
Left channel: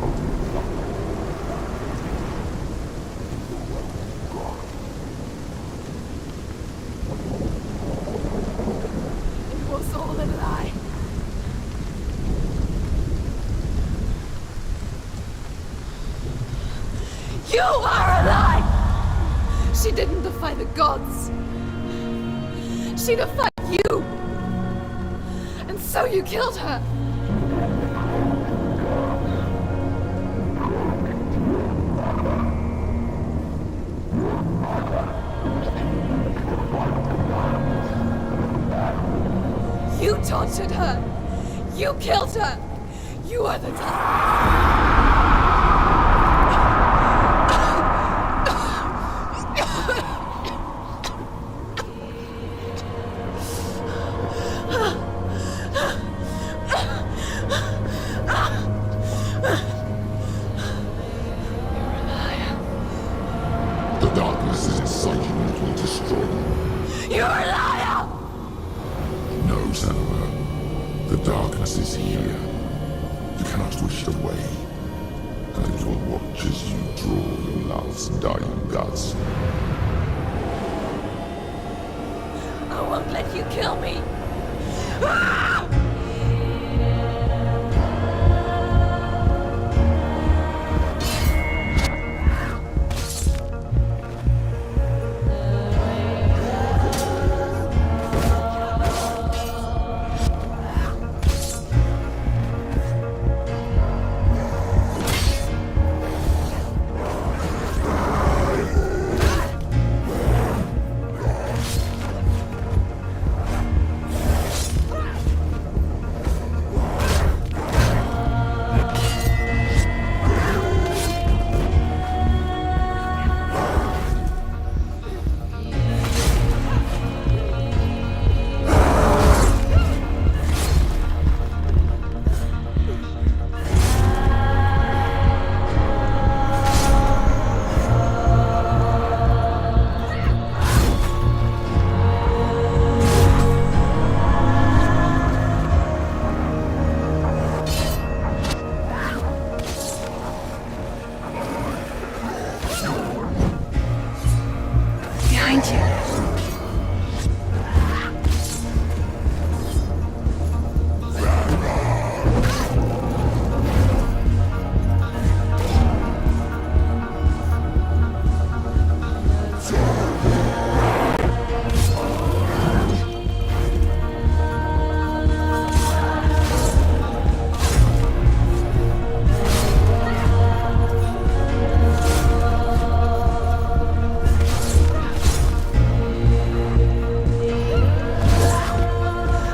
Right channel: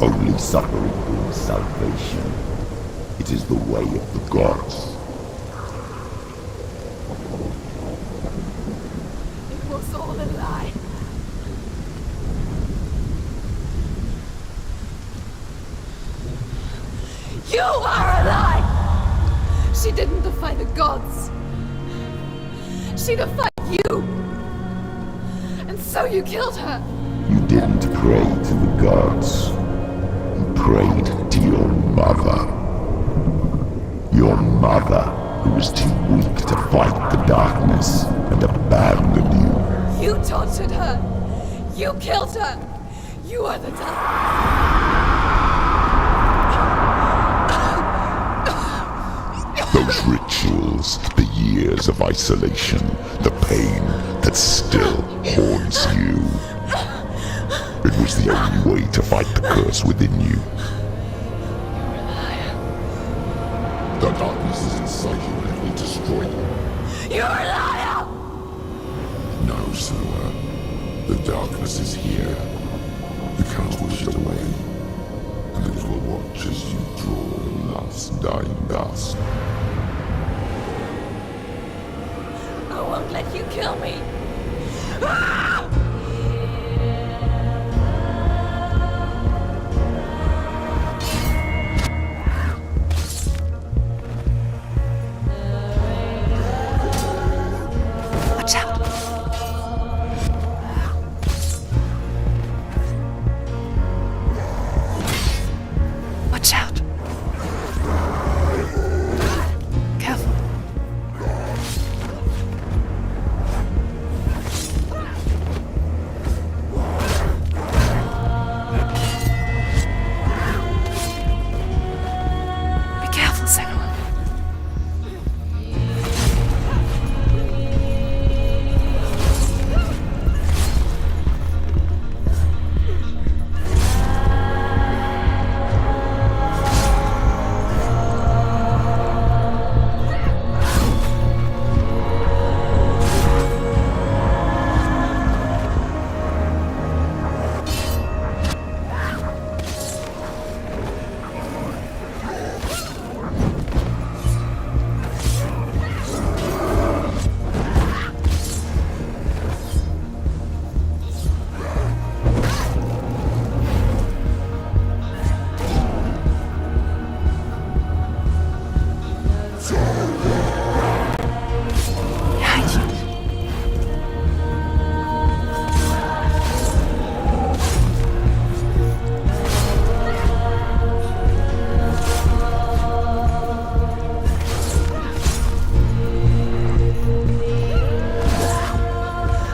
Only suffering brings salvation. It is the way of the gods. It was all a lie. You are a lie! She didn't defy the gods. She defied you. And so you killed her. You didn't pray to the gods. You prayed to your mother. Your mother, who was too weak to fight the darkness and abandoned you. You tortured her. You killed her. You are the darkness. Those rituals, the years of isolation, the pain that still haunts you. It was the only way to fight the curse within you. You're a liar. The darkness is inside you and it will destroy you. You're a liar! No, Senua. The darkness is here. You cannot wish it away. And it will watch as you draw your last dying gasp. I won't let you kill me! Ah! Watch out. Watch out. Careful. Be careful, Sam. Behind you.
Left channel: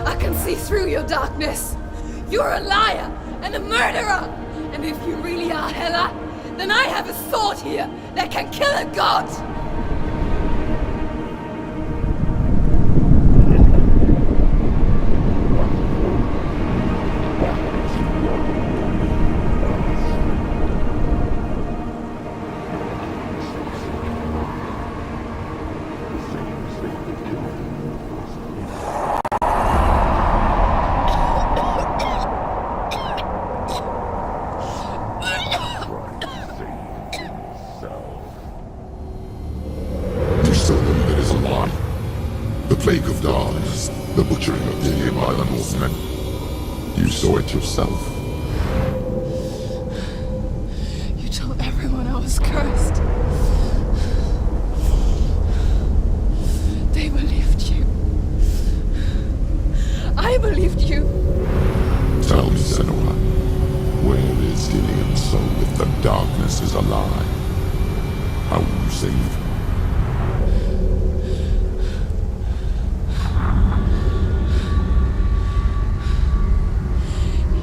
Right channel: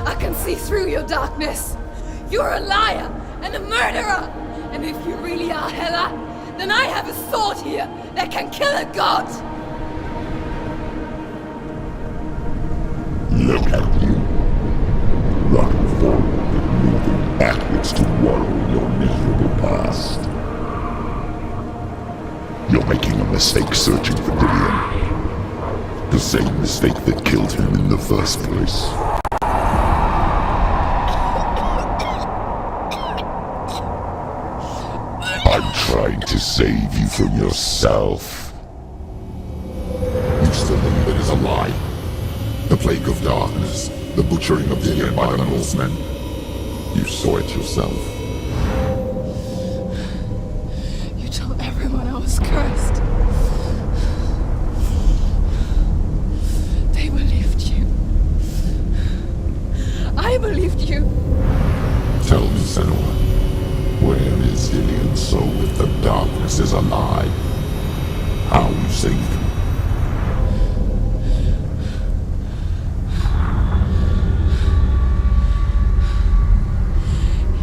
I can see through your darkness. You're a liar and a murderer. And if you really are Hela, then I have a sword here that can kill a god. Look at you. Running forward. Backwards to wallow your miserable past. You're making a mistake searching for Dillion. The same mistake that killed him in the first place. I'm trying to save you from yourself. You still believe it is a lie. The plague of darkness, the butchering of Dillion by the Northmen. You saw it yourself. You told everyone I was cursed. They believed you. I believed you. Senua. Where is Dillian's soul if the darkness is alive? How you saved him?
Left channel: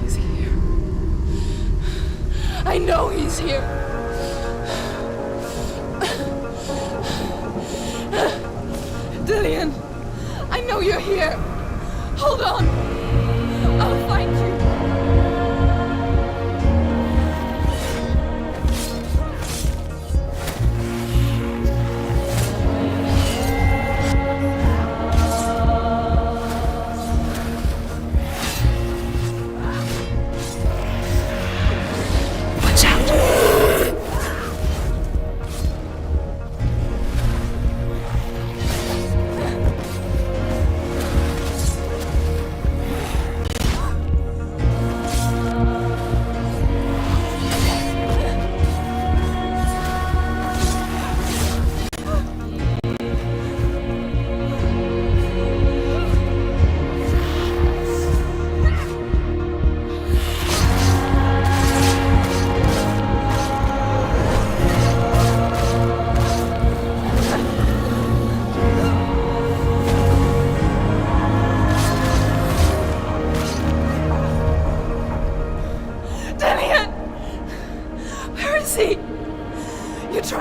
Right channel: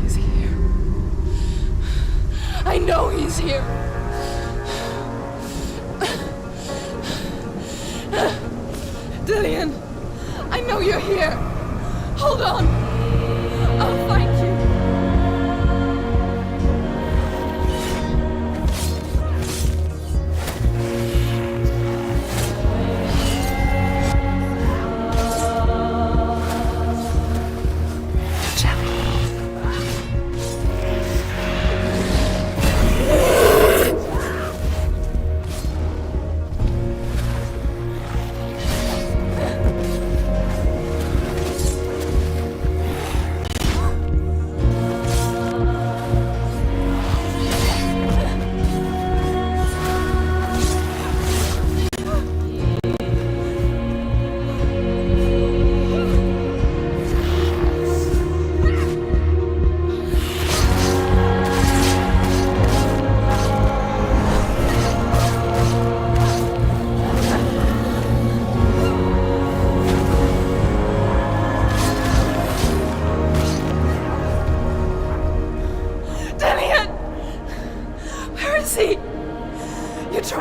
He's here. I know he's here. Dillian, I know you're here. Hold on. I'll find you.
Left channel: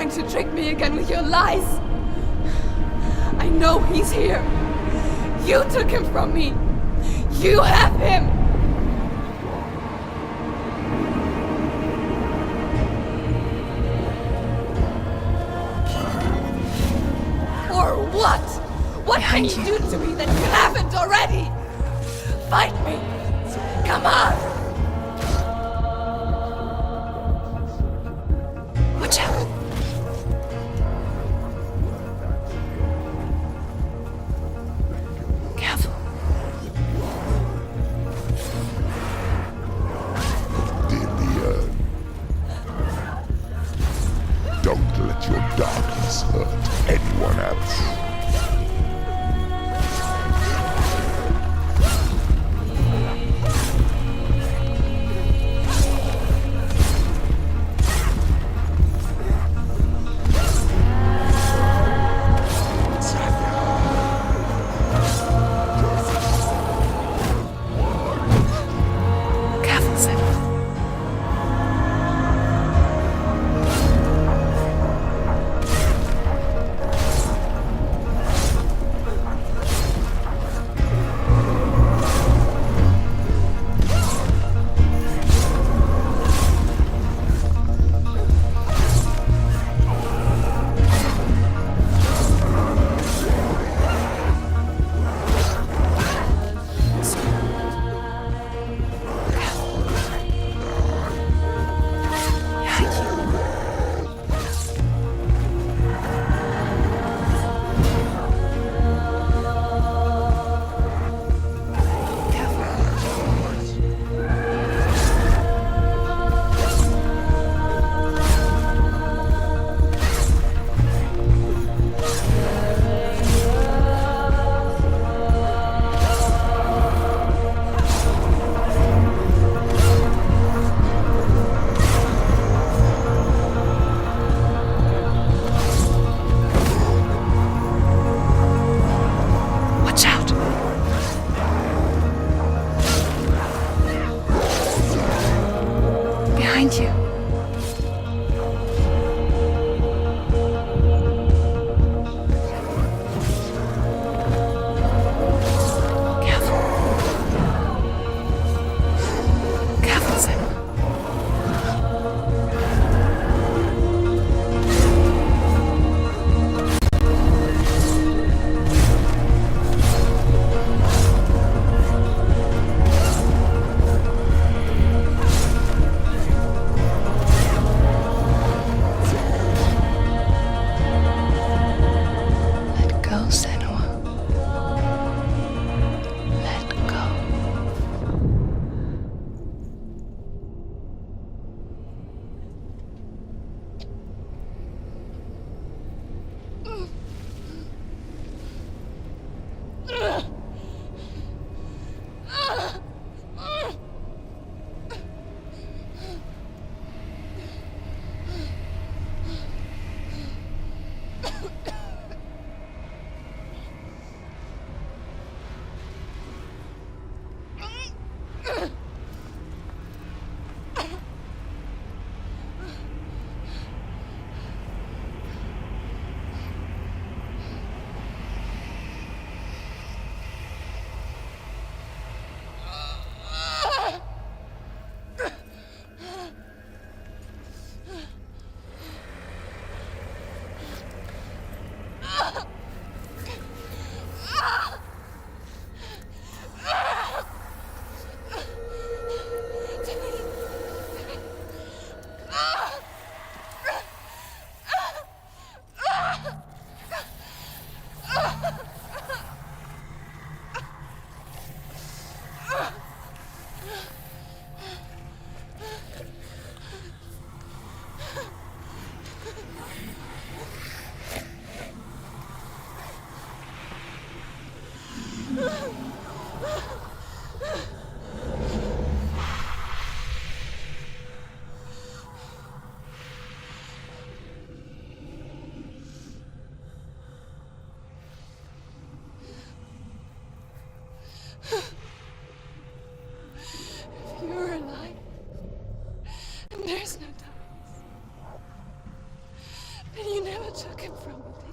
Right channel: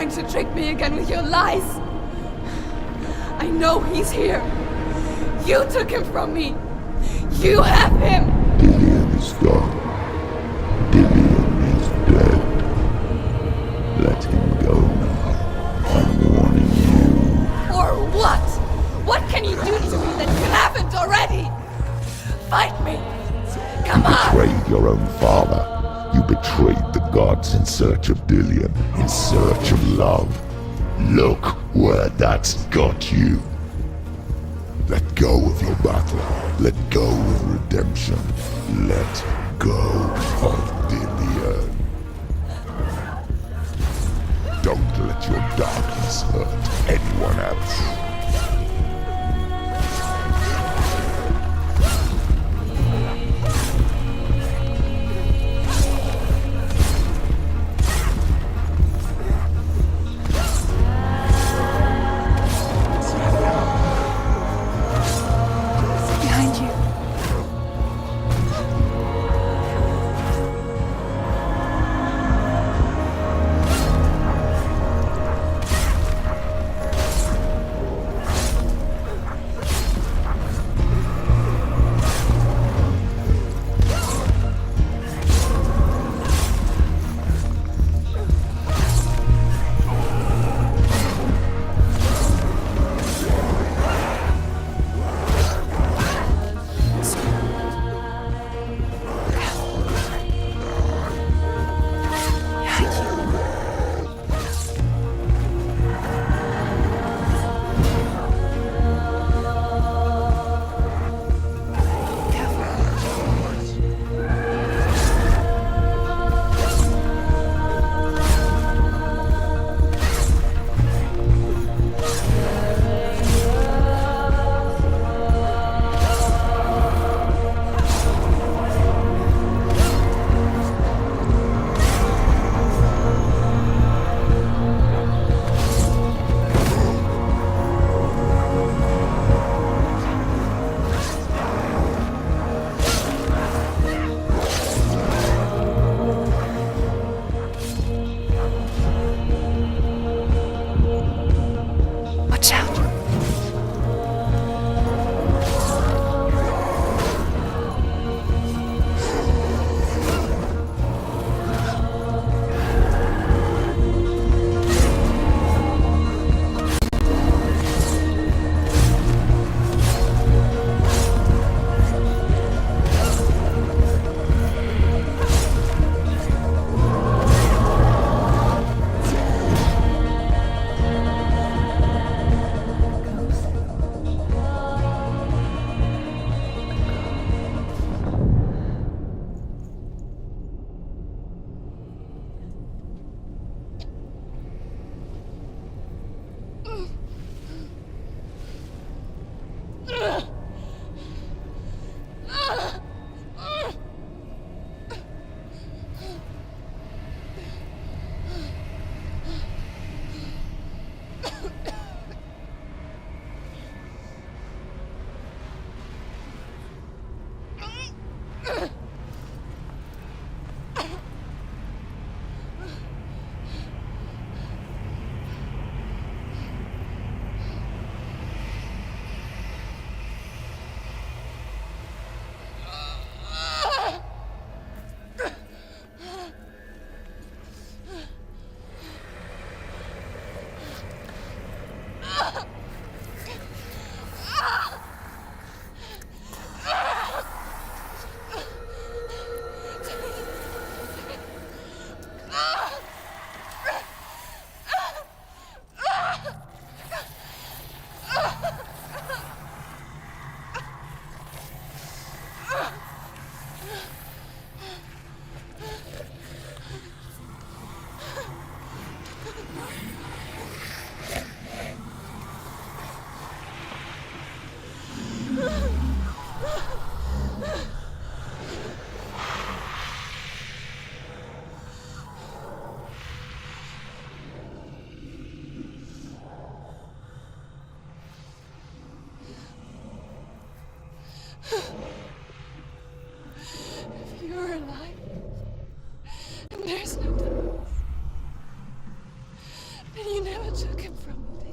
To trick me again with your lies. I know he's here. You took him from me. You have him. Dillian is gone. Dillian is dead. Let him go. I'm warning you. Or what? What can you do to me that you haven't already? Fight me. Come on. You betrayed your own father. You betrayed the gods in search of Dillian, in search of love. Look where that's got you. Let go of the battle. Let go of redemption. Let go of Dillian. Don't let your darkness hurt anyone else.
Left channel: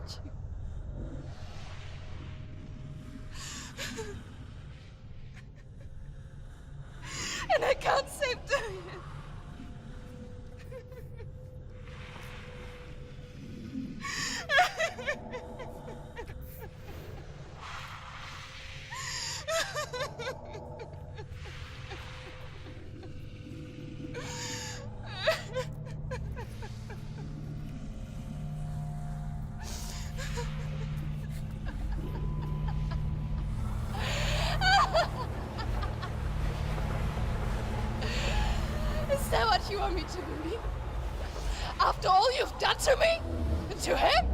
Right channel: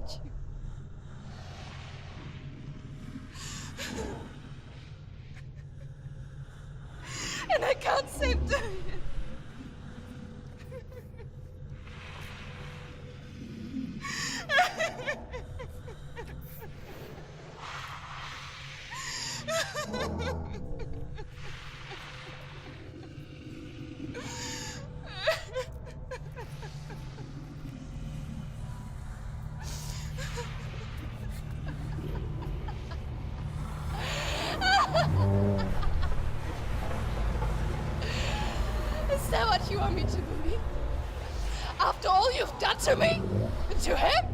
hate you. And I can't save Dorian. Is that what you want me to believe? After all you've done to me? And to him?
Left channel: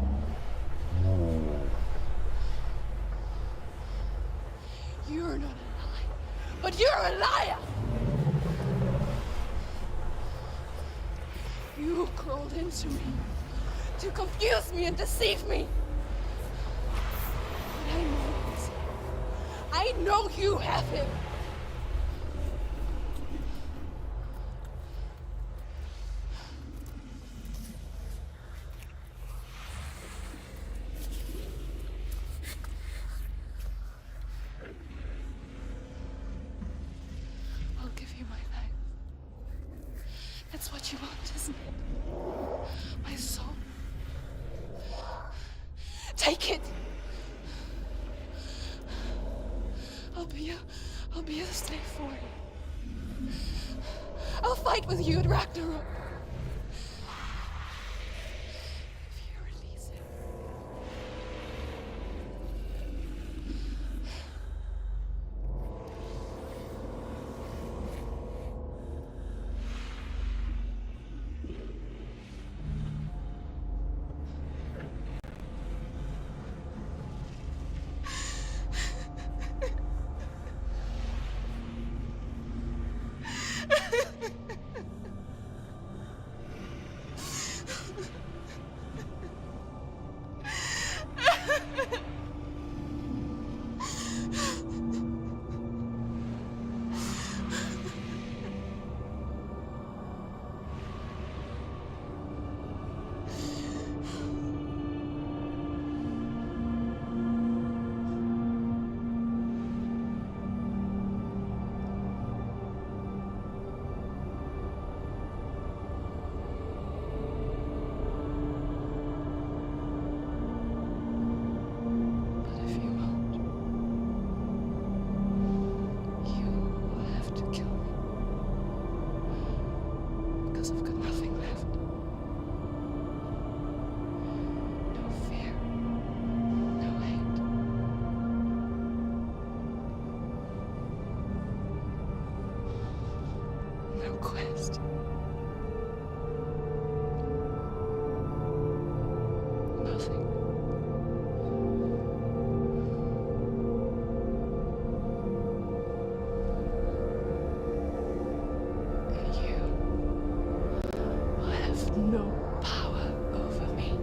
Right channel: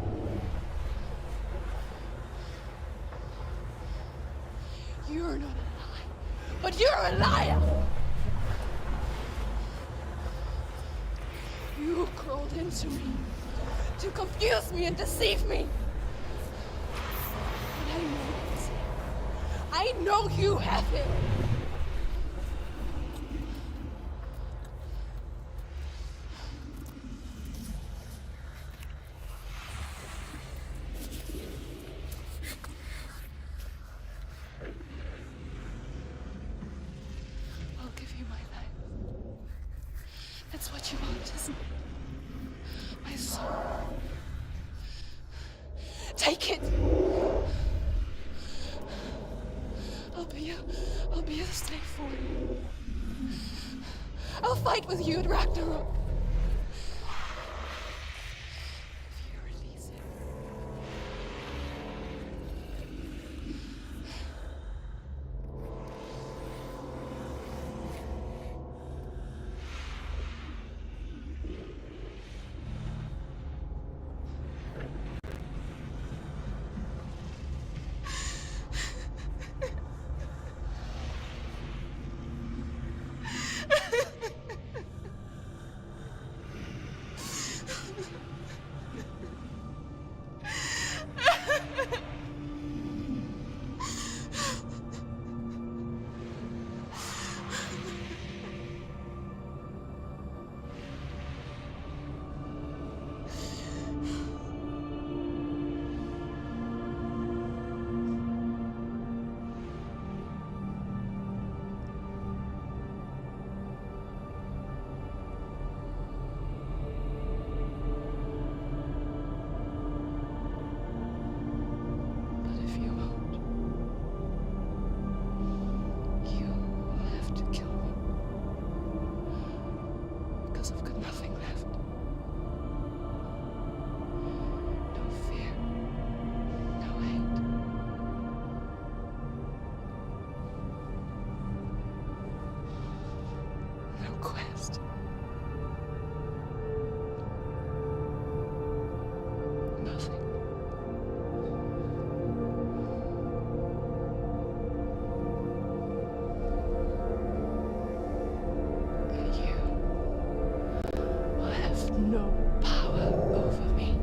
You're not a lie, but you're a liar! You crawled into me to confuse me and deceive me. But I know he's here. I know you have him. I'll give you my life. That's what you want, isn't it? My soul. Take it. I'll be a slave for you. I'll fight with you at Ragnarok. If you release him. I've got nothing left. No fear. No hate. No quest. Nothing. No power over me.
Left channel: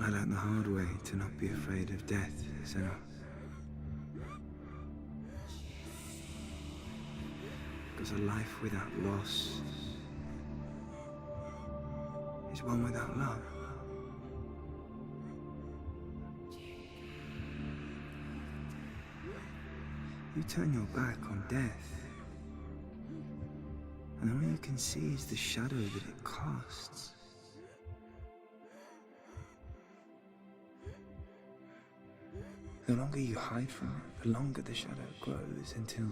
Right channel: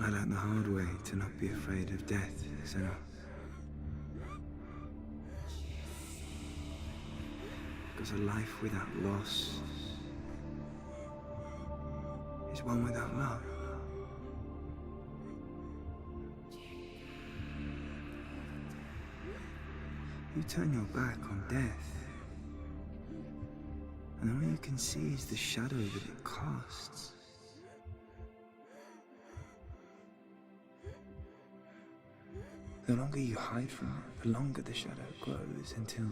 I learned the hard way to not be afraid of death, Senua. Because a life without loss is one without love. You turn your back on death, and all you can see is the shadow that it casts. The longer you hide from it, the longer the shadow grows until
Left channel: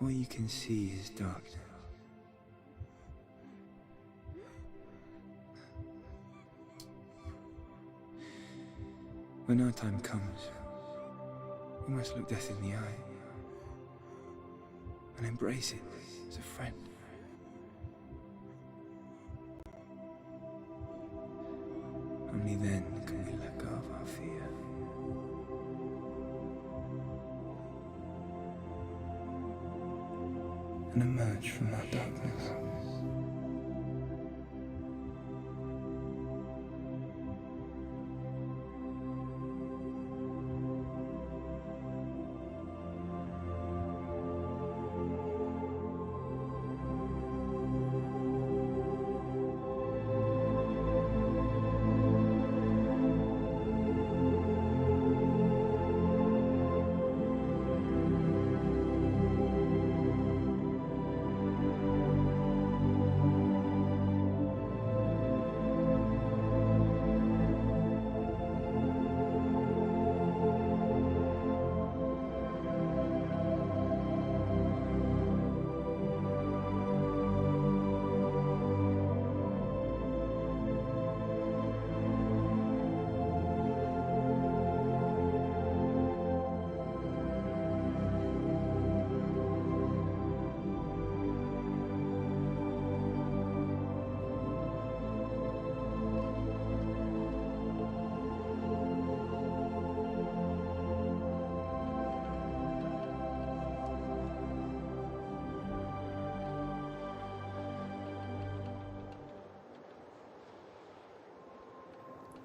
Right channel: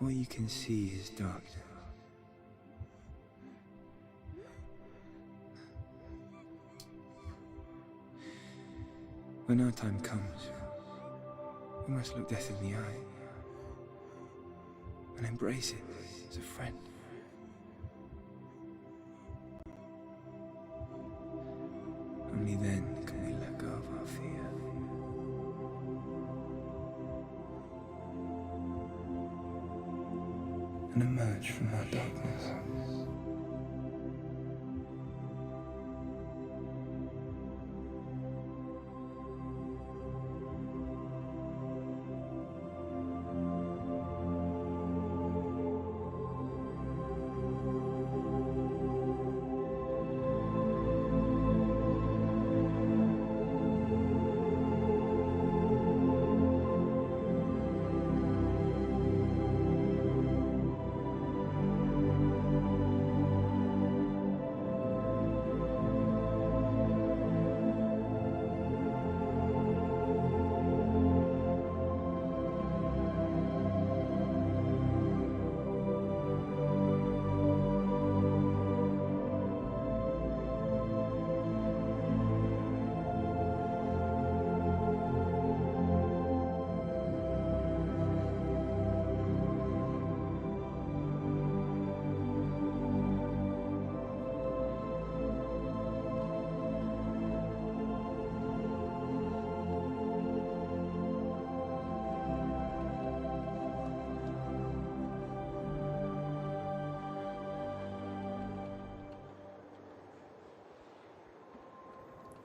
all you can see is darkness. When our time comes, we must look death in the eye and embrace it as a friend. Only then can we let go of our fear. And emerge from our darkness.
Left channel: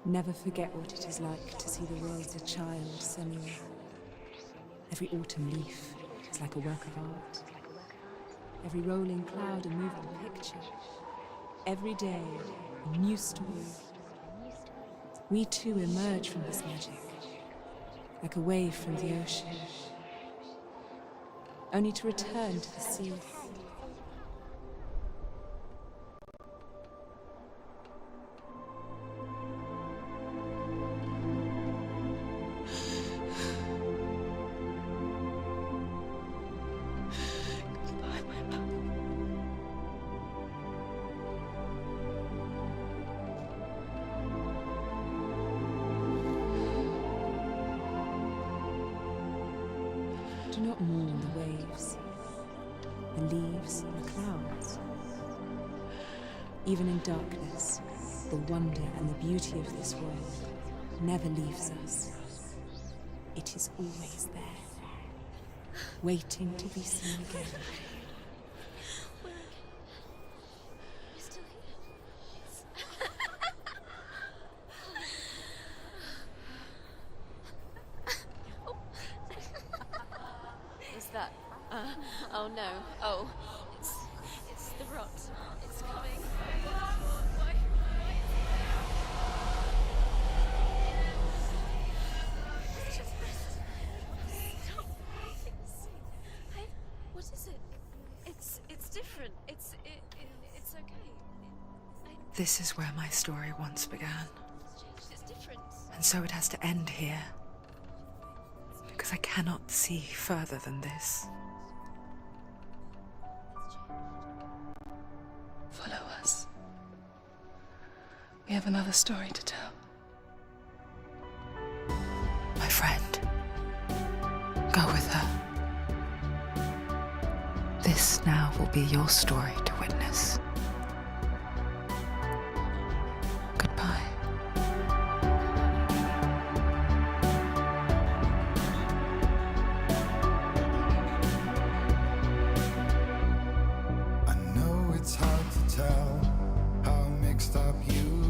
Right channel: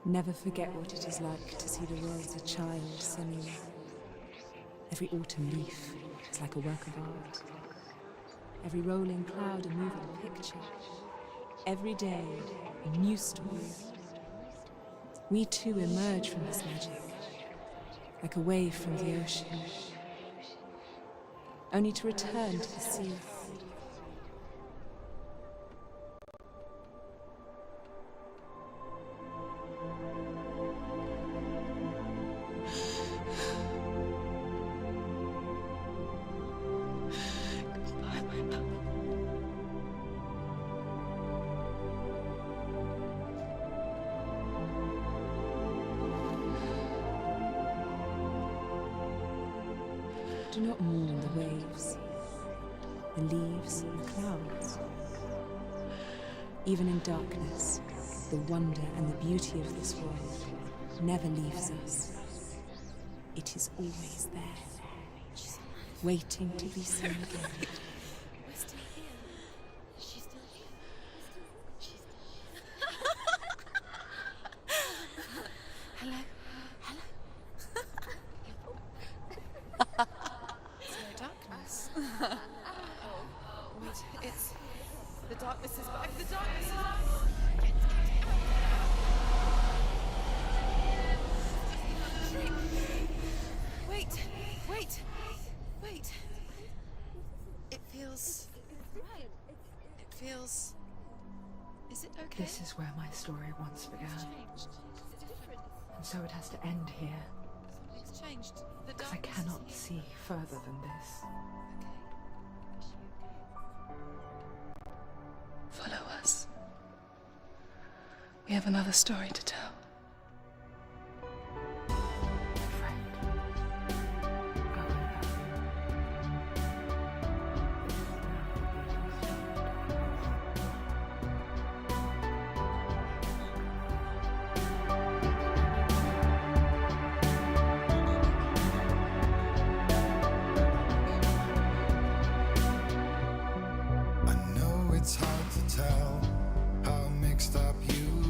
Never forget what it is like to see the world as a child, Senua. Every autumn leaf is like a work of art. Every rolling cloud a moving picture. Every day a new story. We too emerge from this magic, like a wave from the ocean, only to return to the sea. Do not mourn the waves, the leaves, and the clouds. Even in darkness, the wonder and the beauty of this world never leaves us. It is always there, waiting to be seen again. Oh no. Oh. It's the rot. The darkness is back. The darkness is back. Wait. What is it? It feels... It's different. It feels... It's okay. Is it okay? This is where my story once began. It's different. And so it has to end here. It's changed. Because I cannot see further than this. Follow us. We have another story to tell. My friend, go with her. This now will be your story to witness. Goodbye. I know it's hard to tell how mixed up you